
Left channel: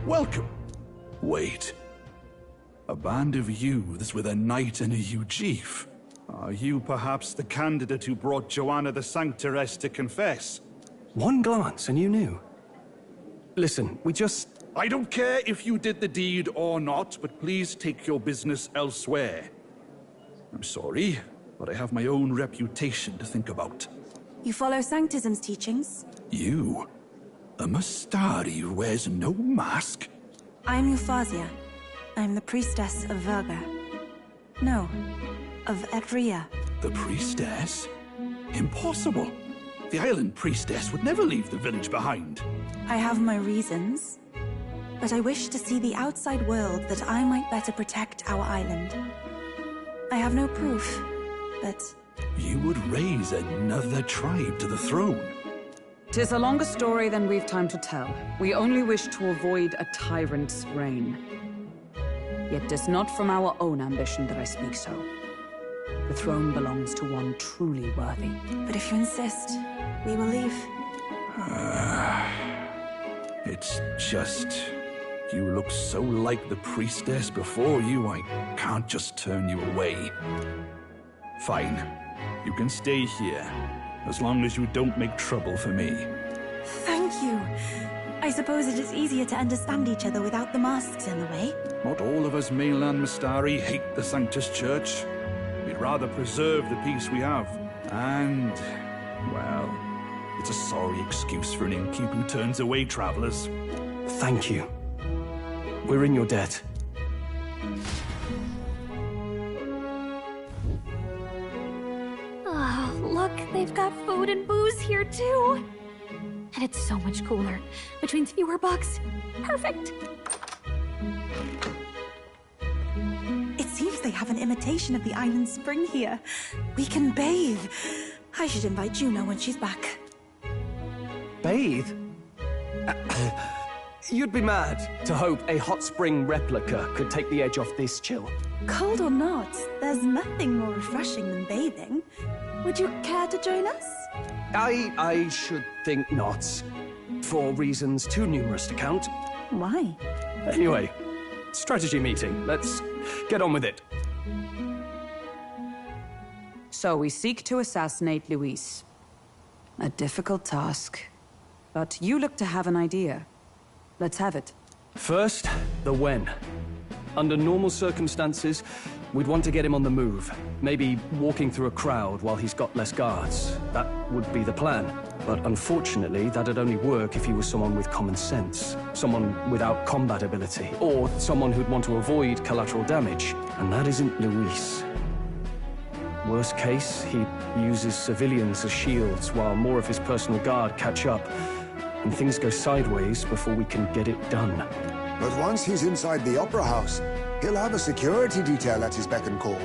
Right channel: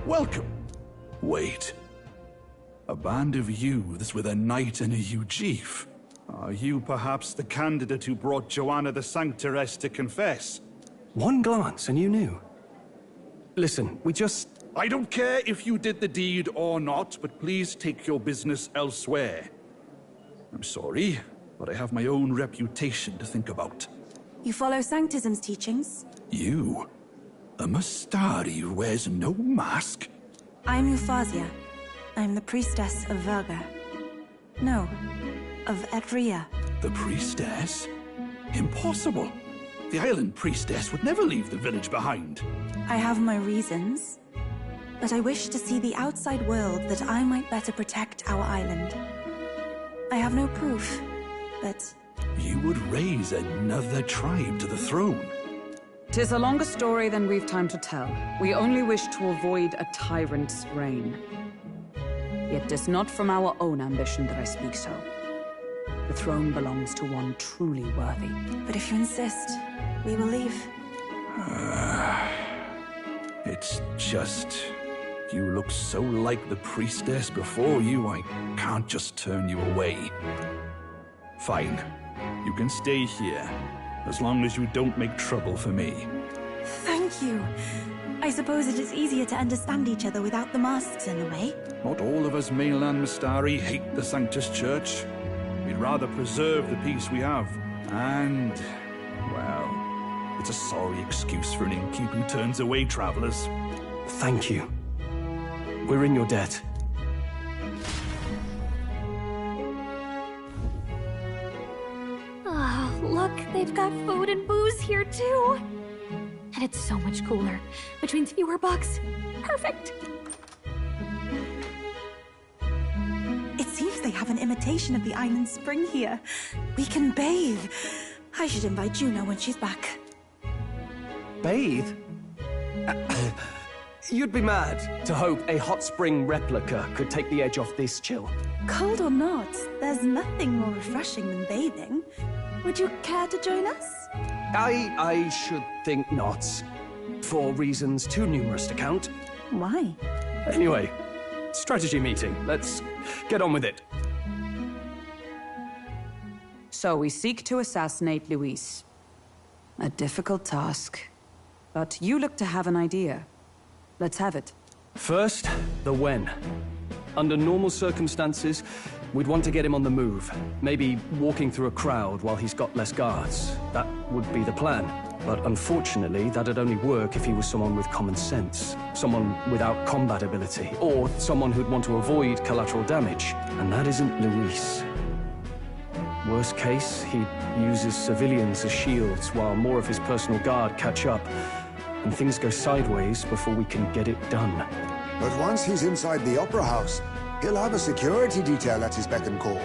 Welcome. Wait. A band of youths with a knight and a chief. Are you perhaps the candidate who brought Joanna the Sanctoress to confess? One glance and you knew. Listen, we just... I don't care if you did the deed or not, but please take your business elsewhere. I'm sorry, but I have my own reputation to think about. You follow Sanctism's teachings? You? A Mastari who wears no mask? I'm Euphausia. I'm the priestess of Verga. No, of Edria. The priestess? Impossible. The island priestess would never leave the village behind. I have my reasons, but I wish to see the outside world that I might better protect our island. I have no proof, but... You would raise another tribe to the throne. 'Tis a longer story than we've time to tell. We only wish to avoid a tyrant's reign. Yet 'tis not from our own ambition that I speak so. The throne belongs to one truly worthy. But if you insist, we will leave. It's just... You look so like the priestess before you, I can't just turn you away. Fine. You can stay here, as long as you don't make trouble for me. Thank you. I suppose it is easier to understand each other without the masks in the way. Not all of us mainland Mastari hate the Sanctus Church. We'd rather preserve the peace we have. And, well, it's a sorry excuse for an innkeep who turns away travelers. Thank you. We're in your debt. Oh, look, they've got food and booze here too. And it's so much cooler, which means fewer bugs. Perfect. It seems they have an imitation of the island spring here. We can bathe. I should invite Juno when she's back. Bathe? You'd be mad to hope a hot spring replica could take the edge off this chill. Cold or not, there's nothing more refreshing than bathing. Would you care to join us? I should think not. For reasons too numerous to count. Why? Anyway, strategy meeting. Let's get on with it. So we seek to assassinate Luis. A difficult task. But you look to have an idea. Let's have it. First, the when. Under normal circumstances, we'd want to get him on the move. Maybe walking through a crowd while he's got less guards. That would be the plan. But unfortunately, that'd only work if he was someone with common sense. Someone without combat ability. Or someone who'd want to avoid collateral damage. And that isn't Luis. Worst case, he uses civilians as shields while more of his personal guard catch up. And things go sideways before we can get it done. But once he's inside the Opera House, he'll have a security detail at his beck and call.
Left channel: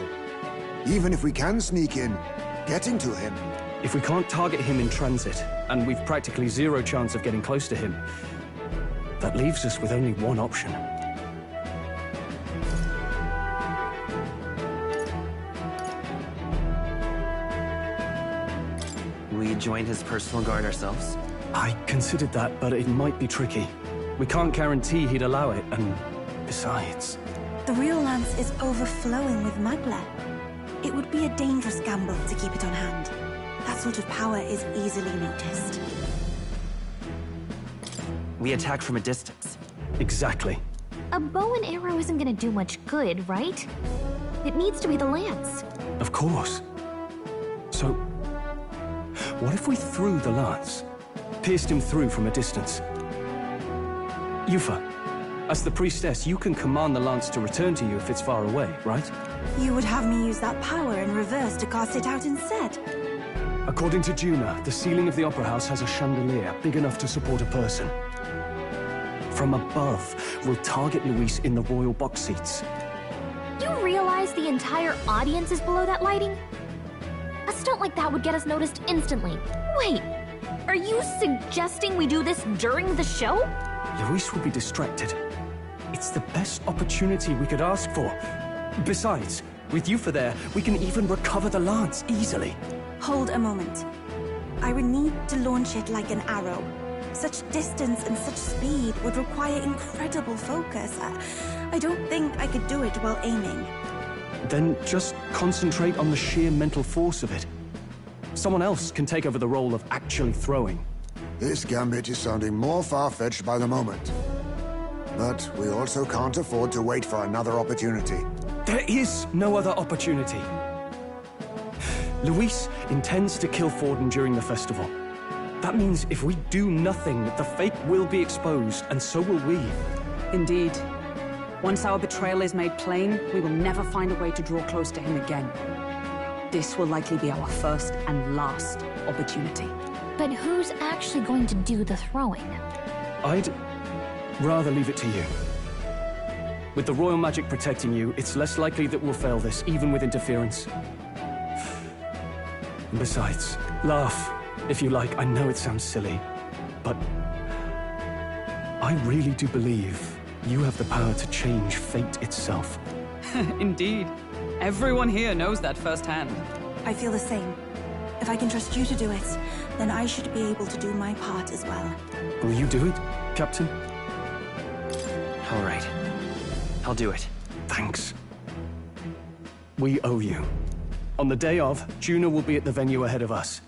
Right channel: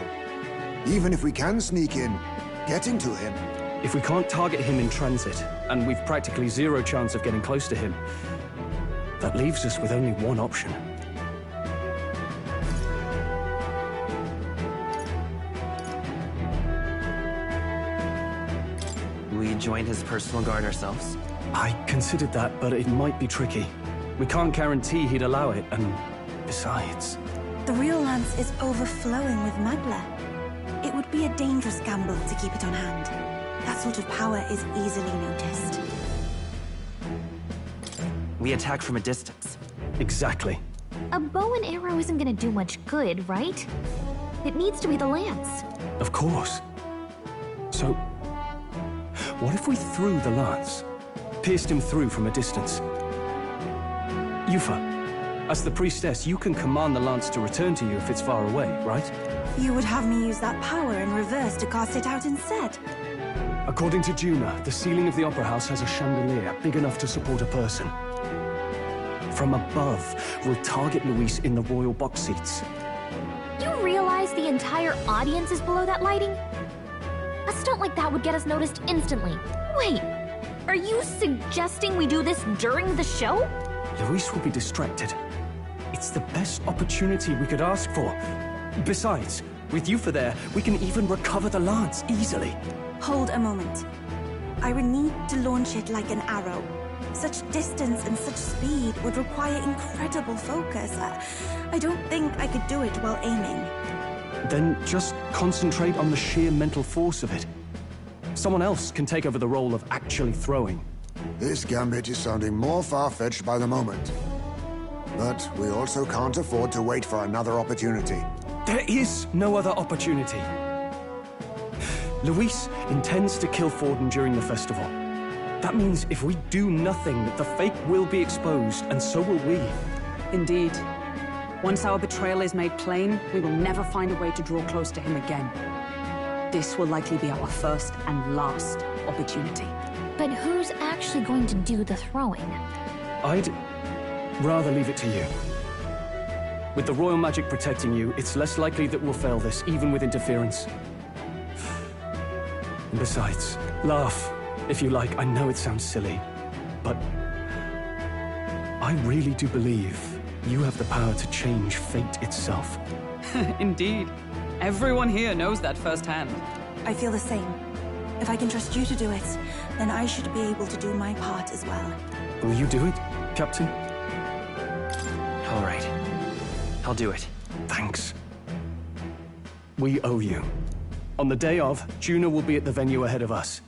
Even if we can sneak in, getting to him If we can't target him in transit, and we've practically zero chance of getting close to him, that leaves us with only one option. We join his personal guard ourselves? I considered that, but it might be tricky. We can't guarantee he'd allow it, and besides... The real lance is overflowing with Magla. It would be a dangerous gamble to keep it on hand. That sort of power is easily noticed. We attack from a distance. Exactly. A bow and arrow isn't gonna do much good, right? It needs to be the lance. Of course. So, what if we threw the lance? Pierced him through from a distance? Yufa, as the priestess, you can command the lance to return to you if it's far away, right? You would have me use that power in reverse to cast it out instead? According to Juna, the ceiling of the Opera House has a chandelier big enough to support a person. From above, we'll target Luis in the royal box seats. You realize the entire audience is below that lighting? A stunt like that would get us noticed instantly. Wait, are you suggesting we do this during the show? Luis will be distracted. It's the best opportunity we could ask for. Besides, with Yufa there, we can even recover the lance easily. Hold a moment. I would need to launch it like an arrow. Such distance and such speed would require incredible focus. I don't think I could do it while aiming. Then just concentrate on the sheer mental force of it. Someone else can take over the role of actually throwing. This gambit is sounding more far-fetched by the moment. But we also can't afford to wait for another opportunity. There is no other opportunity. Luis intends to kill Forden during the festival. That means if we do nothing, the fake will be exposed, and so will we. Indeed. Once our betrayal is made plain, we will never find a way to draw close to him again. This will likely be our first and last opportunity. But who's actually going to do the throwing? I'd rather leave it to you. With the royal magic protecting you, it's less likely that we'll fail this, even with interference. And besides, laugh, if you like. I know it sounds silly, but I really do believe you have the power to change fate itself. Indeed. Everyone here knows that firsthand. I feel the same. If I can trust you to do it, then I should be able to do my part as well. Will you do it, Captain? All right. I'll do it. Thanks. We owe you. On the day of, Juna will be at the venue ahead of us.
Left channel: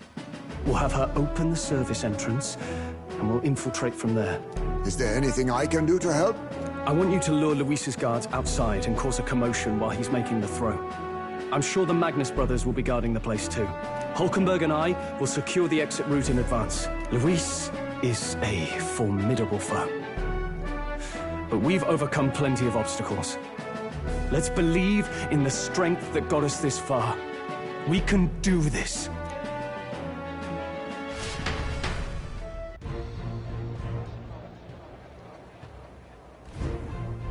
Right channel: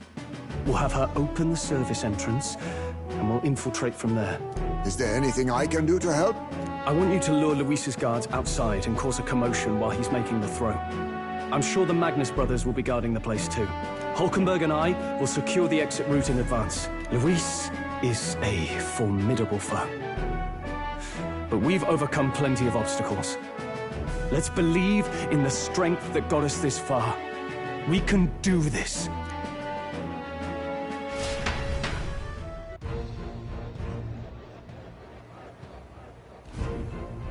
We'll have her open the service entrance, and we'll infiltrate from there. Is there anything I can do to help? I want you to lure Luis's guards outside and cause a commotion while he's making the throw. I'm sure the Magnus brothers will be guarding the place too. Hulkenberg and I will secure the exit route in advance. Luis is a formidable foe. But we've overcome plenty of obstacles. Let's believe in the strength that got us this far. We can do this.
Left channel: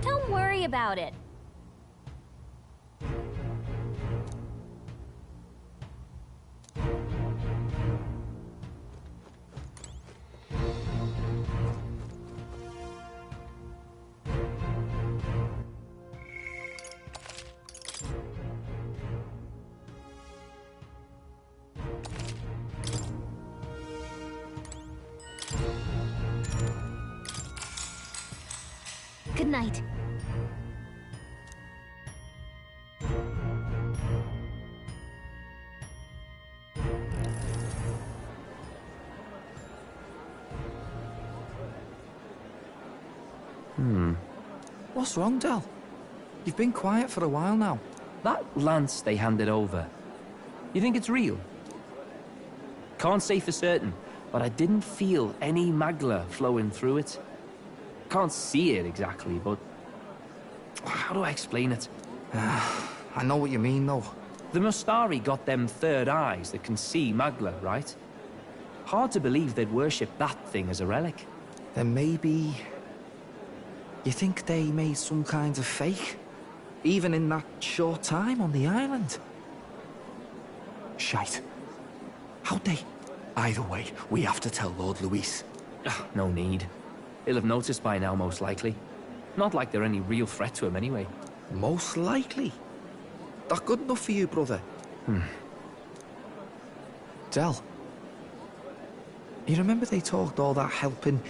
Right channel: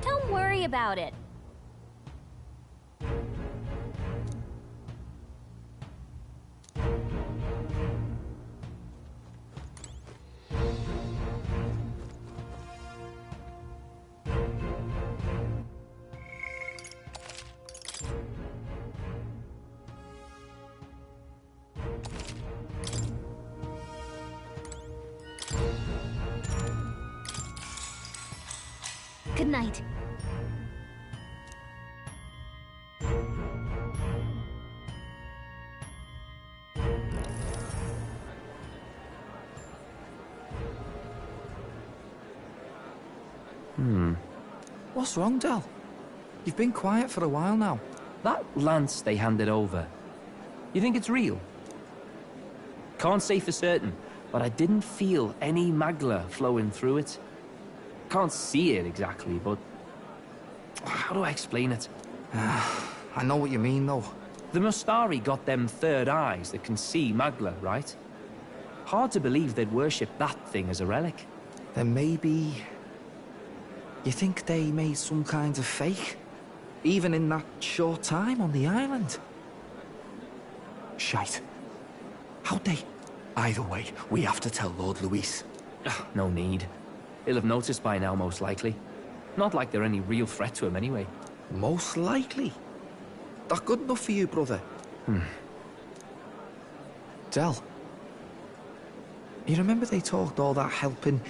Don't worry about it. Good night. What's wrong, Del? You've been quiet for a while now. That lance they handed over, you think it's real? Can't say for certain, but I didn't feel any magla flowing through it. Can't see it exactly, but how do I explain it? I know what you mean, though. The Mustari got them third eyes that can see magla, right? Hard to believe they'd worship that thing as a relic. Then maybe... You think they made some kind of fake? Even in that short time on the island? Shite. How'd they? Either way, we have to tell Lord Luis. No need. He'll have noticed by now, most likely. Not like they're any real threat to him anyway. Most likely? That good enough for you, brother? Del, you remember they talked all that helping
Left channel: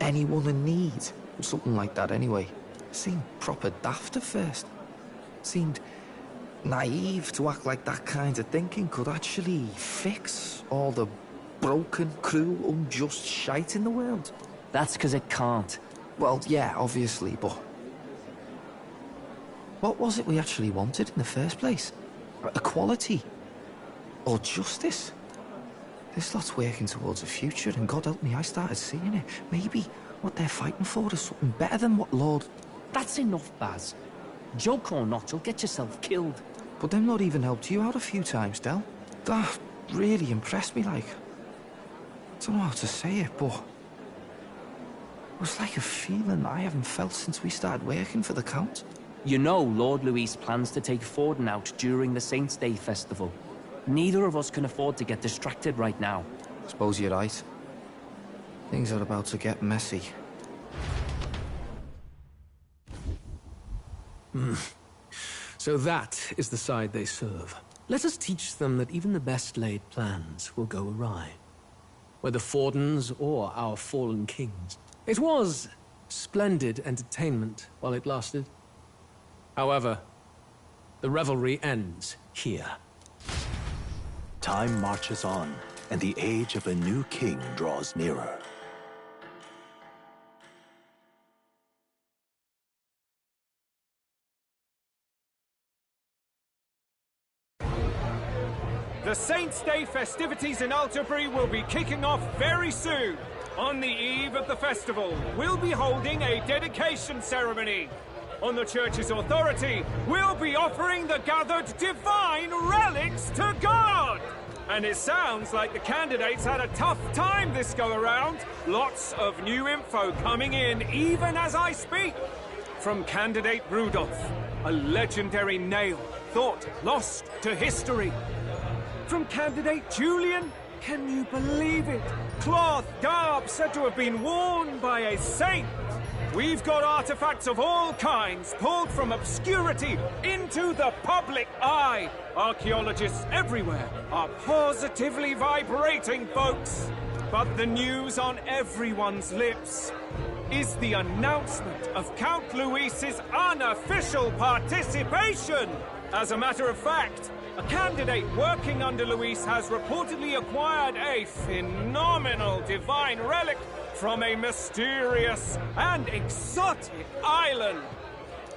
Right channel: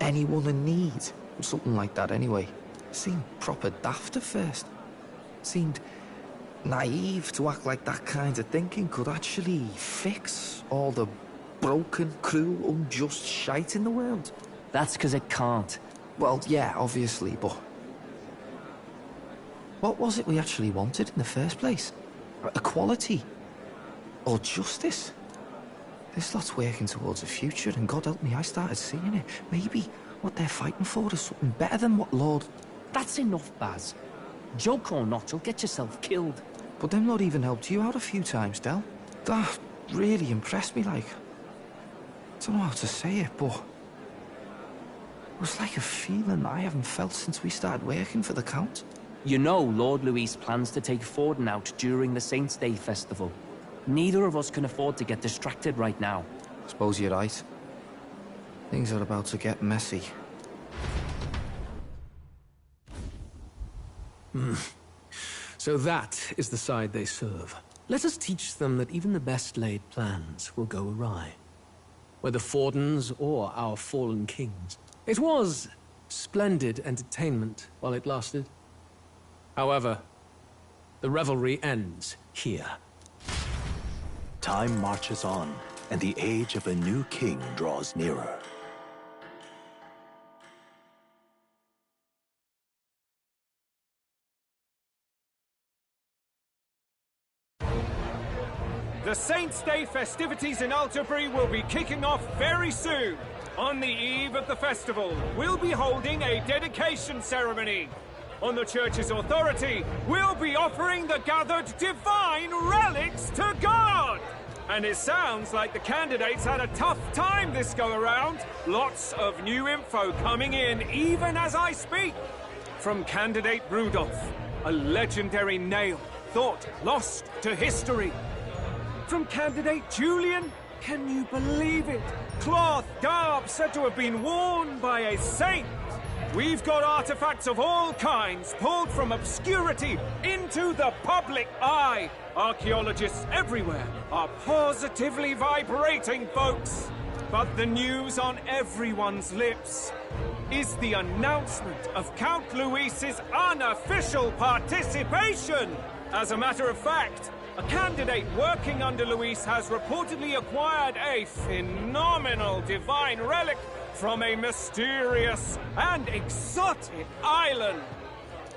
anyone in need? Something like that anyway. Seemed proper daft at first. Seemed naive to act like that kind of thinking could actually fix all the broken, cruel, unjust shite in the world. That's because it can't. Well, yeah, obviously, but... what was it we actually wanted in the first place? Equality? Or justice? This lot's working towards a future, and God help me, I started seeing it. Maybe what they're fighting for is something better than what Lord... That's enough, Baz. Joke or not, you'll get yourself killed. But them not even helped you out a few times, Del. That really impressed me, like... I don't know how to say it, but... it was like a feeling I haven't felt since we started working for the Count. You know Lord Luis plans to take Forden out during the Saints' Day festival. Neither of us can afford to get distracted right now. Suppose you're right. Things are about to get messy. So that is the side they serve. Let us teach them that even the best laid plans will go awry. Whether Forden's or our fallen kings. It was splendid entertainment while it lasted. However, the revelry ends here. Time marches on, and the age of a new king draws nearer. The Saints' Day festivities in Alterbury will be kicking off very soon. On the eve of the festival, we'll be holding a dedication ceremony. On the church's authority, we'll be offering the gathered divine relics to God! And it sounds like the candidates had a tough time this go-around. Lots of new info coming in, even as I speak. From candidate Rudolph, a legendary nail, thought lost to history. From candidate Julian, can you believe it? Cloth garb said to have been worn by a saint. We've got artifacts of all kinds pulled from obscurity into the public eye. Archaeologists everywhere are positively vibrating, folks. But the news on everyone's lips is the announcement of Count Luis's unofficial participation. As a matter of fact, a candidate working under Luis has reportedly acquired a phenomenal divine relic from a mysterious and exotic island.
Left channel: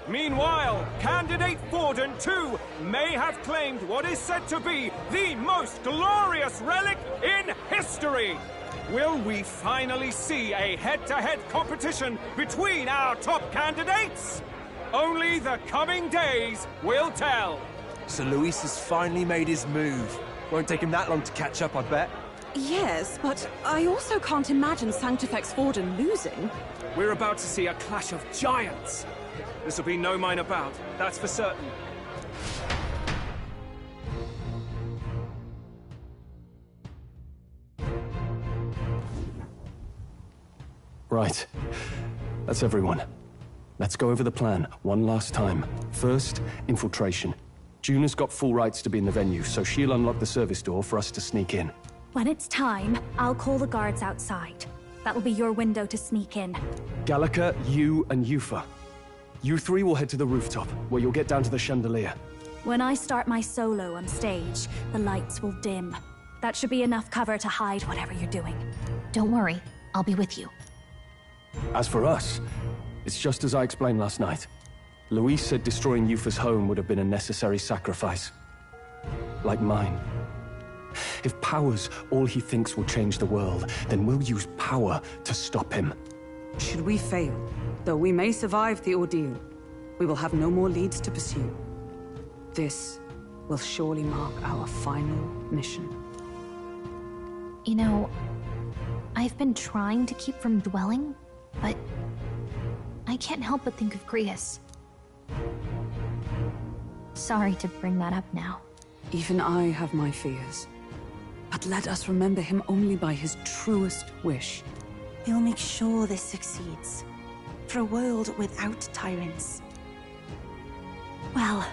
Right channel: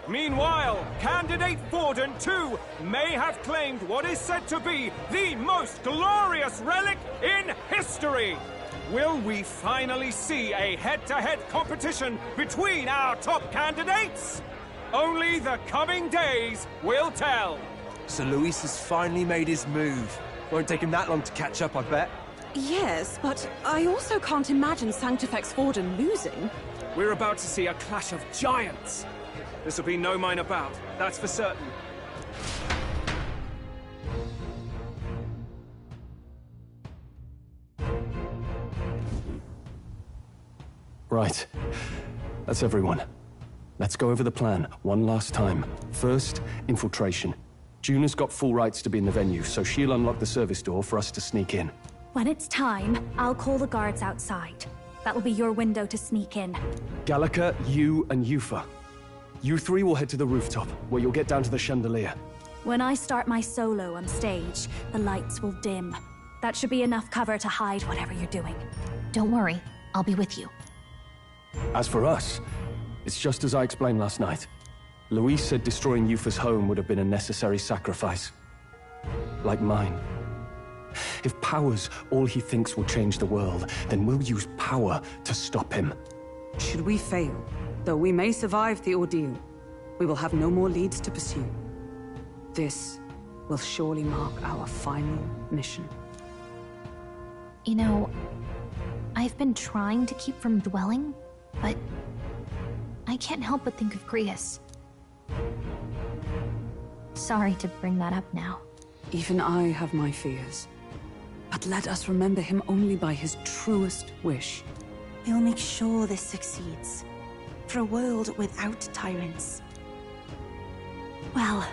Meanwhile, candidate Forden, too, may have claimed what is said to be the most glorious relic in history. Will we finally see a head-to-head competition between our top candidates? Only the coming days will tell. So Luis has finally made his move. Won't take him that long to catch up, I bet. Yes, but I also can't imagine Sanctifex Forden losing. We're about to see a clash of giants. This will be no minor bout, that's for certain. Right. That's everyone. Let's go over the plan one last time. First, infiltration. Juna's got full rights to be in the venue, so she'll unlock the service door for us to sneak in. When it's time, I'll call the guards outside. That'll be your window to sneak in. Gallica, you, and Yufa. You three will head to the rooftop, where you'll get down to the chandelier. When I start my solo on stage, the lights will dim. That should be enough cover to hide whatever you're doing. Don't worry, I'll be with you. As for us, it's just as I explained last night. Luis said destroying Yufa's home would have been a necessary sacrifice. Like mine. If power's all he thinks will change the world, then we'll use power to stop him. Should we fail, though we may survive the ordeal, we will have no more leads to pursue. This will surely mark our final mission. You know, I've been trying to keep from dwelling, but I can't help but think of Grius. Sorry to bring that up now. Even I have my fears. But let us remember him only by his truest wish. We'll make sure this succeeds. For a world without tyrants. Well,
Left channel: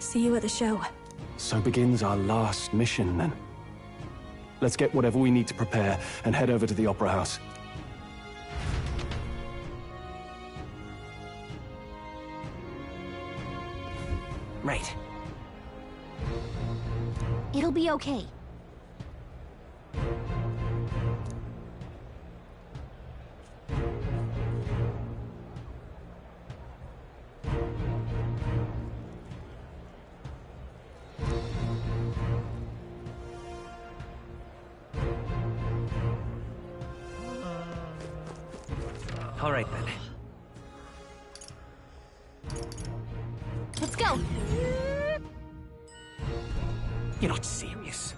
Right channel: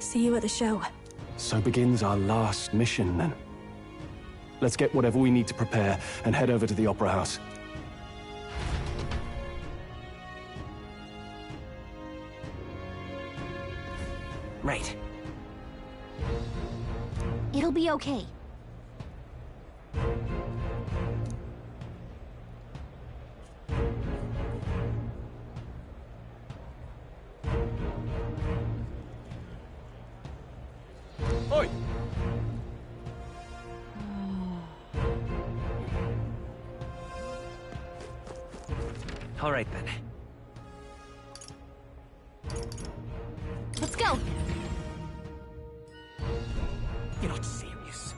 see you at the show. So begins our last mission, then. Let's get whatever we need to prepare and head over to the Opera House. Right. It'll be okay. Oi! All right, then. Let's go! You're not serious.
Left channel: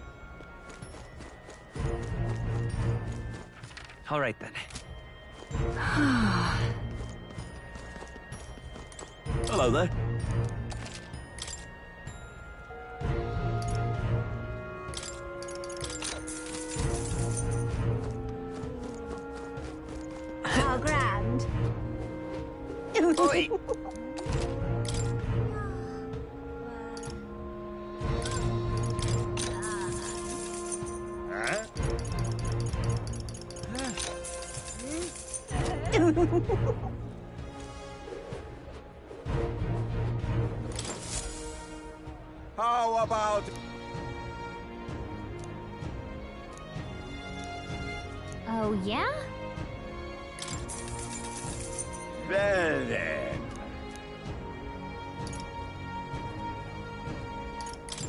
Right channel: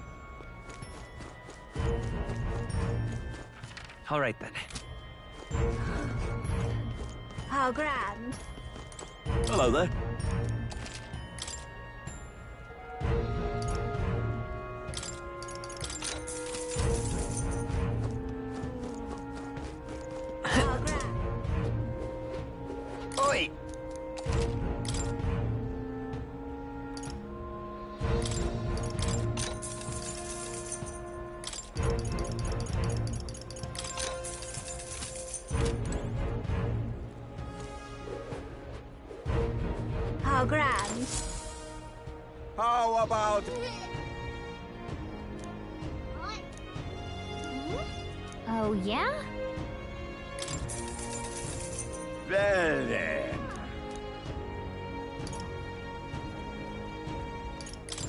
All right, then. How grand. Hello there. How grand. Oi! How grand. How about... Oh, yeah? Well then.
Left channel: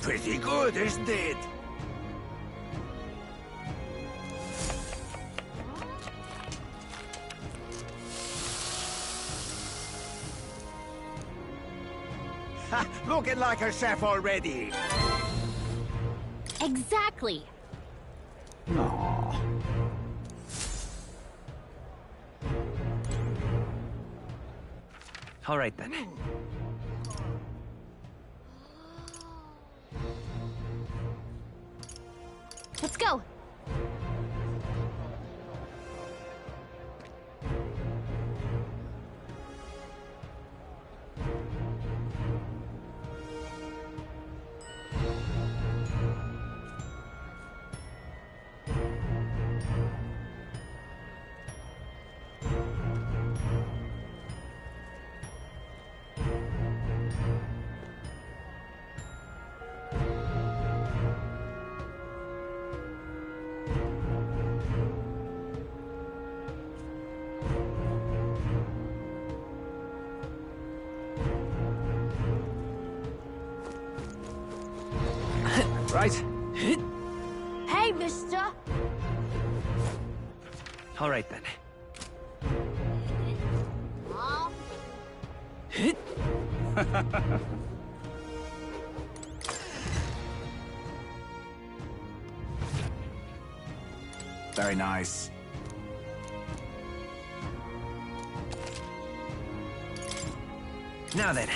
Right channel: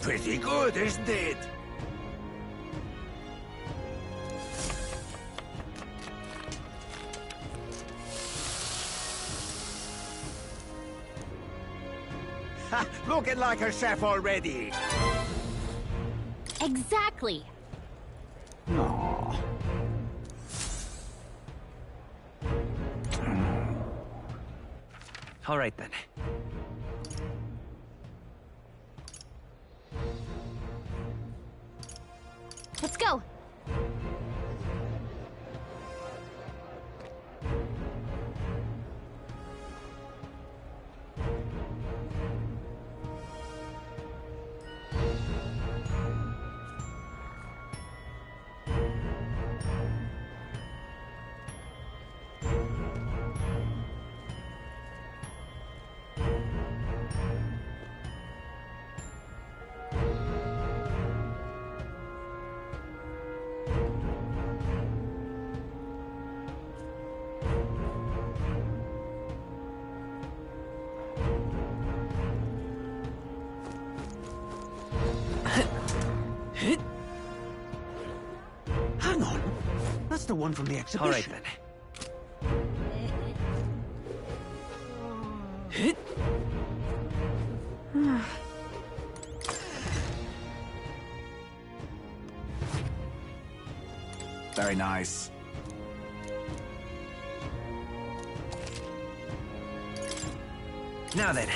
Pretty good, isn't it? Ha! Looking like a chef already. Exactly. Aww. All right, then. Let's go! Right. Hey, mister. Hang on. That's the one from the exhibition. All right, then. Very nice. Now then.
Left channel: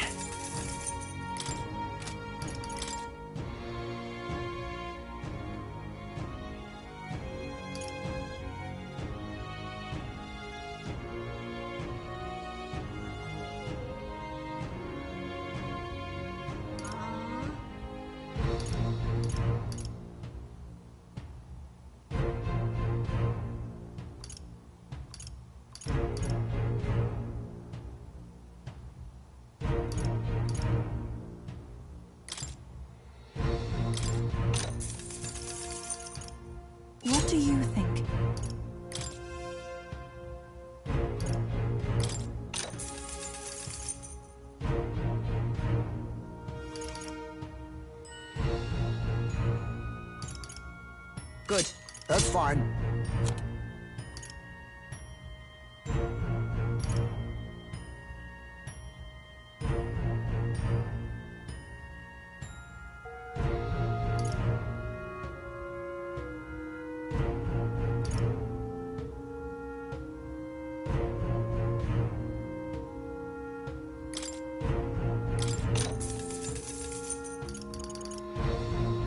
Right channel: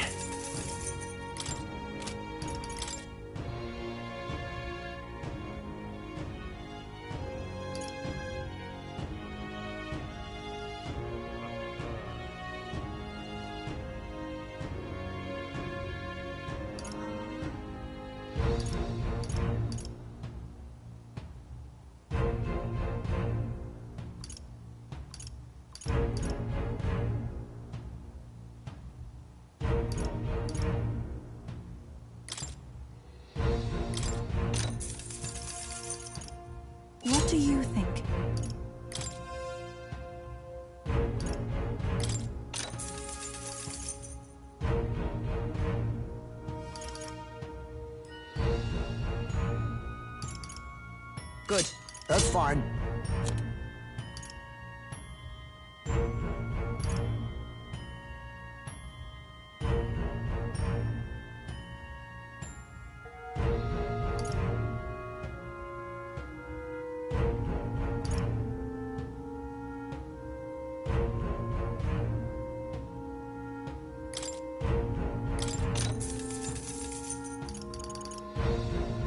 What do you think? Good. That's fine.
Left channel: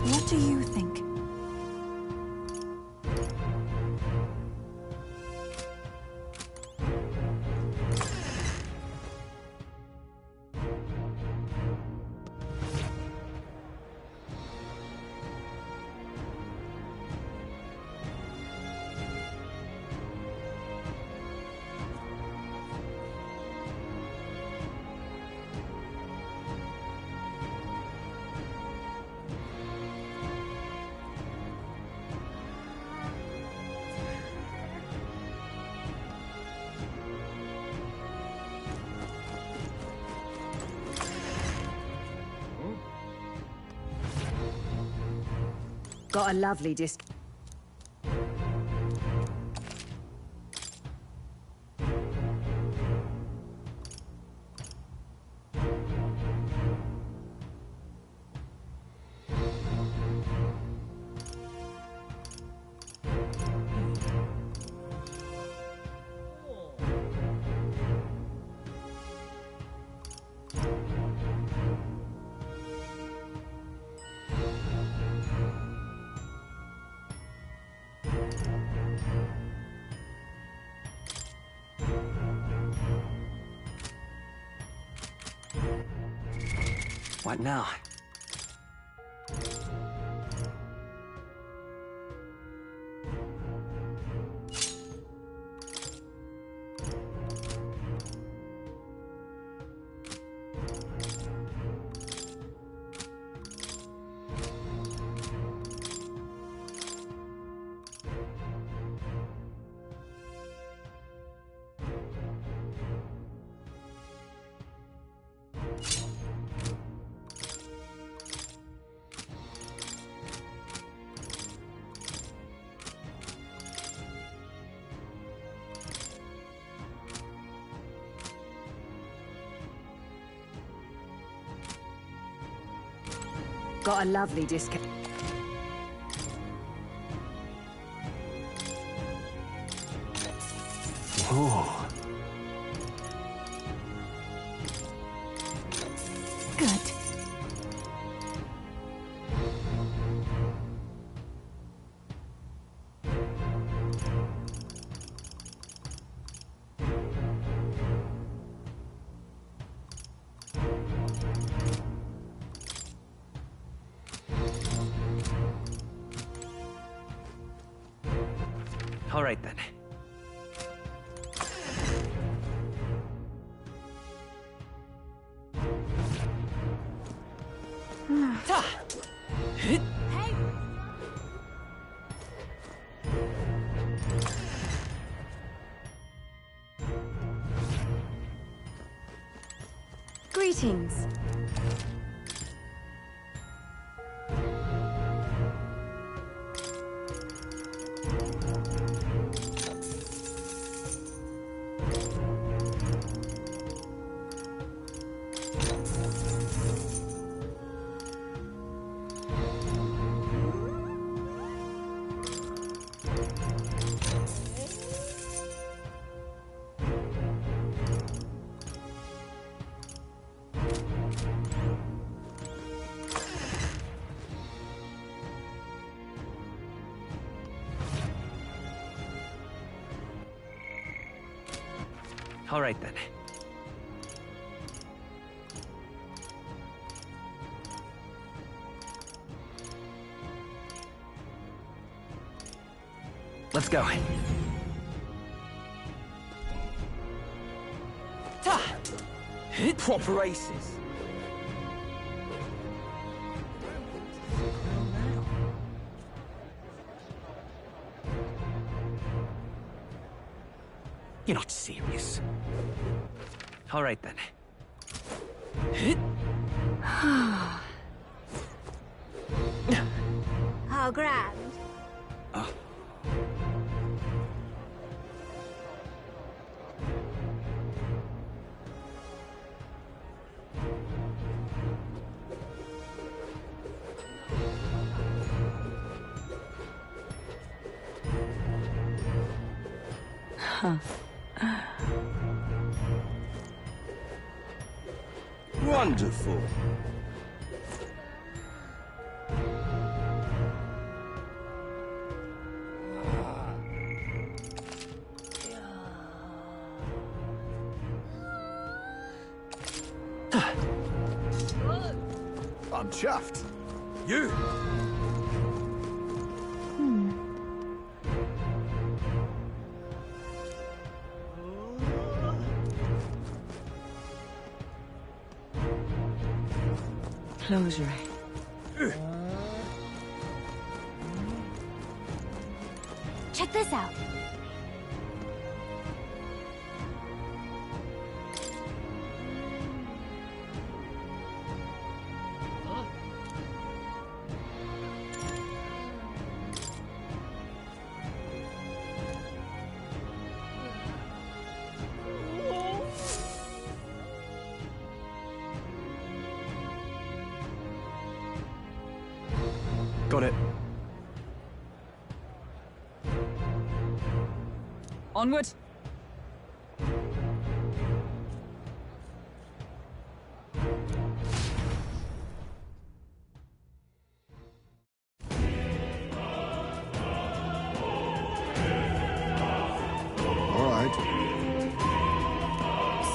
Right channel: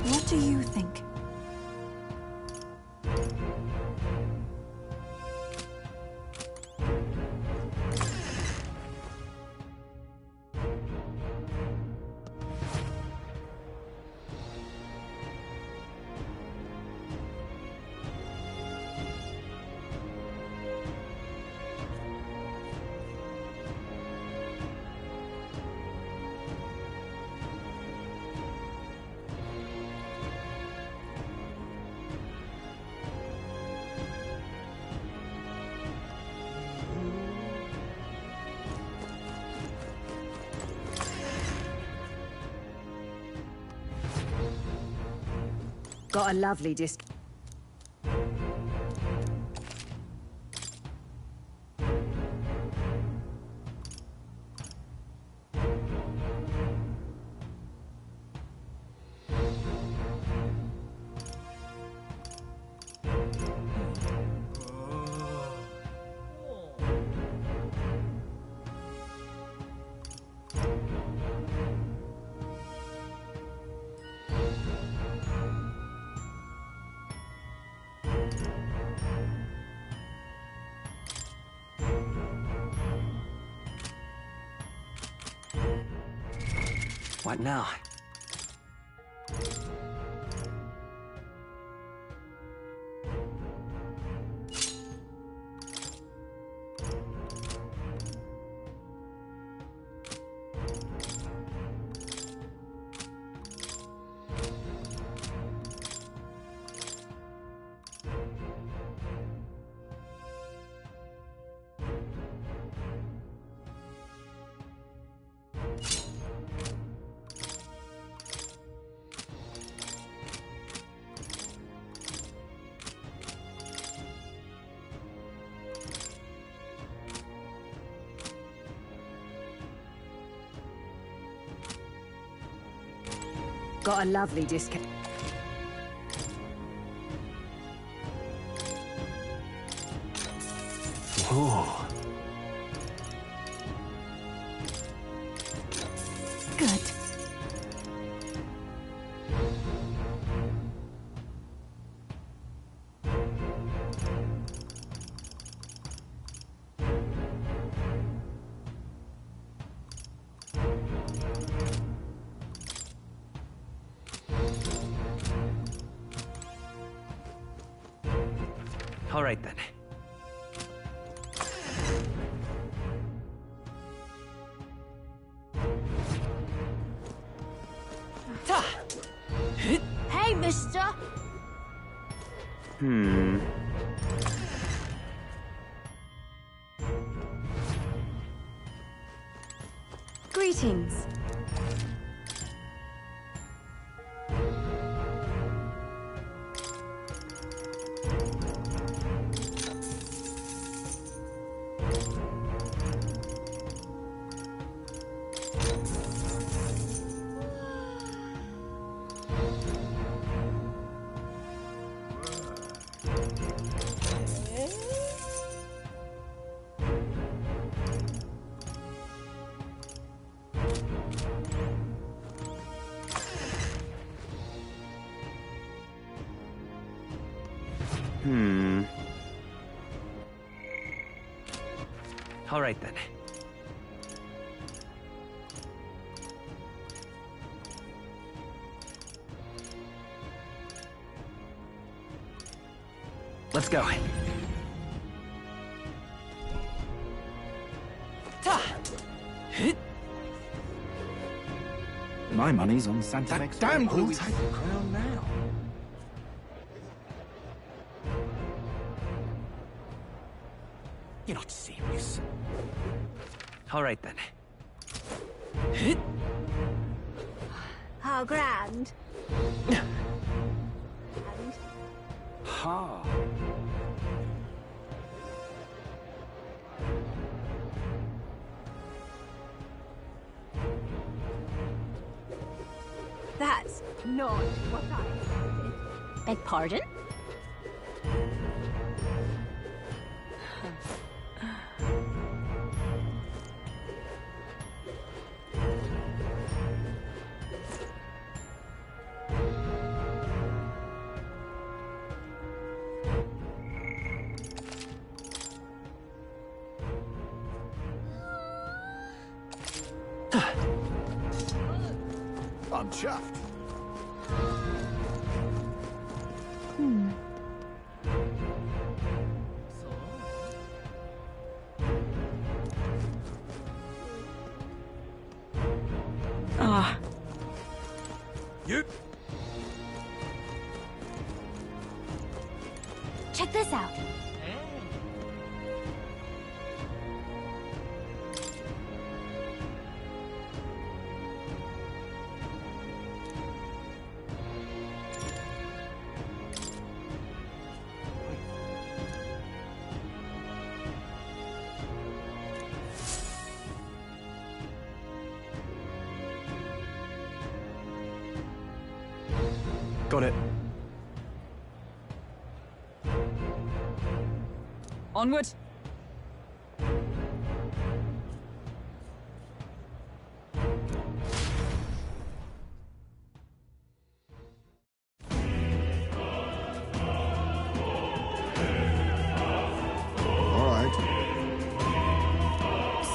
What do you think? Got a lovely disc. What now? Got a lovely discount. Oh. Good. All right, then. Hey, mister! Greetings. All right, then. Let's go. Proper aces. My money's on Santa Fe. Damn, who'll take the crown now? You're not serious. All right, then. How grand. How grand. Aha. That's not what I expected. Beg pardon? Wonderful. I'm chuffed. You. Closery. You. Check this out. Got it. Onward. All right.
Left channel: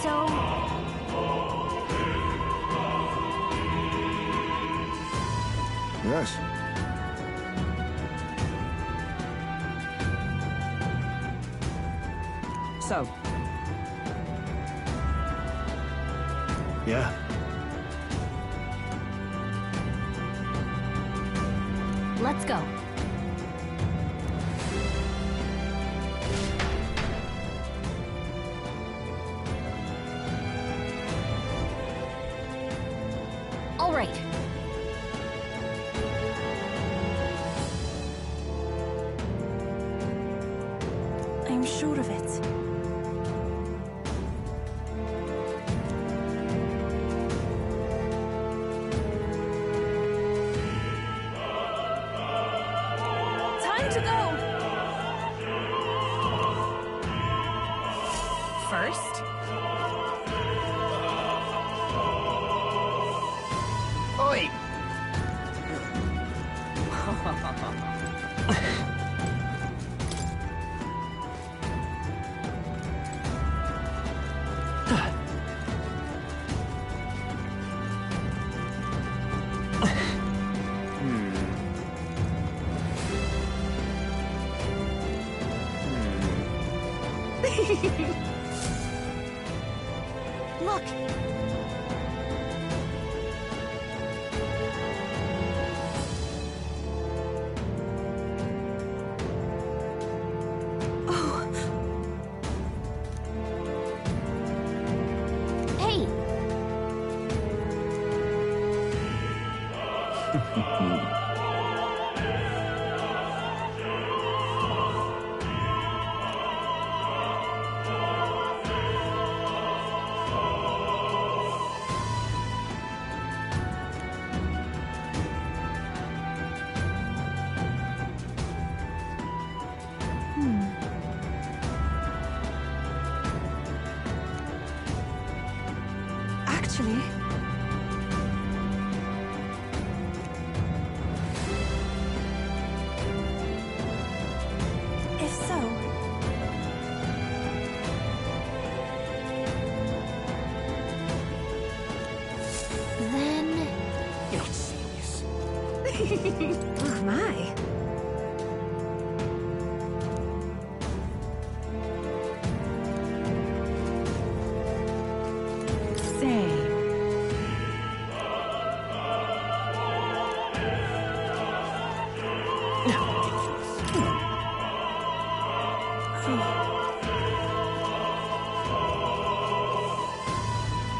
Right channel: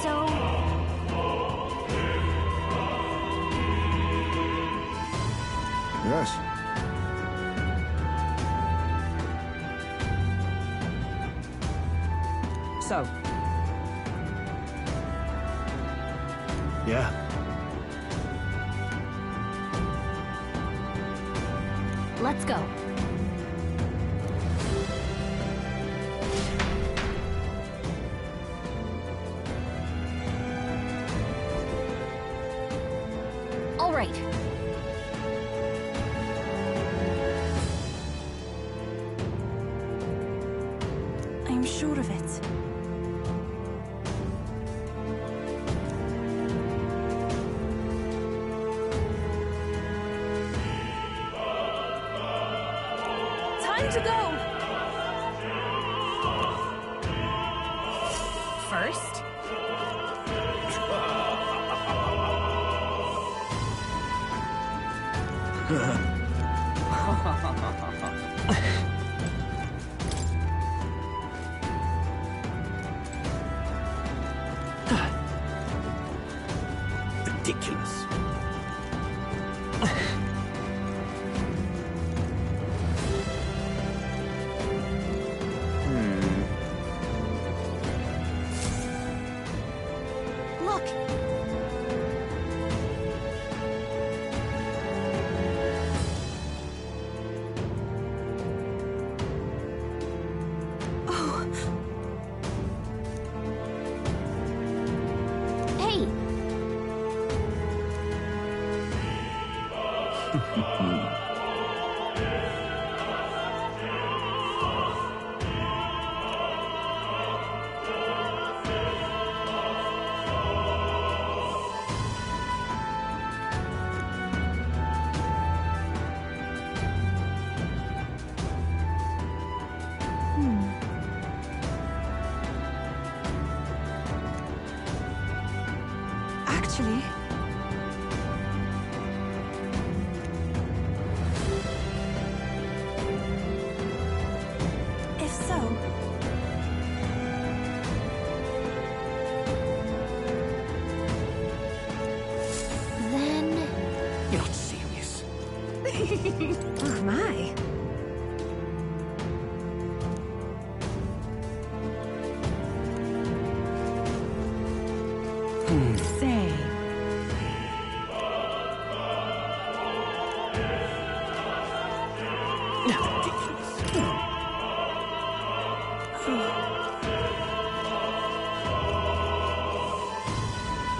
So... Yes. So, Yeah. let's go. All right. I'm sure of it. Time to go! First, Oi! Ridiculous. Look! Oh, Hey! actually... If so... Then... You're not serious. Oh my. Say...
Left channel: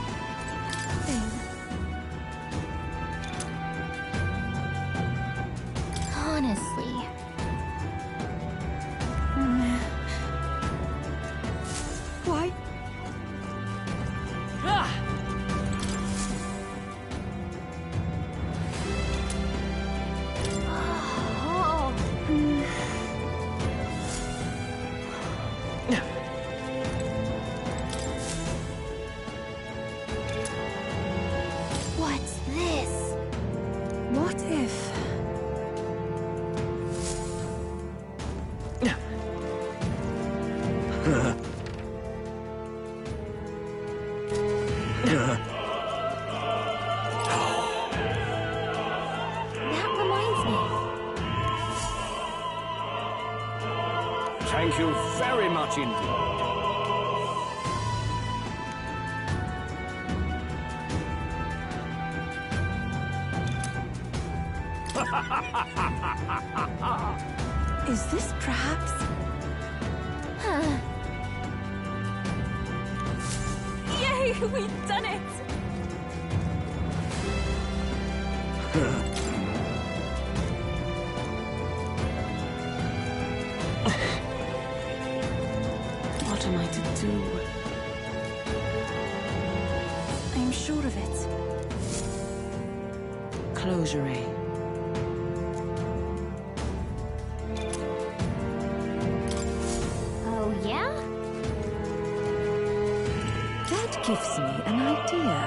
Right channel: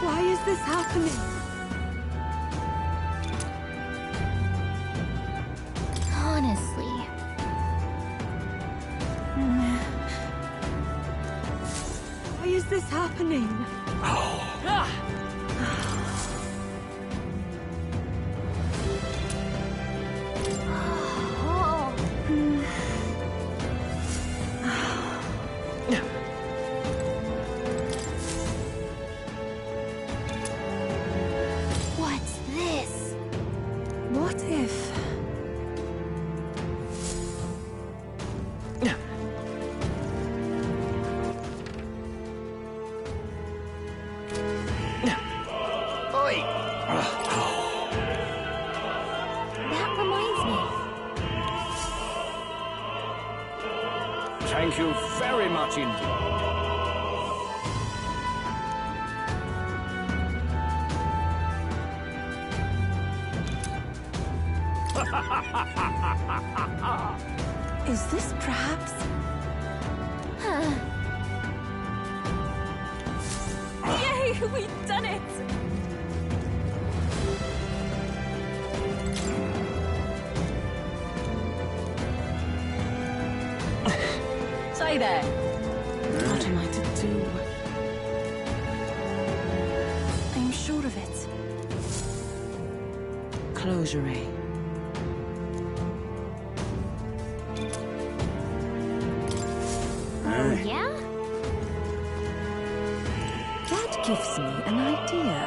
Why is this happening? honestly... Why is this happening? Oh. What's this? What if... That reminds me. Thank you very much indeed. Is this perhaps... Huh. yay, we've done it! Say there. What am I to do? I'm sure of it. Closure. gives me an idea.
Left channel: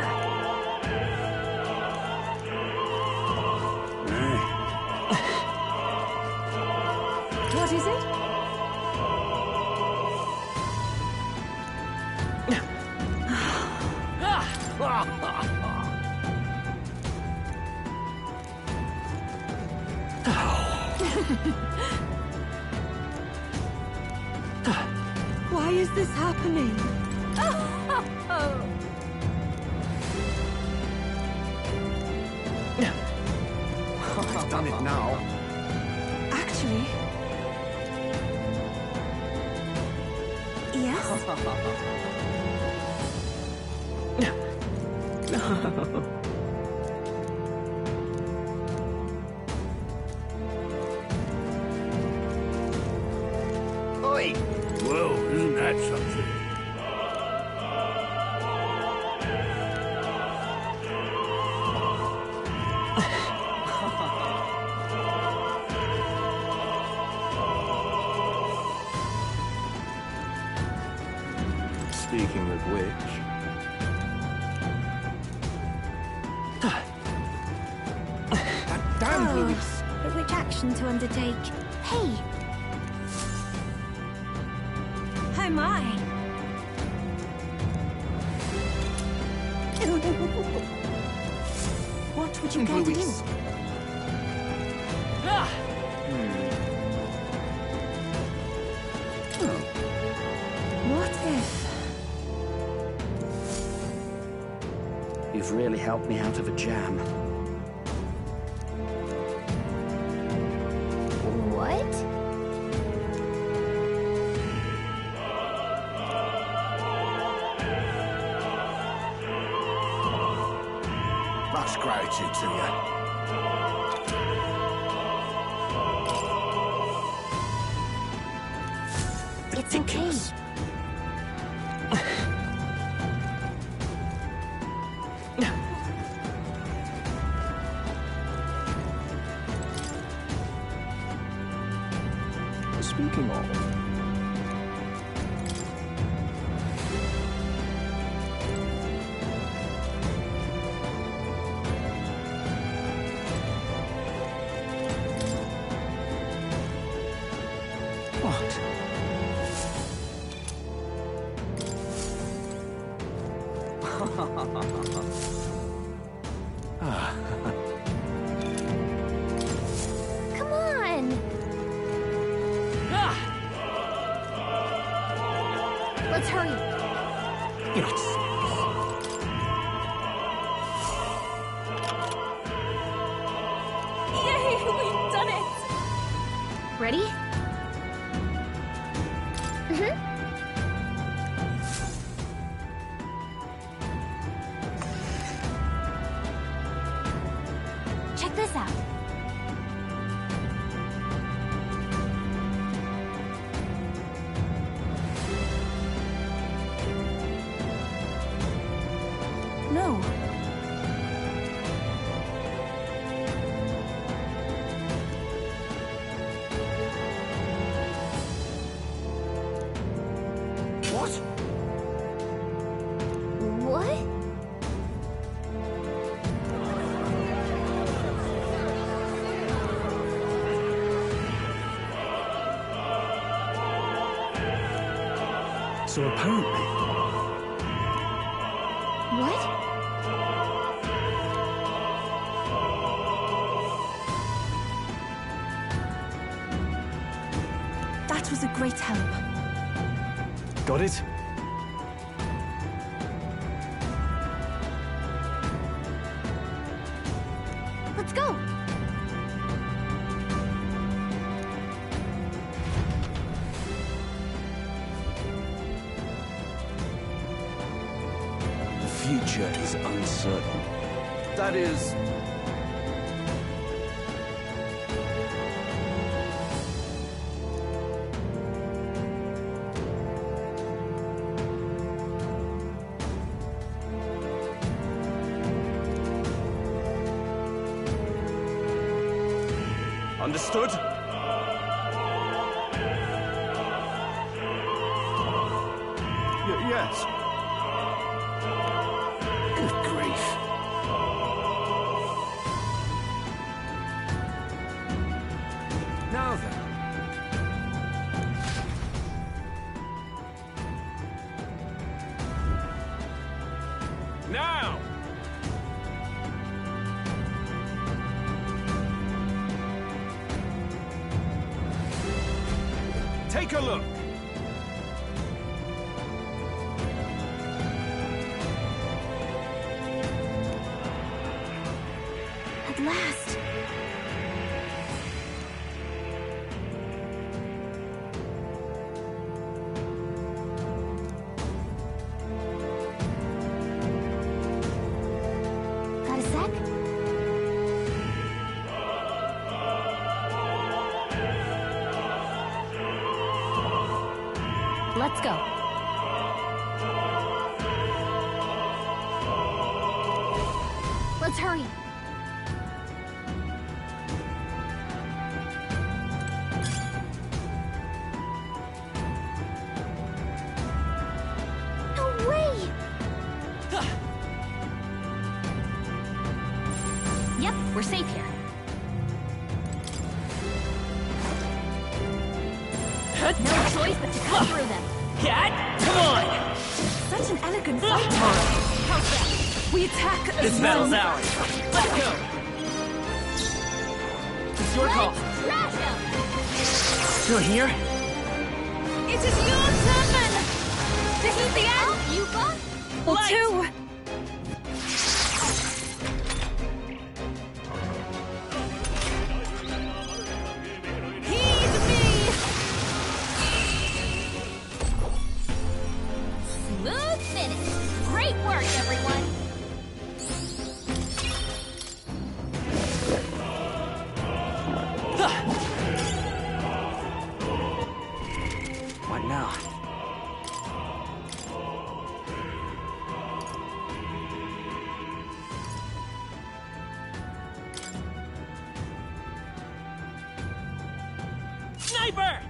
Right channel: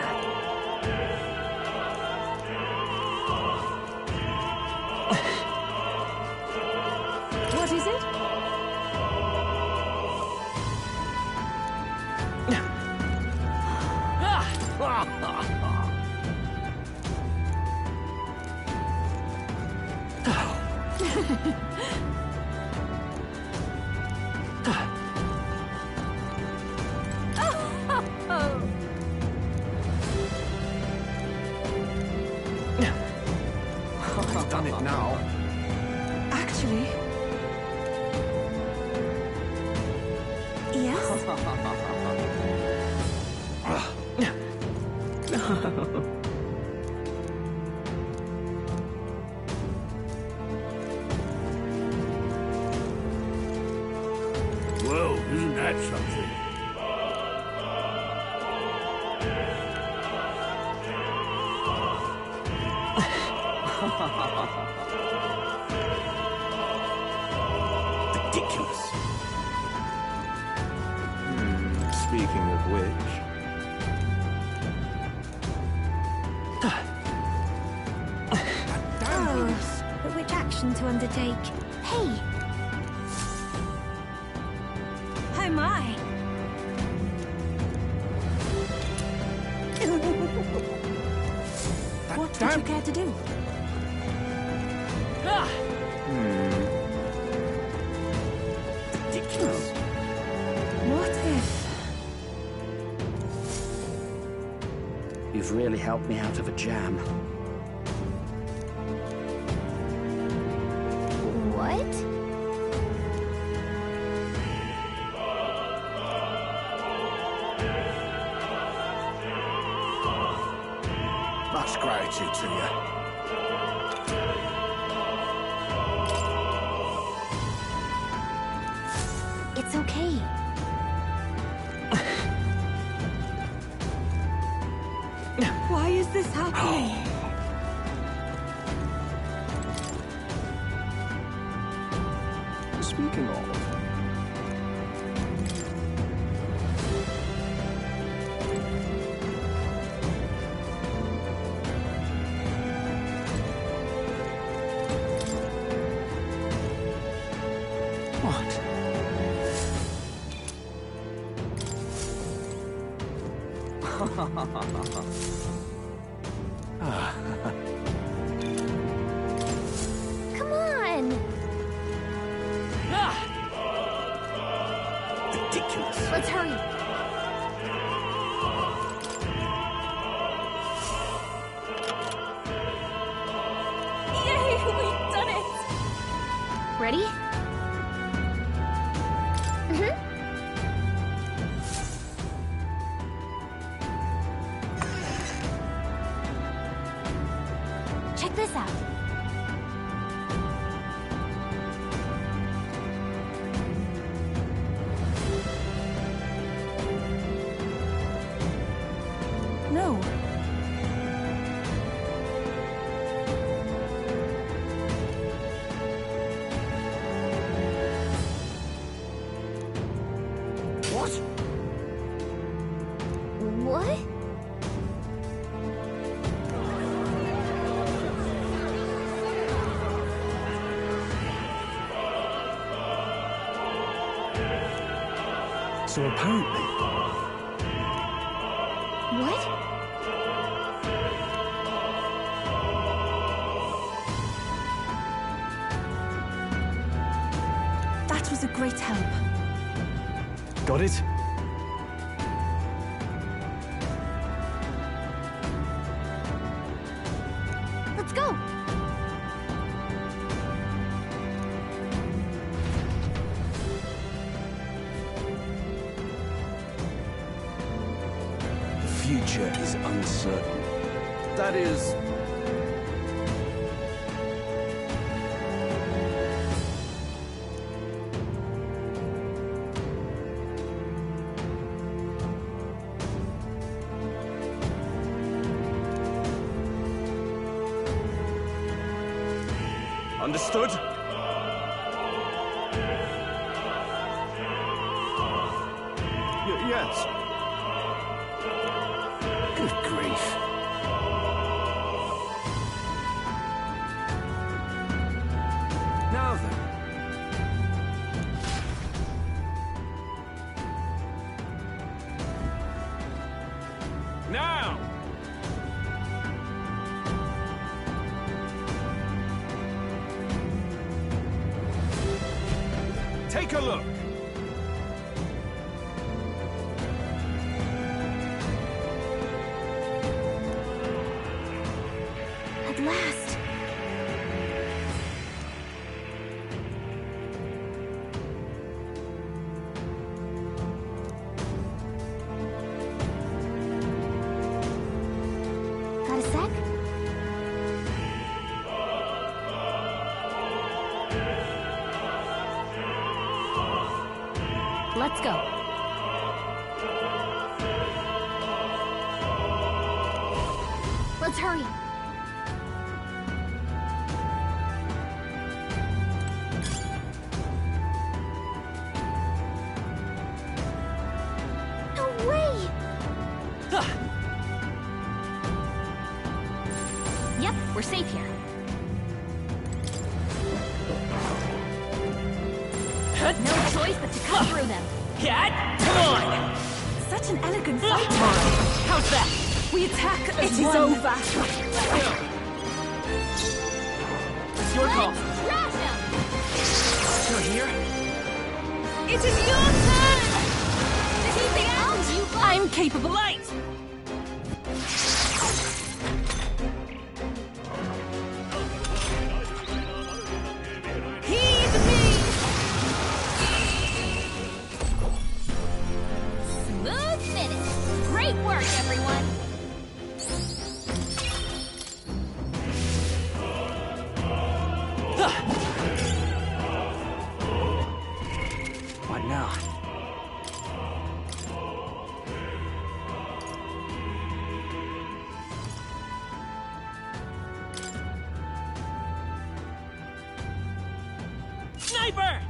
What is it? Why is this happening? I've done it now. Actually... Yes? Whoa, isn't that something? Ridiculous. Speaking of which... But which action to undertake? Hey! Oh my! What would you care to do? What if... You've really helped me out of a jam. What? Much gratitude to you. It's okay. Why is this happening? Speaking of... What? Come on! Let's hurry. Yay, we've done it! Ready? Check this out. No. What? What? So apparently... What? That was a great help. Got it? Let's go! The future is uncertain. That is... Understood? yes. Take a look. At last. Got a sec? Let's go. Let's hurry. No way! Yep, we're safe here. No choice but to cut through them. Come on! Such an elegant fight. How's that? We attack as It's well. over. Let's go. It's your call. Trash him! You're here? It is your turn! Defeat the end! I'm capable too! Heed me! Smooth finish! Great work, everyone! What now? Sniper!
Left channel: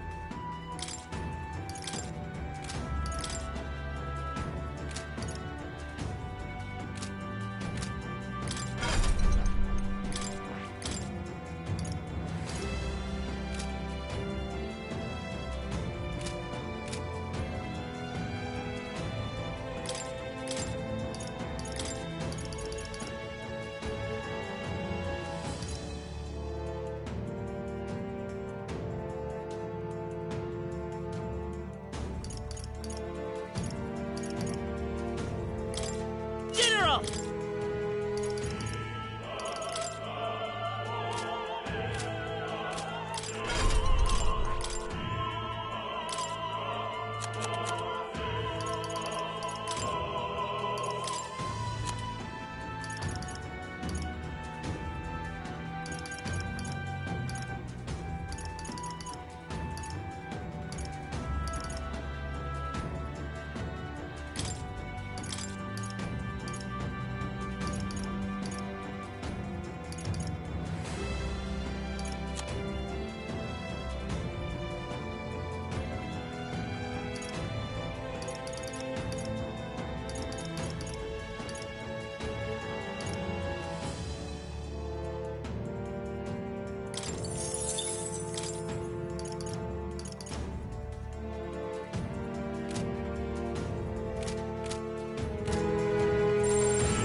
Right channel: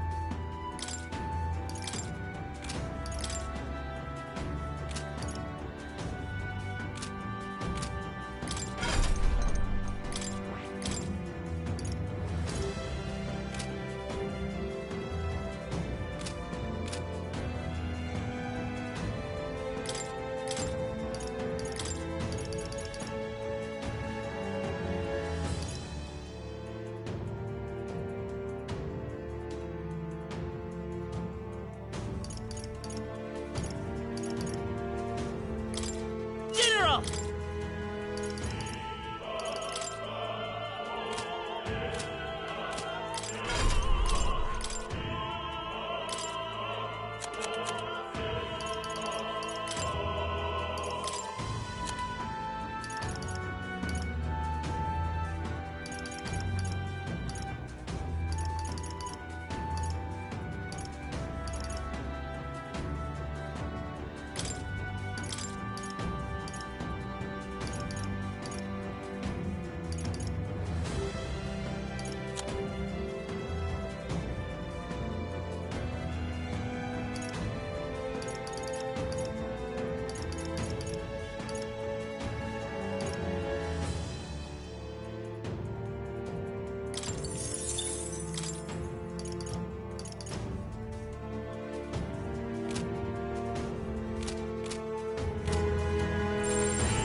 General!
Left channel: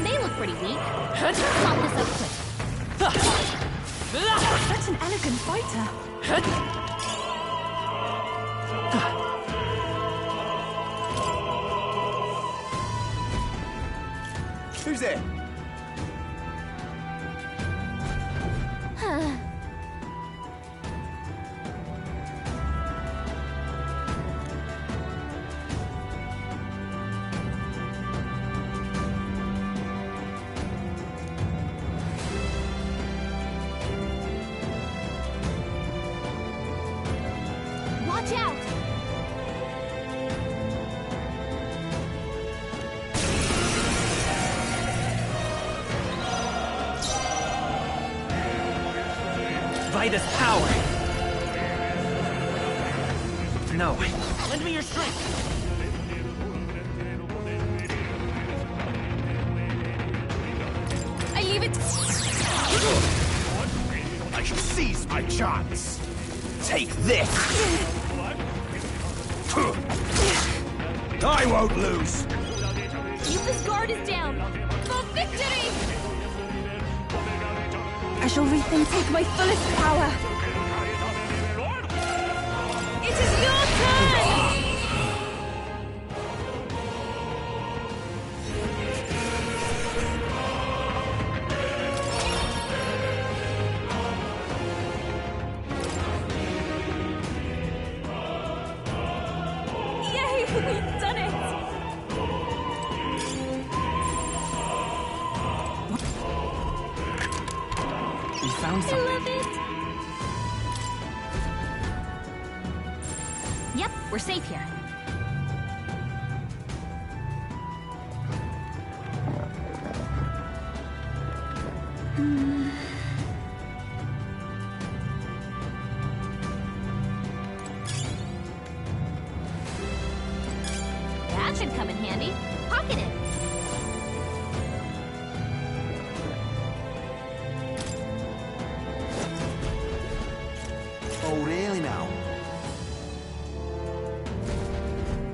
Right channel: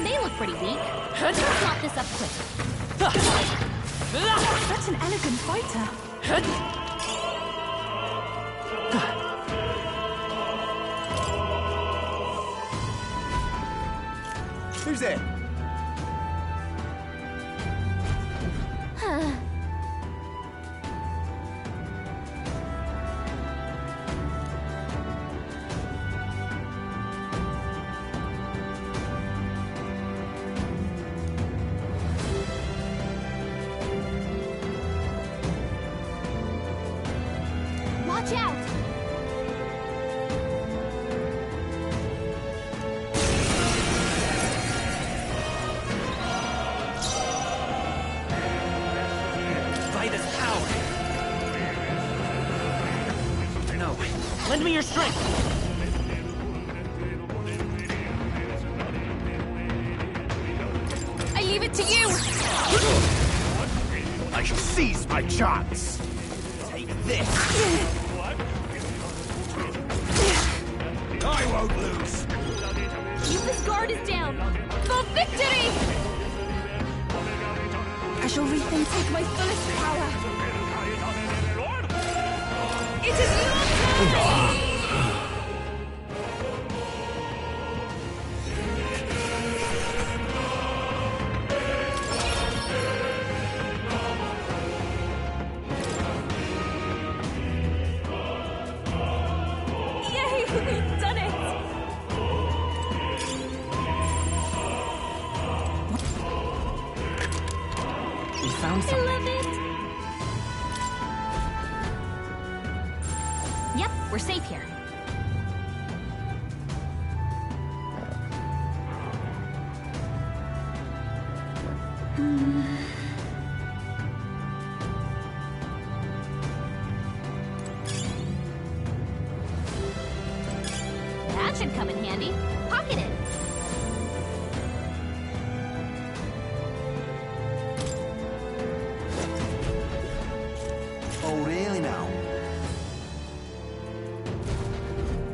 They look pretty weak. Let's mop this up quick. Such an elegant fighter. Who's there? Watch out! Vida's power. No. Lend me your strength. I leave it to you! I shall seize my chance. Take this. I won't lose. Yuppa's guard is down! For victory! I shall retake my fullest power. It is your Yay! We've done it! We found I something. love it! Yep, we're safe here. That should come in handy. Pocket it. Oh, really now?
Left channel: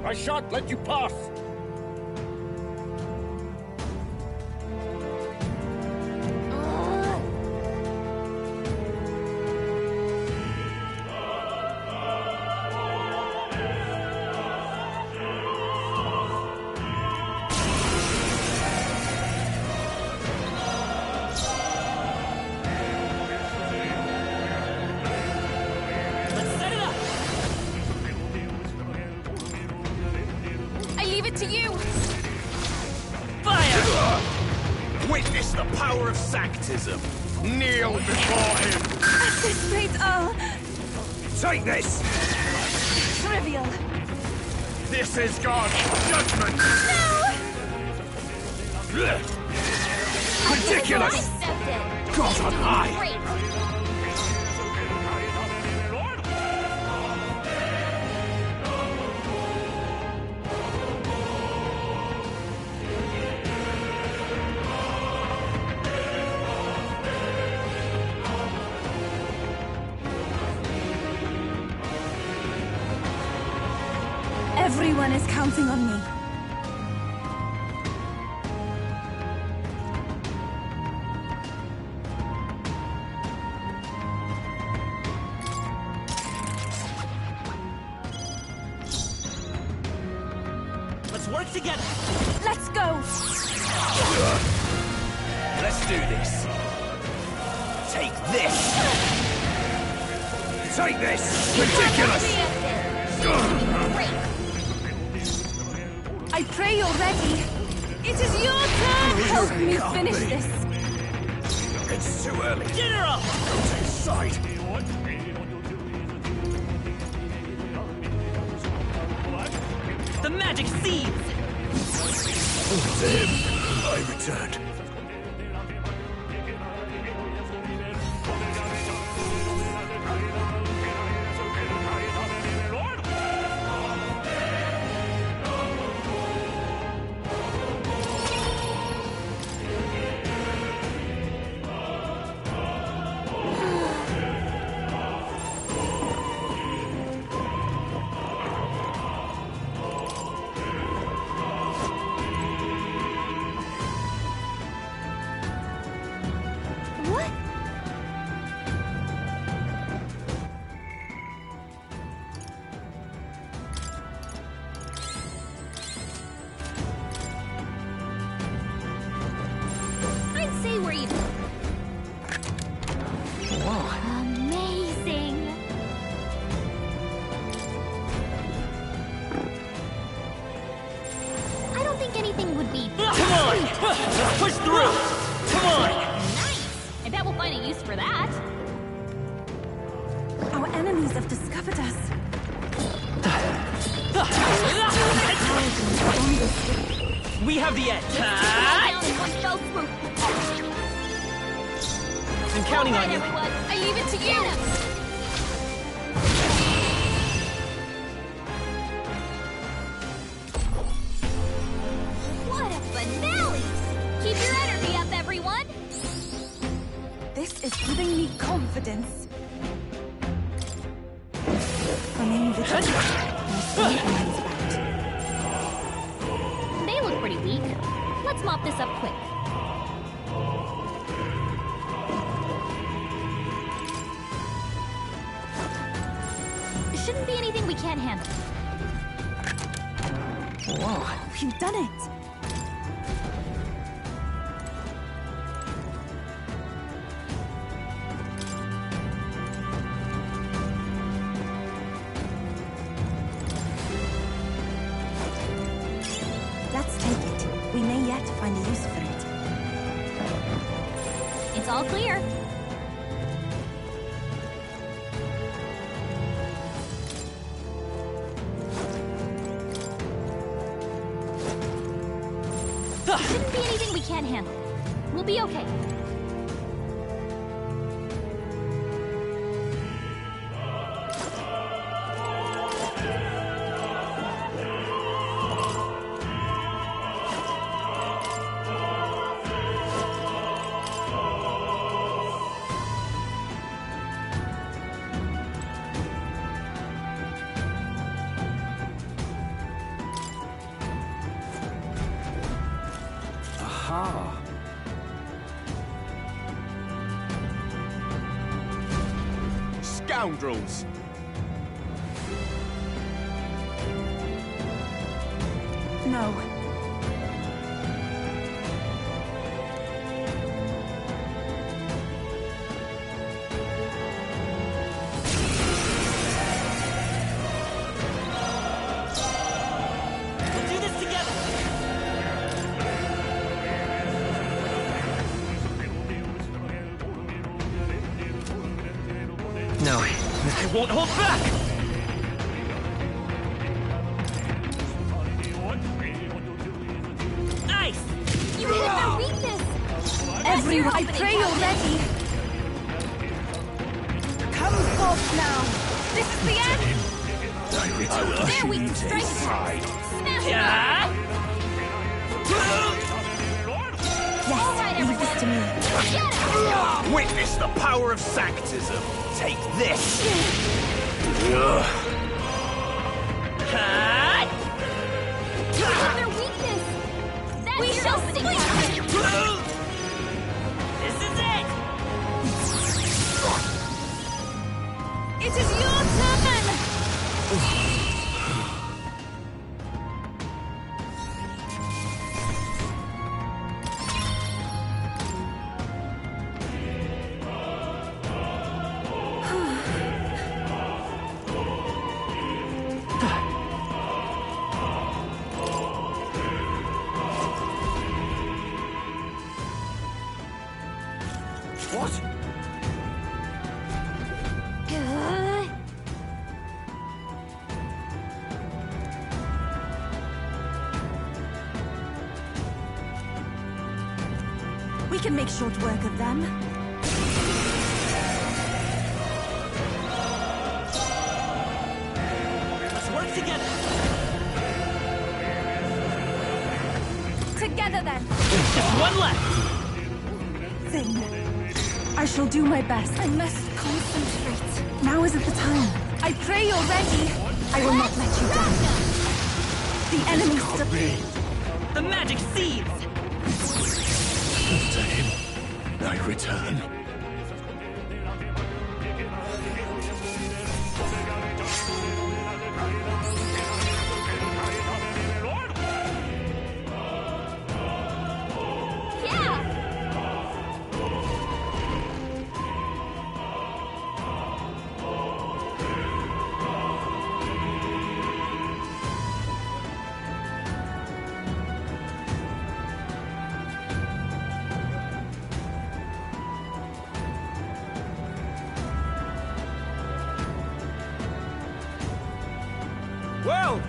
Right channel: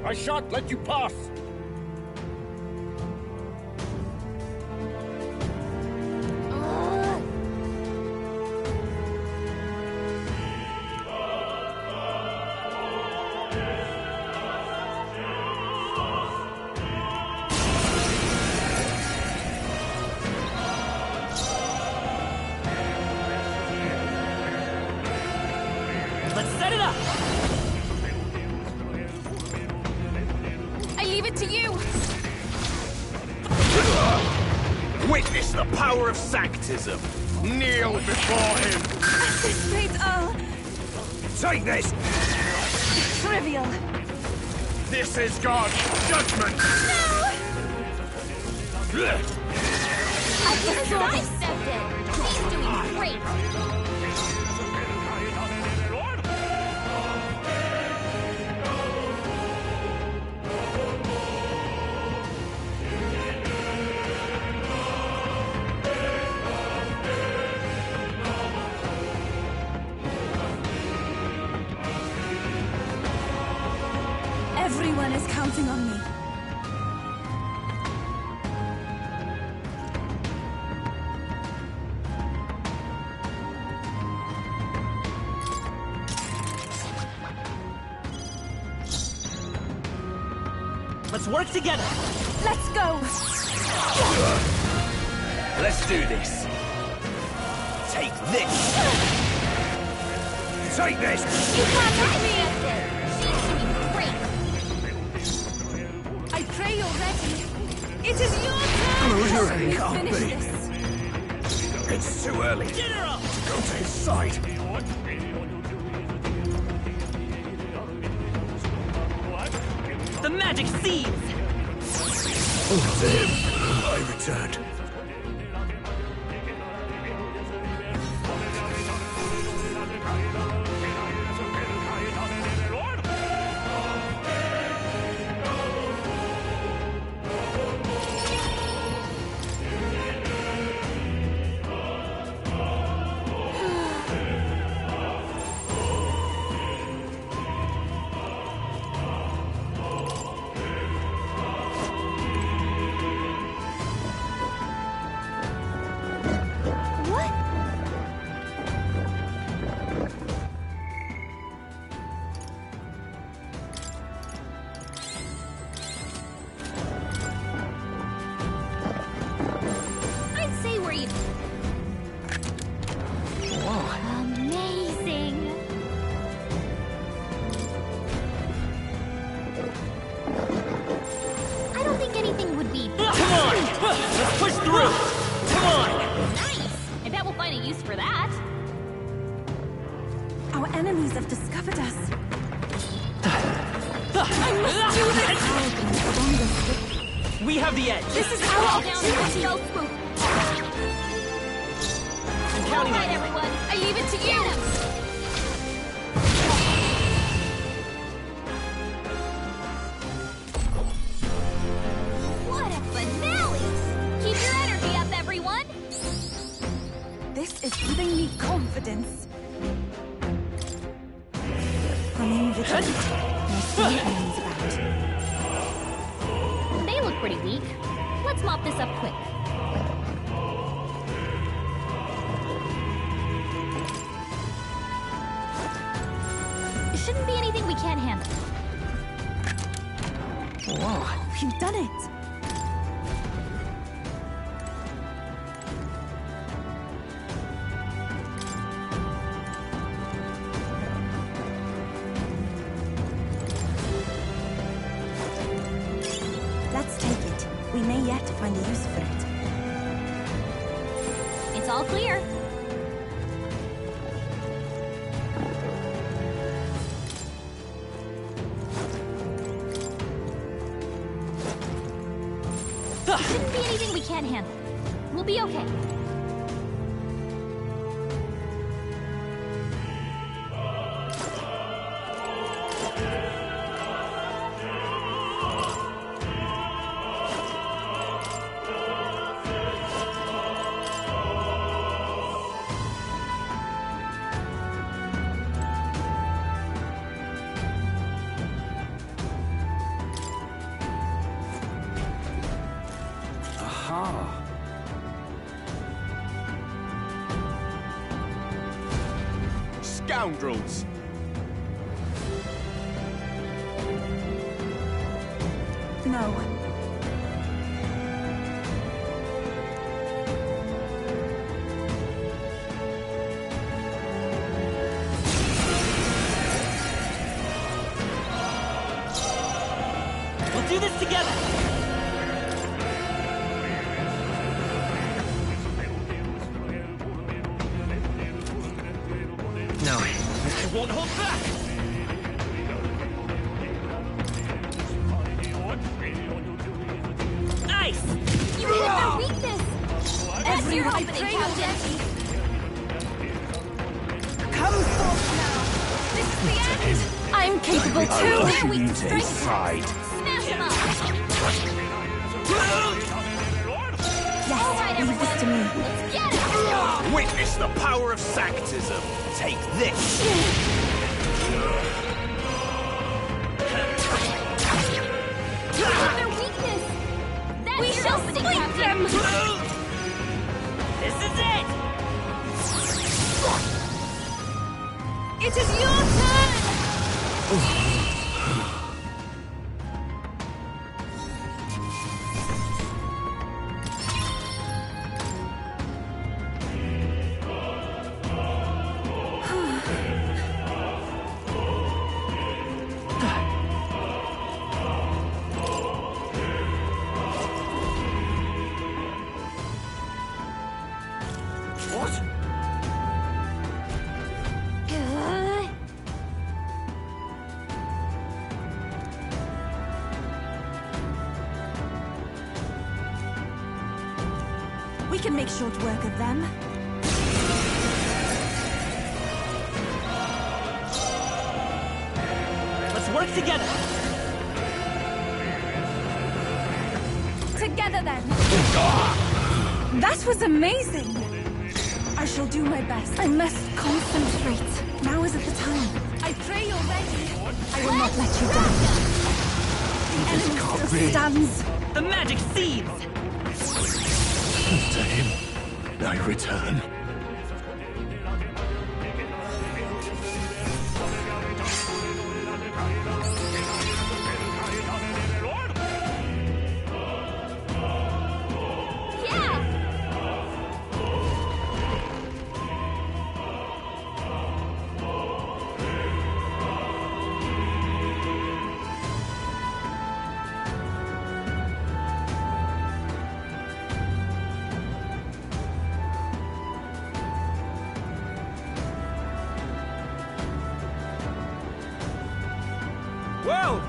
I shan't let you pass! Let's set it up! I leave it to you! Witness the power of sanctism. Kneel before him. At this rate, I'll... Take this. Trivial. This is God's judgment. Ridiculous. Accept it! God He's on doing high. great! Everyone is counting on me. Let's work together. Let's go! Let's do this. Take this. Take this. Ridiculous. I pray you're ready. It is your turn! Help me finish this. It's too early. General! Go to his side. The magic seeds! To him, I returned. What? I'd say we're even. Whoa. Amazing! I don't think anything would be. Come on! Let's push through! Come on! Nice! I bet we'll find a use for that. Our enemies have discovered us. We have the edge. This is all down in one fell swoop. I'm counting All on right, you. everyone. I leave it to you. What a finale! Keep your energy up, everyone. This is giving me confidence. Remain vigilant. My spirit remains about. They look pretty weak. Let's mop this up quick. Shouldn't be anything we can't handle. Whoa, we've done it! Let's take it. We may yet find a use for it. It's all clear. Shouldn't be anything we can't handle. We'll be okay. Aha! Scoundrels! No. We'll do this together! No, I won't hold back! Nice! You hit their weakness! Everyone, I pray you're ready. Come forth now. This is the end. I'm capable I will Their usher you weakness to strike his attack. side. Smash them up! Yes, All right, leave this to me. Get it! Witness the power of Sanctism! Take this! You hit their weakness! That's We your shall opening, split Captain! This is it! It is your turn! What? We can make short work of them. Let's work together! Together then. One left! That was amazing. I shall do my best. I must concentrate. Now isn't the time. I pray you're ready. I will not let you down. The enemy still stands. The magic seeds! To him, I return. Yeah! Well,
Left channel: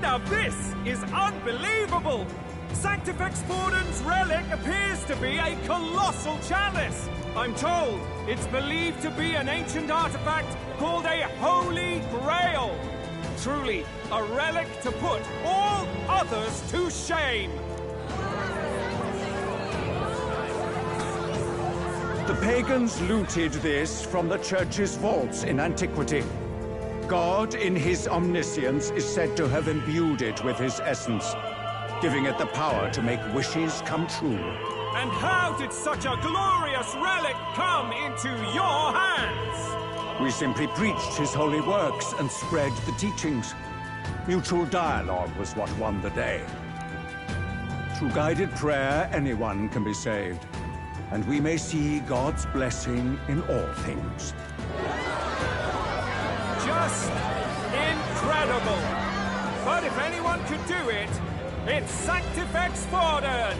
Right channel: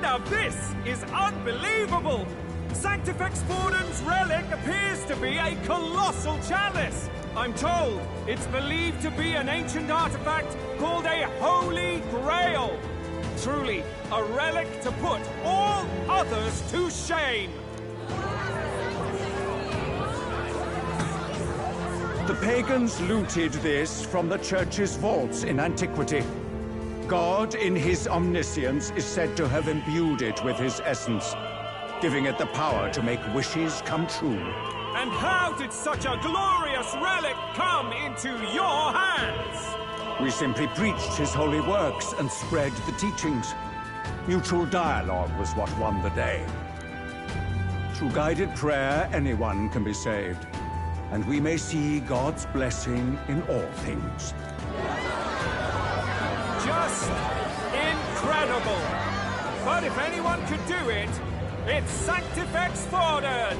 now this is unbelievable! Sanctifex Forden's relic appears to be a colossal chalice! I'm told it's believed to be an ancient artifact called a Holy Grail! Truly, a relic to put all others to shame! The pagans looted this from the church's vaults in antiquity. God, in his omniscience, is said to have imbued it with his essence, giving it the power to make wishes come true. And how did such a glorious relic come into your hands? We simply preached his holy works and spread the teachings. Mutual dialogue was what won the day. Through guided prayer, anyone can be saved. And we may see God's blessing in all things. Just incredible! But if anyone could do it, it's Sanctifex Forden!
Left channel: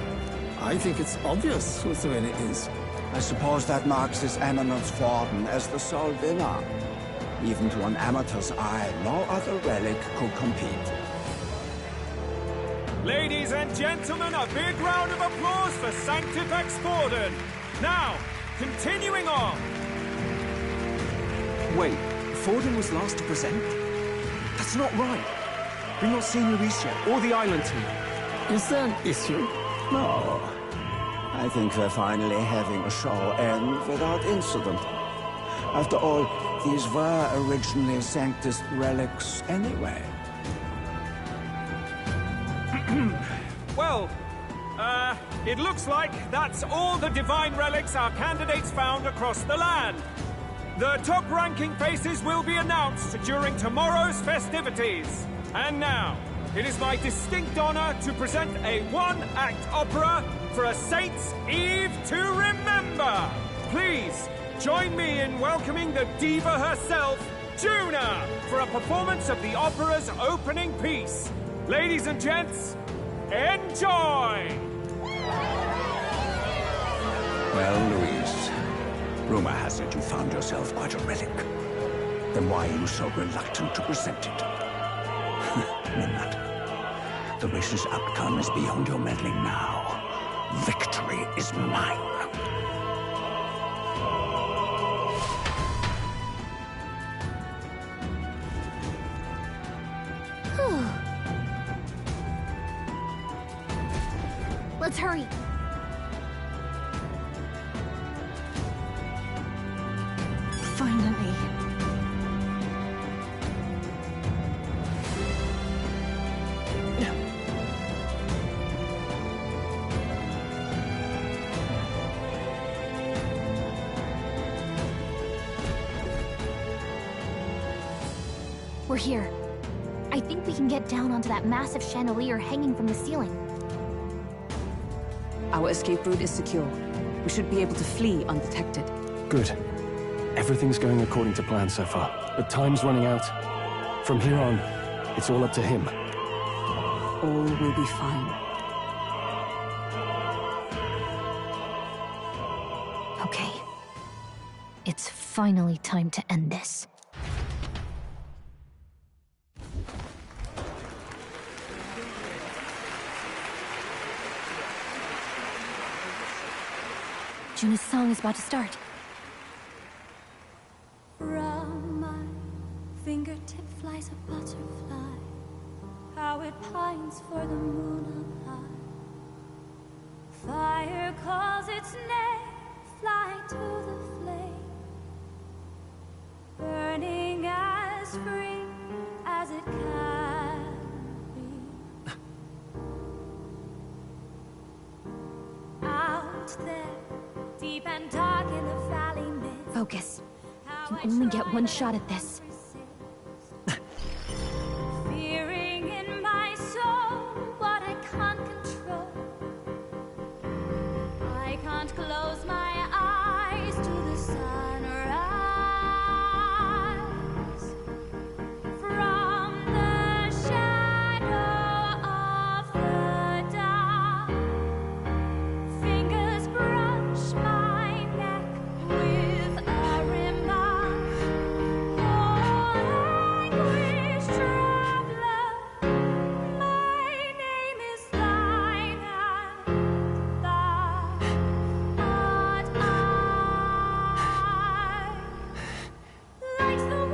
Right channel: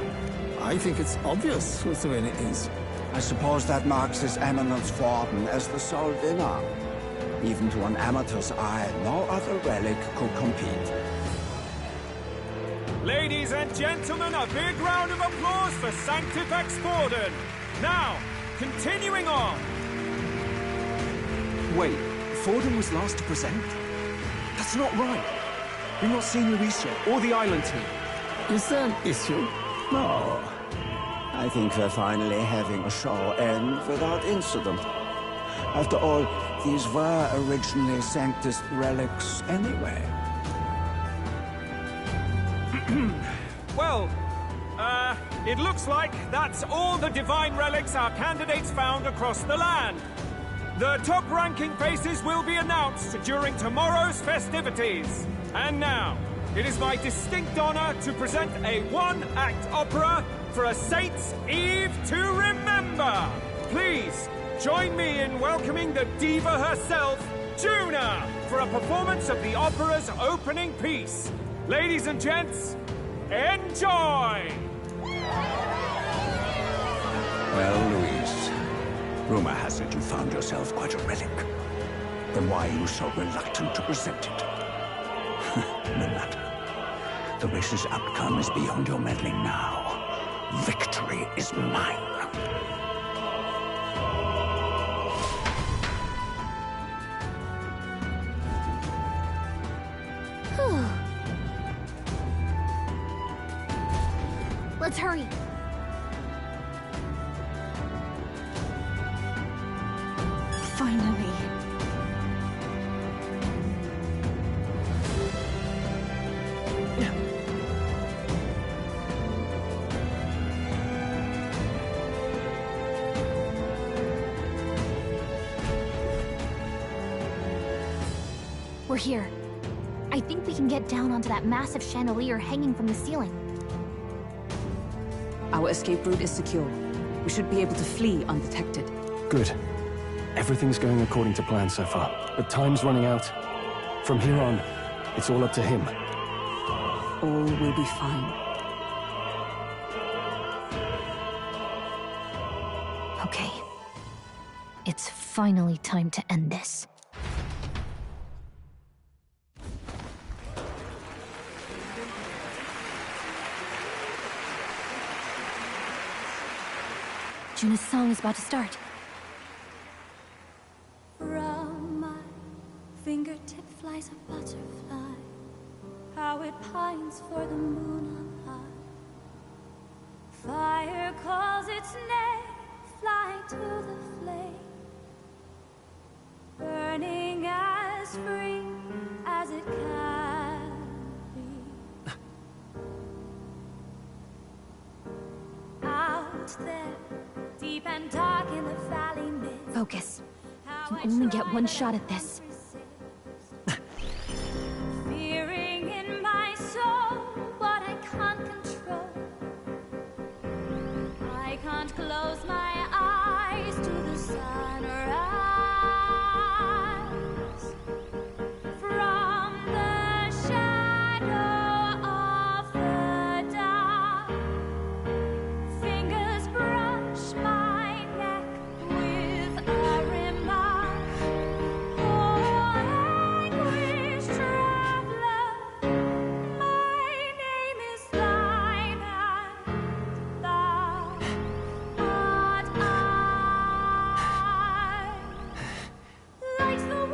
I think it's obvious whose win it is. I suppose that marks His Eminence Forden as the sole winner. Even to an amateur's eye, no other relic could compete. Ladies and gentlemen, a big round of applause for Sanctifex Forden! Now, continuing on! Wait, Forden was last to present? That's not right. We've not seen Luis yet, or the island team. Is there an issue? No. I think we're finally having a show end without incident. After all, these were originally Sanctus relics anyway. Well, it looks like that's all the divine relics our candidates found across the land. The top-ranking faces will be announced during tomorrow's festivities. And now, it is my distinct honor to present a one-act opera for a Saint's Eve to remember. Please, join me in welcoming the diva herself, Juna, for a performance of the opera's opening piece. Ladies and gents, enjoy! Well, Luis, rumor has it you found yourself quite a relic. Then why are you so reluctant to present it? No matter. The race's outcome is beyond your meddling now. Victory is mine. Let's hurry. Finally. We're here. I think we can get down onto that massive chandelier hanging from the ceiling. Our escape route is secure. We should be able to flee undetected. Good. Everything's going according to plan so far, but time's running out. From here on, it's all up to him. All will be fine. Okay. It's finally time to end this. Juna's song is about to start. From my fingertip flies a butterfly, how it pines for the moon up high. Fire calls its name, fly to the flame, burning as free as it can be. Out there, deep and dark in the valley mist. Focus. You can only get one shot at this. Fearing in my soul what I can't control. I can't close my eyes to the sunrise. From the shadow of the dark, fingers brush my neck with a remark. Oh, anguish traveler, my name is thine, and thou art I. Like the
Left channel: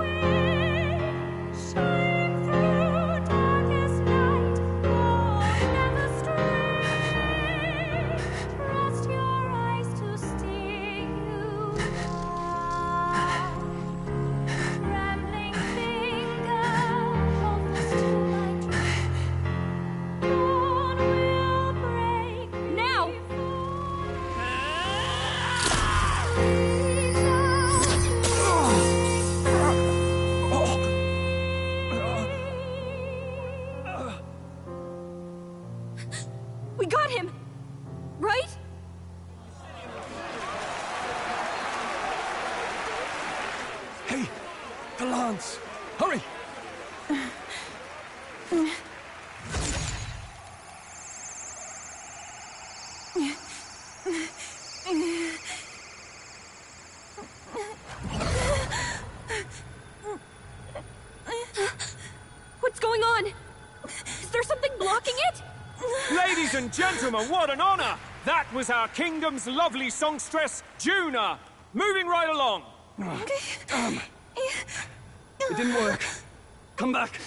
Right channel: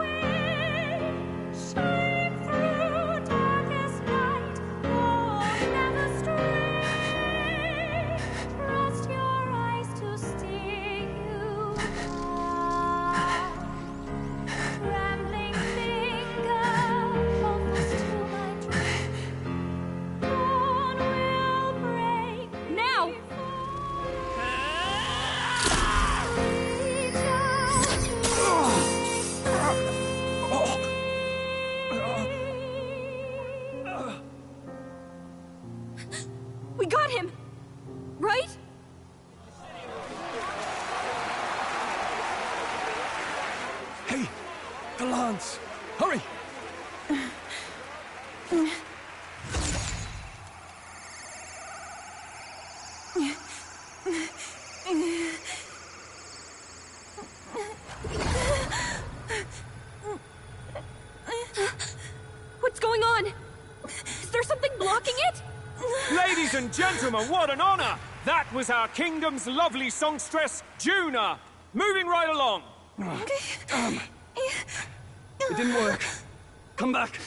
the lance! Hurry! What's going on? Is there something blocking it? Ladies and gentlemen, what an honor! That was our kingdom's lovely songstress, Juna. Moving right along. It didn't work. Come back.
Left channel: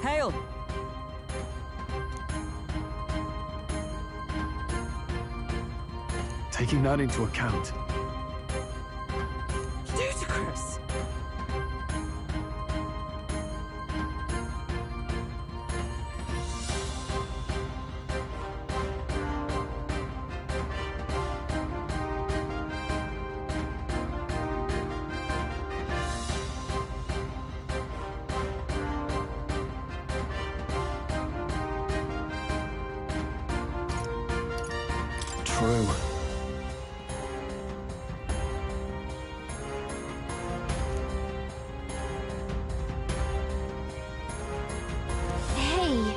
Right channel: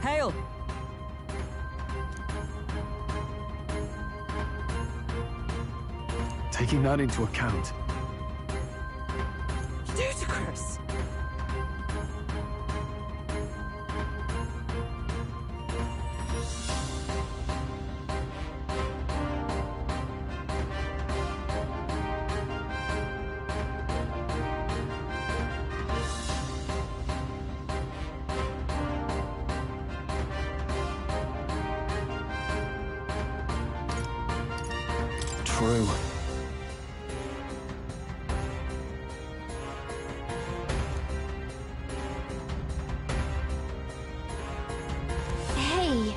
Hail! Taking that into account, Ludicrous! true. Hey.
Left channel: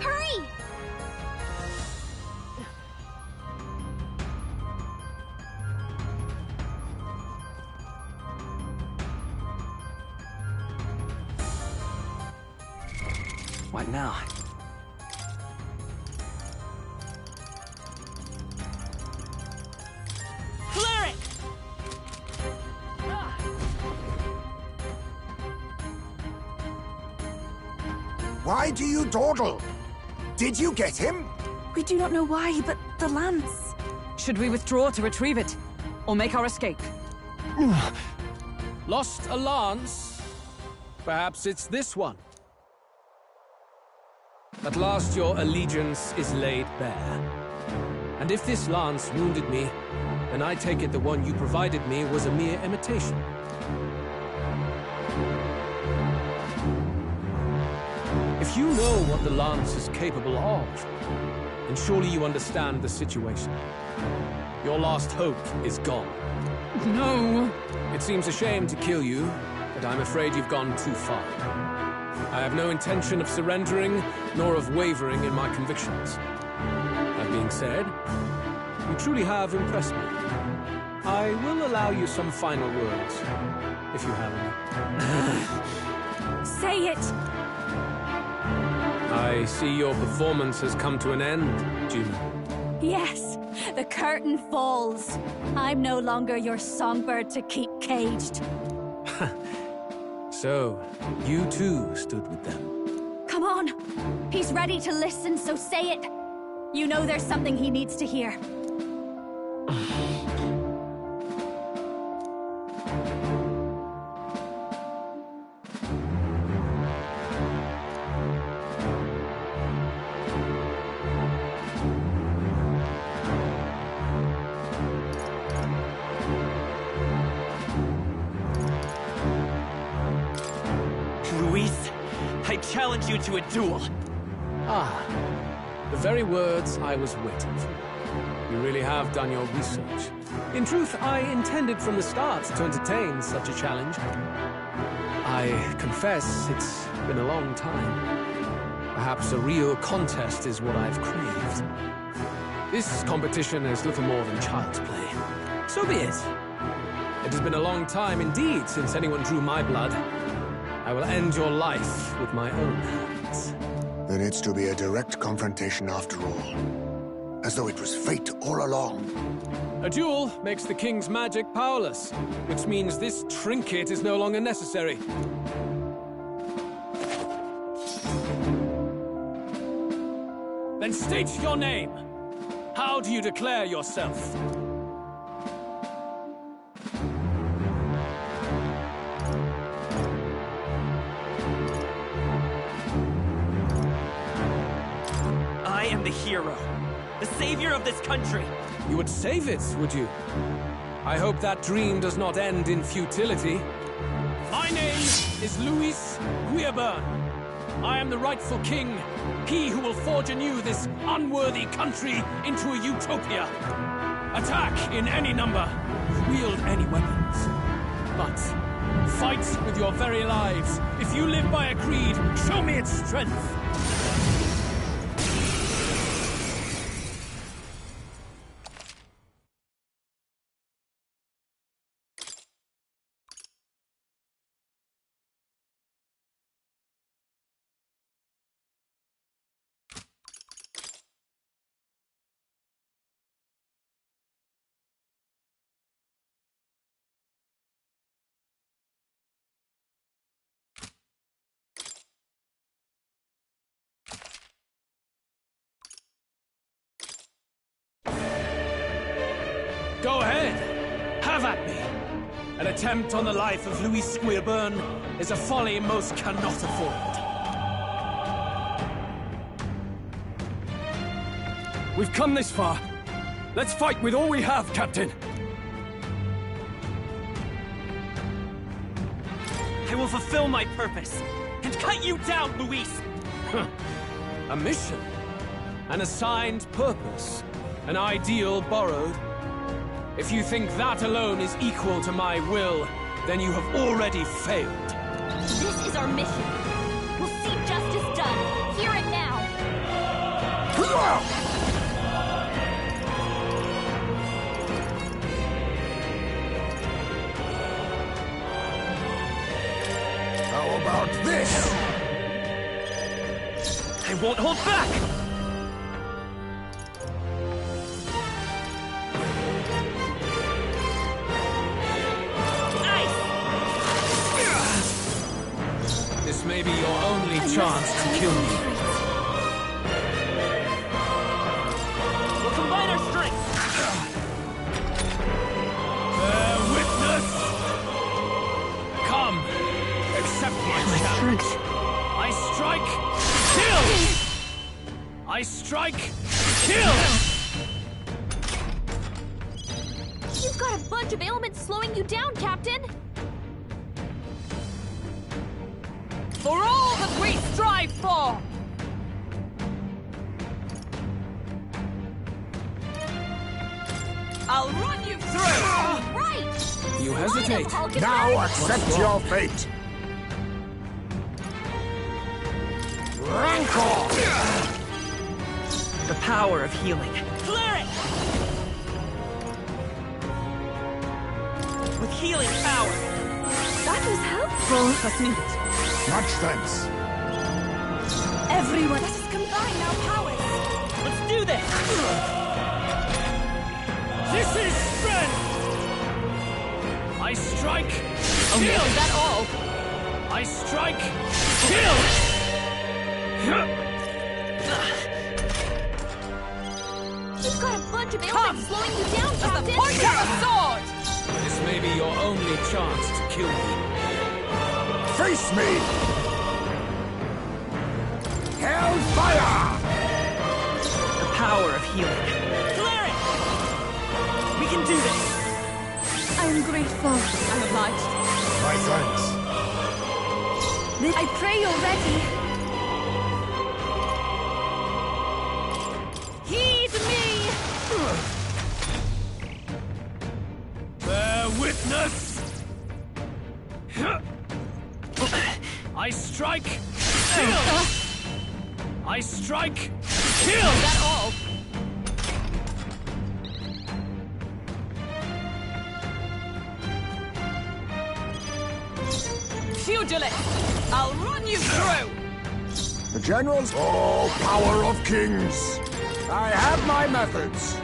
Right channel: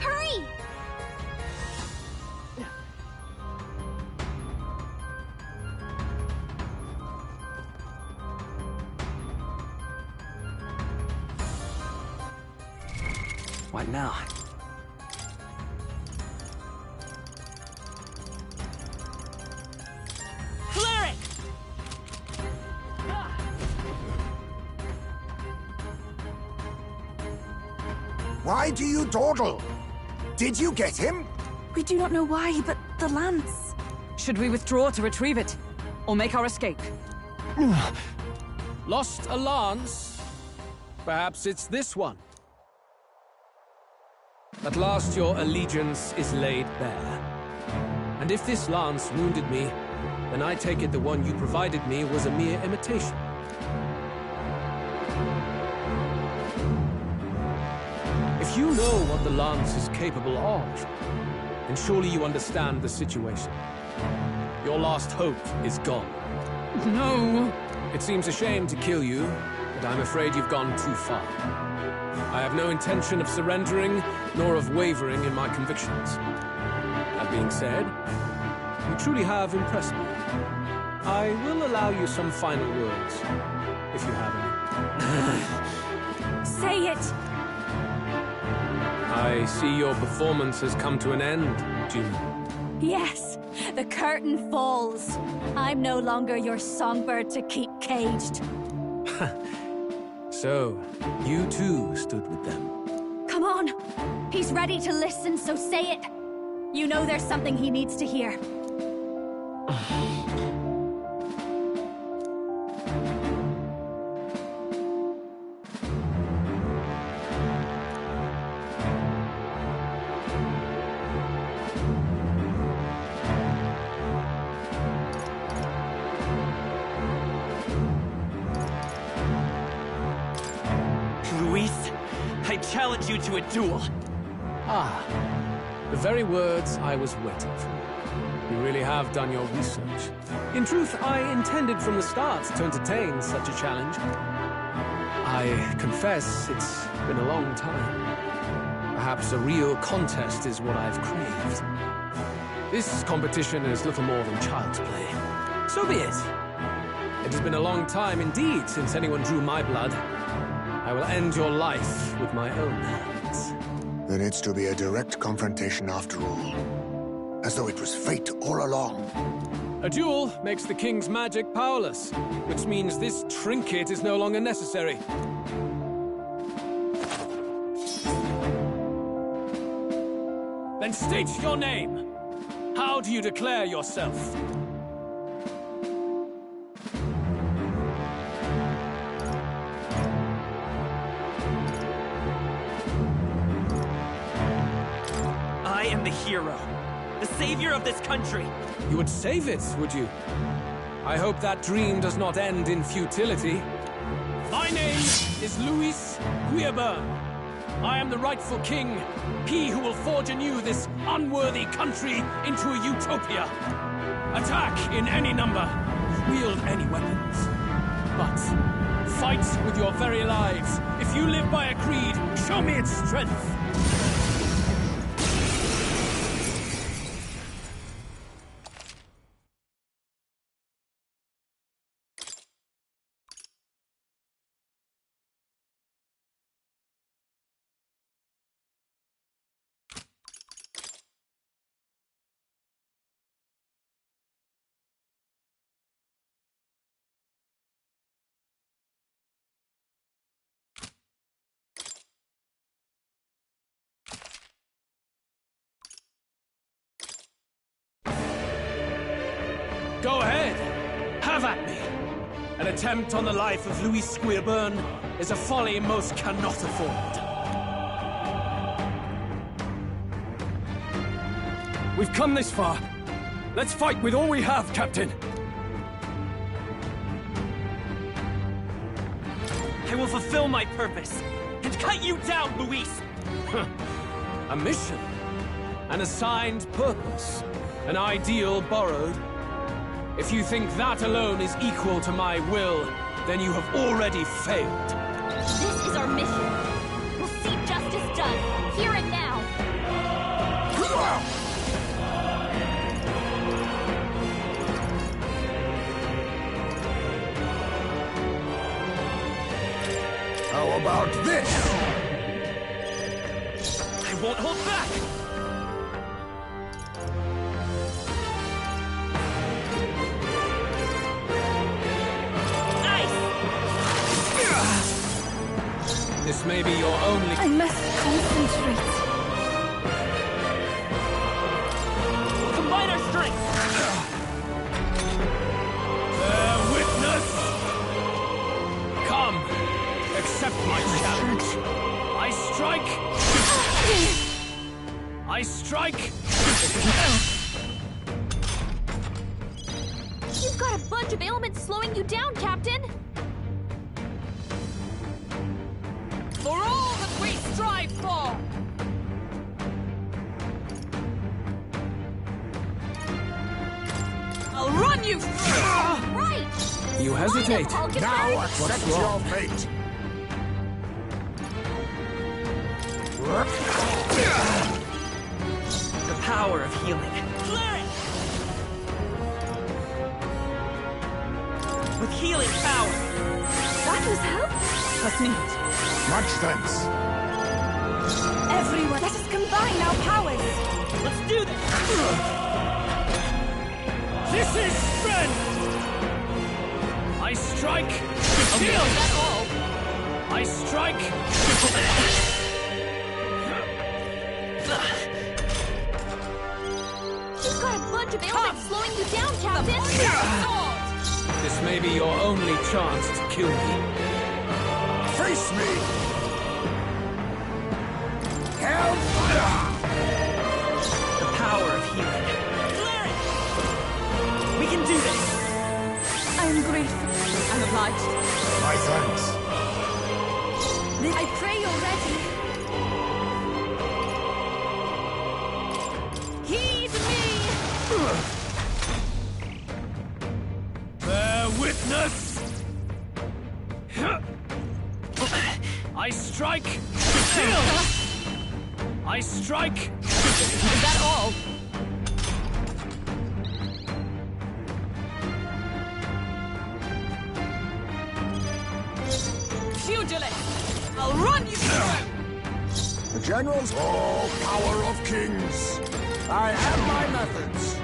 Hurry! What now? Cleric! Why do you dawdle? Did you get him? We do not know why, but the lance. Should we withdraw to retrieve it? Or make our escape? Lost a lance? Perhaps it's this one. At last your allegiance is laid bare. And if this lance wounded me, then I take it the one you provided me was a mere imitation. If you know what the lance is capable of, then surely you understand the situation. Your last hope is gone. No! It seems a shame to kill you, but I'm afraid you've gone too far. I have no intention of surrendering, nor of wavering in my convictions. That being said, you truly have impressed me. I will allow you some final words, if you have any. Say it! I see your performance has come to an end, Juna. Yes, the curtain falls. I'm no longer your songbird to keep caged. So, you too stood with them. Come on. He's ready to listen, so say it. You know there's something he needs to hear. Luis, I challenge you to a duel. Ah, the very words I was waiting for. You really have done your research. In truth, I intended from the start to entertain such a challenge. I confess it's been a long time. Perhaps a real contest is what I've craved. This competition is little more than child's play. So be it. It has been a long time indeed since anyone drew my blood. I will end your life with my own hands. Then it's to be a direct confrontation after all. As though it was fate all along. A duel makes the king's magic powerless, which means this trinket is no longer necessary. Then state your name. How do you declare yourself? I am the hero, the savior of this country. You would save it, would you? I hope that dream does not end in futility. My name is Luis Guillaburn. I am the rightful king. He who will forge anew this unworthy country into a utopia. Attack in any number. Wield any weapons. But fight with your very lives. If you live by a creed, show me its strength. Go ahead. Have at me. An attempt on the life of Louis Squeerburn is a folly most cannot afford. We've come this far. Let's fight with all we have, Captain. I will fulfill my purpose and cut you down, Luis! A mission. An assigned purpose. An ideal borrowed. If you think that alone is equal to my will, then you have already failed. This is our mission. We'll see justice done, here and now. How about this? I won't hold back! This may be your only chance. I must concentrate. We'll combine our strength. Bear witness! Come, accept my challenge. I strike to kill! I strike to kill! You've got a bunch of ailments slowing you down, Captain! For all that we strive for! I'll run you through! Right! You hesitate. Now accept your fate! The power of healing. Clear it! With healing power. That was helpful. Trust me. Much thanks. Everyone, let us combine our powers. Let's do this! This is strength! I strike to kill! Is that all? I strike to kill! You've got a bunch of ailments slowing you down, Captain! Sword! This may be your only chance to kill me. Face me! Hellfire! The power of healing. Clear it! We can do this! I am grateful. I'm obliged. My thanks. I pray you're ready. Heed me! Bear witness! I strike to kill! I strike to kill! Is that all? Pugilist! I'll run you through! The generals? Oh, power of kings! I have my methods.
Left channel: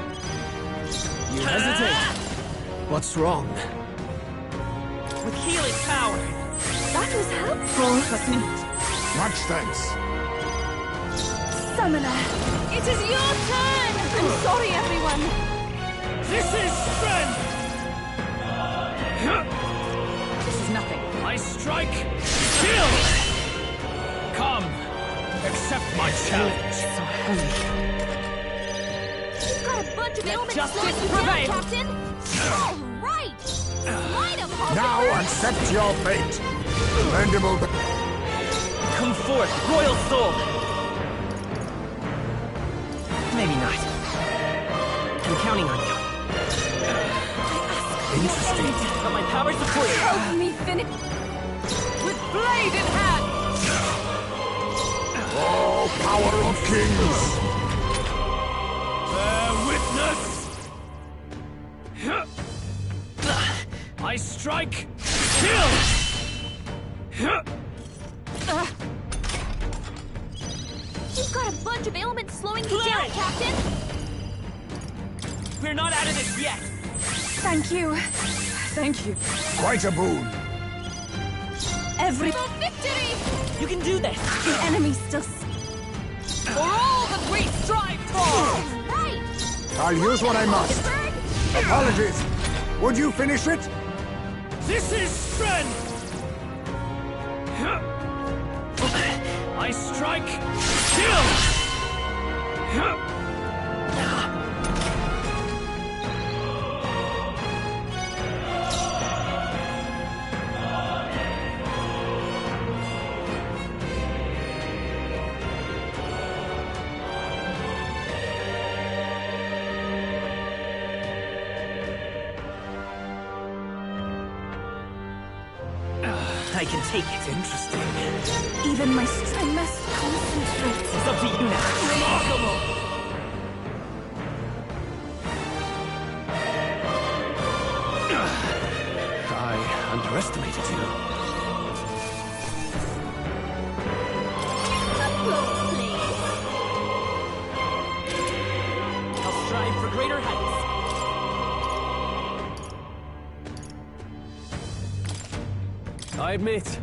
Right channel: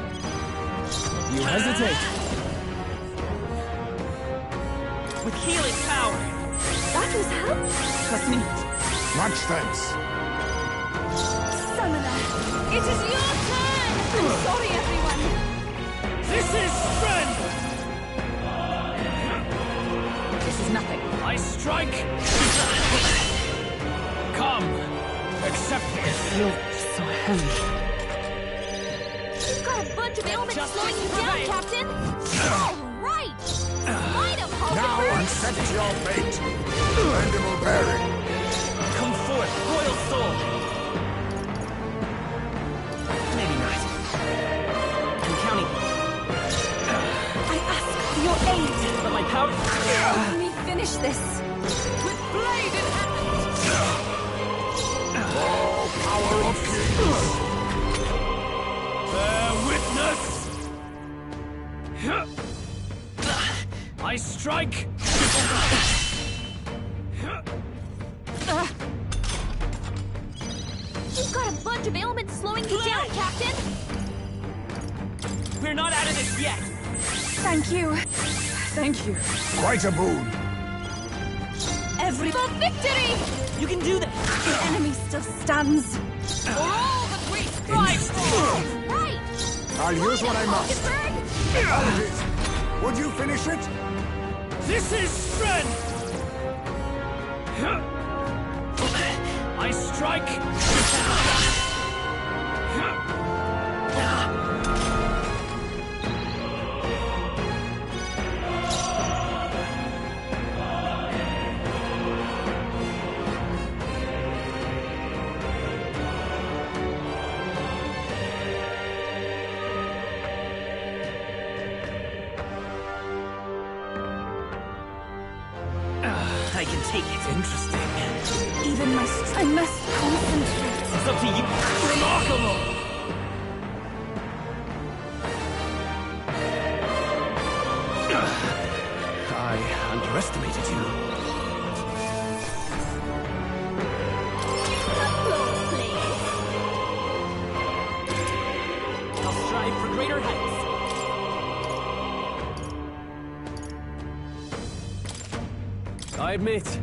You hesitate. What's wrong? With healing power. That was helpful. Trust me. Much thanks. Summoner, it is your turn! I'm sorry, everyone. This is strength! This is nothing. I strike to kill! Come, accept my challenge. So heavy. You've got a bunch of ailments justice slowing you down, prevail. Captain! All right! Light 'em, Hulk! Now accept your fate. Bendable bearing. Come forth, royal soul! Maybe not. I'm counting on you. I ask for your aid. But my powers are clear. Help me finish this. With blade in hand! Oh, power of kings! Bear witness! I strike to kill! You've got a bunch of ailments slowing you down, Captain! We're not out of this yet! Thank you. Thank you. Quite a boon. For victory! You can do this! The enemy still stands. For all that we strive for! Right! I'll use what I must. Gettysburg! Apologies. Would you finish it? This is strength! I strike to kill! I can take it. Interesting. Even I must concentrate. It's up to you now. Remarkable! I underestimated you. Applause, please. I'll strive for greater heights. I admit,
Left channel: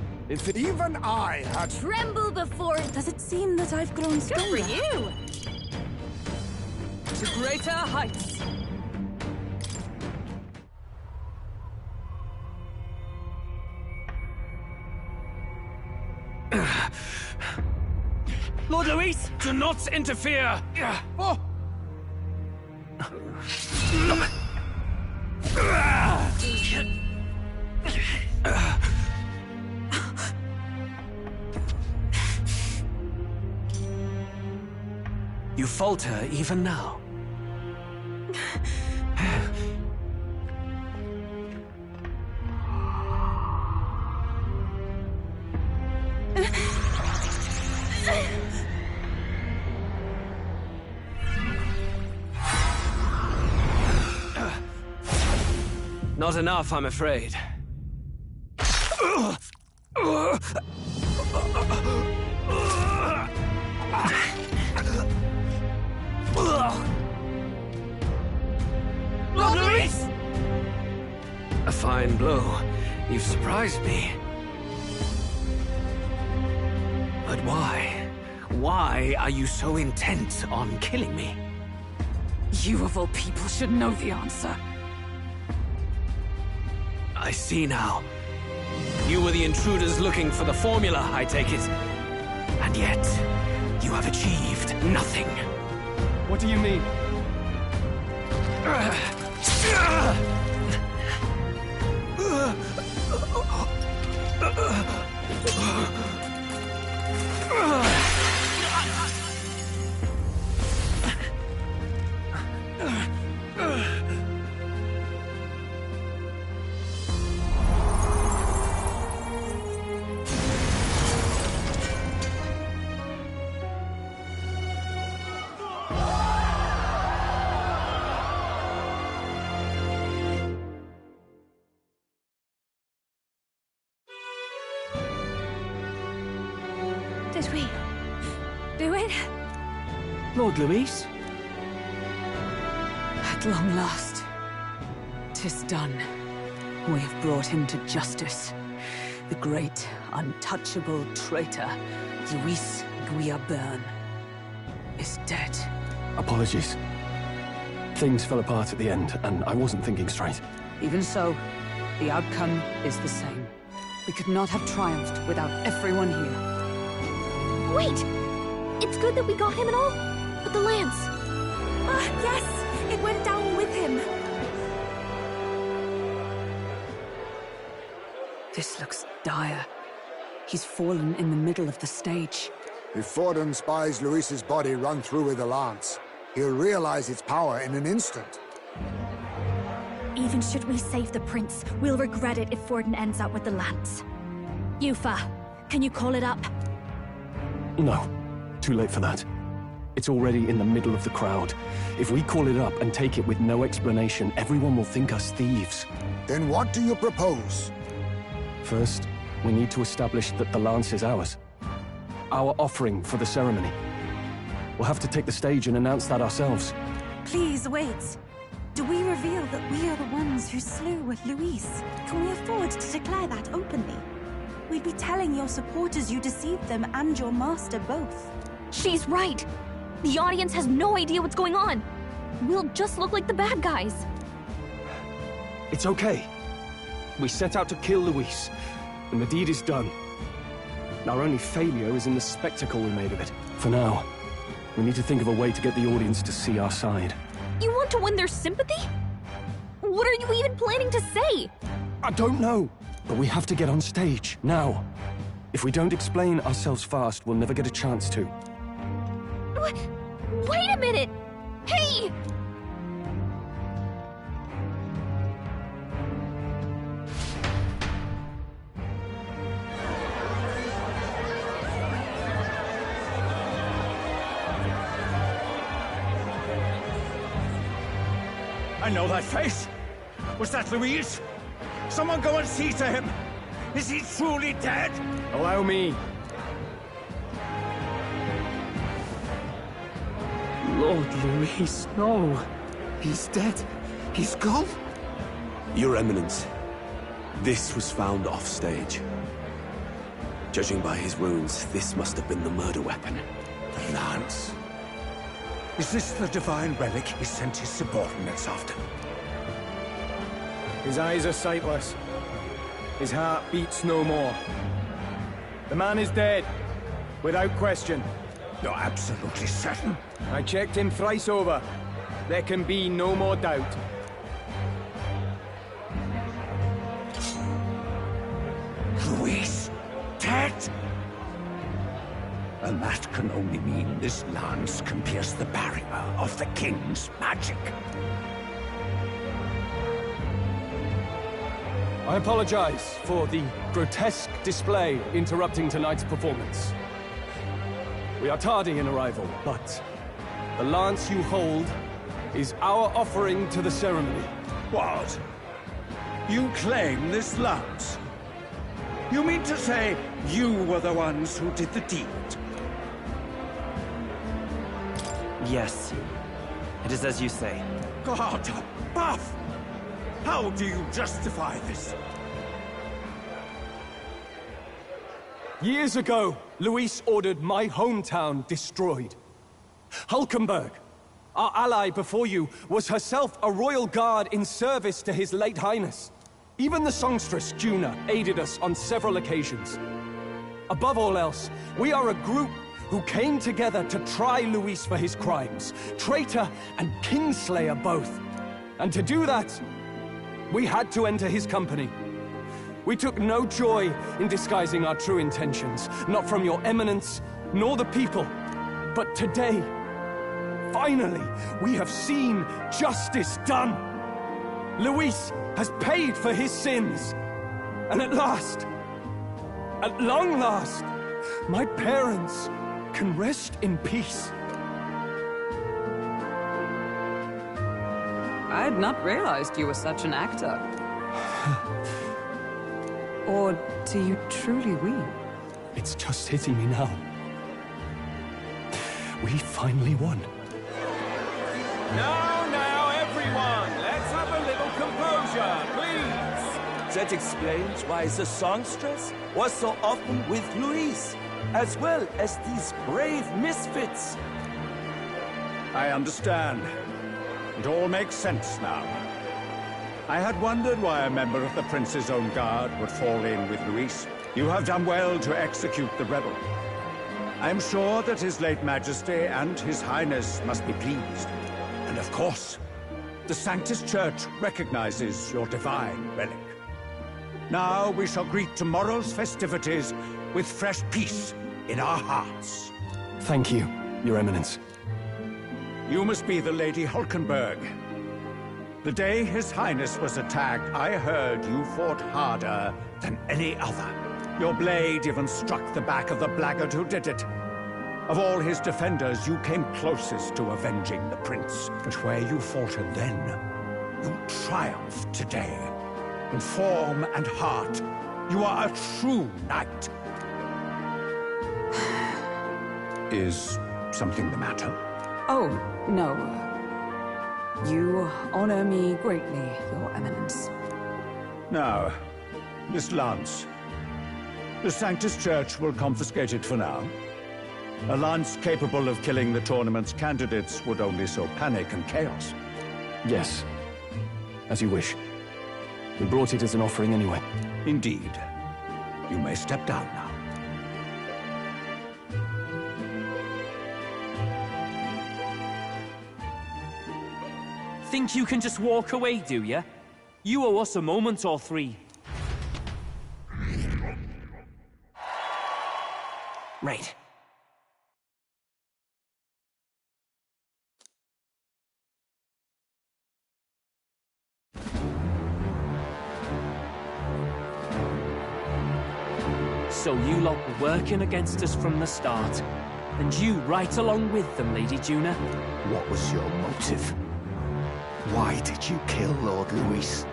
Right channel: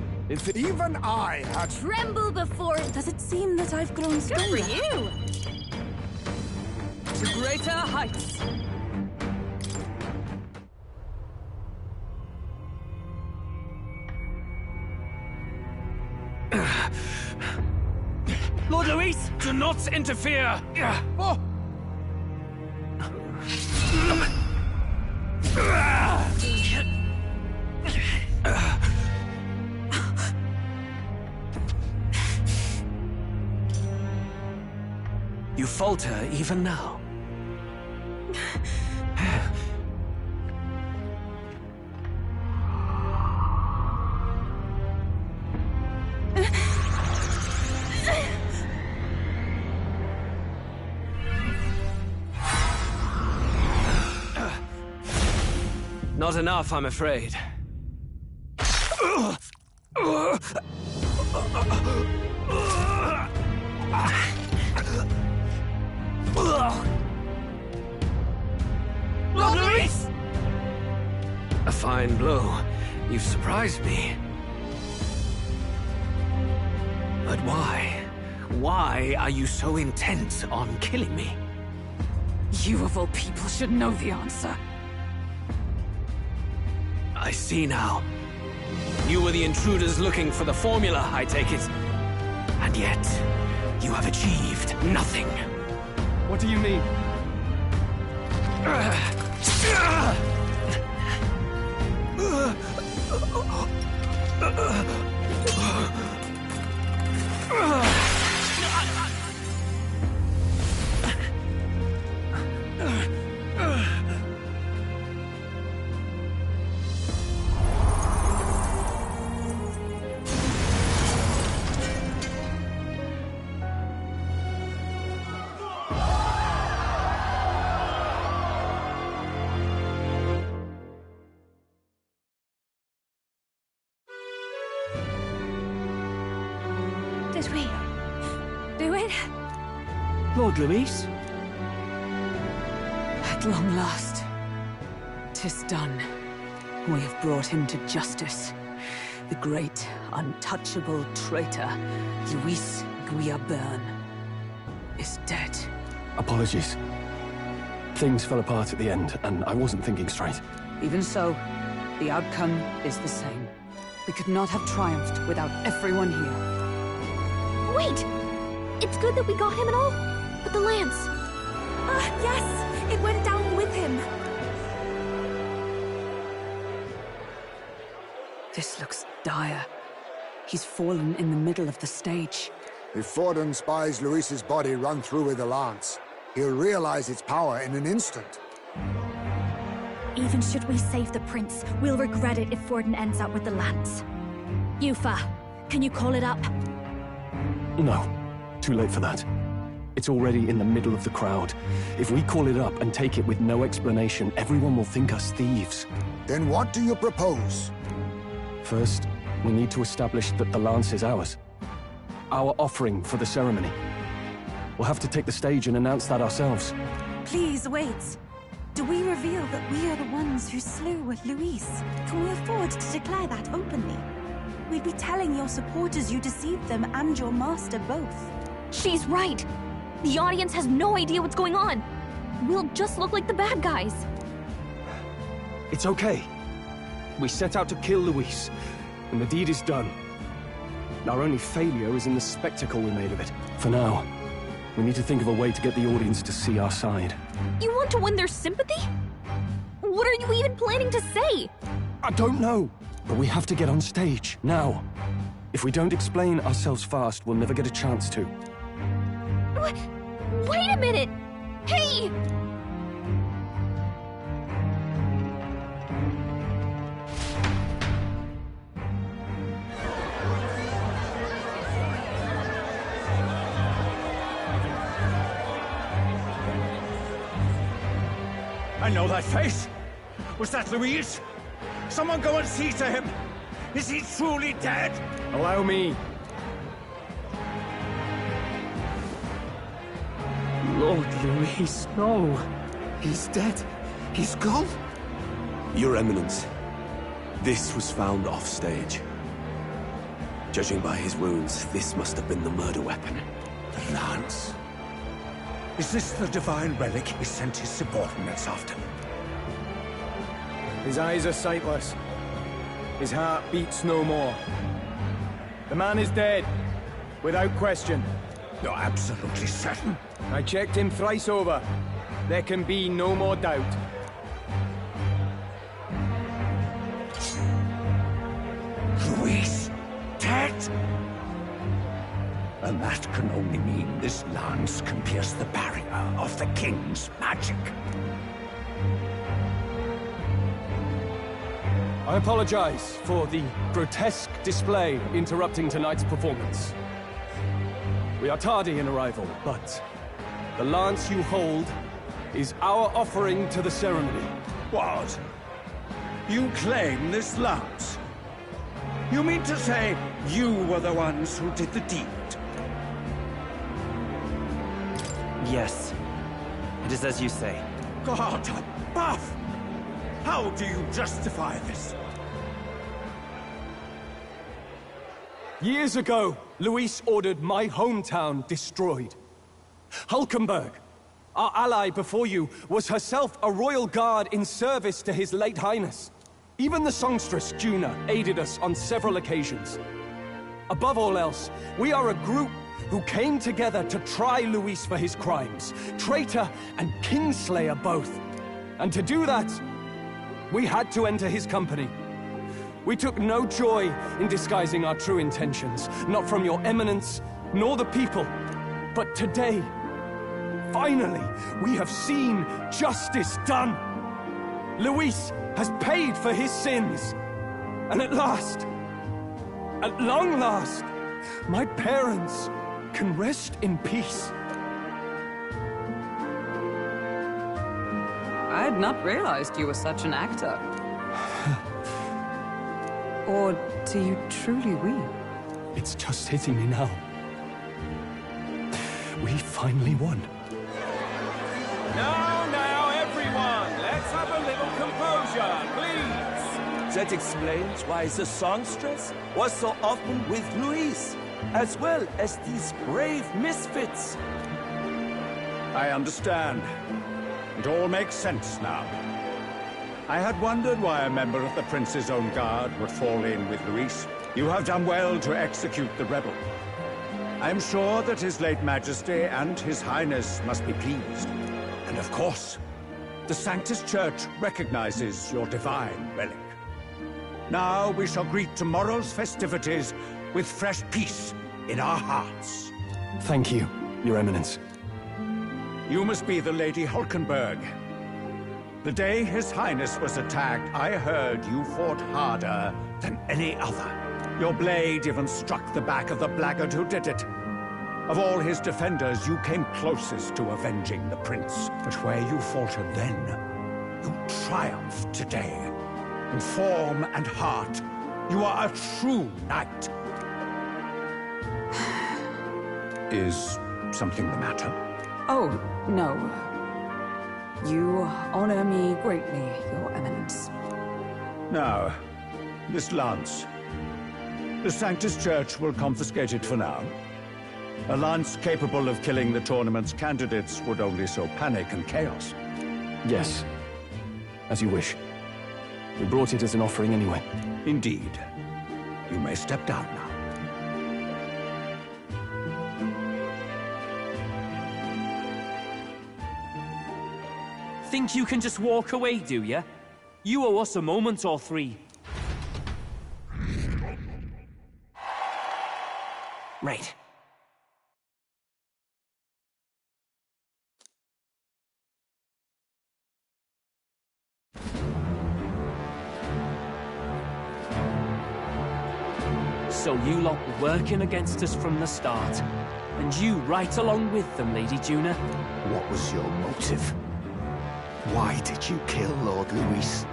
even I had... Tremble before... Does it seem that I've grown stronger? Good for you! To greater heights. Lord Luis! Do not interfere! Oh. You falter even now. Not enough, I'm afraid. Lord Luis! A fine blow. You've surprised me. But why? Why are you so intent on killing me? You of all people should know the answer. I see now. You were the intruders looking for the formula, I take it. And yet, you have achieved nothing. What do you mean? Did we do it? Lord Luis? At long last, 'tis done. We have brought him to justice. The great, untouchable traitor, Luis Guillaburn, is dead. Apologies. Things fell apart at the end, and I wasn't thinking straight. Even so, the outcome is the same. We could not have triumphed without everyone here. Wait! It's good that we got him and all, but the lance... Yes! It went down with him! This looks dire. He's fallen in the middle of the stage. If Forden spies Luis's body run through with a lance, he'll realize its power in an instant. Even should we save the prince, we'll regret it if Forden ends up with the lance. Yufa, can you call it up? No. Too late for that. It's already in the middle of the crowd. If we call it up and take it with no explanation, everyone will think us thieves. Then what do you propose? First, we need to establish that the lance is ours. Our offering for the ceremony. We'll have to take the stage and announce that ourselves. Please wait. Do we reveal that we are the ones who slew Luis? Can we afford to declare that openly? We'd be telling your supporters you deceived them and your master both. She's right. The audience has no idea what's going on. We'll just look like the bad guys. It's okay. We set out to kill Luis, and the deed is done. Our only failure is in the spectacle we made of it. For now, we need to think of a way to get the audience to see our side. You want to win their sympathy? What are you even planning to say? I don't know, but we have to get on stage, now. If we don't explain ourselves fast, we'll never get a chance to. Wait a minute! Hey! I know that face. Was that Luis? Someone go and see to him. Is he truly dead? Allow me. Lord Luis, no. He's dead. He's gone. Your Eminence, this was found off-stage. Judging by his wounds, this must have been the murder weapon. The lance. Is this the divine relic he sent his subordinates after? His eyes are sightless. His heart beats no more. The man is dead, without question. You're absolutely certain? I checked him thrice over. There can be no more doubt. Luis, dead? And that can only mean this lance can pierce the barrier of the king's magic. I apologize for the grotesque display interrupting tonight's performance. We are tardy in arrival, but the lance you hold is our offering to the ceremony. What? You claim this lance? You mean to say you were the ones who did the deed? Yes. It is as you say. God above! How do you justify this? Years ago, Luis ordered my hometown destroyed. Hulkenberg, our ally before you, was herself a royal guard in service to his late highness. Even the songstress, Juna, aided us on several occasions. Above all else, we are a group who came together to try Luis for his crimes, traitor and kingslayer both. And to do that, we had to enter his company. We took no joy in disguising our true intentions, not from your eminence, nor the people. But today, finally, we have seen justice done. Luis has paid for his sins. And at last, at long last, my parents can rest in peace. I had not realized you were such an actor. Or do you truly weep? It's just hitting me now. We finally won. Now, everyone, let's have a little composure, please. That explains why the songstress was so often with Luis, as well as these brave misfits. I understand. It all makes sense now. I had wondered why a member of the Prince's own guard would fall in with Luis. You have done well to execute the rebel. I am sure that His late Majesty and His Highness must be pleased. And of course, the Sanctus Church recognizes your divine relic. Now we shall greet tomorrow's festivities with fresh peace in our hearts. Thank you, Your Eminence. You must be the Lady Hulkenberg. The day His Highness was attacked, I heard you fought harder than any other. Your blade even struck the back of the blackguard who did it. Of all his defenders, you came closest to avenging the prince. But where you faltered then, you triumphed today. In form and heart, you are a true knight. Is something the matter? Oh, no. You honor me greatly, Your Eminence. Now, this lance. The Sanctus Church will confiscate it for now. A lance capable of killing the tournament's candidates would only sow panic and chaos. Yes. As you wish. We brought it as an offering anyway. Indeed. You may step down now. Think you can just walk away, do ya? You owe us a moment or three. Right. So you lot were working against us from the start. And you right along with them, Lady Juna. What was your motive? Why did you kill Lord Luis?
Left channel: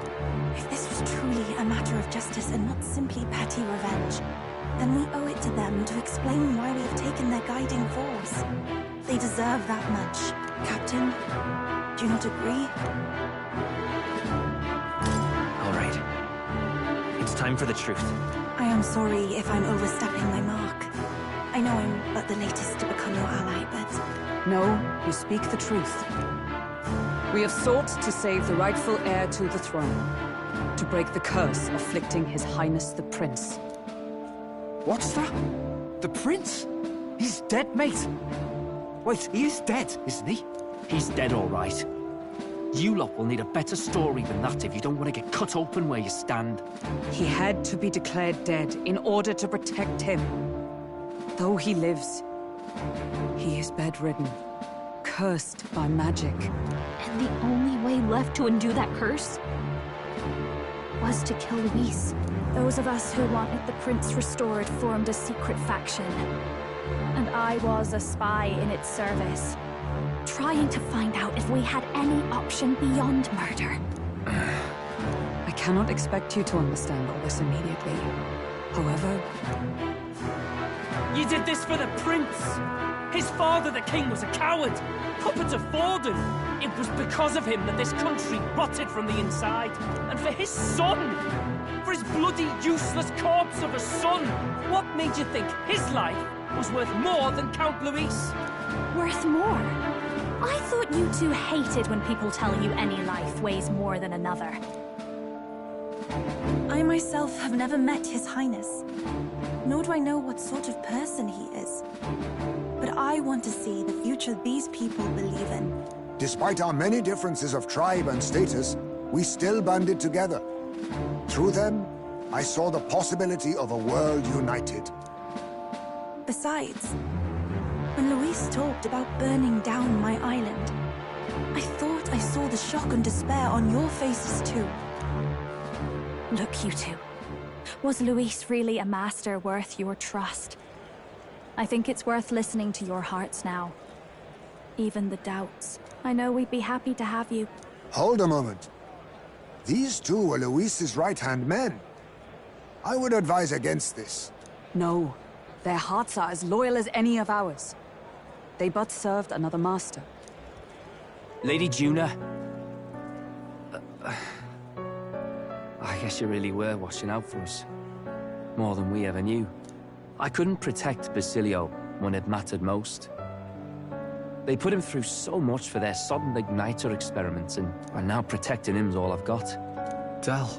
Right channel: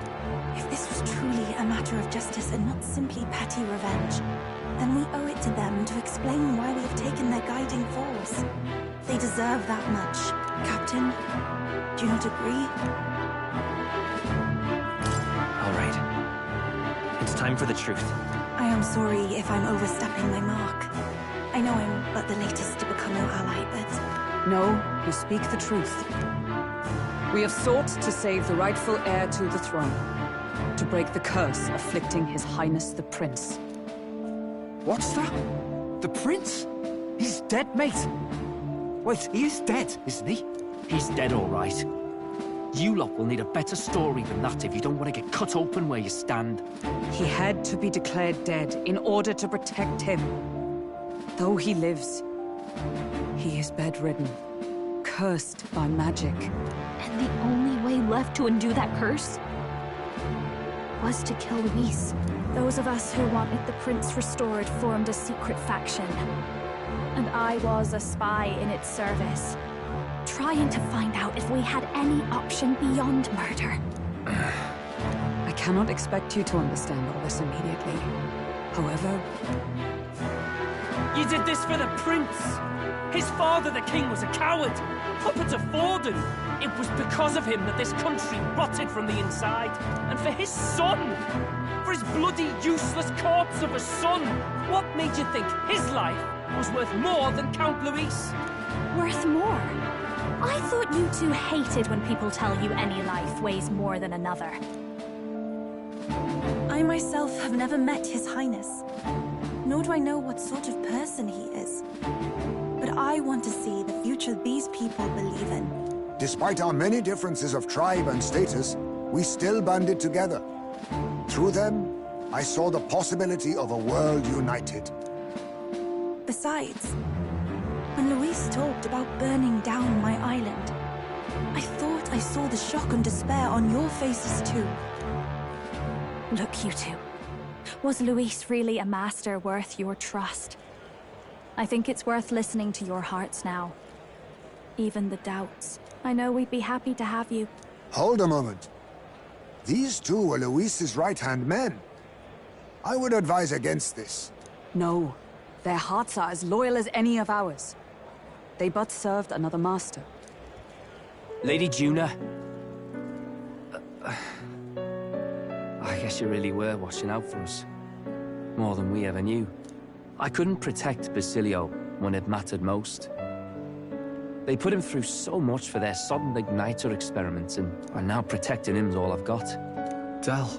If this was truly a matter of justice and not simply petty revenge, then we owe it to them to explain why we have taken their guiding force. They deserve that much. Captain, do you not agree? All right. It's time for the truth. I am sorry if I'm overstepping my mark. I know I'm but the latest to become your ally, but... No, you speak the truth. We have sought to save the rightful heir to the throne, to break the curse afflicting His Highness the Prince. What's that? The prince? He's dead, mate. Wait, he is dead, isn't he? He's dead, all right. You lot will need a better story than that if you don't want to get cut open where you stand. He had to be declared dead in order to protect him. Though he lives, he is bedridden, cursed by magic. And the only way left to undo that curse was to kill Luis. Those of us who wanted the prince restored formed a secret faction. And I was a spy in its service, trying to find out if we had any option beyond murder. I cannot expect you to understand all this immediately. However... You did this for the prince! His father, the king, was a coward! Puppet of Forden! It was because of him that this country rotted from the inside. And for his son! For his bloody, useless corpse of a son! What made you think his life was worth more than Count Luis? Worth more? I thought you two hated when people tell you any life weighs more than another. I myself have never met His Highness, nor do I know what sort of person he is. But I want to see the future these people believe in. Despite our many differences of tribe and status, we still banded together. Through them, I saw the possibility of a world united. Besides, when Luis talked about burning down my island, I thought I saw the shock and despair on your faces too. Look, you two. Was Luis really a master worth your trust? I think it's worth listening to your hearts now. Even the doubts. I know we'd be happy to have you. Hold a moment. These two were Luis's right-hand men. I would advise against this. No. Their hearts are as loyal as any of ours. They but served another master. Lady Juna. I guess you really were watching out for us. More than we ever knew. I couldn't protect Basilio when it mattered most. They put him through so much for their sodden igniter experiments, and now protecting him's all I've got. Del.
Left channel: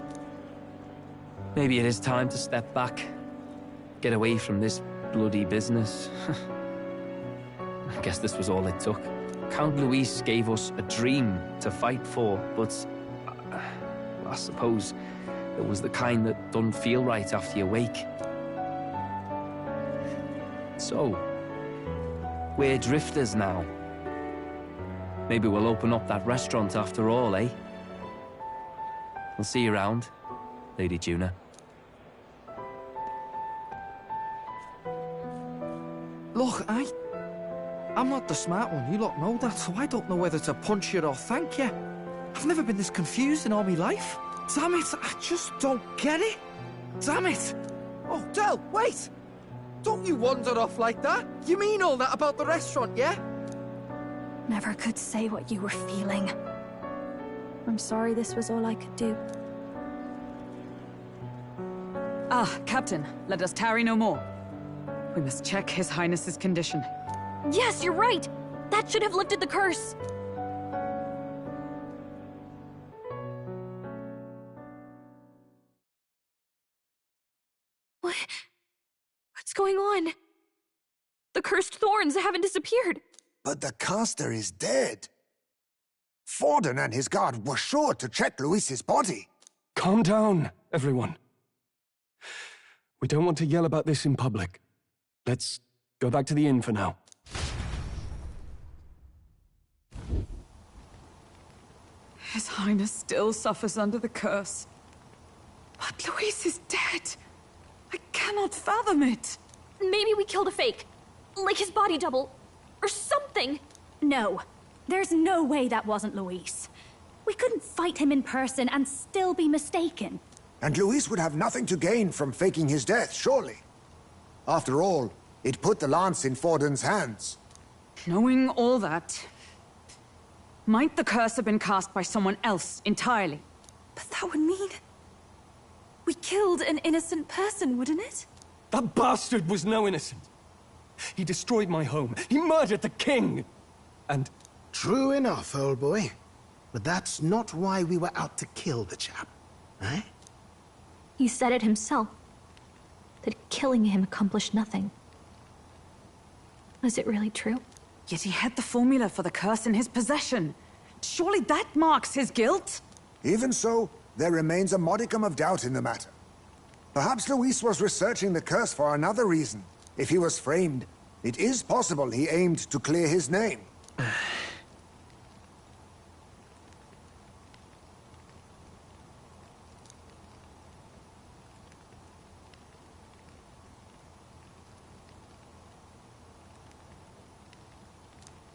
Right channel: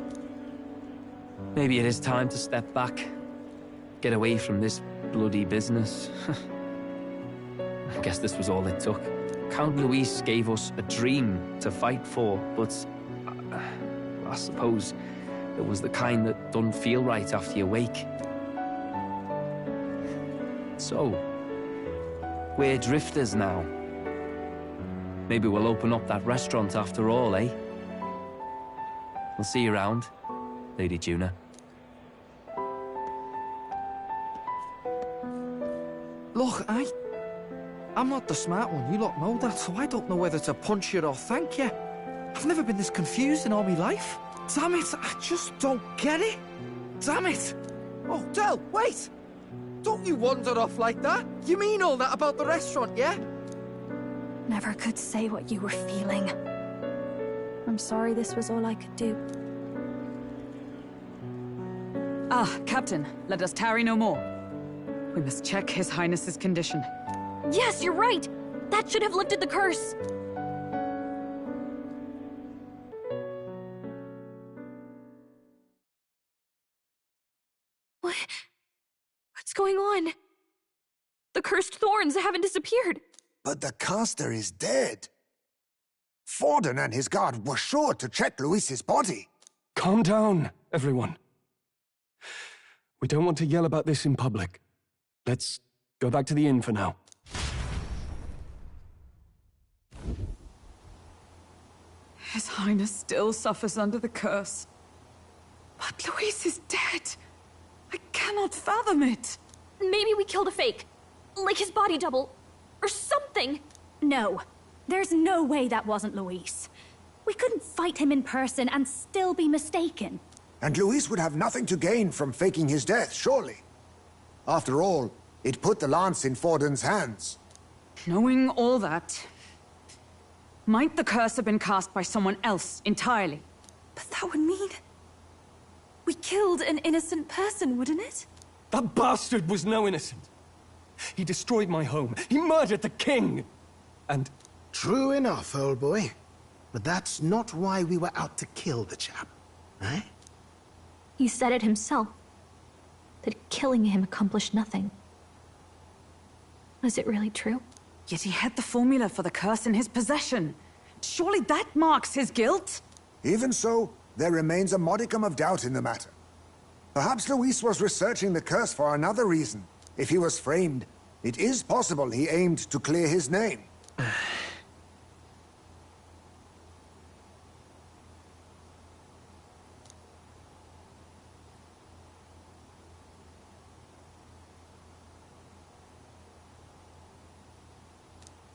Maybe it is time to step back. Get away from this bloody business. I guess this was all it took. Count Luis gave us a dream to fight for, but I suppose That was the kind that don't feel right after you wake. So, we're drifters now. Maybe we'll open up that restaurant after all, eh? We'll see you around, Lady Juna. Look, I'm not the smart one, you lot know that, so I don't know whether to punch you or thank you. I've never been this confused in all my life. Damn it, I just don't get it. Damn it. Oh, Del, wait! Don't you wander off like that? You mean all that about the restaurant, yeah? Never could say what you were feeling. I'm sorry this was all I could do. Ah, Captain, let us tarry no more. We must check His Highness's condition. Yes, you're right! That should have lifted the curse! What's going on? The cursed thorns haven't disappeared. But the caster is dead. Forden and his guard were sure to check Luis's body. Calm down, everyone. We don't want to yell about this in public. Let's go back to the inn for now. His Highness still suffers under the curse. But Luis is dead. I cannot fathom it. Maybe we killed a fake. Like his body double. Or something. No. There's no way that wasn't Luis. We couldn't fight him in person and still be mistaken. And Luis would have nothing to gain from faking his death, surely. After all, it put the lance in Forden's hands. Knowing all that, might the curse have been cast by someone else entirely? But that would mean... we killed an innocent person, wouldn't it? That bastard was no innocent. He destroyed my home. He murdered the king. And... True enough, old boy. But that's not why we were out to kill the chap, eh? He said it himself. That killing him accomplished nothing. Was it really true? Yet he had the formula for the curse in his possession. Surely that marks his guilt? Even so, there remains a modicum of doubt in the matter. Perhaps Luis was researching the curse for another reason. If he was framed, it is possible he aimed to clear his name.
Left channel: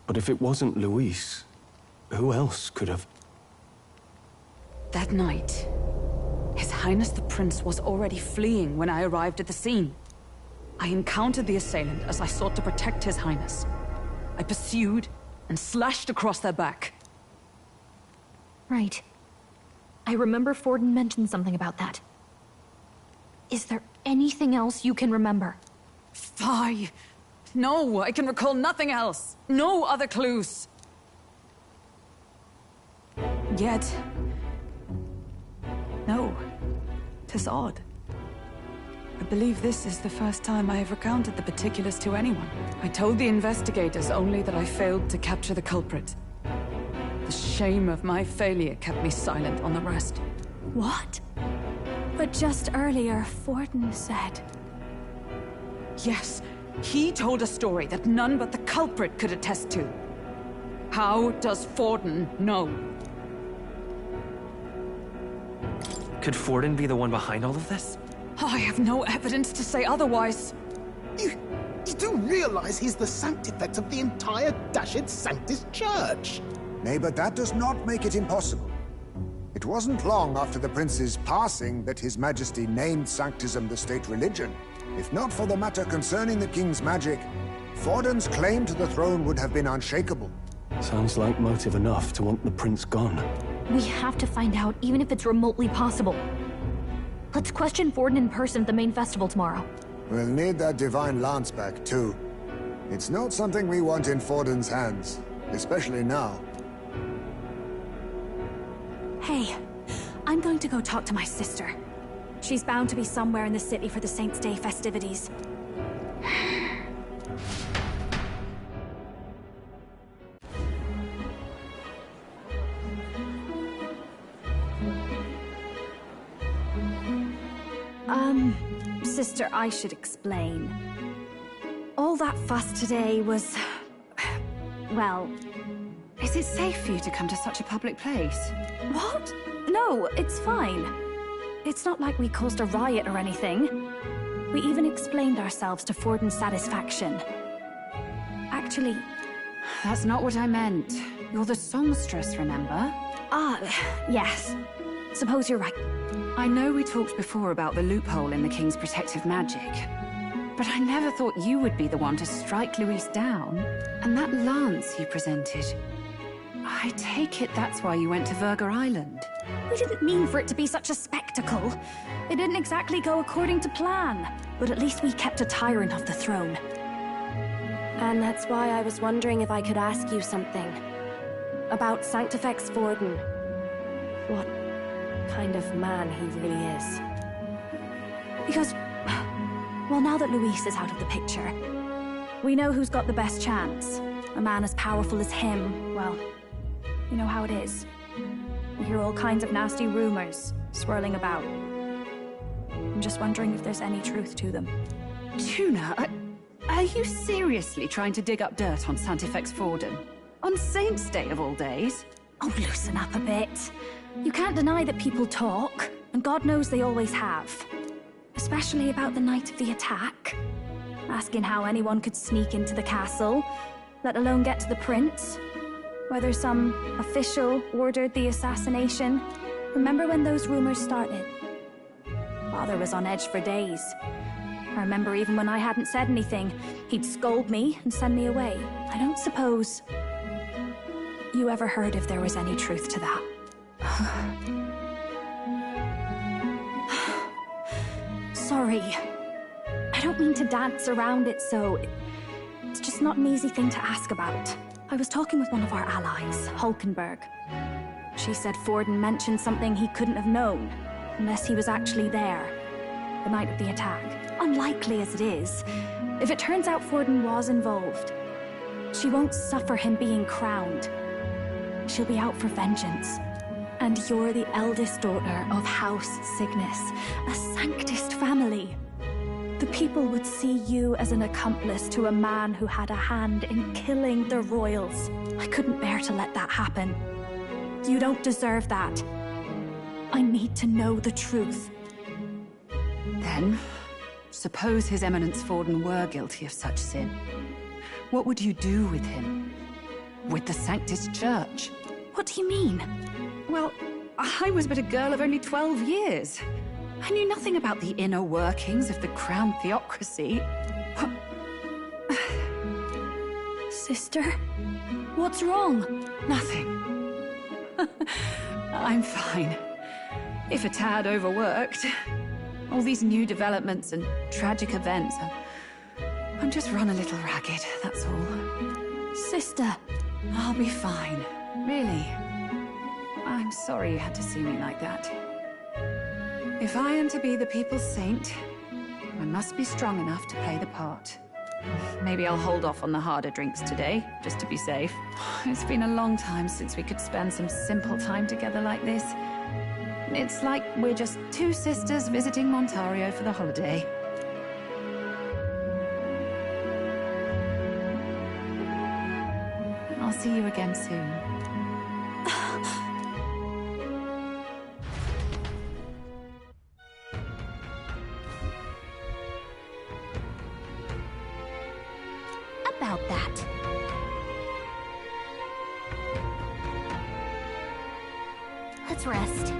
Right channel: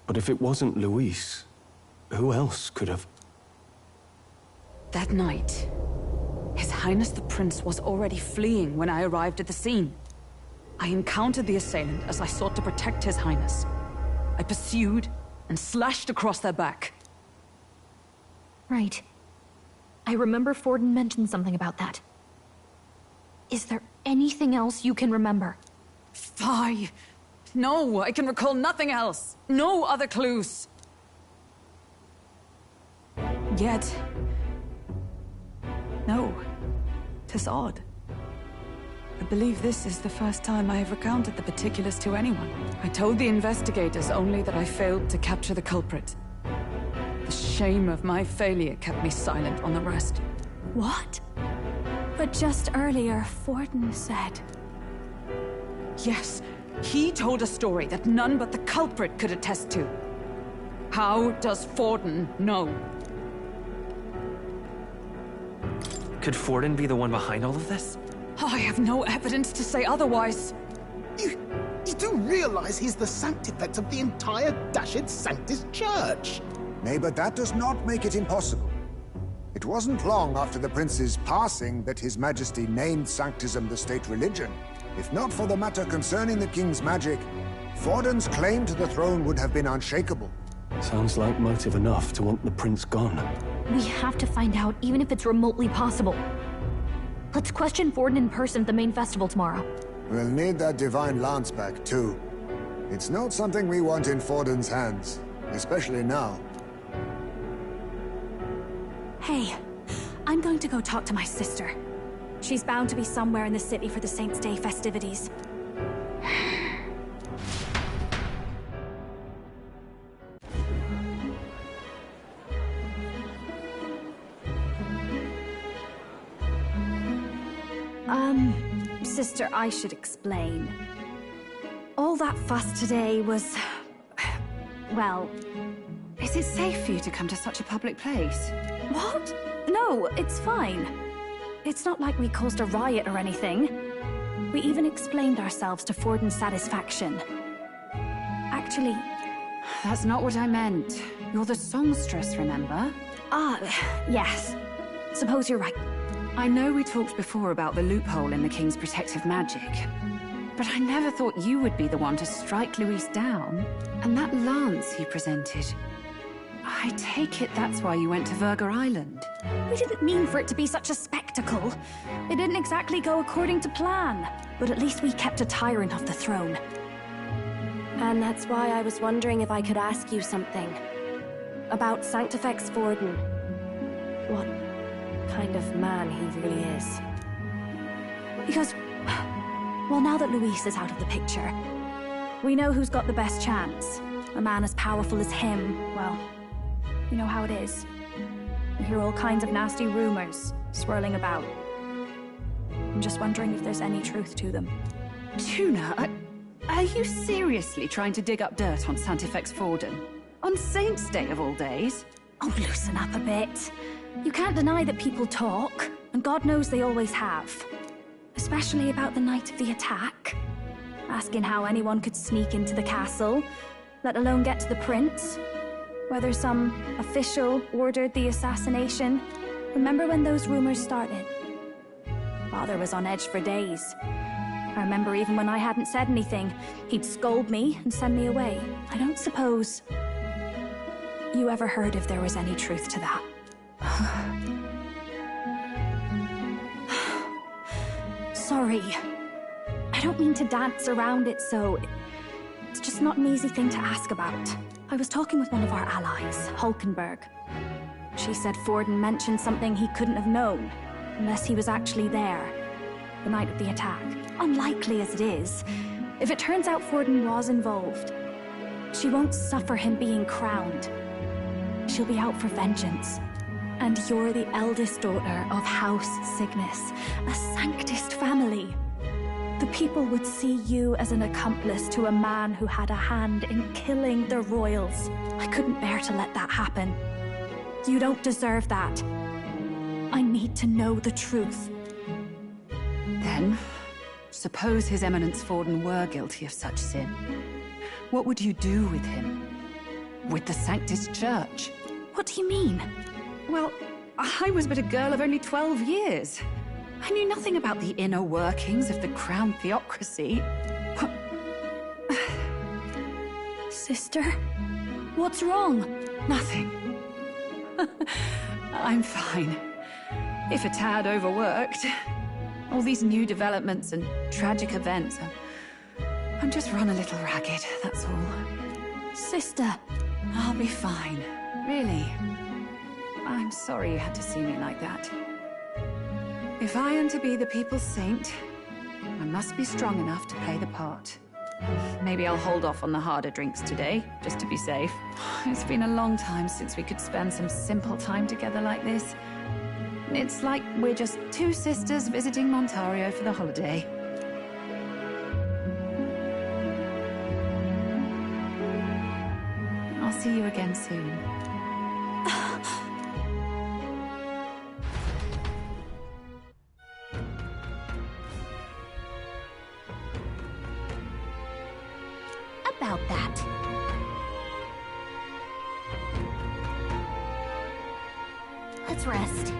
But if it wasn't Luis, who else could have... That night, His Highness the Prince was already fleeing when I arrived at the scene. I encountered the assailant as I sought to protect His Highness. I pursued and slashed across their back. Right. I remember Forden mentioned something about that. Is there anything else you can remember? Fie! No, I can recall nothing else. No other clues. Yet... no. 'Tis odd. I believe this is the first time I have recounted the particulars to anyone. I told the investigators only that I failed to capture the culprit. The shame of my failure kept me silent on the rest. What? But just earlier, Forden said... Yes, he told a story that none but the culprit could attest to. How does Forden know? Could Forden be the one behind all of this? I have no evidence to say otherwise. You do realize he's the sanctifex of the entire dashed Sanctus Church? Nay, but that does not make it impossible. It wasn't long after the prince's passing that His Majesty named Sanctism the state religion. If not for the matter concerning the king's magic, Forden's claim to the throne would have been unshakable. Sounds like motive enough to want the prince gone. We have to find out, even if it's remotely possible. Let's question Forden in person at the main festival tomorrow. We'll need that divine lance back, too. It's not something we want in Forden's hands, especially now. Hey, I'm going to go talk to my sister. She's bound to be somewhere in the city for the Saints' Day festivities. Sister, I should explain. All that fuss today was... well... Is it safe for you to come to such a public place? What? No, it's fine. It's not like we caused a riot or anything. We even explained ourselves to Forden's satisfaction. Actually... That's not what I meant. You're the songstress, remember? Ah, yes. Suppose you're right. I know we talked before about the loophole in the King's protective magic, but I never thought you would be the one to strike Luis down. And that lance he presented... I take it that's why you went to Verga Island. We didn't mean for it to be such a spectacle. It didn't exactly go according to plan. But at least we kept a tyrant off the throne. And that's why I was wondering if I could ask you something. About Sanctifex Forden. What kind of man he really is. Because, well, now that Luis is out of the picture, we know who's got the best chance. A man as powerful as him, well, you know how it is. You hear all kinds of nasty rumors swirling about. I'm just wondering if there's any truth to them. Tuna, are you seriously trying to dig up dirt on Sanctifex Forden? On Saint's Day of all days? Oh, loosen up a bit. You can't deny that people talk, and God knows they always have. Especially about the night of the attack. Asking how anyone could sneak into the castle, let alone get to the prince. Whether some official ordered the assassination. Remember when those rumors started? Father was on edge for days. I remember even when I hadn't said anything, he'd scold me and send me away. I don't suppose you ever heard if there was any truth to that. Sorry. I don't mean to dance around it, so... It's just not an easy thing to ask about. I was talking with one of our allies, Hulkenberg. She said Forden mentioned something he couldn't have known, unless he was actually there, the night of the attack. Unlikely as it is, if it turns out Forden was involved, she won't suffer him being crowned. She'll be out for vengeance. And you're the eldest daughter of House Cygnus, a Sanctist family. The people would see you as an accomplice to a man who had a hand in killing the royals. I couldn't bear to let that happen. You don't deserve that. I need to know the truth. Then, suppose His Eminence Forden were guilty of such sin. What would you do with him? With the Sanctist Church? What do you mean? Well, I was but a girl of only 12 years. I knew nothing about the inner workings of the crown theocracy. Sister? What's wrong? Nothing. I'm fine. If a tad overworked. All these new developments and tragic events. I'm just run a little ragged, that's all. Sister! I'll be fine. Really. I'm sorry you had to see me like that. If I am to be the people's saint, I must be strong enough to play the part. Maybe I'll hold off on the harder drinks today, just to be safe. It's been a long time since we could spend some simple time together like this. It's like we're just two sisters visiting Montario for the holiday. I'll see you again soon. About that. Let's rest.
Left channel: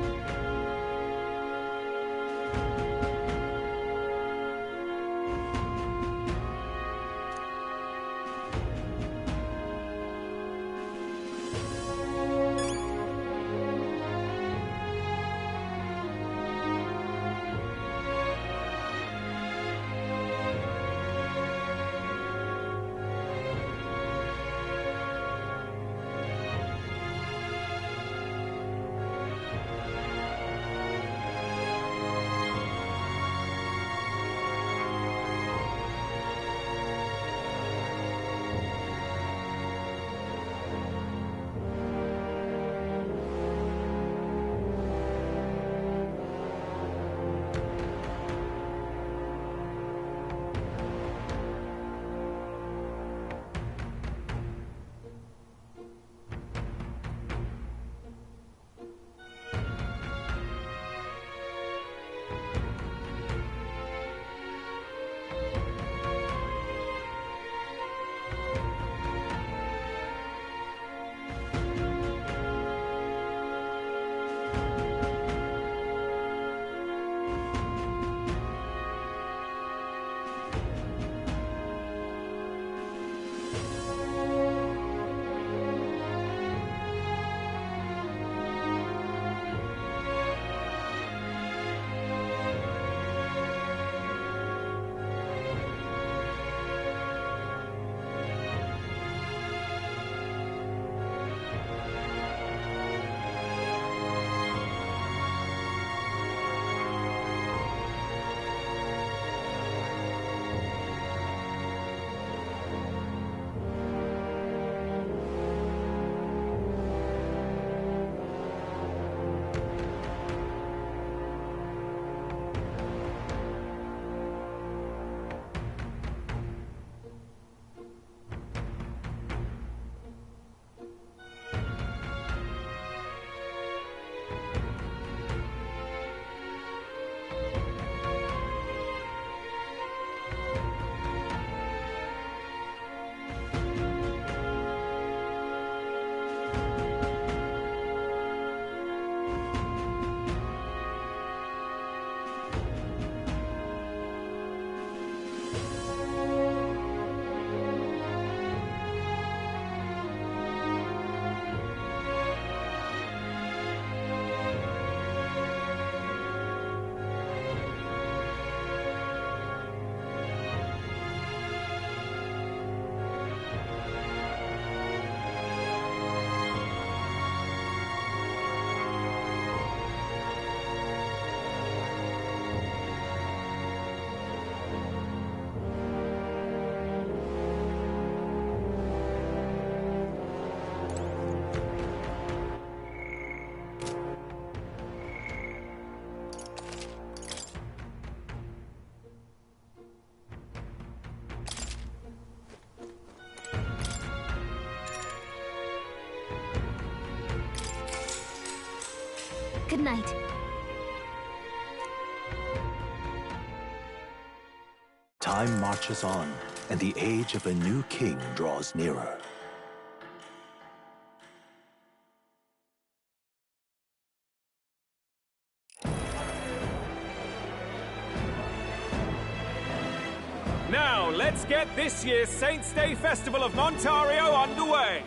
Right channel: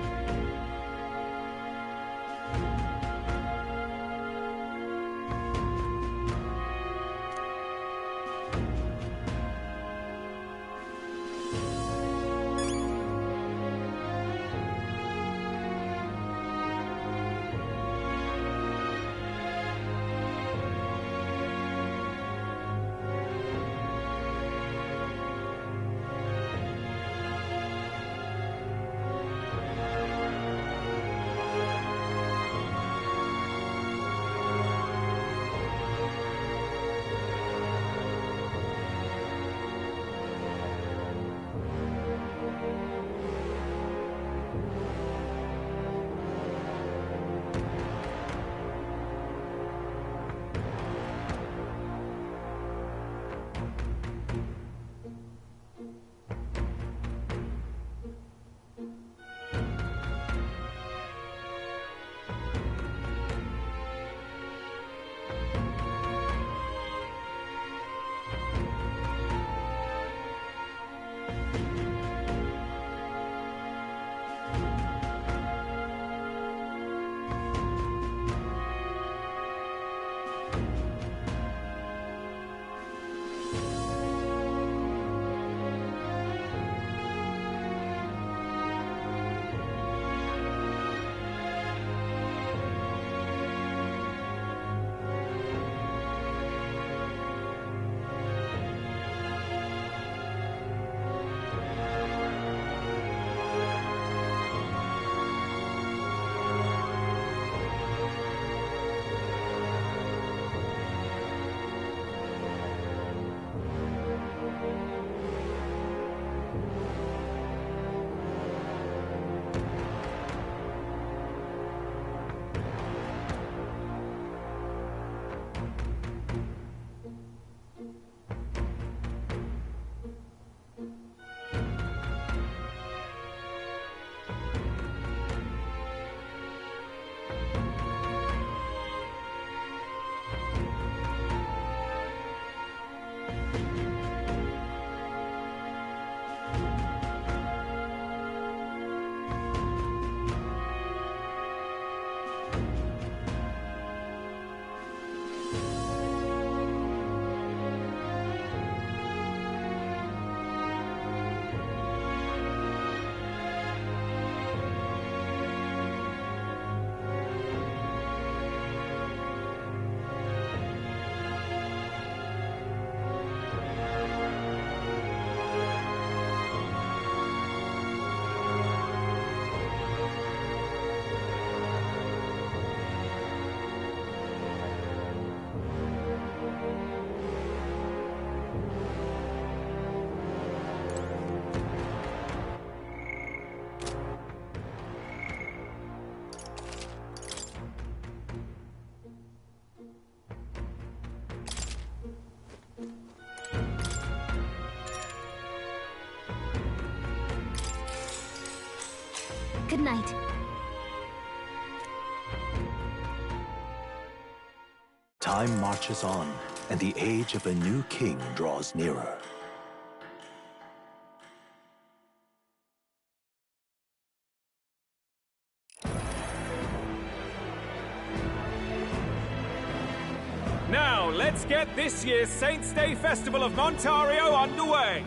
Good night. Time marches on, and the age of a new king draws nearer. Now, let's get this year's Saints' Day Festival of Montario underway.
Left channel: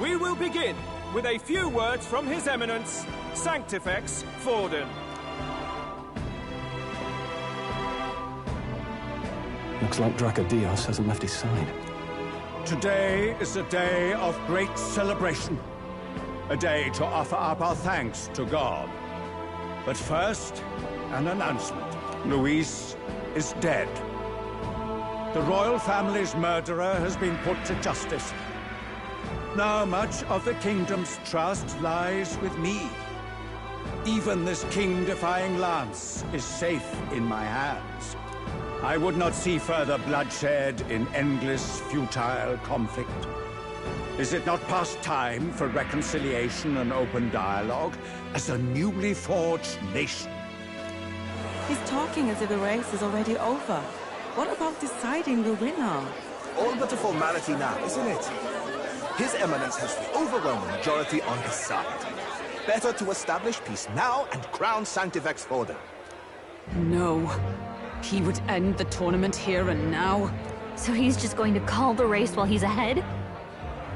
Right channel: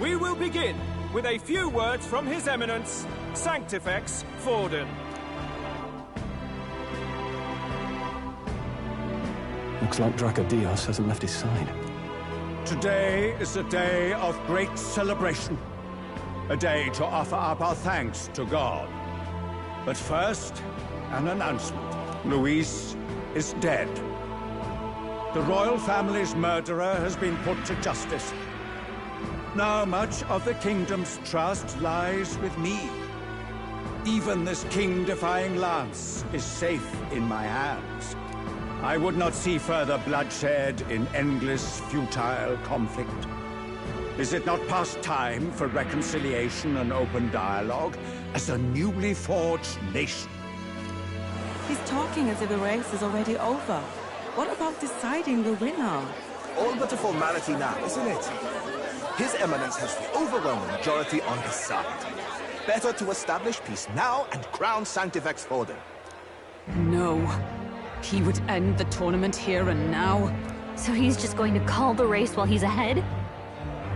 We will begin with a few words from His Eminence, Sanctifex Forden. Looks like Dracodios hasn't left his side. Today is a day of great celebration. A day to offer up our thanks to God. But first, an announcement. Luis is dead. The royal family's murderer has been put to justice. Now much of the kingdom's trust lies with me. Even this king-defying lance is safe in my hands. I would not see further bloodshed in endless, futile conflict. Is it not past time for reconciliation and open dialogue as a newly forged nation? He's talking as if the race is already over. What about deciding the winner? All but a formality now, isn't it? His Eminence has the overwhelming majority on his side. Better to establish peace now and crown Sanctifex Forden. No. He would end the tournament here and now. So he's just going to call the race while he's ahead?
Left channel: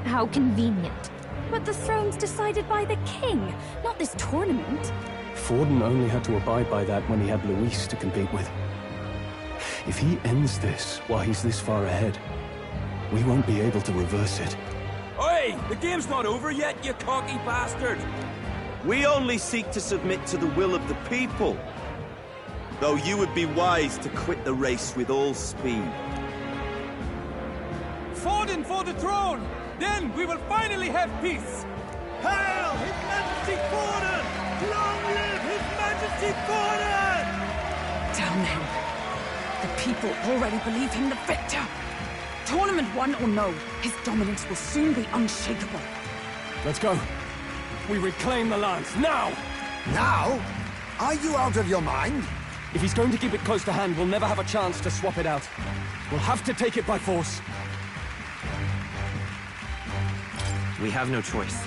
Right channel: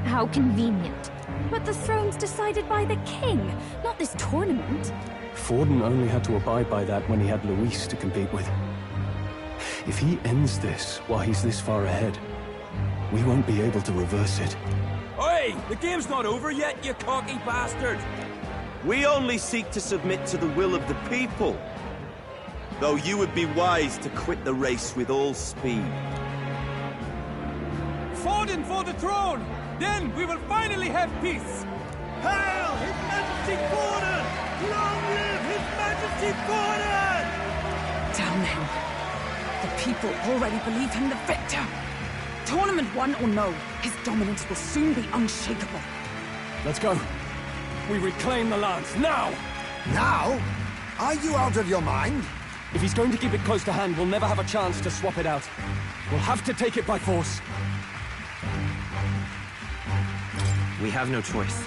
How convenient. But the throne's decided by the king, not this tournament. Forden only had to abide by that when he had Luis to compete with. If he ends this while he's this far ahead, we won't be able to reverse it. Oi! The game's not over yet, you cocky bastard! We only seek to submit to the will of the people. Though you would be wise to quit the race with all speed. Forden for the throne! Then we will finally have peace! Hail His Majesty Forden! Long live His Majesty Forden! Damn him. The people already believe him the victor. Tournament won or no, his dominance will soon be unshakable. Let's go. We reclaim the lance, now! Now? Are you out of your mind? If he's going to keep it close to hand, we'll never have a chance to swap it out. We'll have to take it by force. We have no choice.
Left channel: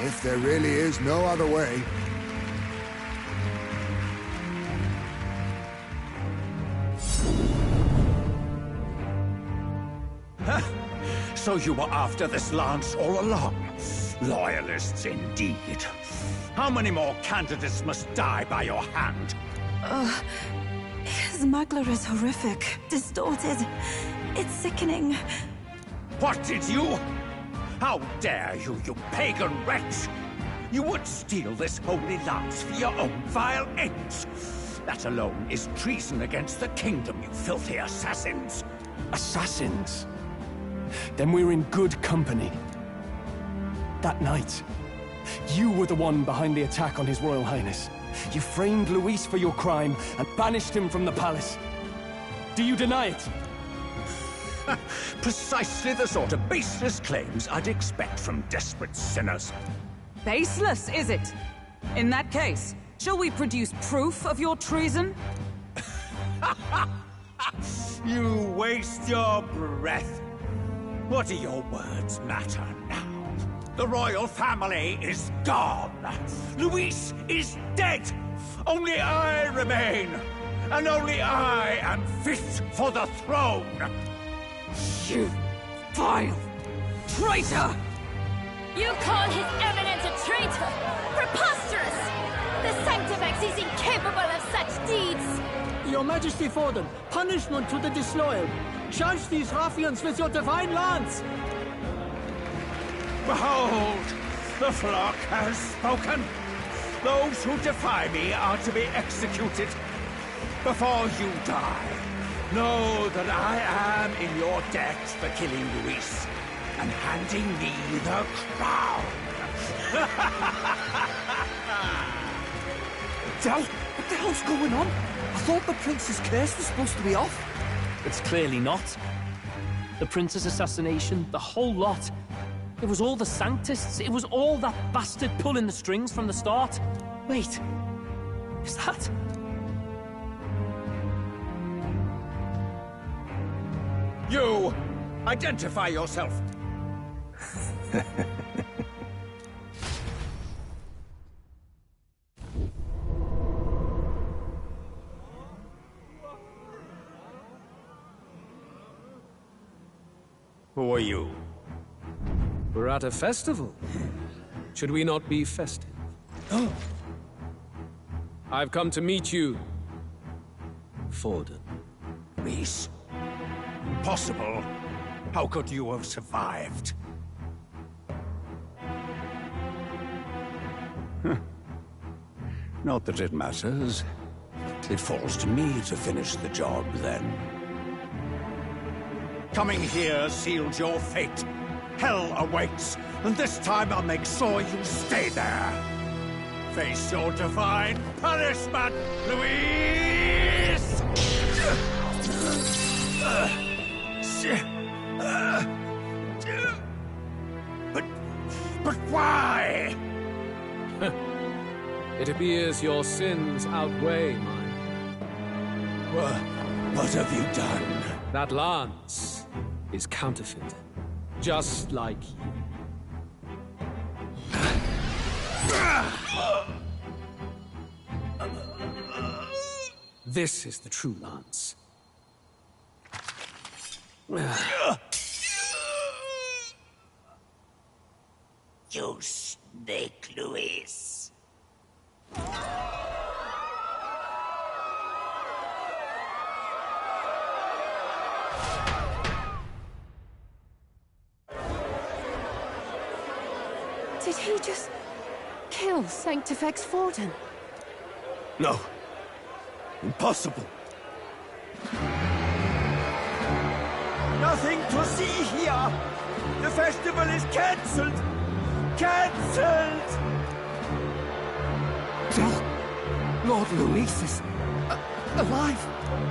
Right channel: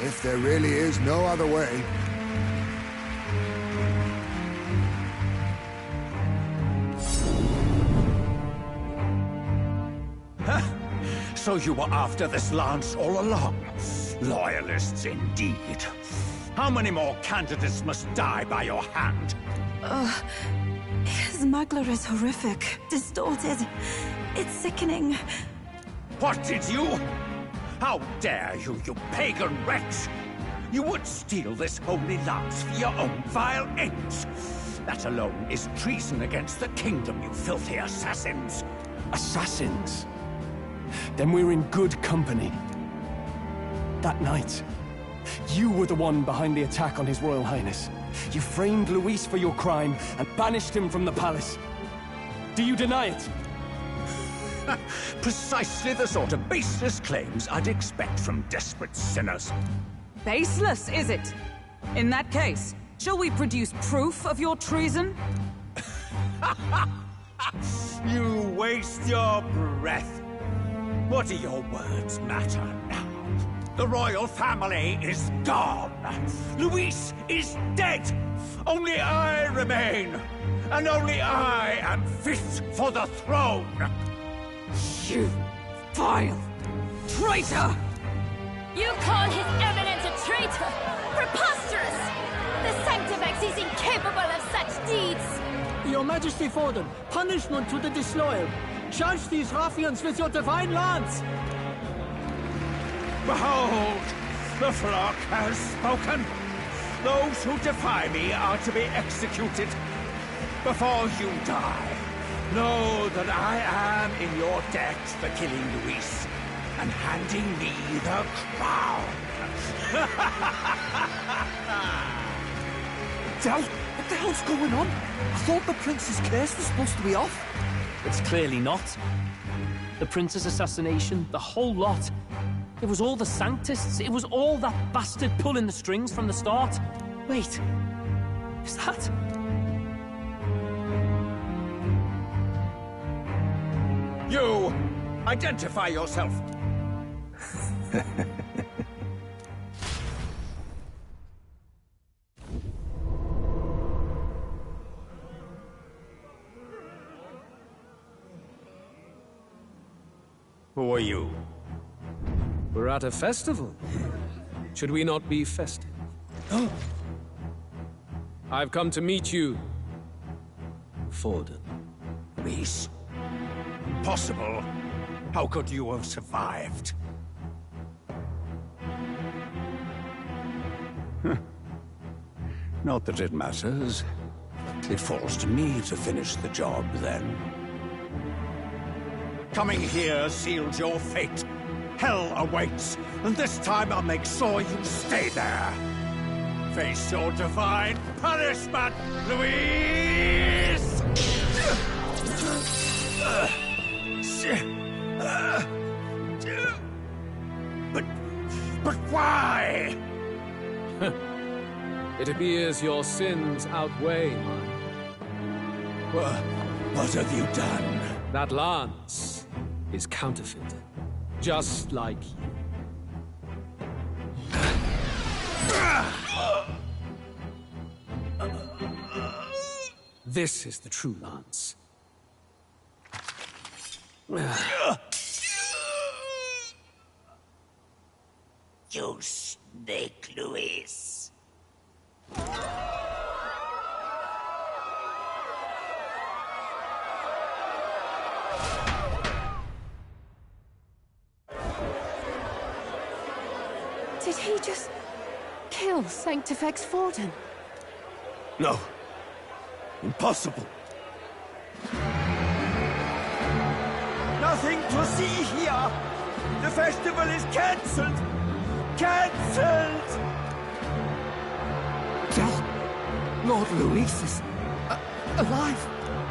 If there really is no other way. So you were after this lance all along? Loyalists indeed. How many more candidates must die by your hand? His Magler is horrific, distorted. It's sickening. What did you? How dare you, you pagan wretch! You would steal this holy lance for your own vile ends. That alone is treason against the kingdom, you filthy assassins. Assassins? Then we're in good company. That night, you were the one behind the attack on His Royal Highness. You framed Luis for your crime and banished him from the palace. Do you deny it? Precisely the sort of baseless claims I'd expect from desperate sinners. Baseless, is it? In that case, shall we produce proof of your treason? You waste your breath. What do your words matter now? The royal family is gone. Luis is dead. Only I remain. And only I am fit for the throne. You vile traitor! You call His Eminence a traitor? Preposterous! The Sanctifex is incapable of such deeds! Your Majesty Forden, punishment to the disloyal. Judge these ruffians with your divine lance! Behold, the flock has spoken. Those who defy me are to be executed. Before you die, know that I am in your debt for killing Luis and handing me the crown. Del, what the hell's going on? I thought the prince's curse was supposed to be off. It's clearly not. The prince's assassination, the whole lot. It was all the Sanctists. It was all that bastard pulling the strings from the start. Wait. Is that... You! Identify yourself! Who are you? We're at a festival. Should we not be festive? Oh. I've come to meet you, Forden. Rhys? Impossible. How could you have survived? Not that it matters. It falls to me to finish the job, then. Coming here sealed your fate. Hell awaits, and this time I'll make sure you stay there. Face your divine punishment, Louise! But why? It appears your sins outweigh mine. What have you done? That lance is counterfeit, just like you. This is the true lance. You snake, Louise. Did he just kill Sanctifex Forden? No. Impossible. Nothing to see here! The festival is cancelled! Cancelled! Lord Louis is... alive!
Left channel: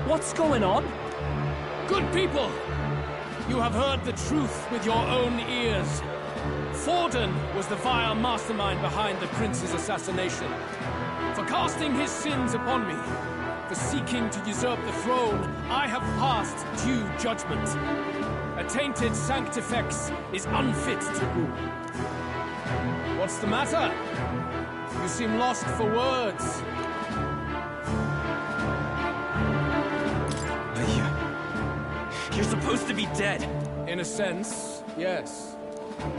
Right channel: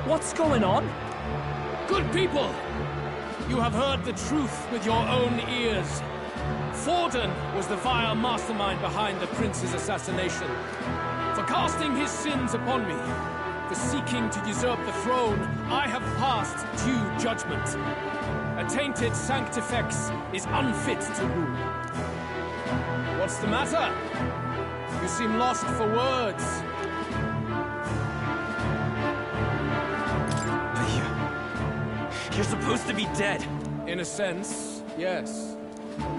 What's going on? Good people! You have heard the truth with your own ears. Forden was the vile mastermind behind the prince's assassination. For casting his sins upon me, for seeking to usurp the throne, I have passed due judgment. A tainted Sanctifex is unfit to rule. What's the matter? You seem lost for words. You're supposed to be dead. In a sense, yes.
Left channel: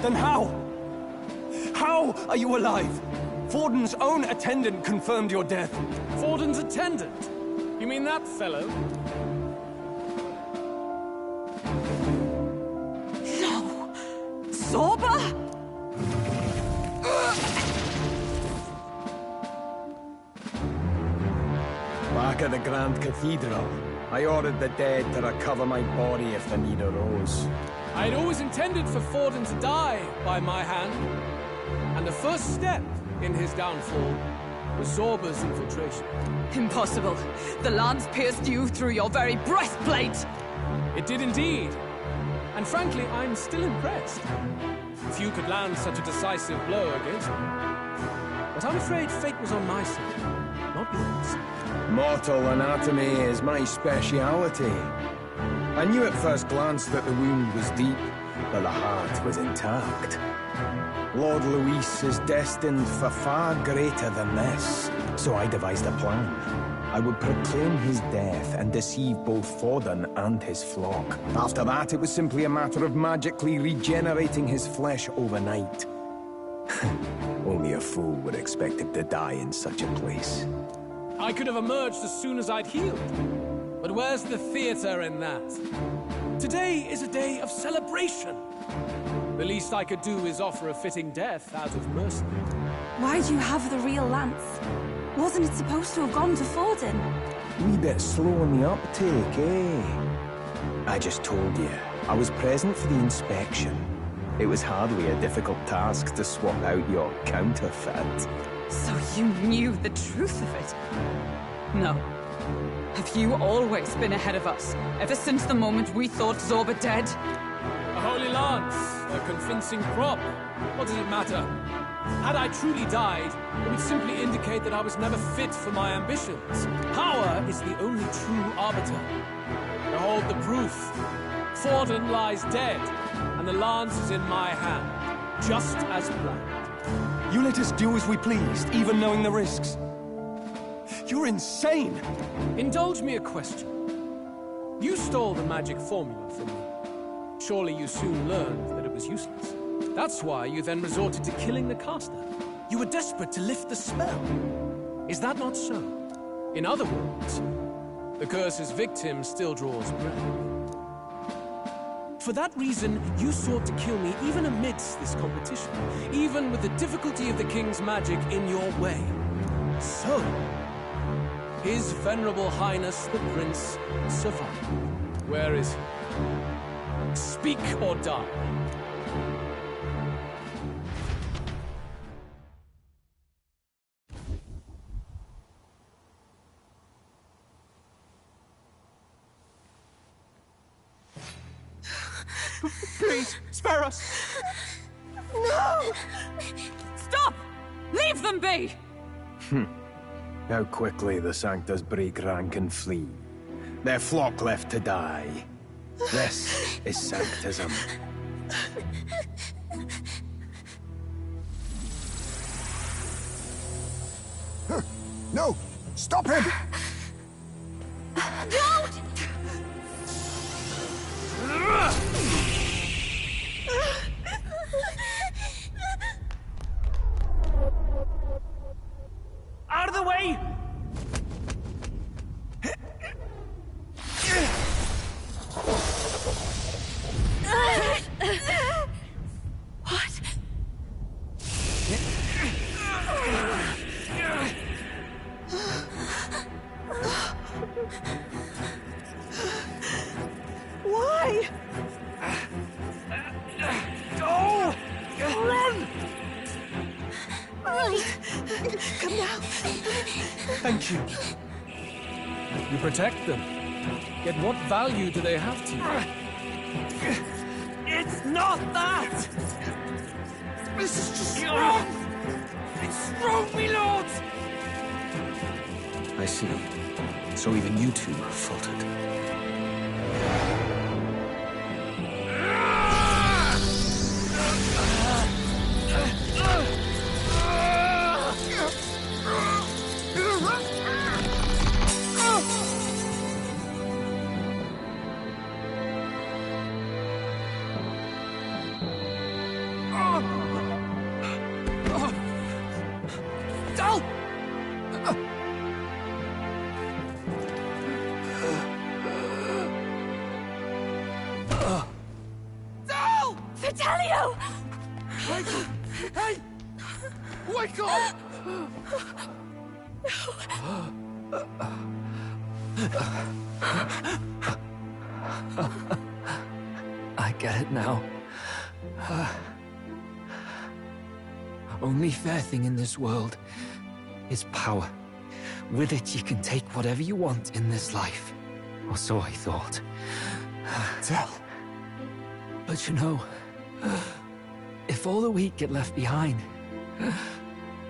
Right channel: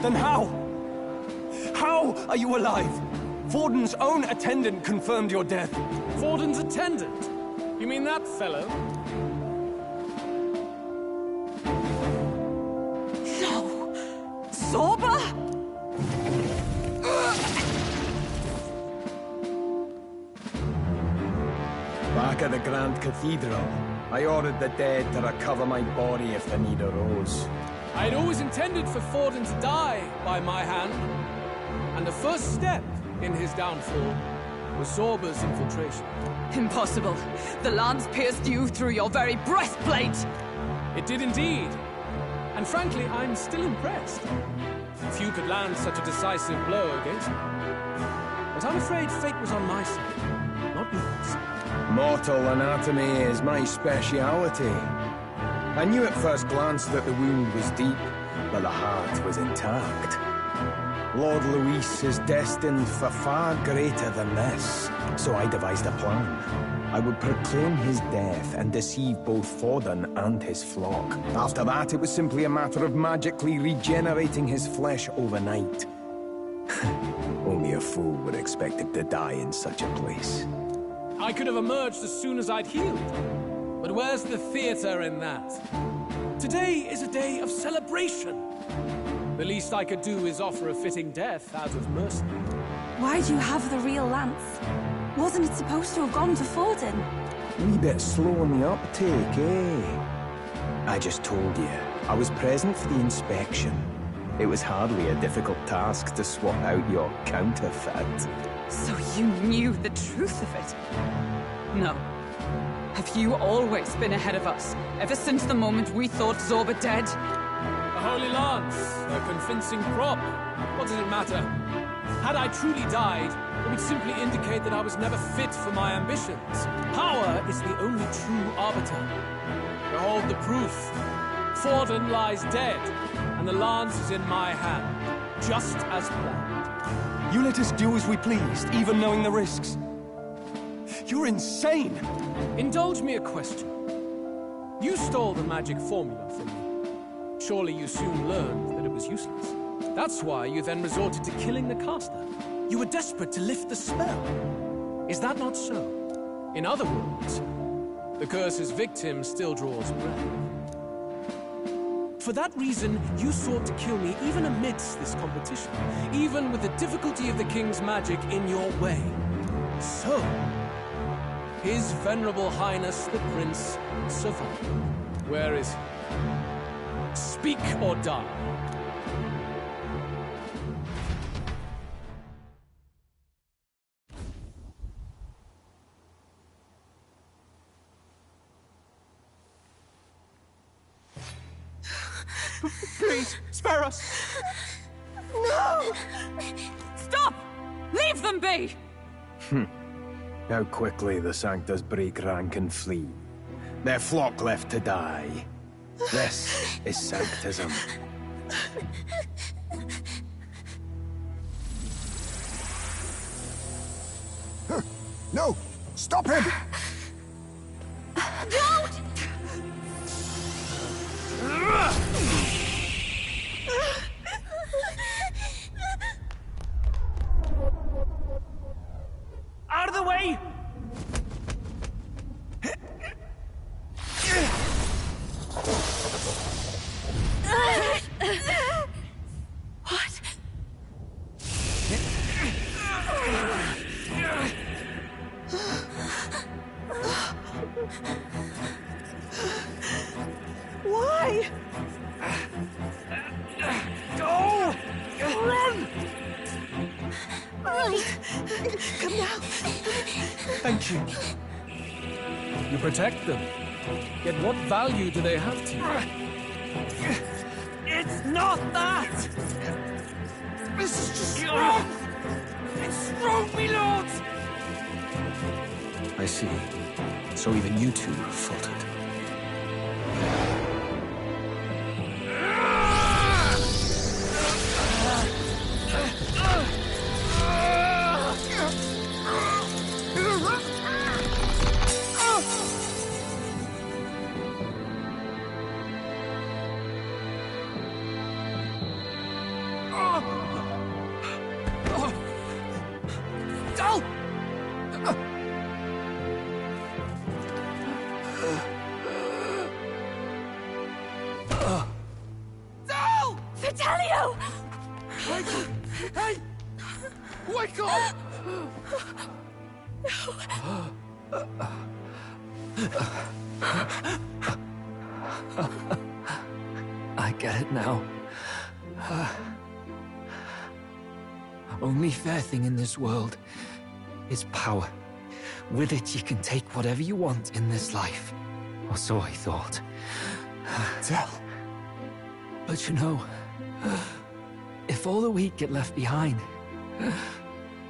Then how? How are you alive? Forden's own attendant confirmed your death. Forden's attendant? You mean that fellow? No! Zorba? Back at the Grand Cathedral, I ordered the dead to recover my body if the need arose. I'd always intended for Forden to die by my hand. And the first step in his downfall was Zorba's infiltration. Impossible. The lance pierced you through your very breastplate! It did indeed. And frankly, I'm still impressed. Few could land such a decisive blow against me. But I'm afraid fate was on my side, not yours. Mortal anatomy is my speciality. I knew at first glance that the wound was deep, but the heart was intact. Lord Louis is destined for far greater than this, so I devised a plan. I would proclaim his death and deceive both Forden and his flock. After that, it was simply a matter of magically regenerating his flesh overnight. Only a fool would expect him to die in such a place. I could have emerged as soon as I'd healed. But where's the theater in that? Today is a day of celebration. The least I could do is offer a fitting death out of mercy. Why do you have the real lance? Wasn't it supposed to have gone to Forden? Wee bit slow on the uptake, eh? I just told you, I was present for the inspection. It was hardly a difficult task to swap out your counterfeit. So you knew the truth of it? No. Have you always been ahead of us, ever since the moment we thought Zorba dead? A holy lance, a convincing prop. What does it matter? Had I truly died, It would simply indicate that I was never fit for my ambitions. Power is the only true arbiter. Behold the proof. Forden lies dead, and the lance is in my hand, just as planned. You let us do as we pleased, even knowing the risks. You're insane! Indulge me a question. You stole the magic formula from me. Surely you soon learned that it was useless. That's why you then resorted to killing the caster. You were desperate to lift the spell. Is that not so? In other words, the curse's victim still draws breath. For that reason, you sought to kill me even amidst this competition, even with the difficulty of the king's magic in your way. So, His Venerable Highness the Prince survived. Where is he? Speak or die. Please, spare us! No! Stop! Leave them be! How quickly the Sanctus break rank and flee. Their flock left to die. This is Sanctism. No! Stop him! Don't! Out of the way! What? Why? Go! Run! Right. Come now. Thank you. You protect them. Yet what value do they have to you? It's not that! This is just wrong! It's wrong, me lords! I see. So even you two faltered. Dal! Dal! Vitelio! Hey! Wake up! I get it now. Only fair thing in this world is power. With it, you can take whatever you want in this life. Or so I thought. Tell. But you know, if all the weak get left behind,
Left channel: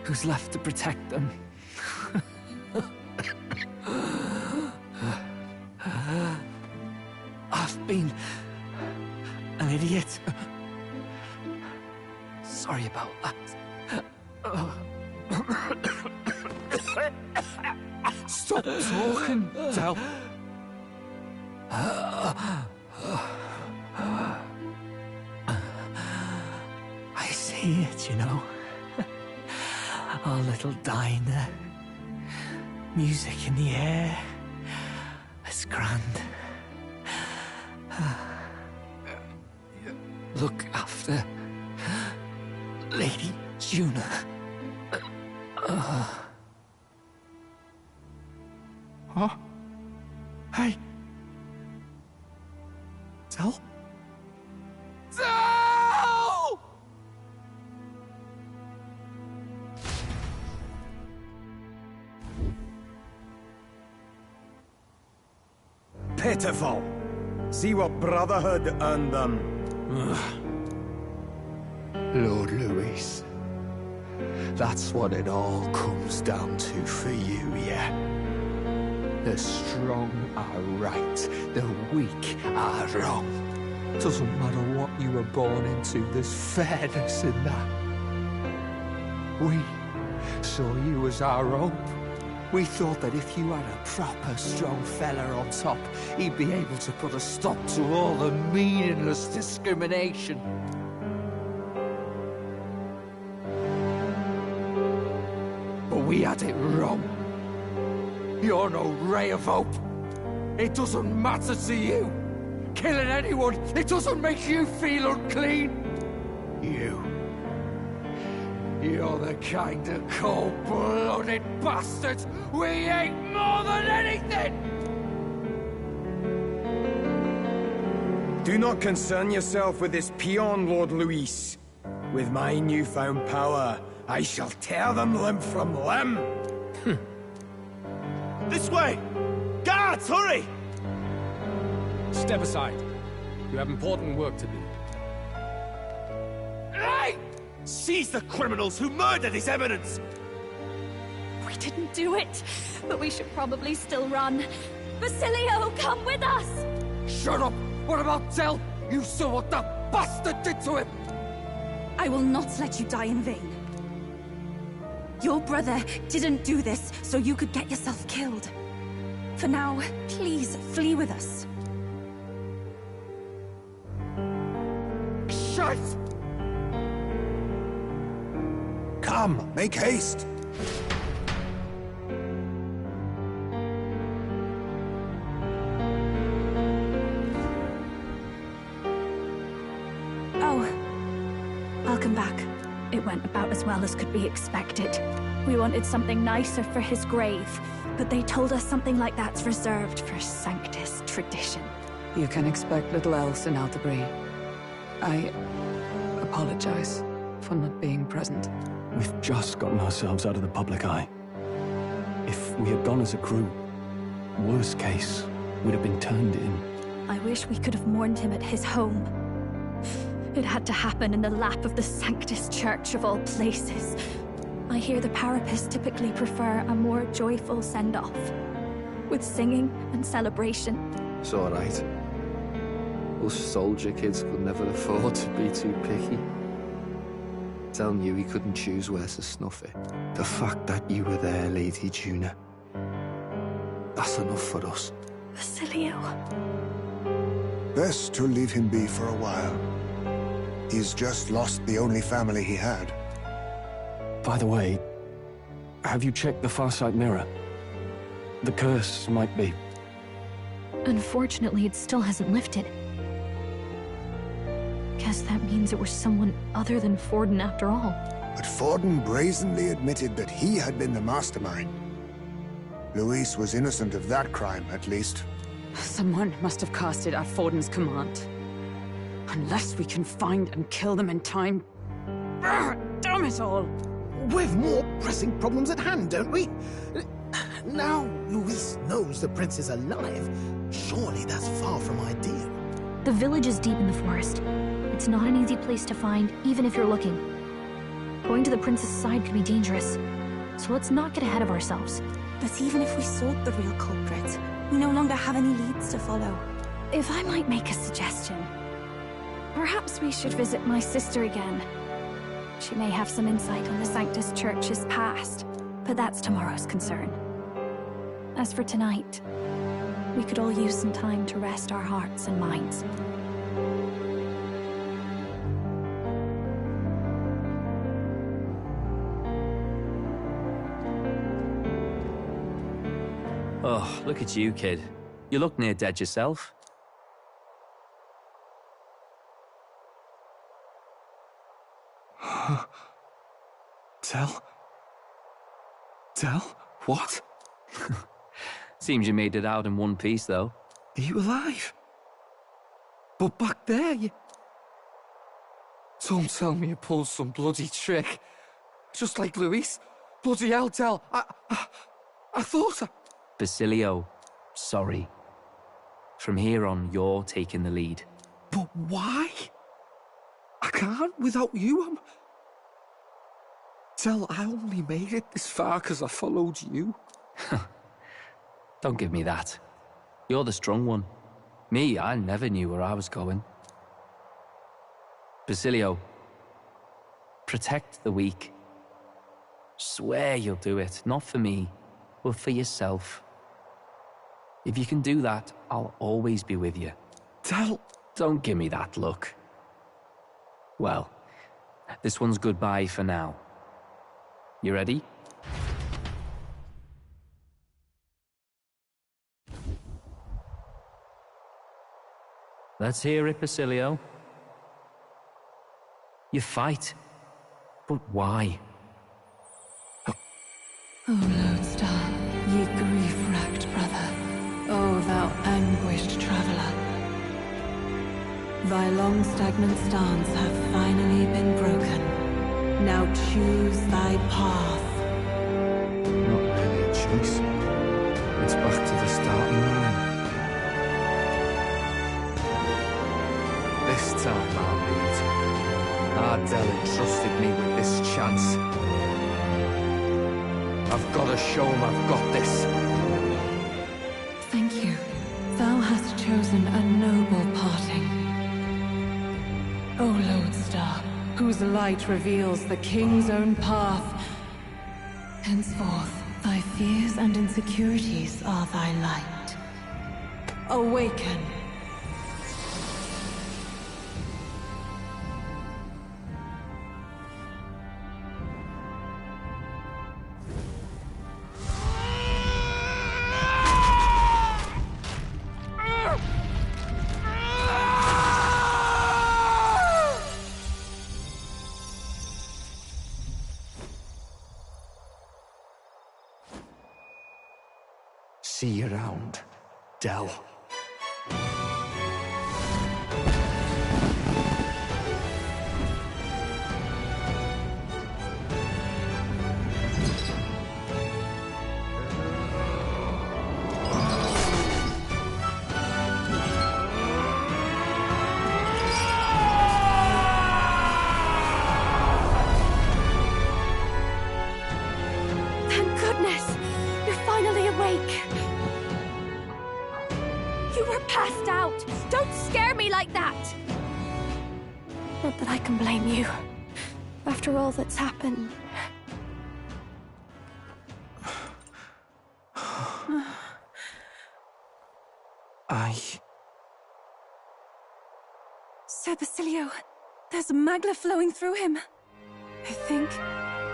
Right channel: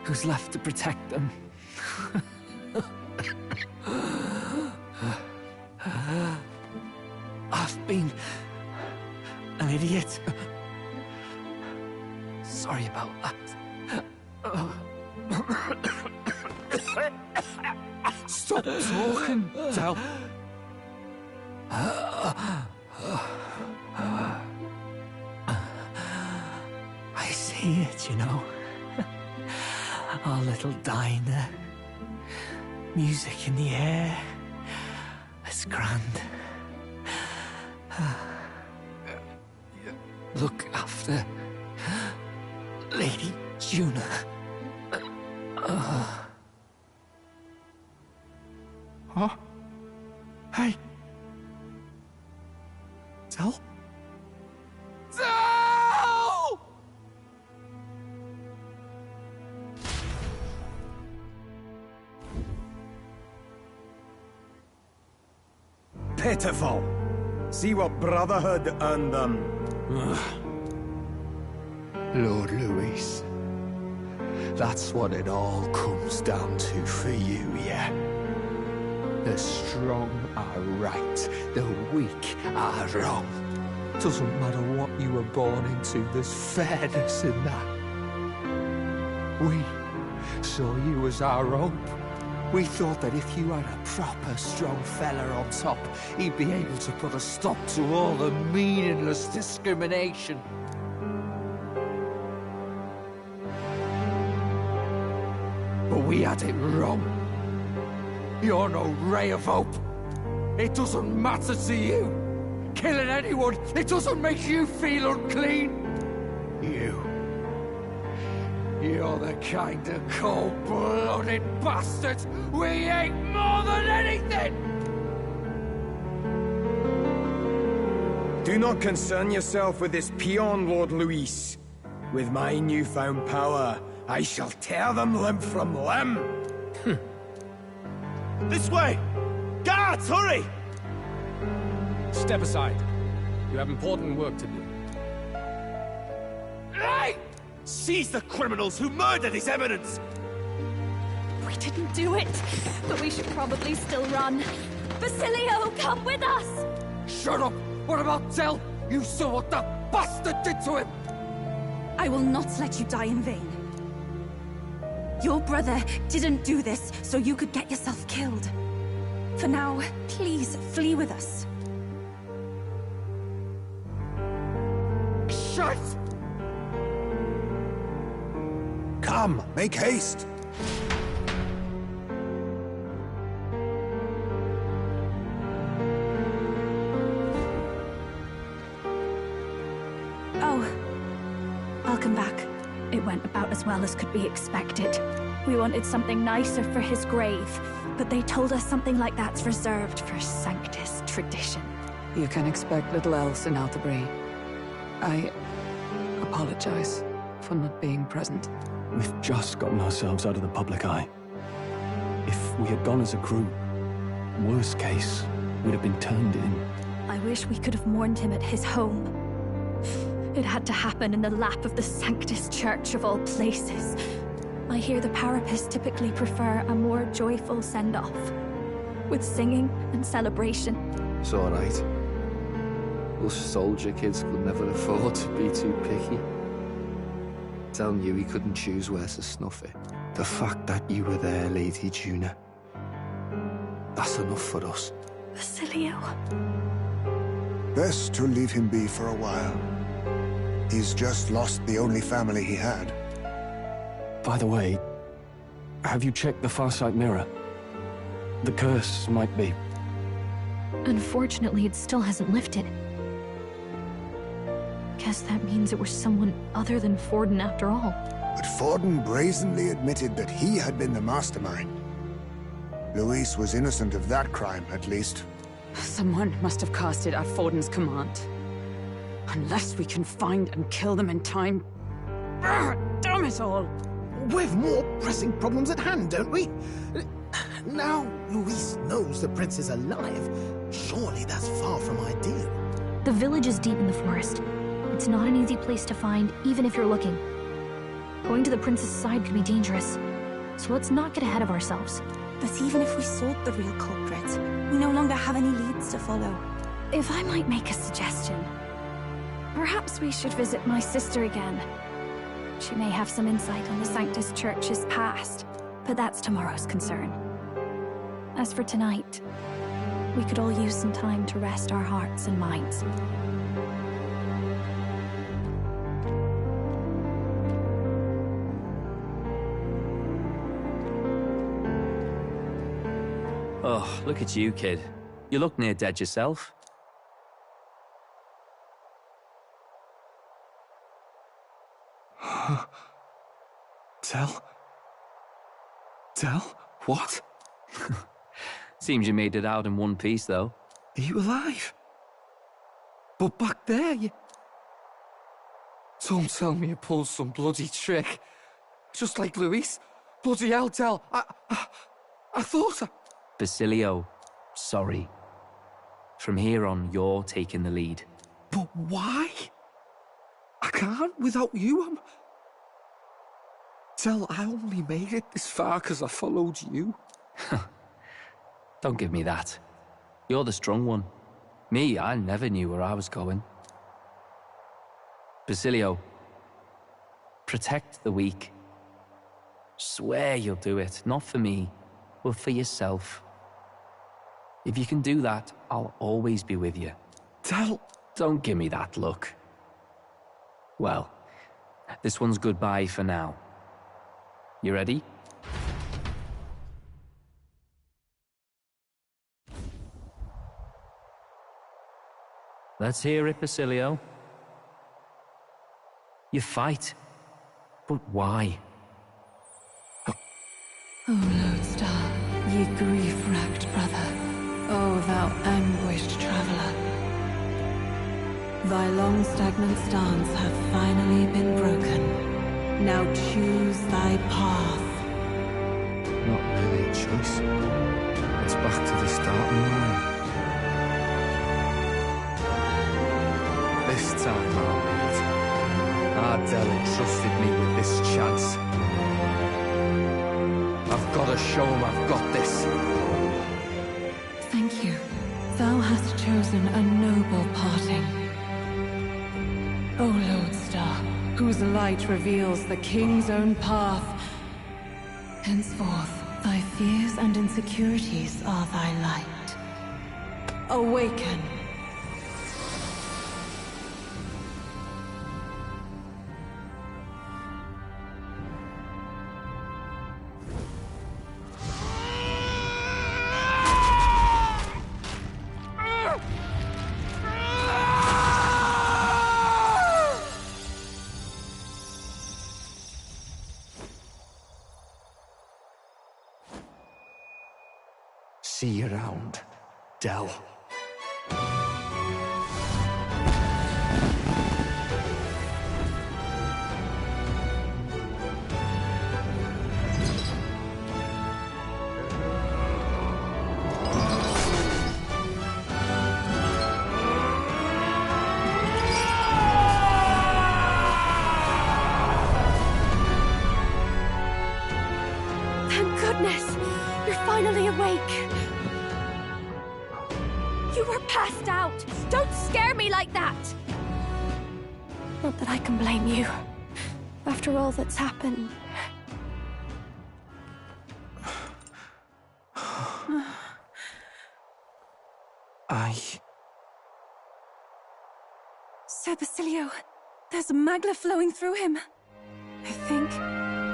who's left to protect them? I've been an idiot. Sorry about that. Stop talking, Del. I see it, you know. Our little diner. Music in the air. It's grand. Look after Lady Juna. Huh? Hey. Tell? Dal! Pitiful. See what Brotherhood earned them. Lord Luis. That's what it all comes down to for you, yeah? The strong are right, the weak are wrong. Doesn't matter what you were born into, there's fairness in that. We saw you as our hope. We thought that if you had a proper strong fella on top, he'd be able to put a stop to all the meaningless discrimination. But we had it wrong. You're no ray of hope. It doesn't matter to you. Killing anyone, it doesn't make you feel unclean. You're the kind of cold-blooded bastards we hate more than anything! Do not concern yourself with this peon, Lord Luis. With my newfound power, I shall tear them limb from limb. This way! Guards, hurry! Step aside. You have important work to do. Hey! Seize the criminals who murdered His Eminence! We didn't do it, but we should probably still run. Basilio, come with us! Shut up! What about Tell? You saw what that bastard did to him! I will not let you die in vain. Your brother didn't do this so you could get yourself killed. For now, please flee with us. Shut! Come, make haste! Oh, welcome back. It went about as well as could be expected. We wanted something nicer for his grave, but they told us something like that's reserved for Sanctus tradition. You can expect little else in Altabri. I apologize for not being present. We've just gotten ourselves out of the public eye. If we had gone as a group, worst case, we'd have been turned in. I wish we could have mourned him at his home. It had to happen in the lap of the Sanctus Church of all places. I hear the Parapists typically prefer a more joyful send-off, with singing and celebration. It's all right. Us soldier kids could never afford to be too picky. Telling you he couldn't choose where to snuff it. The fact that you were there, Lady Juna, that's enough for us. Basilio. Best to leave him be for a while. He's just lost the only family he had. By the way, have you checked the Farsight mirror? The curse might be... Unfortunately, it still hasn't lifted. Guess that means it was someone other than Forden after all. But Forden brazenly admitted that he had been the mastermind. Luis was innocent of that crime, at least. Someone must have cast it at Forden's command. Unless we can find and kill them in time... Damn it all! We've more pressing problems at hand, don't we? Now Luis knows the prince is alive. Surely that's far from ideal. The village is deep in the forest. It's not an easy place to find, even if you're looking. Going to the prince's side could be dangerous. So let's not get ahead of ourselves. But even if we sought the real culprit, we no longer have any leads to follow. If I might make a suggestion, perhaps we should visit my sister again. She may have some insight on the Sanctus Church's past, but that's tomorrow's concern. As for tonight, we could all use some time to rest our hearts and minds. Oh, look at you, kid. You look near dead yourself. Tell? What? Seems you made it out in one piece, though. Are you alive? But back there, you... Don't tell me you pulled some bloody trick. Just like Luis. Bloody hell, Tell. I thought I... Basilio, sorry. From here on, you're taking the lead. But why? I can't without you. Tell, I only made it this far because I followed you. Don't give me that. You're the strong one. Me, I never knew where I was going. Basilio, protect the weak. Swear you'll do it, not for me, but for yourself. If you can do that, I'll always be with you. Don't give me that look. Well, this one's goodbye for now. You ready? Let's hear it, Basilio. You fight, but why? O Lodestar, ye grief-racked brother, O thou anguished traveler. Thy long stagnant stance hath finally been broken. Now choose thy path. Not really a choice. It's back to the starting line. This time I'll lead. Ardell entrusted me with this chance. I've got to show him I've got this. Thank you. Thou hast chosen a noble parting. O Lodestar, whose light reveals the king's own path. Henceforth, thy fears and insecurities are thy light. Awaken. See you around, Dell. Thank goodness! You're finally awake! You were passed out! Don't scare me like that! Not that I can blame you. After all that's happened. Sir Basilio, there's magla flowing through him. I think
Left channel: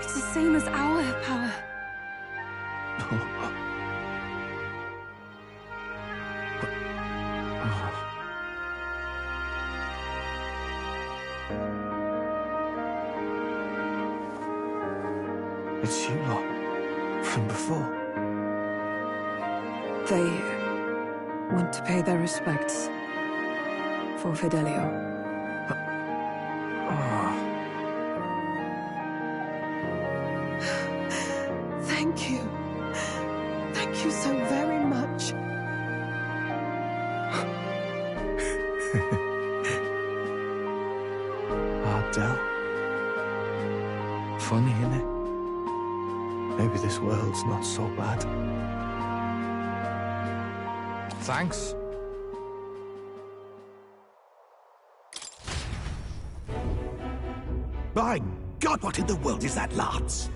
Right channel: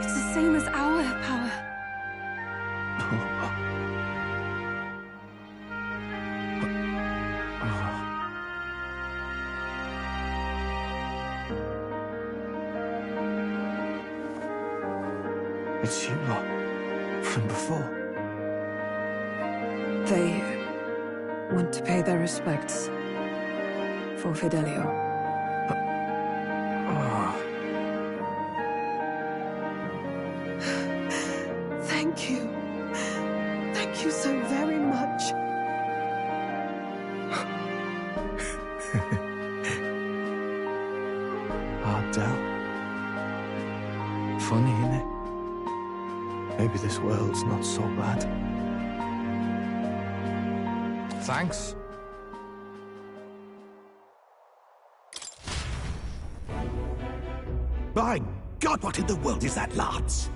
it's the same as our power. It's you lot, from before. They want to pay their respects for Fidelio. Thank you. Thank you so very much. Ardell. Funny, innit? Maybe this world's not so bad. Thanks. By God, what in the world is that, lads?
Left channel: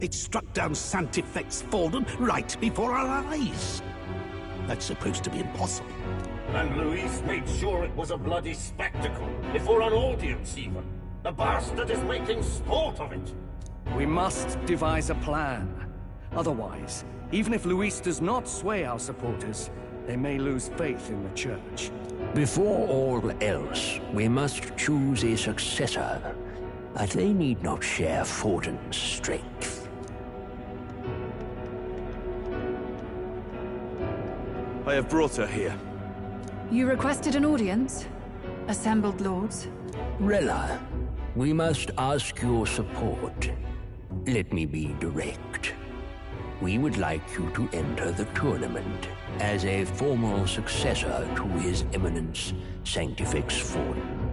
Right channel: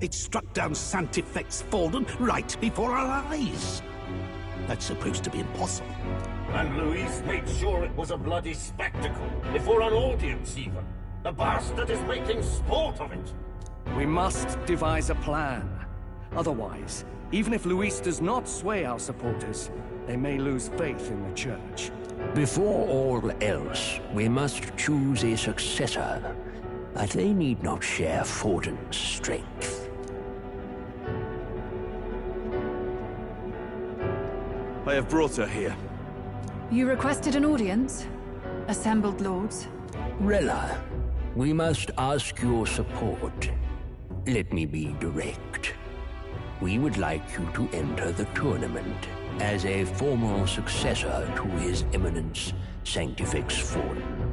It struck down Sanctifex Fallen right before our eyes. That's supposed to be impossible. And Luis made sure it was a bloody spectacle, before an audience even. The bastard is making sport of it. We must devise a plan. Otherwise, even if Luis does not sway our supporters, they may lose faith in the church. Before all else, we must choose a successor. But they need not share Forden's strength. I have brought her here. You requested an audience? Assembled lords? Rella, we must ask your support. Let me be direct. We would like you to enter the tournament as a formal successor to His Eminence Sanctifex Fallen.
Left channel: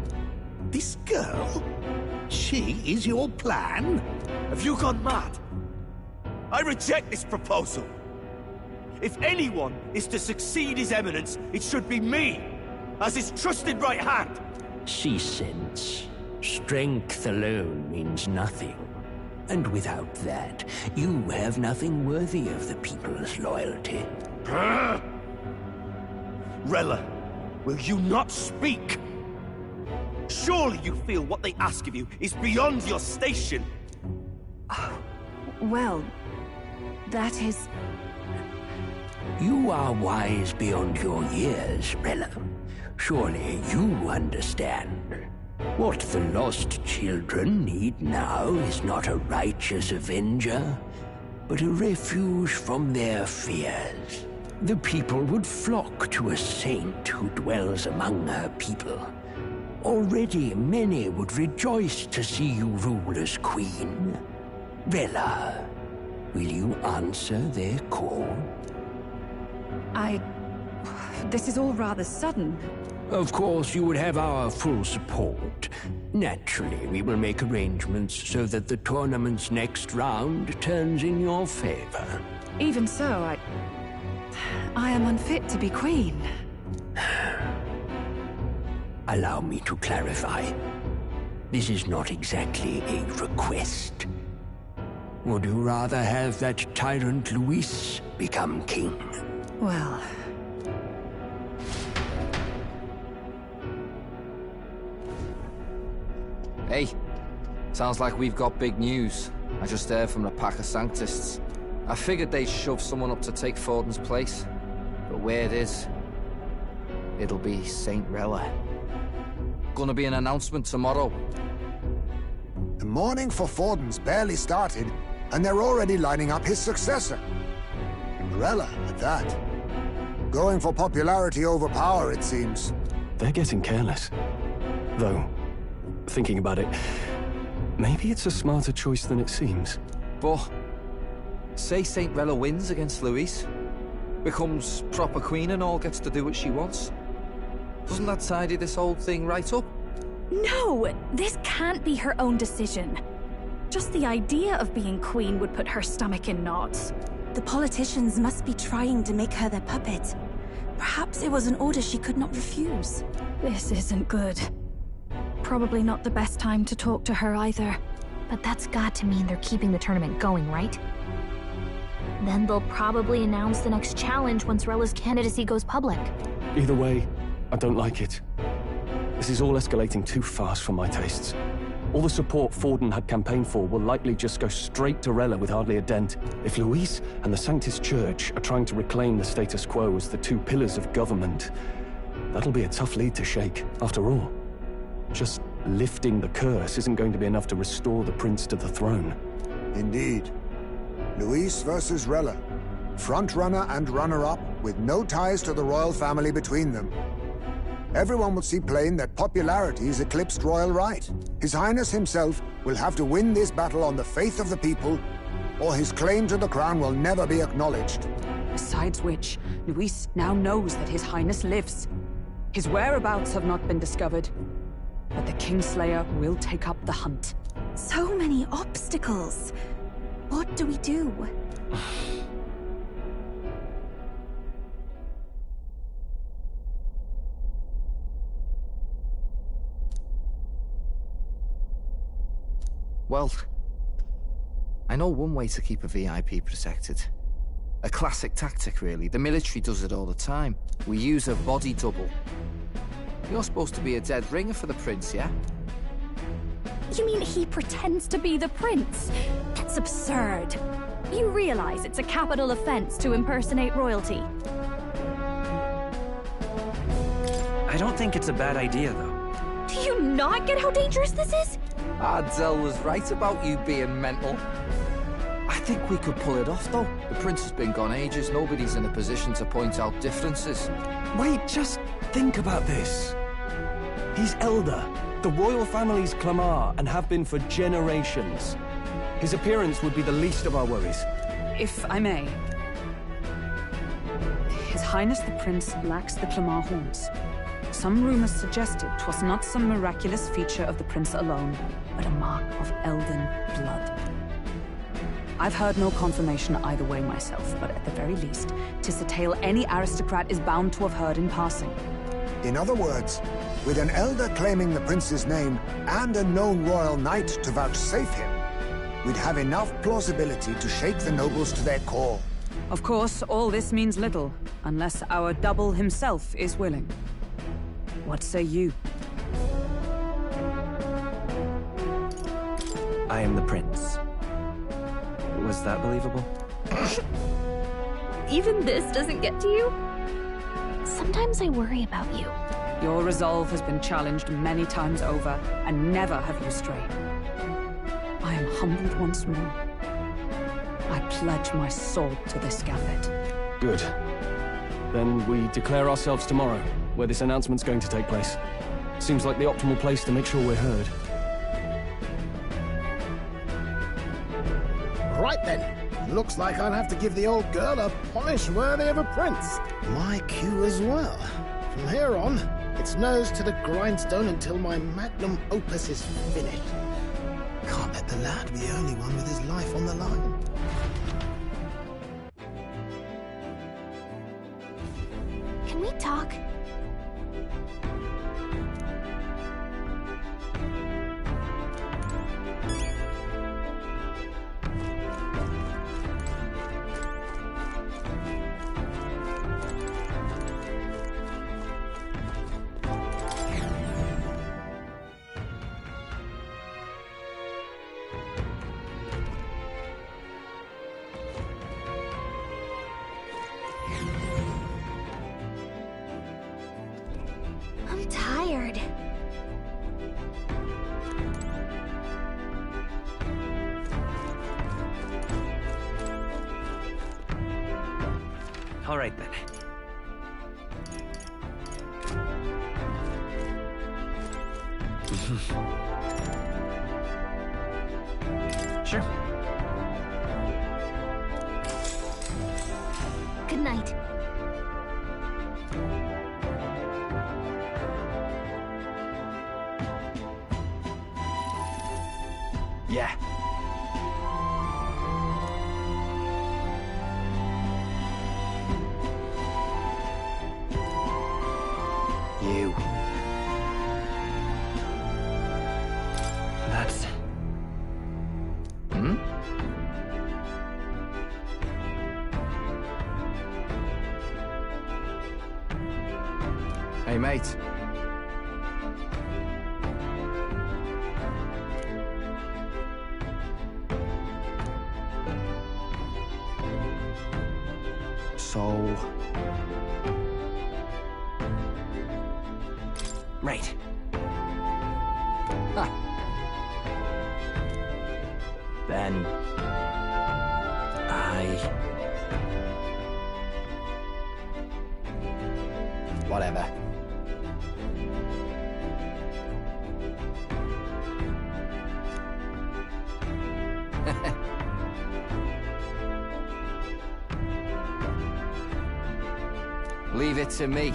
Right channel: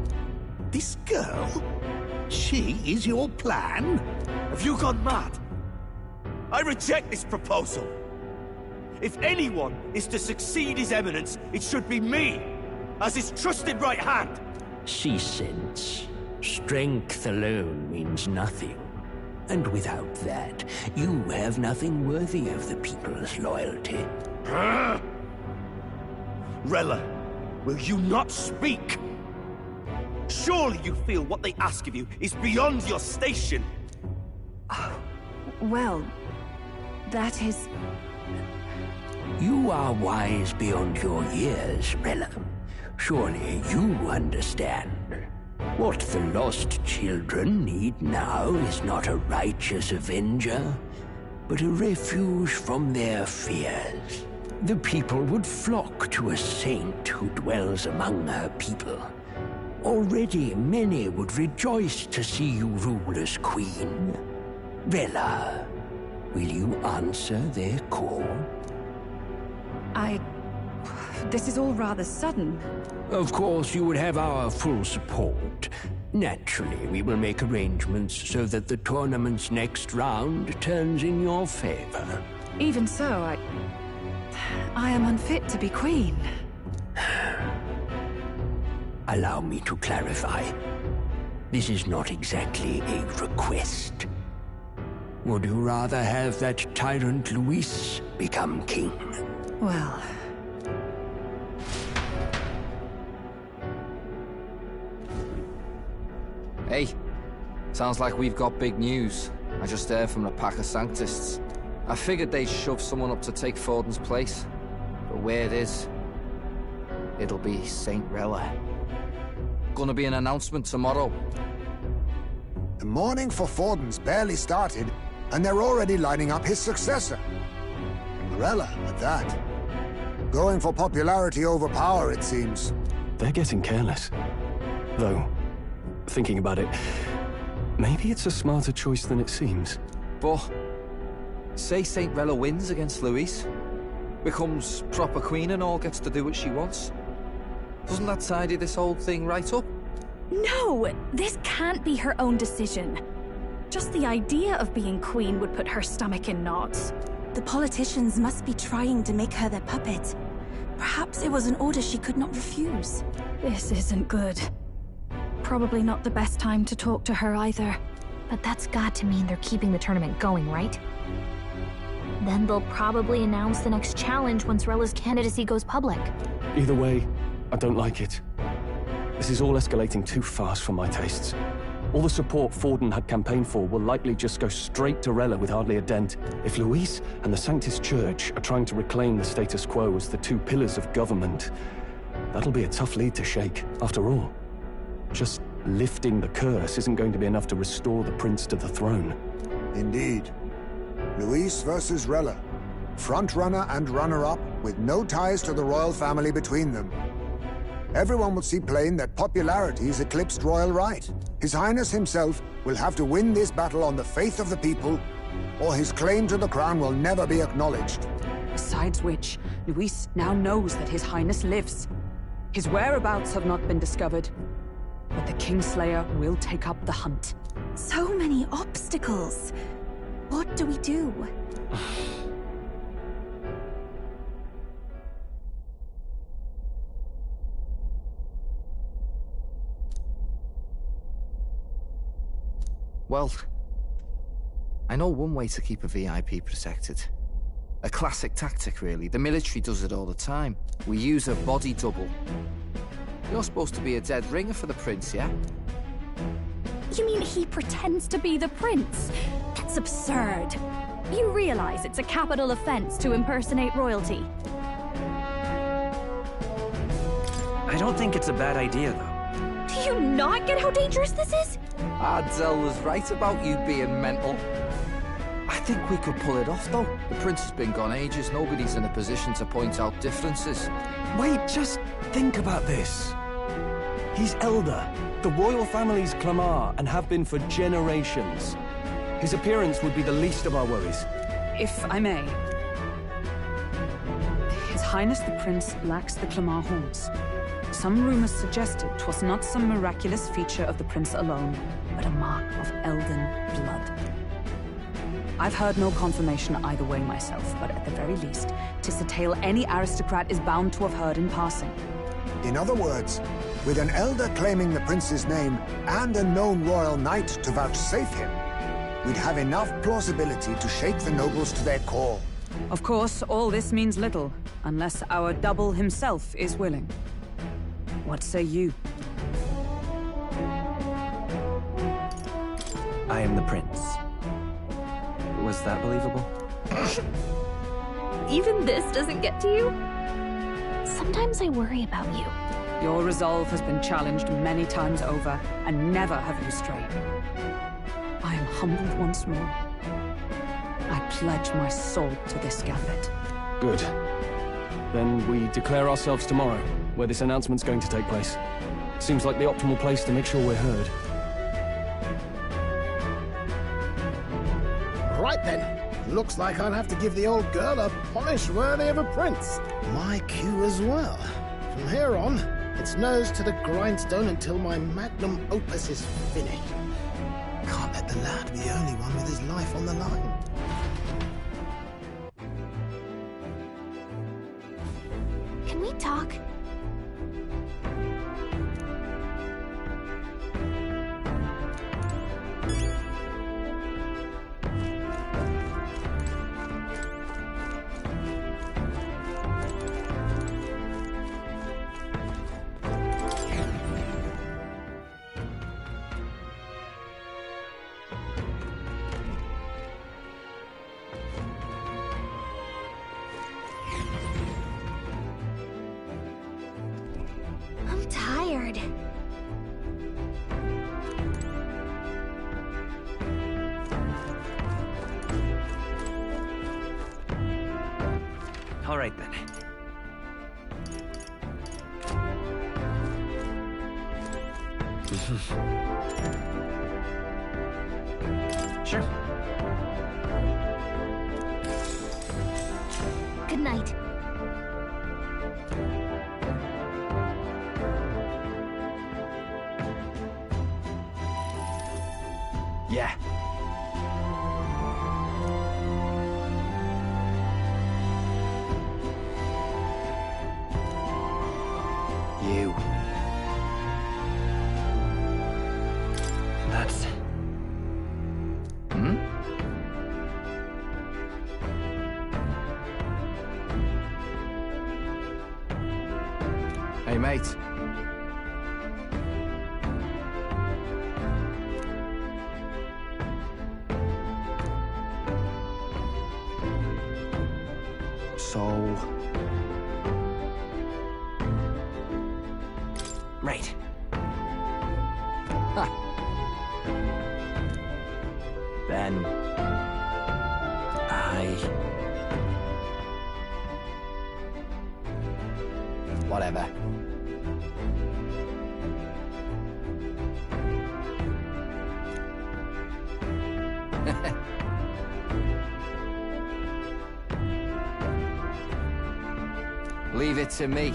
This girl? She is your plan? Have you gone mad? I reject this proposal. If anyone is to succeed His Eminence, it should be me, as his trusted right hand. See sense. Strength alone means nothing. And without that, you have nothing worthy of the people's loyalty. Rella, will you not speak? Surely you feel what they ask of you is beyond your station. Well, that is... You are wise beyond your years, Rella. Surely you understand. What the lost children need now is not a righteous avenger, but a refuge from their fears. The people would flock to a saint who dwells among her people. Already many would rejoice to see you rule as queen. Rella, will you answer their call? This is all rather sudden. Of course, you would have our full support. Naturally, we will make arrangements so that the tournament's next round turns in your favor. Even so, I am unfit to be queen. Allow me to clarify. This is not exactly a request. Would you rather have that tyrant Luis become king? Well... Hey, sounds like we've got big news. I just heard from the pack of Sanctists. I figured they'd shove someone up to take Forden's place. But where it is, it'll be Saint Rella. Gonna be an announcement tomorrow. The mourning for Forden's barely started, and they're already lining up his successor. And Rella, at that. Going for popularity over power, it seems. They're getting careless. Though, thinking about it, maybe it's a smarter choice than it seems. But, say Saint Rella wins against Luis, becomes proper queen and all, gets to do what she wants. Doesn't that tidy this whole thing right up? No! This can't be her own decision. Just the idea of being queen would put her stomach in knots. The politicians must be trying to make her their puppet. Perhaps it was an order she could not refuse. This isn't good. Probably not the best time to talk to her either. But that's got to mean they're keeping the tournament going, right? Then they'll probably announce the next challenge once Rella's candidacy goes public. Either way, I don't like it. This is all escalating too fast for my tastes. All the support Forden had campaigned for will likely just go straight to Rella with hardly a dent. If Luis and the Sanctus Church are trying to reclaim the status quo as the two pillars of government, that'll be a tough lead to shake. After all, just lifting the curse isn't going to be enough to restore the prince to the throne. Indeed. Luis versus Rella. Frontrunner and runner-up, with no ties to the royal family between them. Everyone will see plain that popularity's eclipsed royal right. His Highness himself will have to win this battle on the faith of the people, or his claim to the crown will never be acknowledged. Besides which, Luis now knows that His Highness lives. His whereabouts have not been discovered, but the Kingslayer will take up the hunt. So many obstacles. What do we do? Well, I know one way to keep a VIP protected. A classic tactic, really. The military does it all the time. We use a body double. You're supposed to be a dead ringer for the prince, yeah? You mean he pretends to be the prince? That's absurd. You realize it's a capital offense to impersonate royalty. I don't think it's a bad idea, though. Do you not get how dangerous this is? Ardell was right about you being mental. I think we could pull it off, though. The prince has been gone ages. Nobody's in a position to point out differences. Wait, just think about this. He's elder. The royal family's Clamar, and have been for generations. His appearance would be the least of our worries. If I may. His Highness the Prince lacks the Clamar horns. Some rumors suggested 'twas not some miraculous feature of the prince alone, but a mark of elven blood. I've heard no confirmation either way myself, but at the very least, 'tis a tale any aristocrat is bound to have heard in passing. In other words, with an elder claiming the prince's name and a known royal knight to vouchsafe him, we'd have enough plausibility to shake the nobles to their core. Of course, all this means little, unless our double himself is willing. What say you? I am the prince. Was that believable? Even this doesn't get to you? Sometimes I worry about you. Your resolve has been challenged many times over, and never have you strayed. I am humbled once more. I pledge my sword to this gambit. Good. Then we declare ourselves tomorrow, where this announcement's going to take place. Seems like the optimal place to make sure we're heard. Right then. Looks like I'll have to give the old girl a polish worthy of a prince. My cue as well. From here on, it's nose to the grindstone until my magnum opus is finished. Can't let the lad be the only one with his life on the line. Can we talk? I'm tired. All right, then. Sure. Good night. Yeah. You. That's... Hmm? Hey, mate. So... Right. Huh. Then... Whatever. Leave it to me.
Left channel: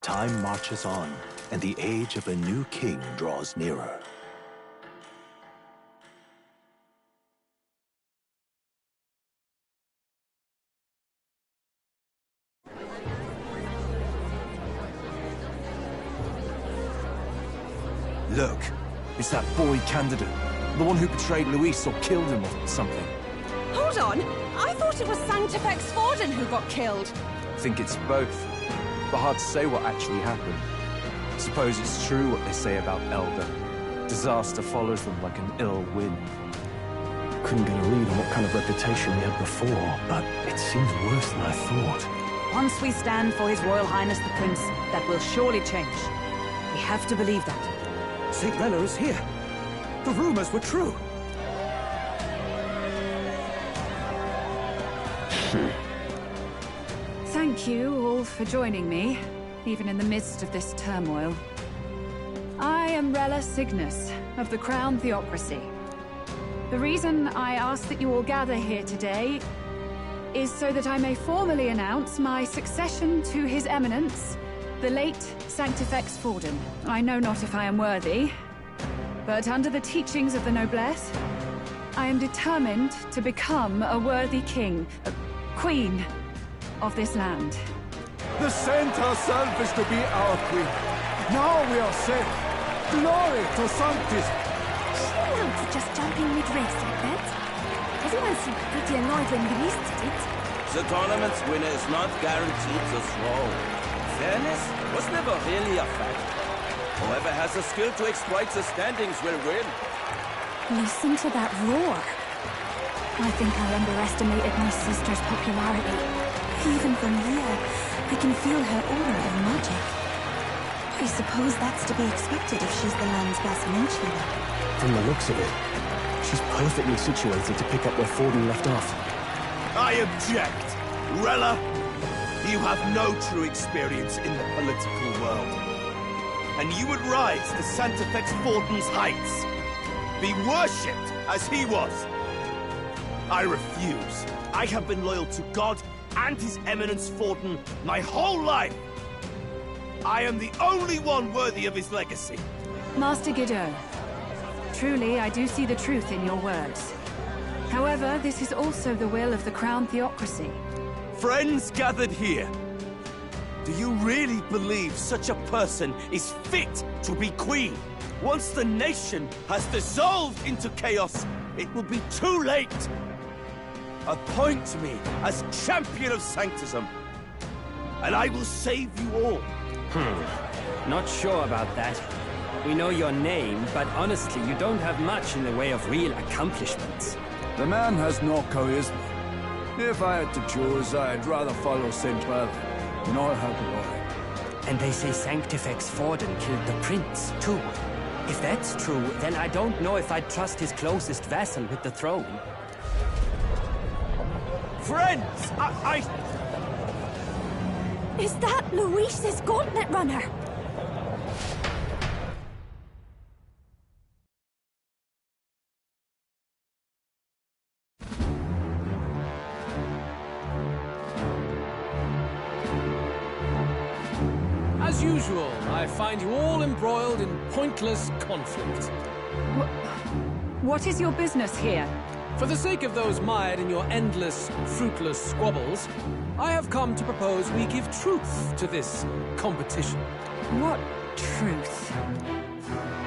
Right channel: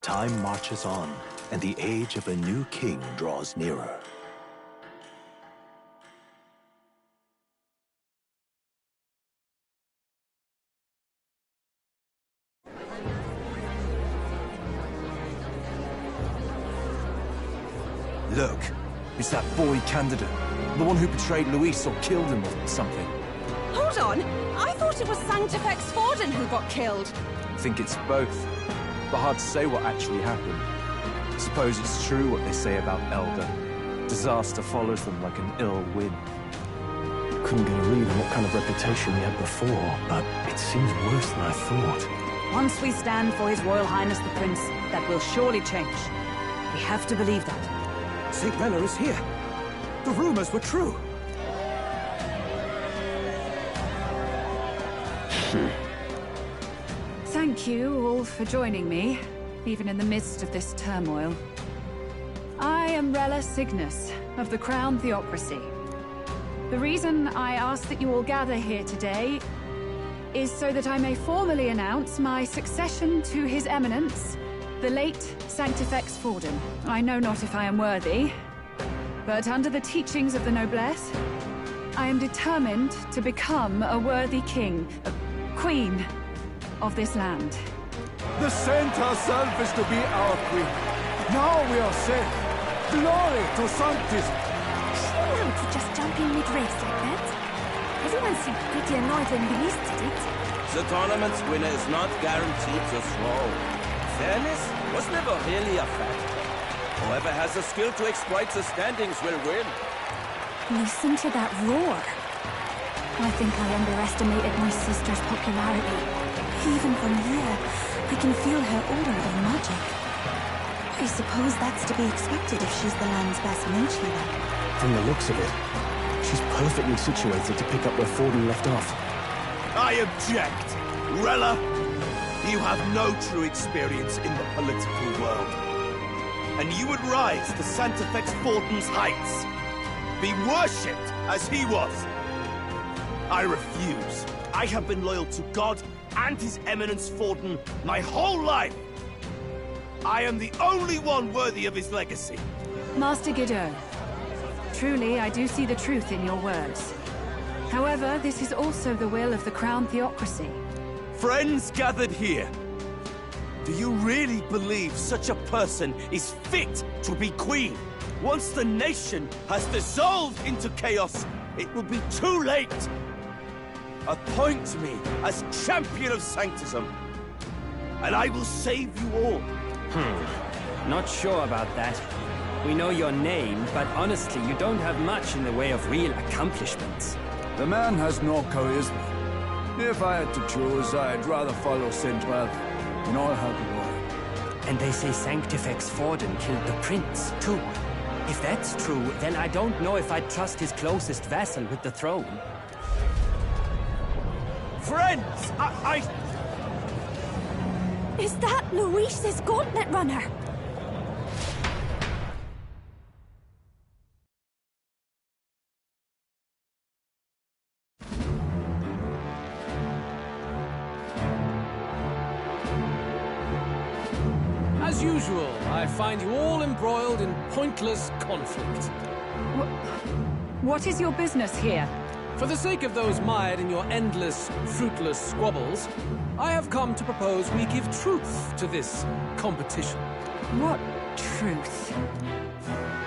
Time marches on, and the age of a new king draws nearer. Look, it's that boy candidate. The one who betrayed Luis or killed him or something. Hold on! I thought it was Sanctifex Forden who got killed. I think it's both. But hard to say what actually happened. Suppose it's true what they say about Elder. Disaster follows them like an ill wind. Couldn't get a read on what kind of reputation we had before, but it seems worse than I thought. Once we stand for His Royal Highness the Prince, that will surely change. We have to believe that. St. Rella is here. The rumors were true. Thank you all for joining me, even in the midst of this turmoil. I am Rella Cygnus, of the Crown Theocracy. The reason I ask that you all gather here today is so that I may formally announce my succession to His Eminence, the late Sanctifex Forden. I know not if I am worthy, but under the teachings of the noblesse, I am determined to become a worthy king, a queen of this land. The saint herself is to be our queen. Now we are safe. Glory to Sanctis. Chill out for just jumping mid-race like that. Everyone seemed pretty annoyed when Luis did it. The tournament's winner is not guaranteed the throne. Fairness was never really a factor. Whoever has the skill to exploit the standings will win. Listen to that roar. I think I underestimated my sister's popularity. Even from here, I can feel her aura of magic. I suppose that's to be expected if she's the land's best mage healer. From the looks of it, she's perfectly situated to pick up where Forden left off. I object! Rella, you have no true experience in the political world. And you would rise to Sanctifex Forden's heights. Be worshipped as he was. I refuse. I have been loyal to God and His Eminence Forden my whole life. I am the only one worthy of his legacy. Master Guido, truly I do see the truth in your words. However, this is also the will of the Crown Theocracy. Friends gathered here, do you really believe such a person is fit to be queen? Once the nation has dissolved into chaos, it will be too late. Appoint me as champion of Sanctism, and I will save you all. Not sure about that. We know your name, but honestly, you don't have much in the way of real accomplishments. The man has no charisma. If I had to choose, I'd rather follow Saint Bell in all her glory. And they say Sanctifex Forden killed the prince, too. If that's true, then I don't know if I'd trust his closest vassal with the throne. Friends, Is that Luis's gauntlet runner? As usual, I find you all embroiled in pointless conflict. What is your business here? For the sake of those mired in your endless, fruitless squabbles, I have come to propose we give truth to this competition. What truth?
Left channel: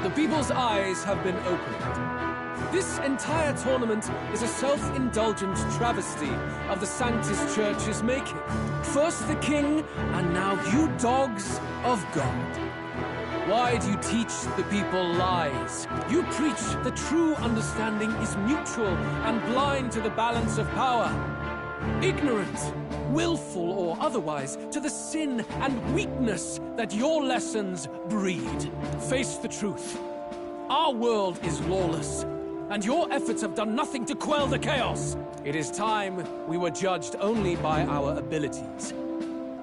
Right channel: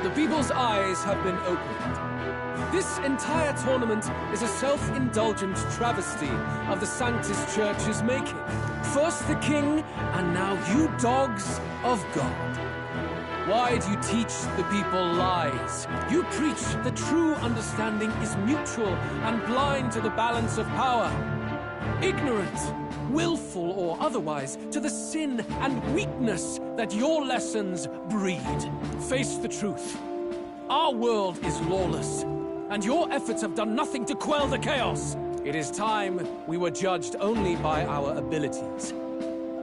The people's eyes have been opened. This entire tournament is a self-indulgent travesty of the Sanctis Church's making. First the king, and now you dogs of God. Why do you teach the people lies? You preach that true understanding is mutual and blind to the balance of power. Ignorant, willful or otherwise, to the sin and weakness that your lessons breed. Face the truth. Our world is lawless, and your efforts have done nothing to quell the chaos. It is time we were judged only by our abilities.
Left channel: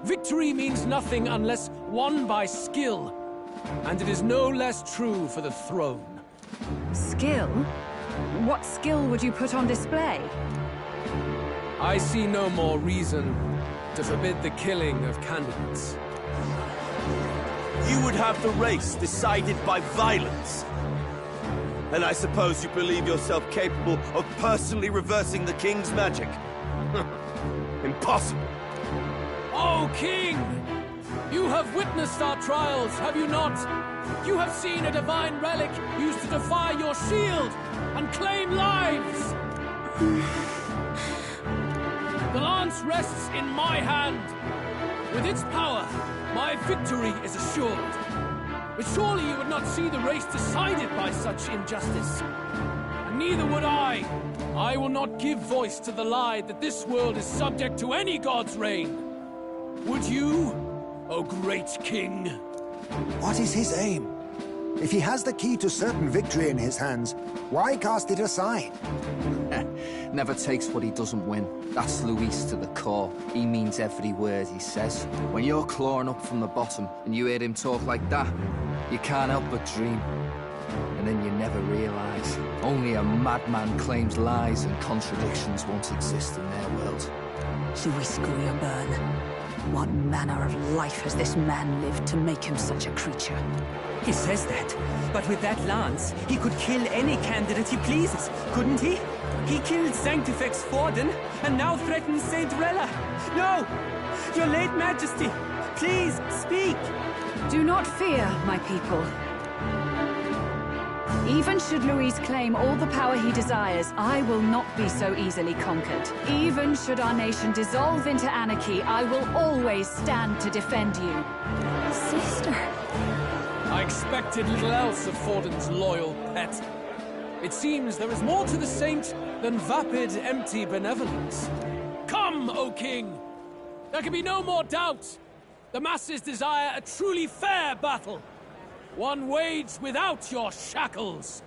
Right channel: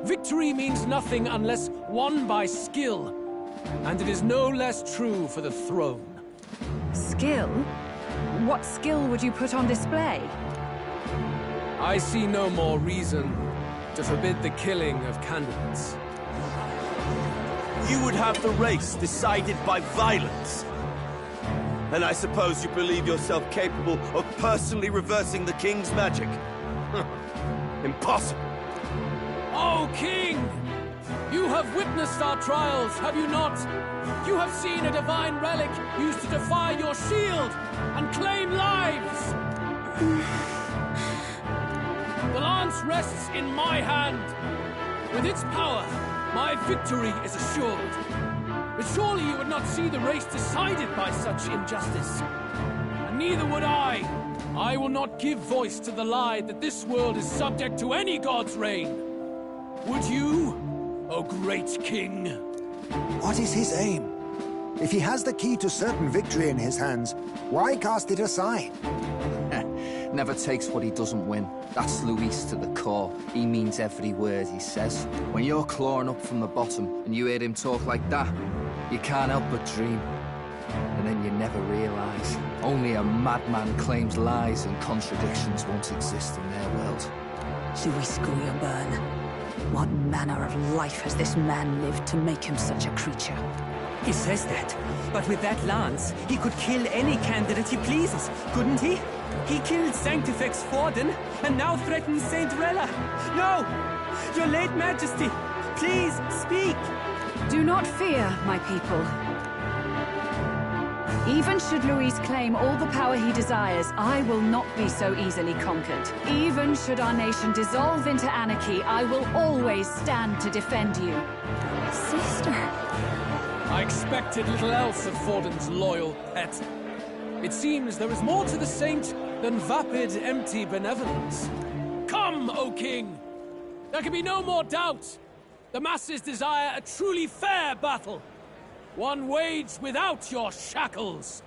Victory means nothing unless won by skill, and it is no less true for the throne. Skill? What skill would you put on display? I see no more reason to forbid the killing of candidates. You would have the race decided by violence. And I suppose you believe yourself capable of personally reversing the king's magic? Impossible. Oh, king! You have witnessed our trials, have you not? You have seen a divine relic used to defy your shield and claim lives! The lance rests in my hand. With its power, my victory is assured. But surely you would not see the race decided by such injustice. And neither would I. I will not give voice to the lie that this world is subject to any god's reign. Would you, O great king? What is his aim? If he has the key to certain victory in his hands, why cast it aside? Never takes what he doesn't win. That's Luis to the core. He means every word he says. When you're clawing up from the bottom and you hear him talk like that, you can't help but dream. and then you never realise. Only a madman claims lies and contradictions won't exist in their world. Luis Guillaburn, what manner of life has this man lived to make him such a creature? He says that, but with that lance, he could kill any candidate he pleases, couldn't he? He killed Sanctifex Forden, and now threatens Saint Rella. No! Your late Majesty, please, speak! Do not fear, my people. Even should Luis claim all the power he desires, I will not be so easily conquered. Even should our nation dissolve into anarchy, I will always stand to defend you. Sister. I expected little else of Forden's loyal pet. It seems there is more to the saint than vapid, empty benevolence. Come, O King! There can be no more doubt. The masses desire a truly fair battle. One waged without your shackles.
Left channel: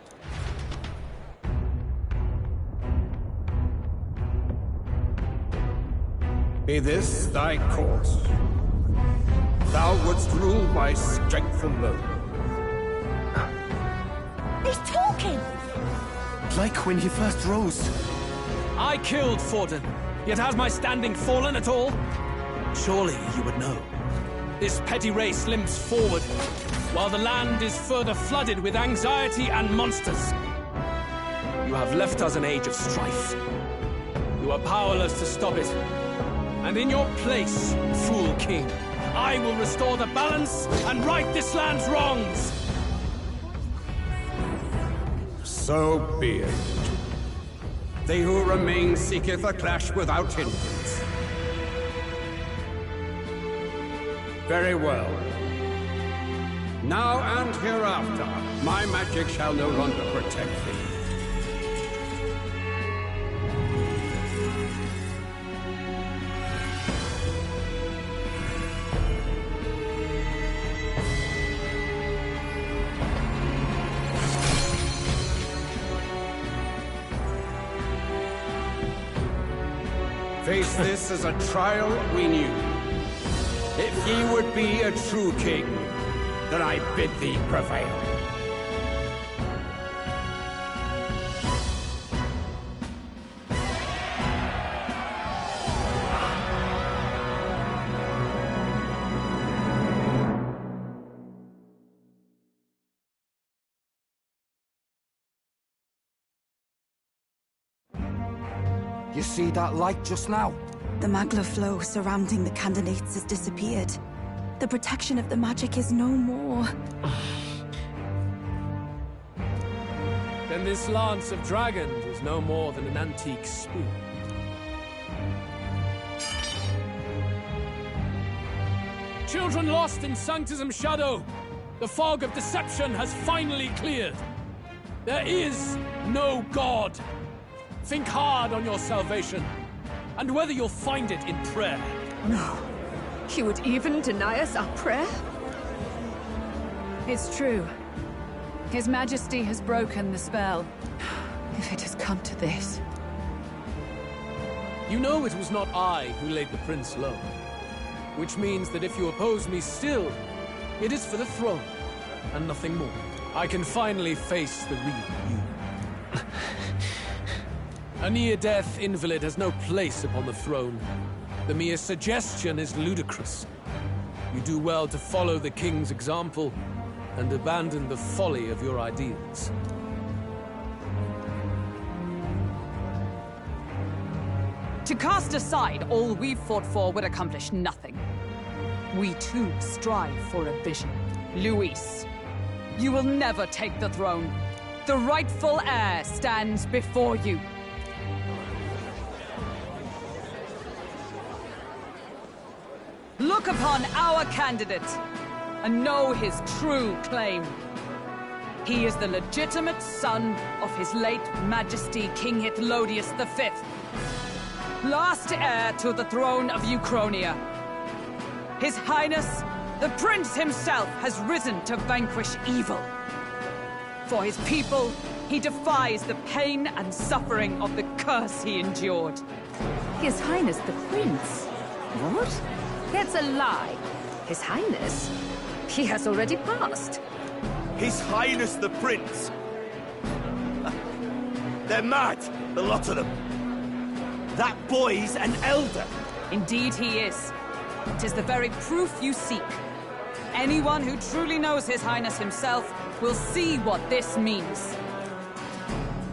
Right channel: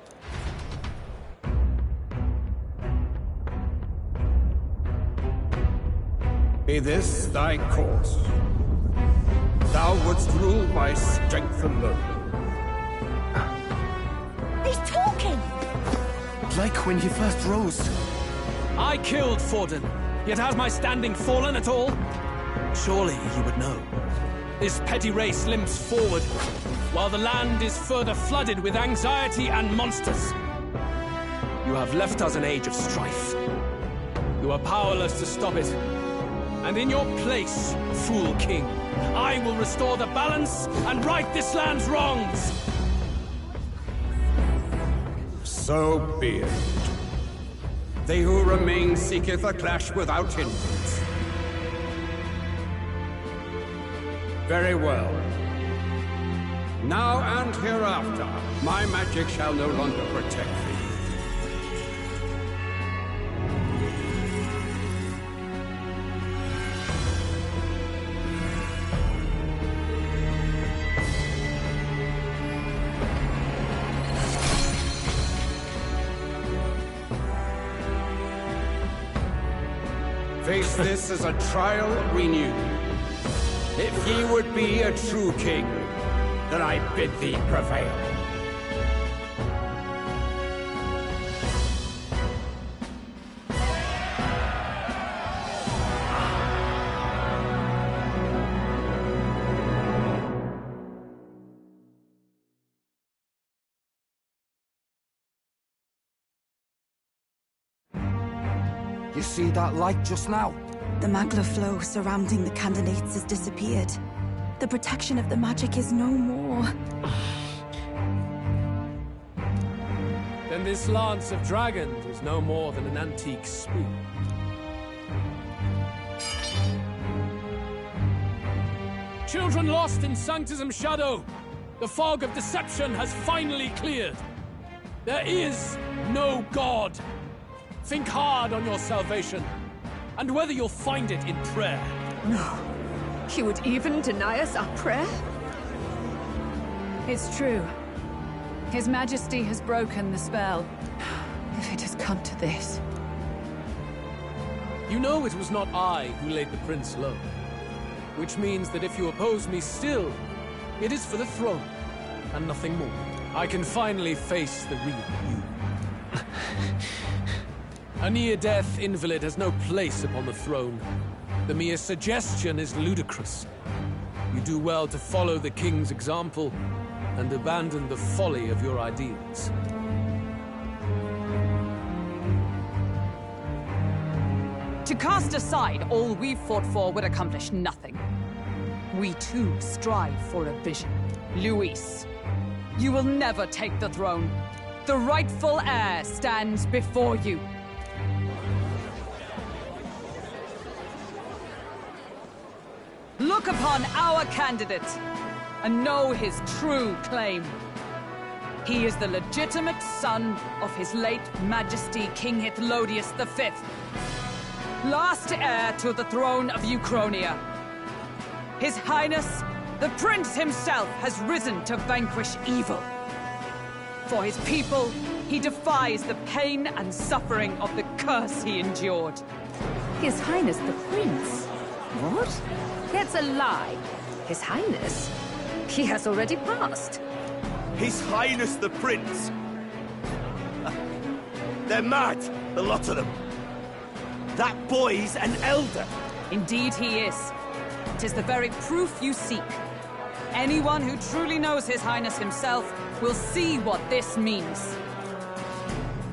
Be this thy course. Thou wouldst rule by strength alone. He's talking! Like when he first rose. I killed Forden, yet has my standing fallen at all? Surely you would know. This petty race limps forward, while the land is further flooded with anxiety and monsters. You have left us an age of strife. You are powerless to stop it. And in your place, fool king, I will restore the balance and right this land's wrongs! So be it. They who remain seeketh a clash without hindrance. Very well. Now and hereafter, my magic shall no longer protect thee. Face this as a trial renewed. If ye would be a true king, then I bid thee prevail. You see that light just now? The magla flow surrounding the candidates has disappeared. The protection of the magic is no more. Then this lance of dragons is no more than an antique spear. Children lost in Sanctism Shadow! The fog of deception has finally cleared! There is no God! Think hard on your salvation, and whether you'll find it in prayer. No. He would even deny us our prayer? It's true. His Majesty has broken the spell. If it has come to this. You know it was not I who laid the prince low. Which means that if you oppose me still, it is for the throne, and nothing more. I can finally face the real you. A near-death invalid has no place upon the throne. The mere suggestion is ludicrous. You do well to follow the king's example and abandon the folly of your ideals. To cast aside all we've fought for would accomplish nothing. We too strive for a vision. Luis, you will never take the throne. The rightful heir stands before you. Look upon our candidate and know his true claim. He is the legitimate son of his late Majesty King Hithlodius V, last heir to the throne of Uchronia. His Highness, the Prince himself, has risen to vanquish evil. For his people, he defies the pain and suffering of the curse he endured. His Highness the Prince? What? That's a lie. His Highness? He has already passed. His Highness the Prince They're mad, the lot of them. That boy's an elder. Indeed he is. 'Tis the very proof you seek. Anyone who truly knows His Highness himself will see what this means.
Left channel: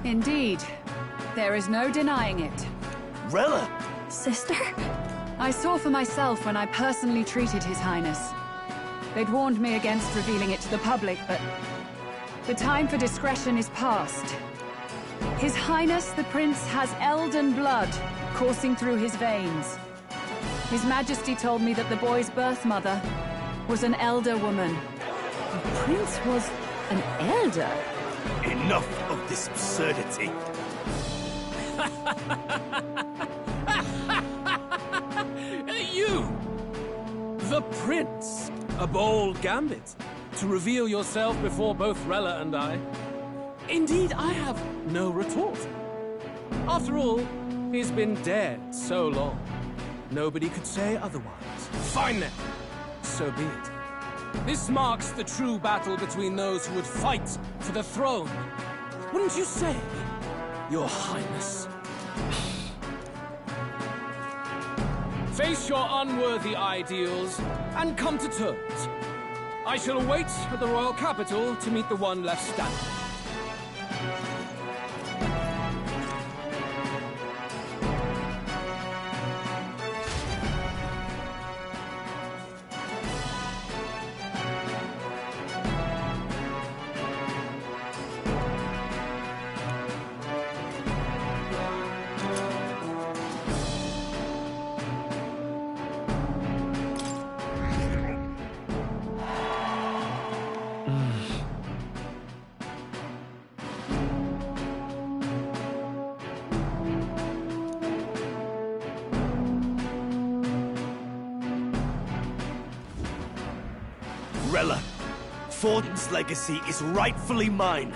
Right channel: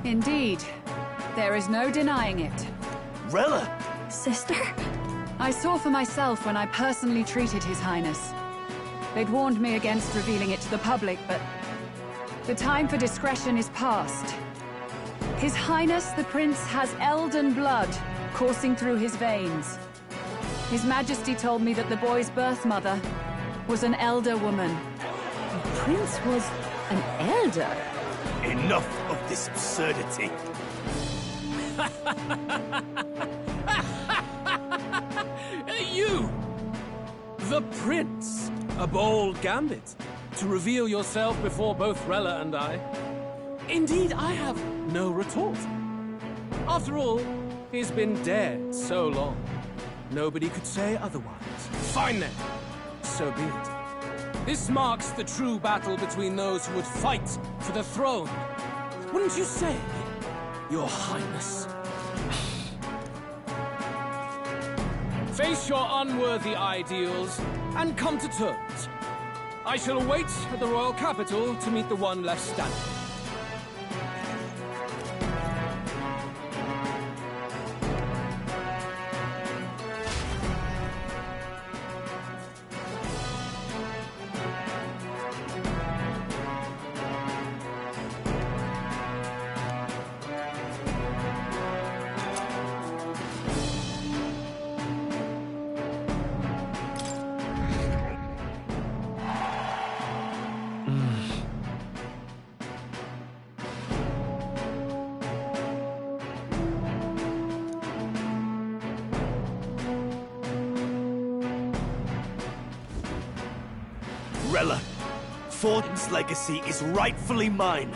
Indeed. There is no denying it. Rella! Sister? I saw for myself when I personally treated His Highness. They'd warned me against revealing it to the public, but the time for discretion is past. His Highness the Prince has Elden blood coursing through his veins. His Majesty told me that the boy's birth mother was an elder woman. The Prince was an elder? Enough of this absurdity. You! The Prince! A bold gambit. To reveal yourself before both Rella and I. Indeed, I have no retort. After all, he's been dead so long. Nobody could say otherwise. Fine then. So be it. This marks the true battle between those who would fight for the throne. Wouldn't you say, Your Highness? Face your unworthy ideals and come to terms. I shall await at the royal capital to meet the one left standing. Rella, Fordon's legacy is rightfully mine.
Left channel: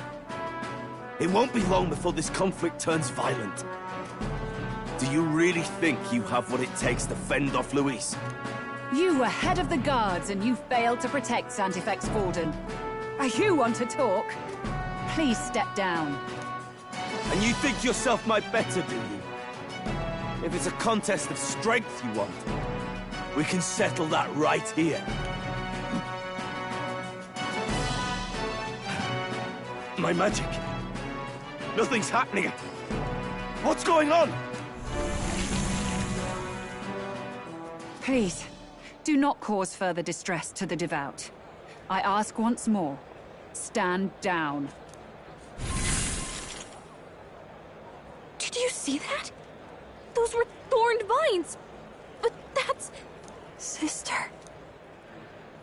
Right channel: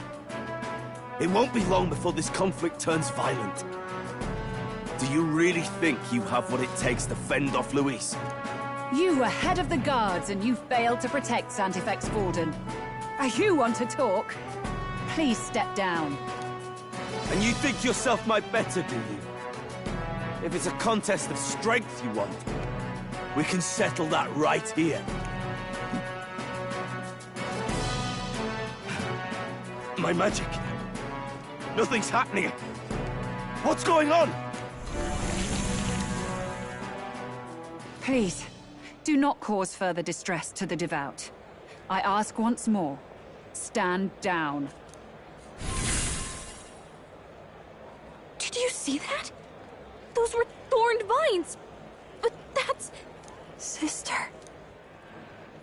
It won't be long before this conflict turns violent. Do you really think you have what it takes to fend off Luis? You were head of the guards and you failed to protect Santefex Forden. You want to talk? Please step down. And you think yourself my better, do you? If it's a contest of strength you want, we can settle that right here. My magic. Nothing's happening. What's going on? Please, do not cause further distress to the devout. I ask once more, stand down. Did you see that? Those were thorned vines. But that's... Sister.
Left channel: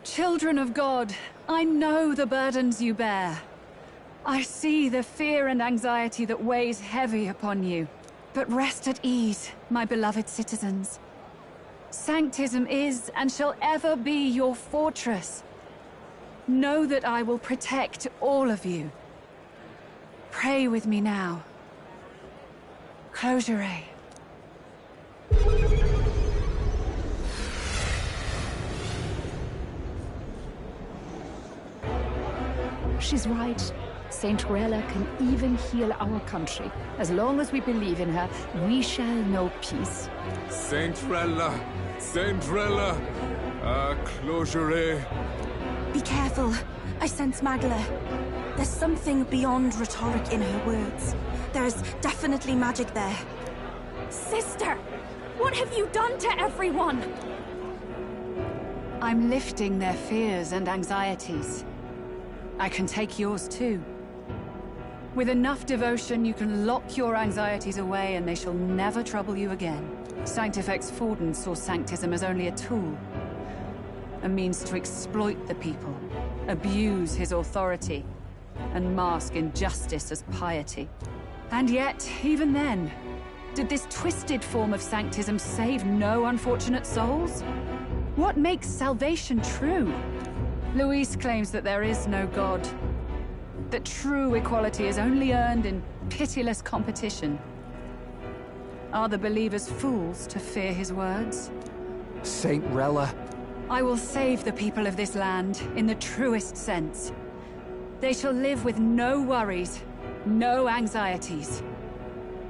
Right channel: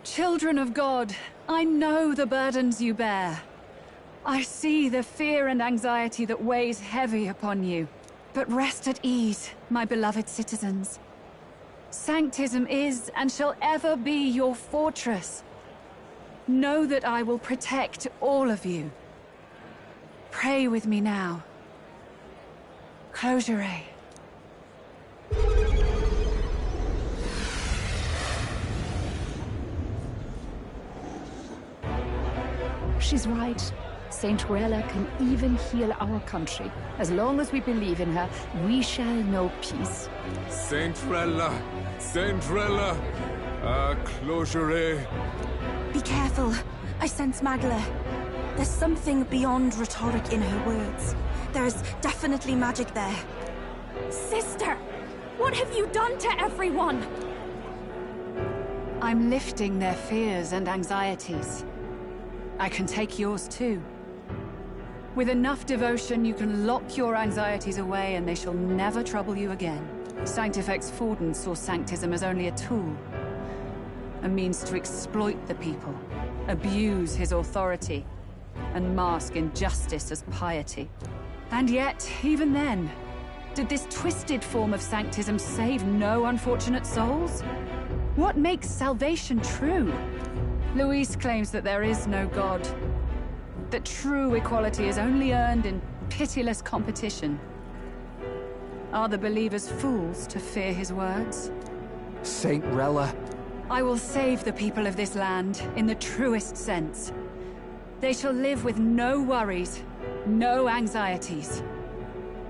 Children of God, I know the burdens you bear. I see the fear and anxiety that weighs heavy upon you. But rest at ease, my beloved citizens. Sanctism is and shall ever be your fortress. Know that I will protect all of you. Pray with me now. Closure. She's right. Saint Rella can even heal our country. As long as we believe in her, we shall know peace. Saint Rella! Saint Rella! Closure. Be careful. I sense Magla. There's something beyond rhetoric in her words. There's definitely magic there. Sister! What have you done to everyone? I'm lifting their fears and anxieties. I can take yours too. With enough devotion, you can lock your anxieties away and they shall never trouble you again. Sanctifex Forden saw Sanctism as only a tool. A means to exploit the people, abuse his authority, and mask injustice as piety. And yet, even then, did this twisted form of Sanctism save no unfortunate souls? What makes salvation true? Luis claims that there is no God. That true equality is only earned in pitiless competition. Are the believers fools to fear his words? Saint Rella. I will save the people of this land in the truest sense. They shall live with no worries, no anxieties.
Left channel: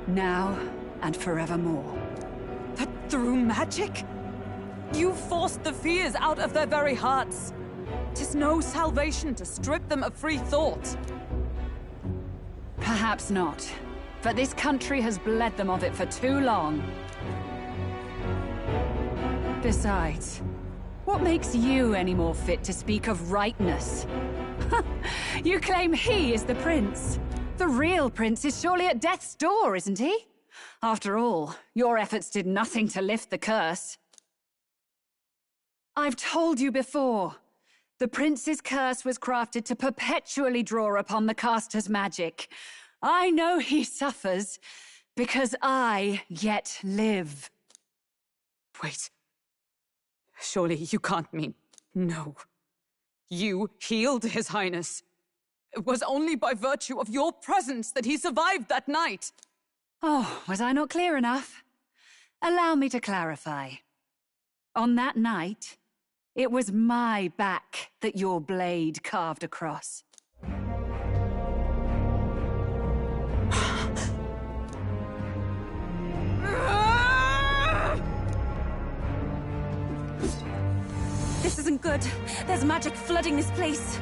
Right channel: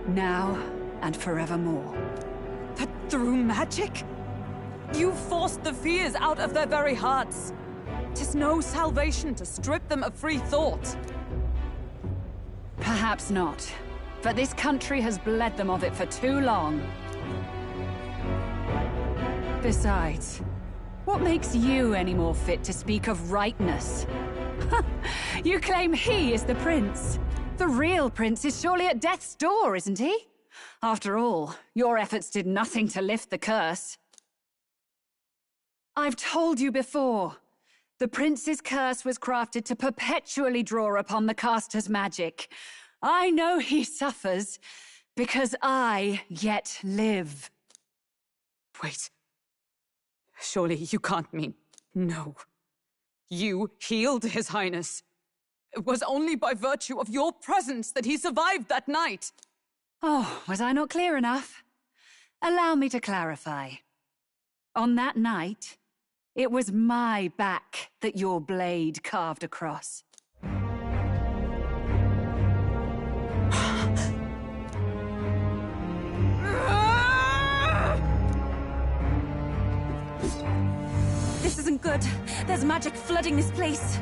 now and forevermore. That through magic? You forced the fears out of their very hearts. 'Tis no salvation to strip them of free thought. Perhaps not. But this country has bled them of it for too long. Besides, what makes you any more fit to speak of rightness? You claim he is the prince. The real prince is surely at death's door, isn't he? After all, your efforts did nothing to lift the curse. I've told you before. The prince's curse was crafted to perpetually draw upon the caster's magic. I know he suffers, because I yet live. Wait. Surely you can't mean... No. You healed His Highness. It was only by virtue of your presence that he survived that night. Oh, was I not clear enough? Allow me to clarify. On that night, it was my back that your blade carved across. This isn't good. There's magic flooding this place.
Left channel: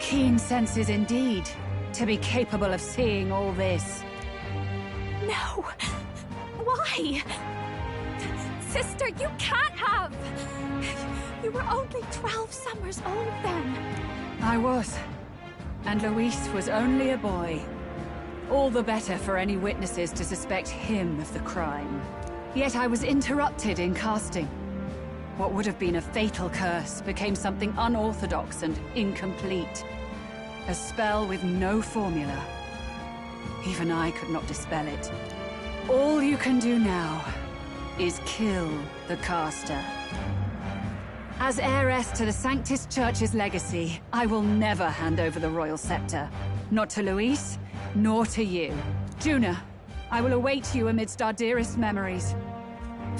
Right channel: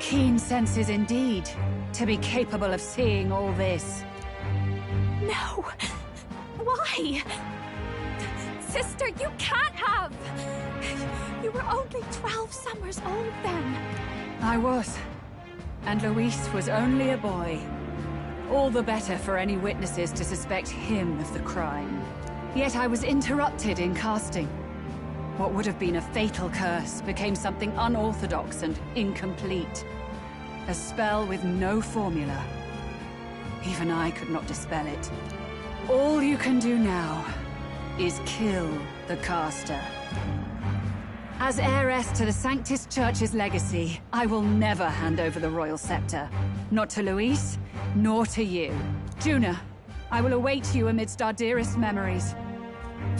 Keen senses indeed, to be capable of seeing all this. No! Why? Sister, you can't have! You were only 12 summers old then. I was. And Luis was only a boy. All the better for any witnesses to suspect him of the crime. Yet I was interrupted in casting. What would have been a fatal curse became something unorthodox and incomplete. A spell with no formula. Even I could not dispel it. All you can do now is kill the caster. As heiress to the Sanctus Church's legacy, I will never hand over the royal scepter. Not to Luis, nor to you. Juna, I will await you amidst our dearest memories.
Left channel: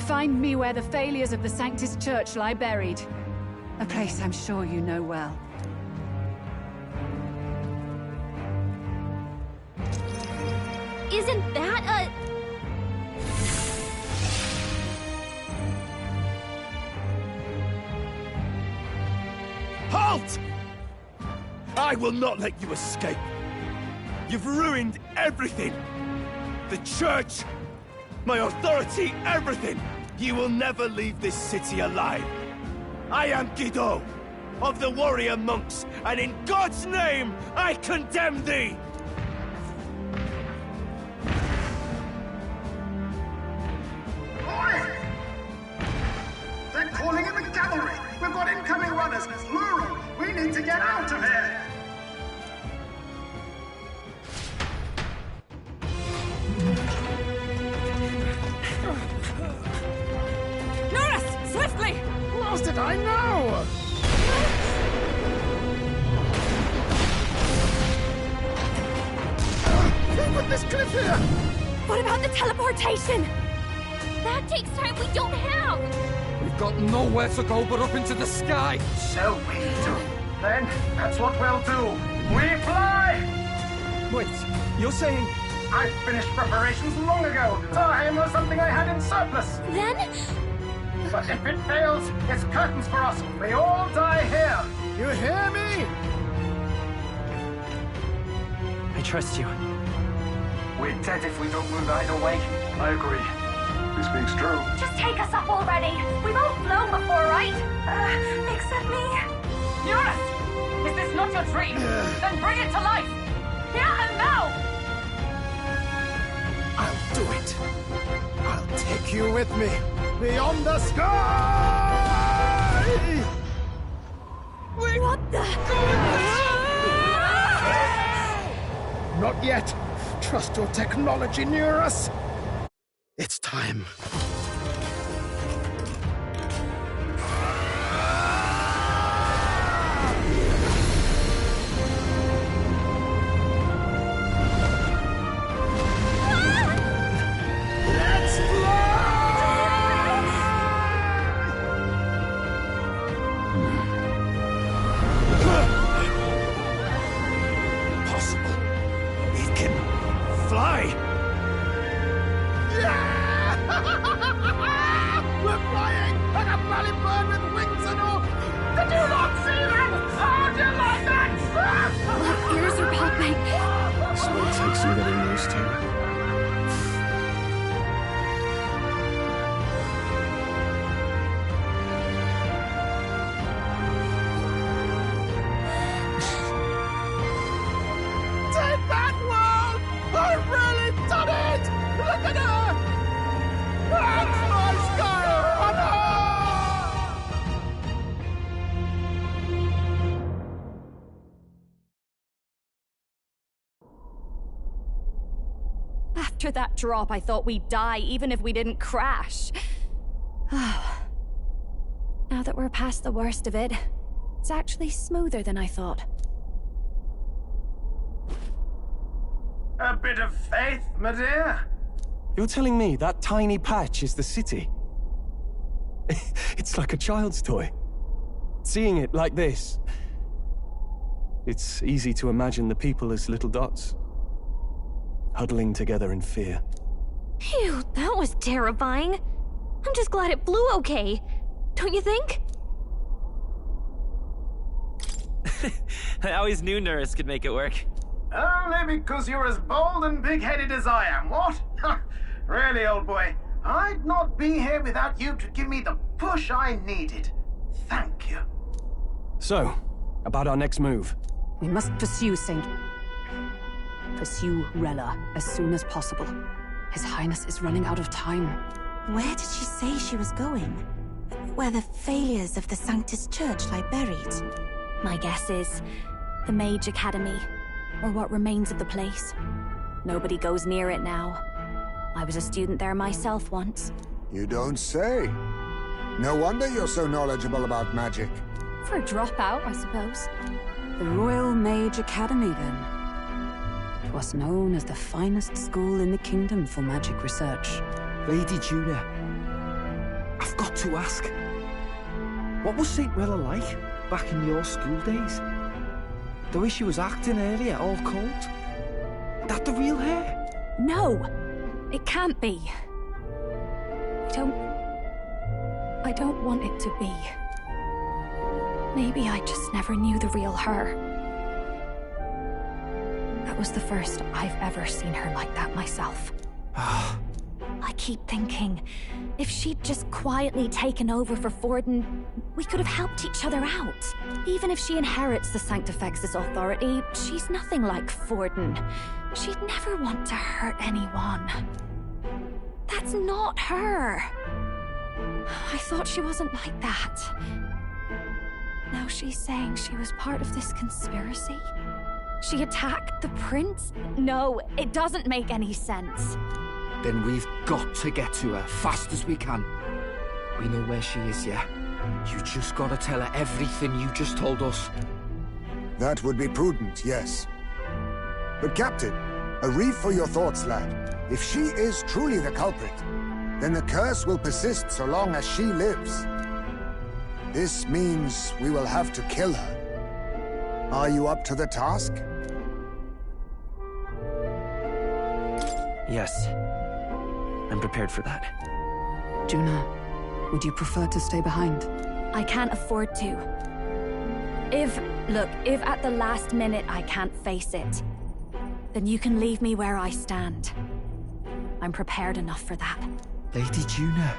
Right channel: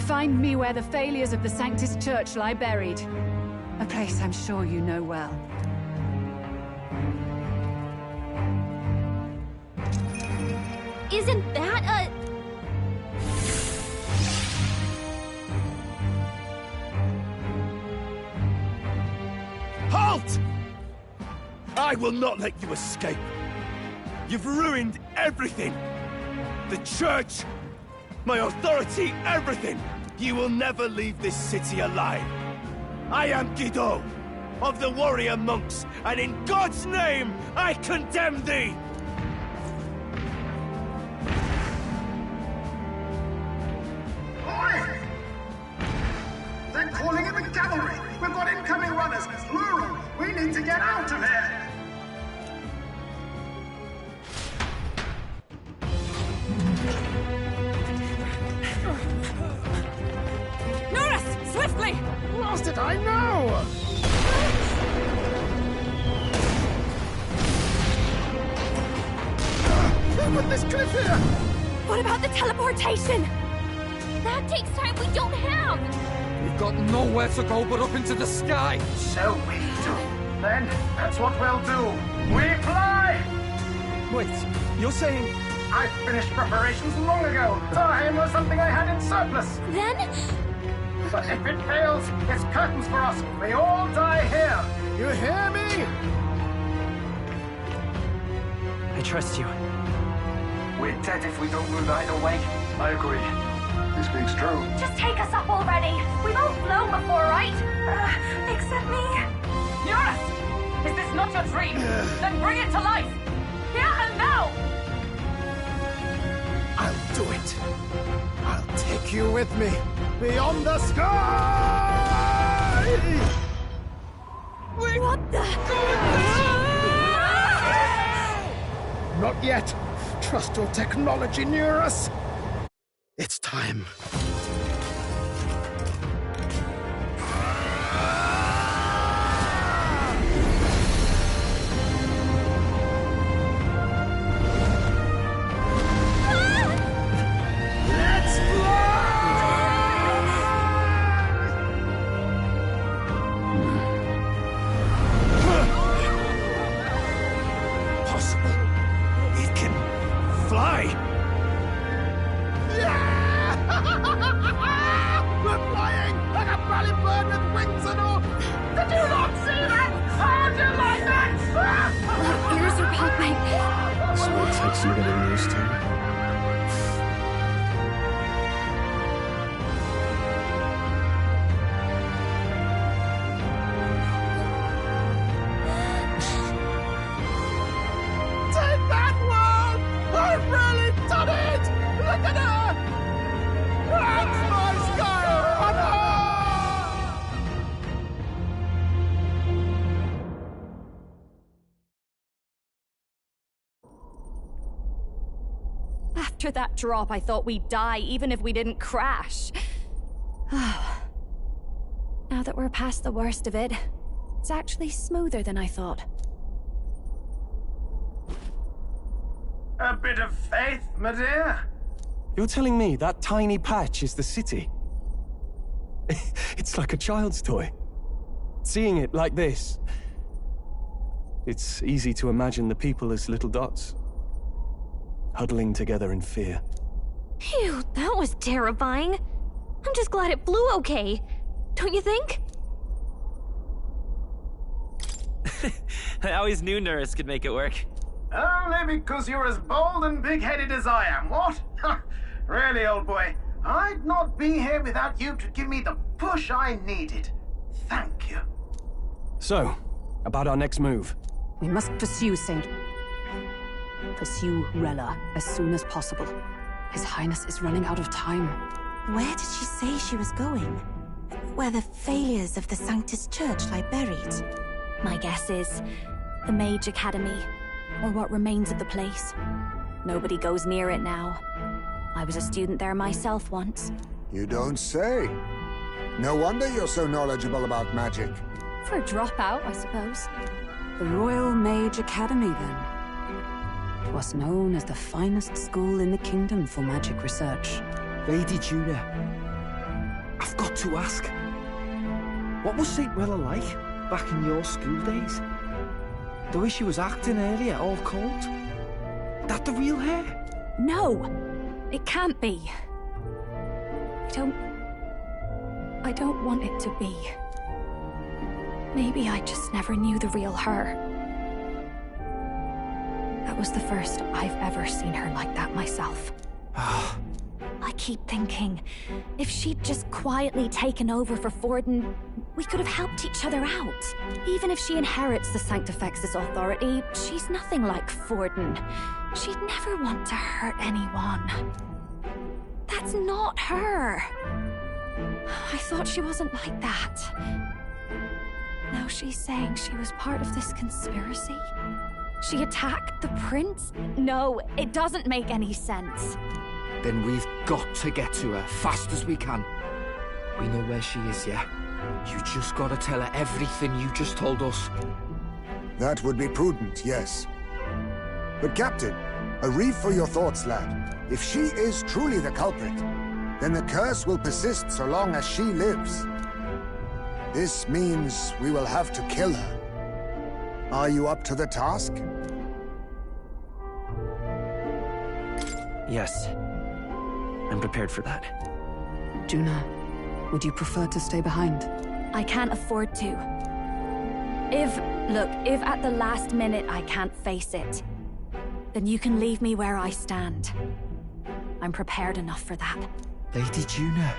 Find me where the failures of the Sanctus Church lie buried. A place I'm sure you know well. Isn't that a... Halt! I will not let you escape. You've ruined everything. The church, my authority, everything. You will never leave this city alive. I am Guido, of the warrior monks, and in God's name, I condemn thee! Oi! They're calling in the cavalry! We've got incoming runners, plural! We need to get out of here! Norris! Swiftly! Lost it, I know! Who put this cliff here? What about the teleportation? That takes time we don't have! We've got nowhere to go but up into the sky! So we do. Then, that's what we'll do. We fly! Wait, you're saying... I finished preparations long ago. Time was something I had in surplus. Then? But if it fails, it's curtains for us. We all die here. You hear me? I trust you. We're dead if we don't move either way. I agree. He speaks true. Just take us up already. We've all flown before, right? Except me. Eurus! Is this not your dream? Then bring it to life! Here and now! I'll do it. I'll take you with me. Beyond the sky! Wait, what the... Not yet. Trust your technology near us. It's time. Let's Impossible. bloody bird with wings and all! Did you not see that? How'd you like that? My ears are popping. This is what it takes some getting used to. Take that, world! I've really done it! Look at her! That's my sky runner! After that drop, I thought we'd die, even if we didn't crash. Now that we're past the worst of it, it's actually smoother than I thought. A bit of faith, my dear. You're telling me that tiny patch is the city? It's like a child's toy. Seeing it like this, it's easy to imagine the people as little dots, huddling together in fear. Phew, that was terrifying. I'm just glad it flew okay. Don't you think? I always knew Nurse could make it work. Only because you're as bold and big-headed as I am, what? Really, old boy, I'd not be here without you to give me the push I needed. Thank you. So, about our next move. We must pursue Rella as soon as possible. His Highness is running out of time. Where did she say she was going? Where the failures of the Sanctus Church lie buried? My guess is the Mage Academy, or what remains of the place. Nobody goes near it now. I was a student there myself once. You don't say. No wonder you're so knowledgeable about magic. For a dropout, I suppose. The Royal Mage Academy, then. It was known as the finest school in the kingdom for magic research. Lady Juna, I've got to ask. What was St. Rella like back in your school days? The way she was acting earlier, all cold? That the real her? No! It can't be. I don't want it to be. Maybe I just never knew the real her. That was the first I've ever seen her like that myself. I keep thinking, if she'd just quietly taken over for Forden, we could have helped each other out. Even if she inherits the Sanctifex's authority, she's nothing like Forden. She'd never want to hurt anyone. That's not her. I thought she wasn't like that. Now she's saying she was part of this conspiracy? She attacked the prince? No, it doesn't make any sense. Then we've got to get to her fast as we can. We know where she is, yeah? You just gotta tell her everything you just told us. That would be prudent, yes. But Captain, a reef for your thoughts, lad. If she is truly the culprit, then the curse will persist so long as she lives. This means we will have to kill her. Are you up to the task? Yes. I'm prepared for that. Juna, would you prefer to stay behind? I can't afford to. If at the last minute I can't face it, then you can leave me where I stand. I'm prepared enough for that. Lady Juna.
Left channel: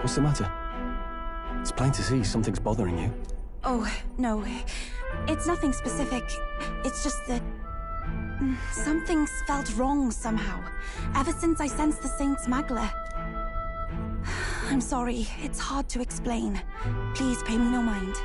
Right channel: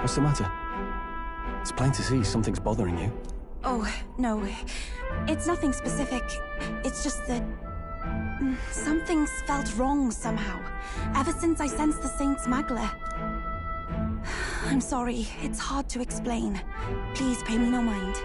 What's the matter? It's plain to see something's bothering you. Oh, no. It's nothing specific. It's just that... something's felt wrong somehow. Ever since I sensed the Saint's Magla. I'm sorry. It's hard to explain. Please pay me no mind.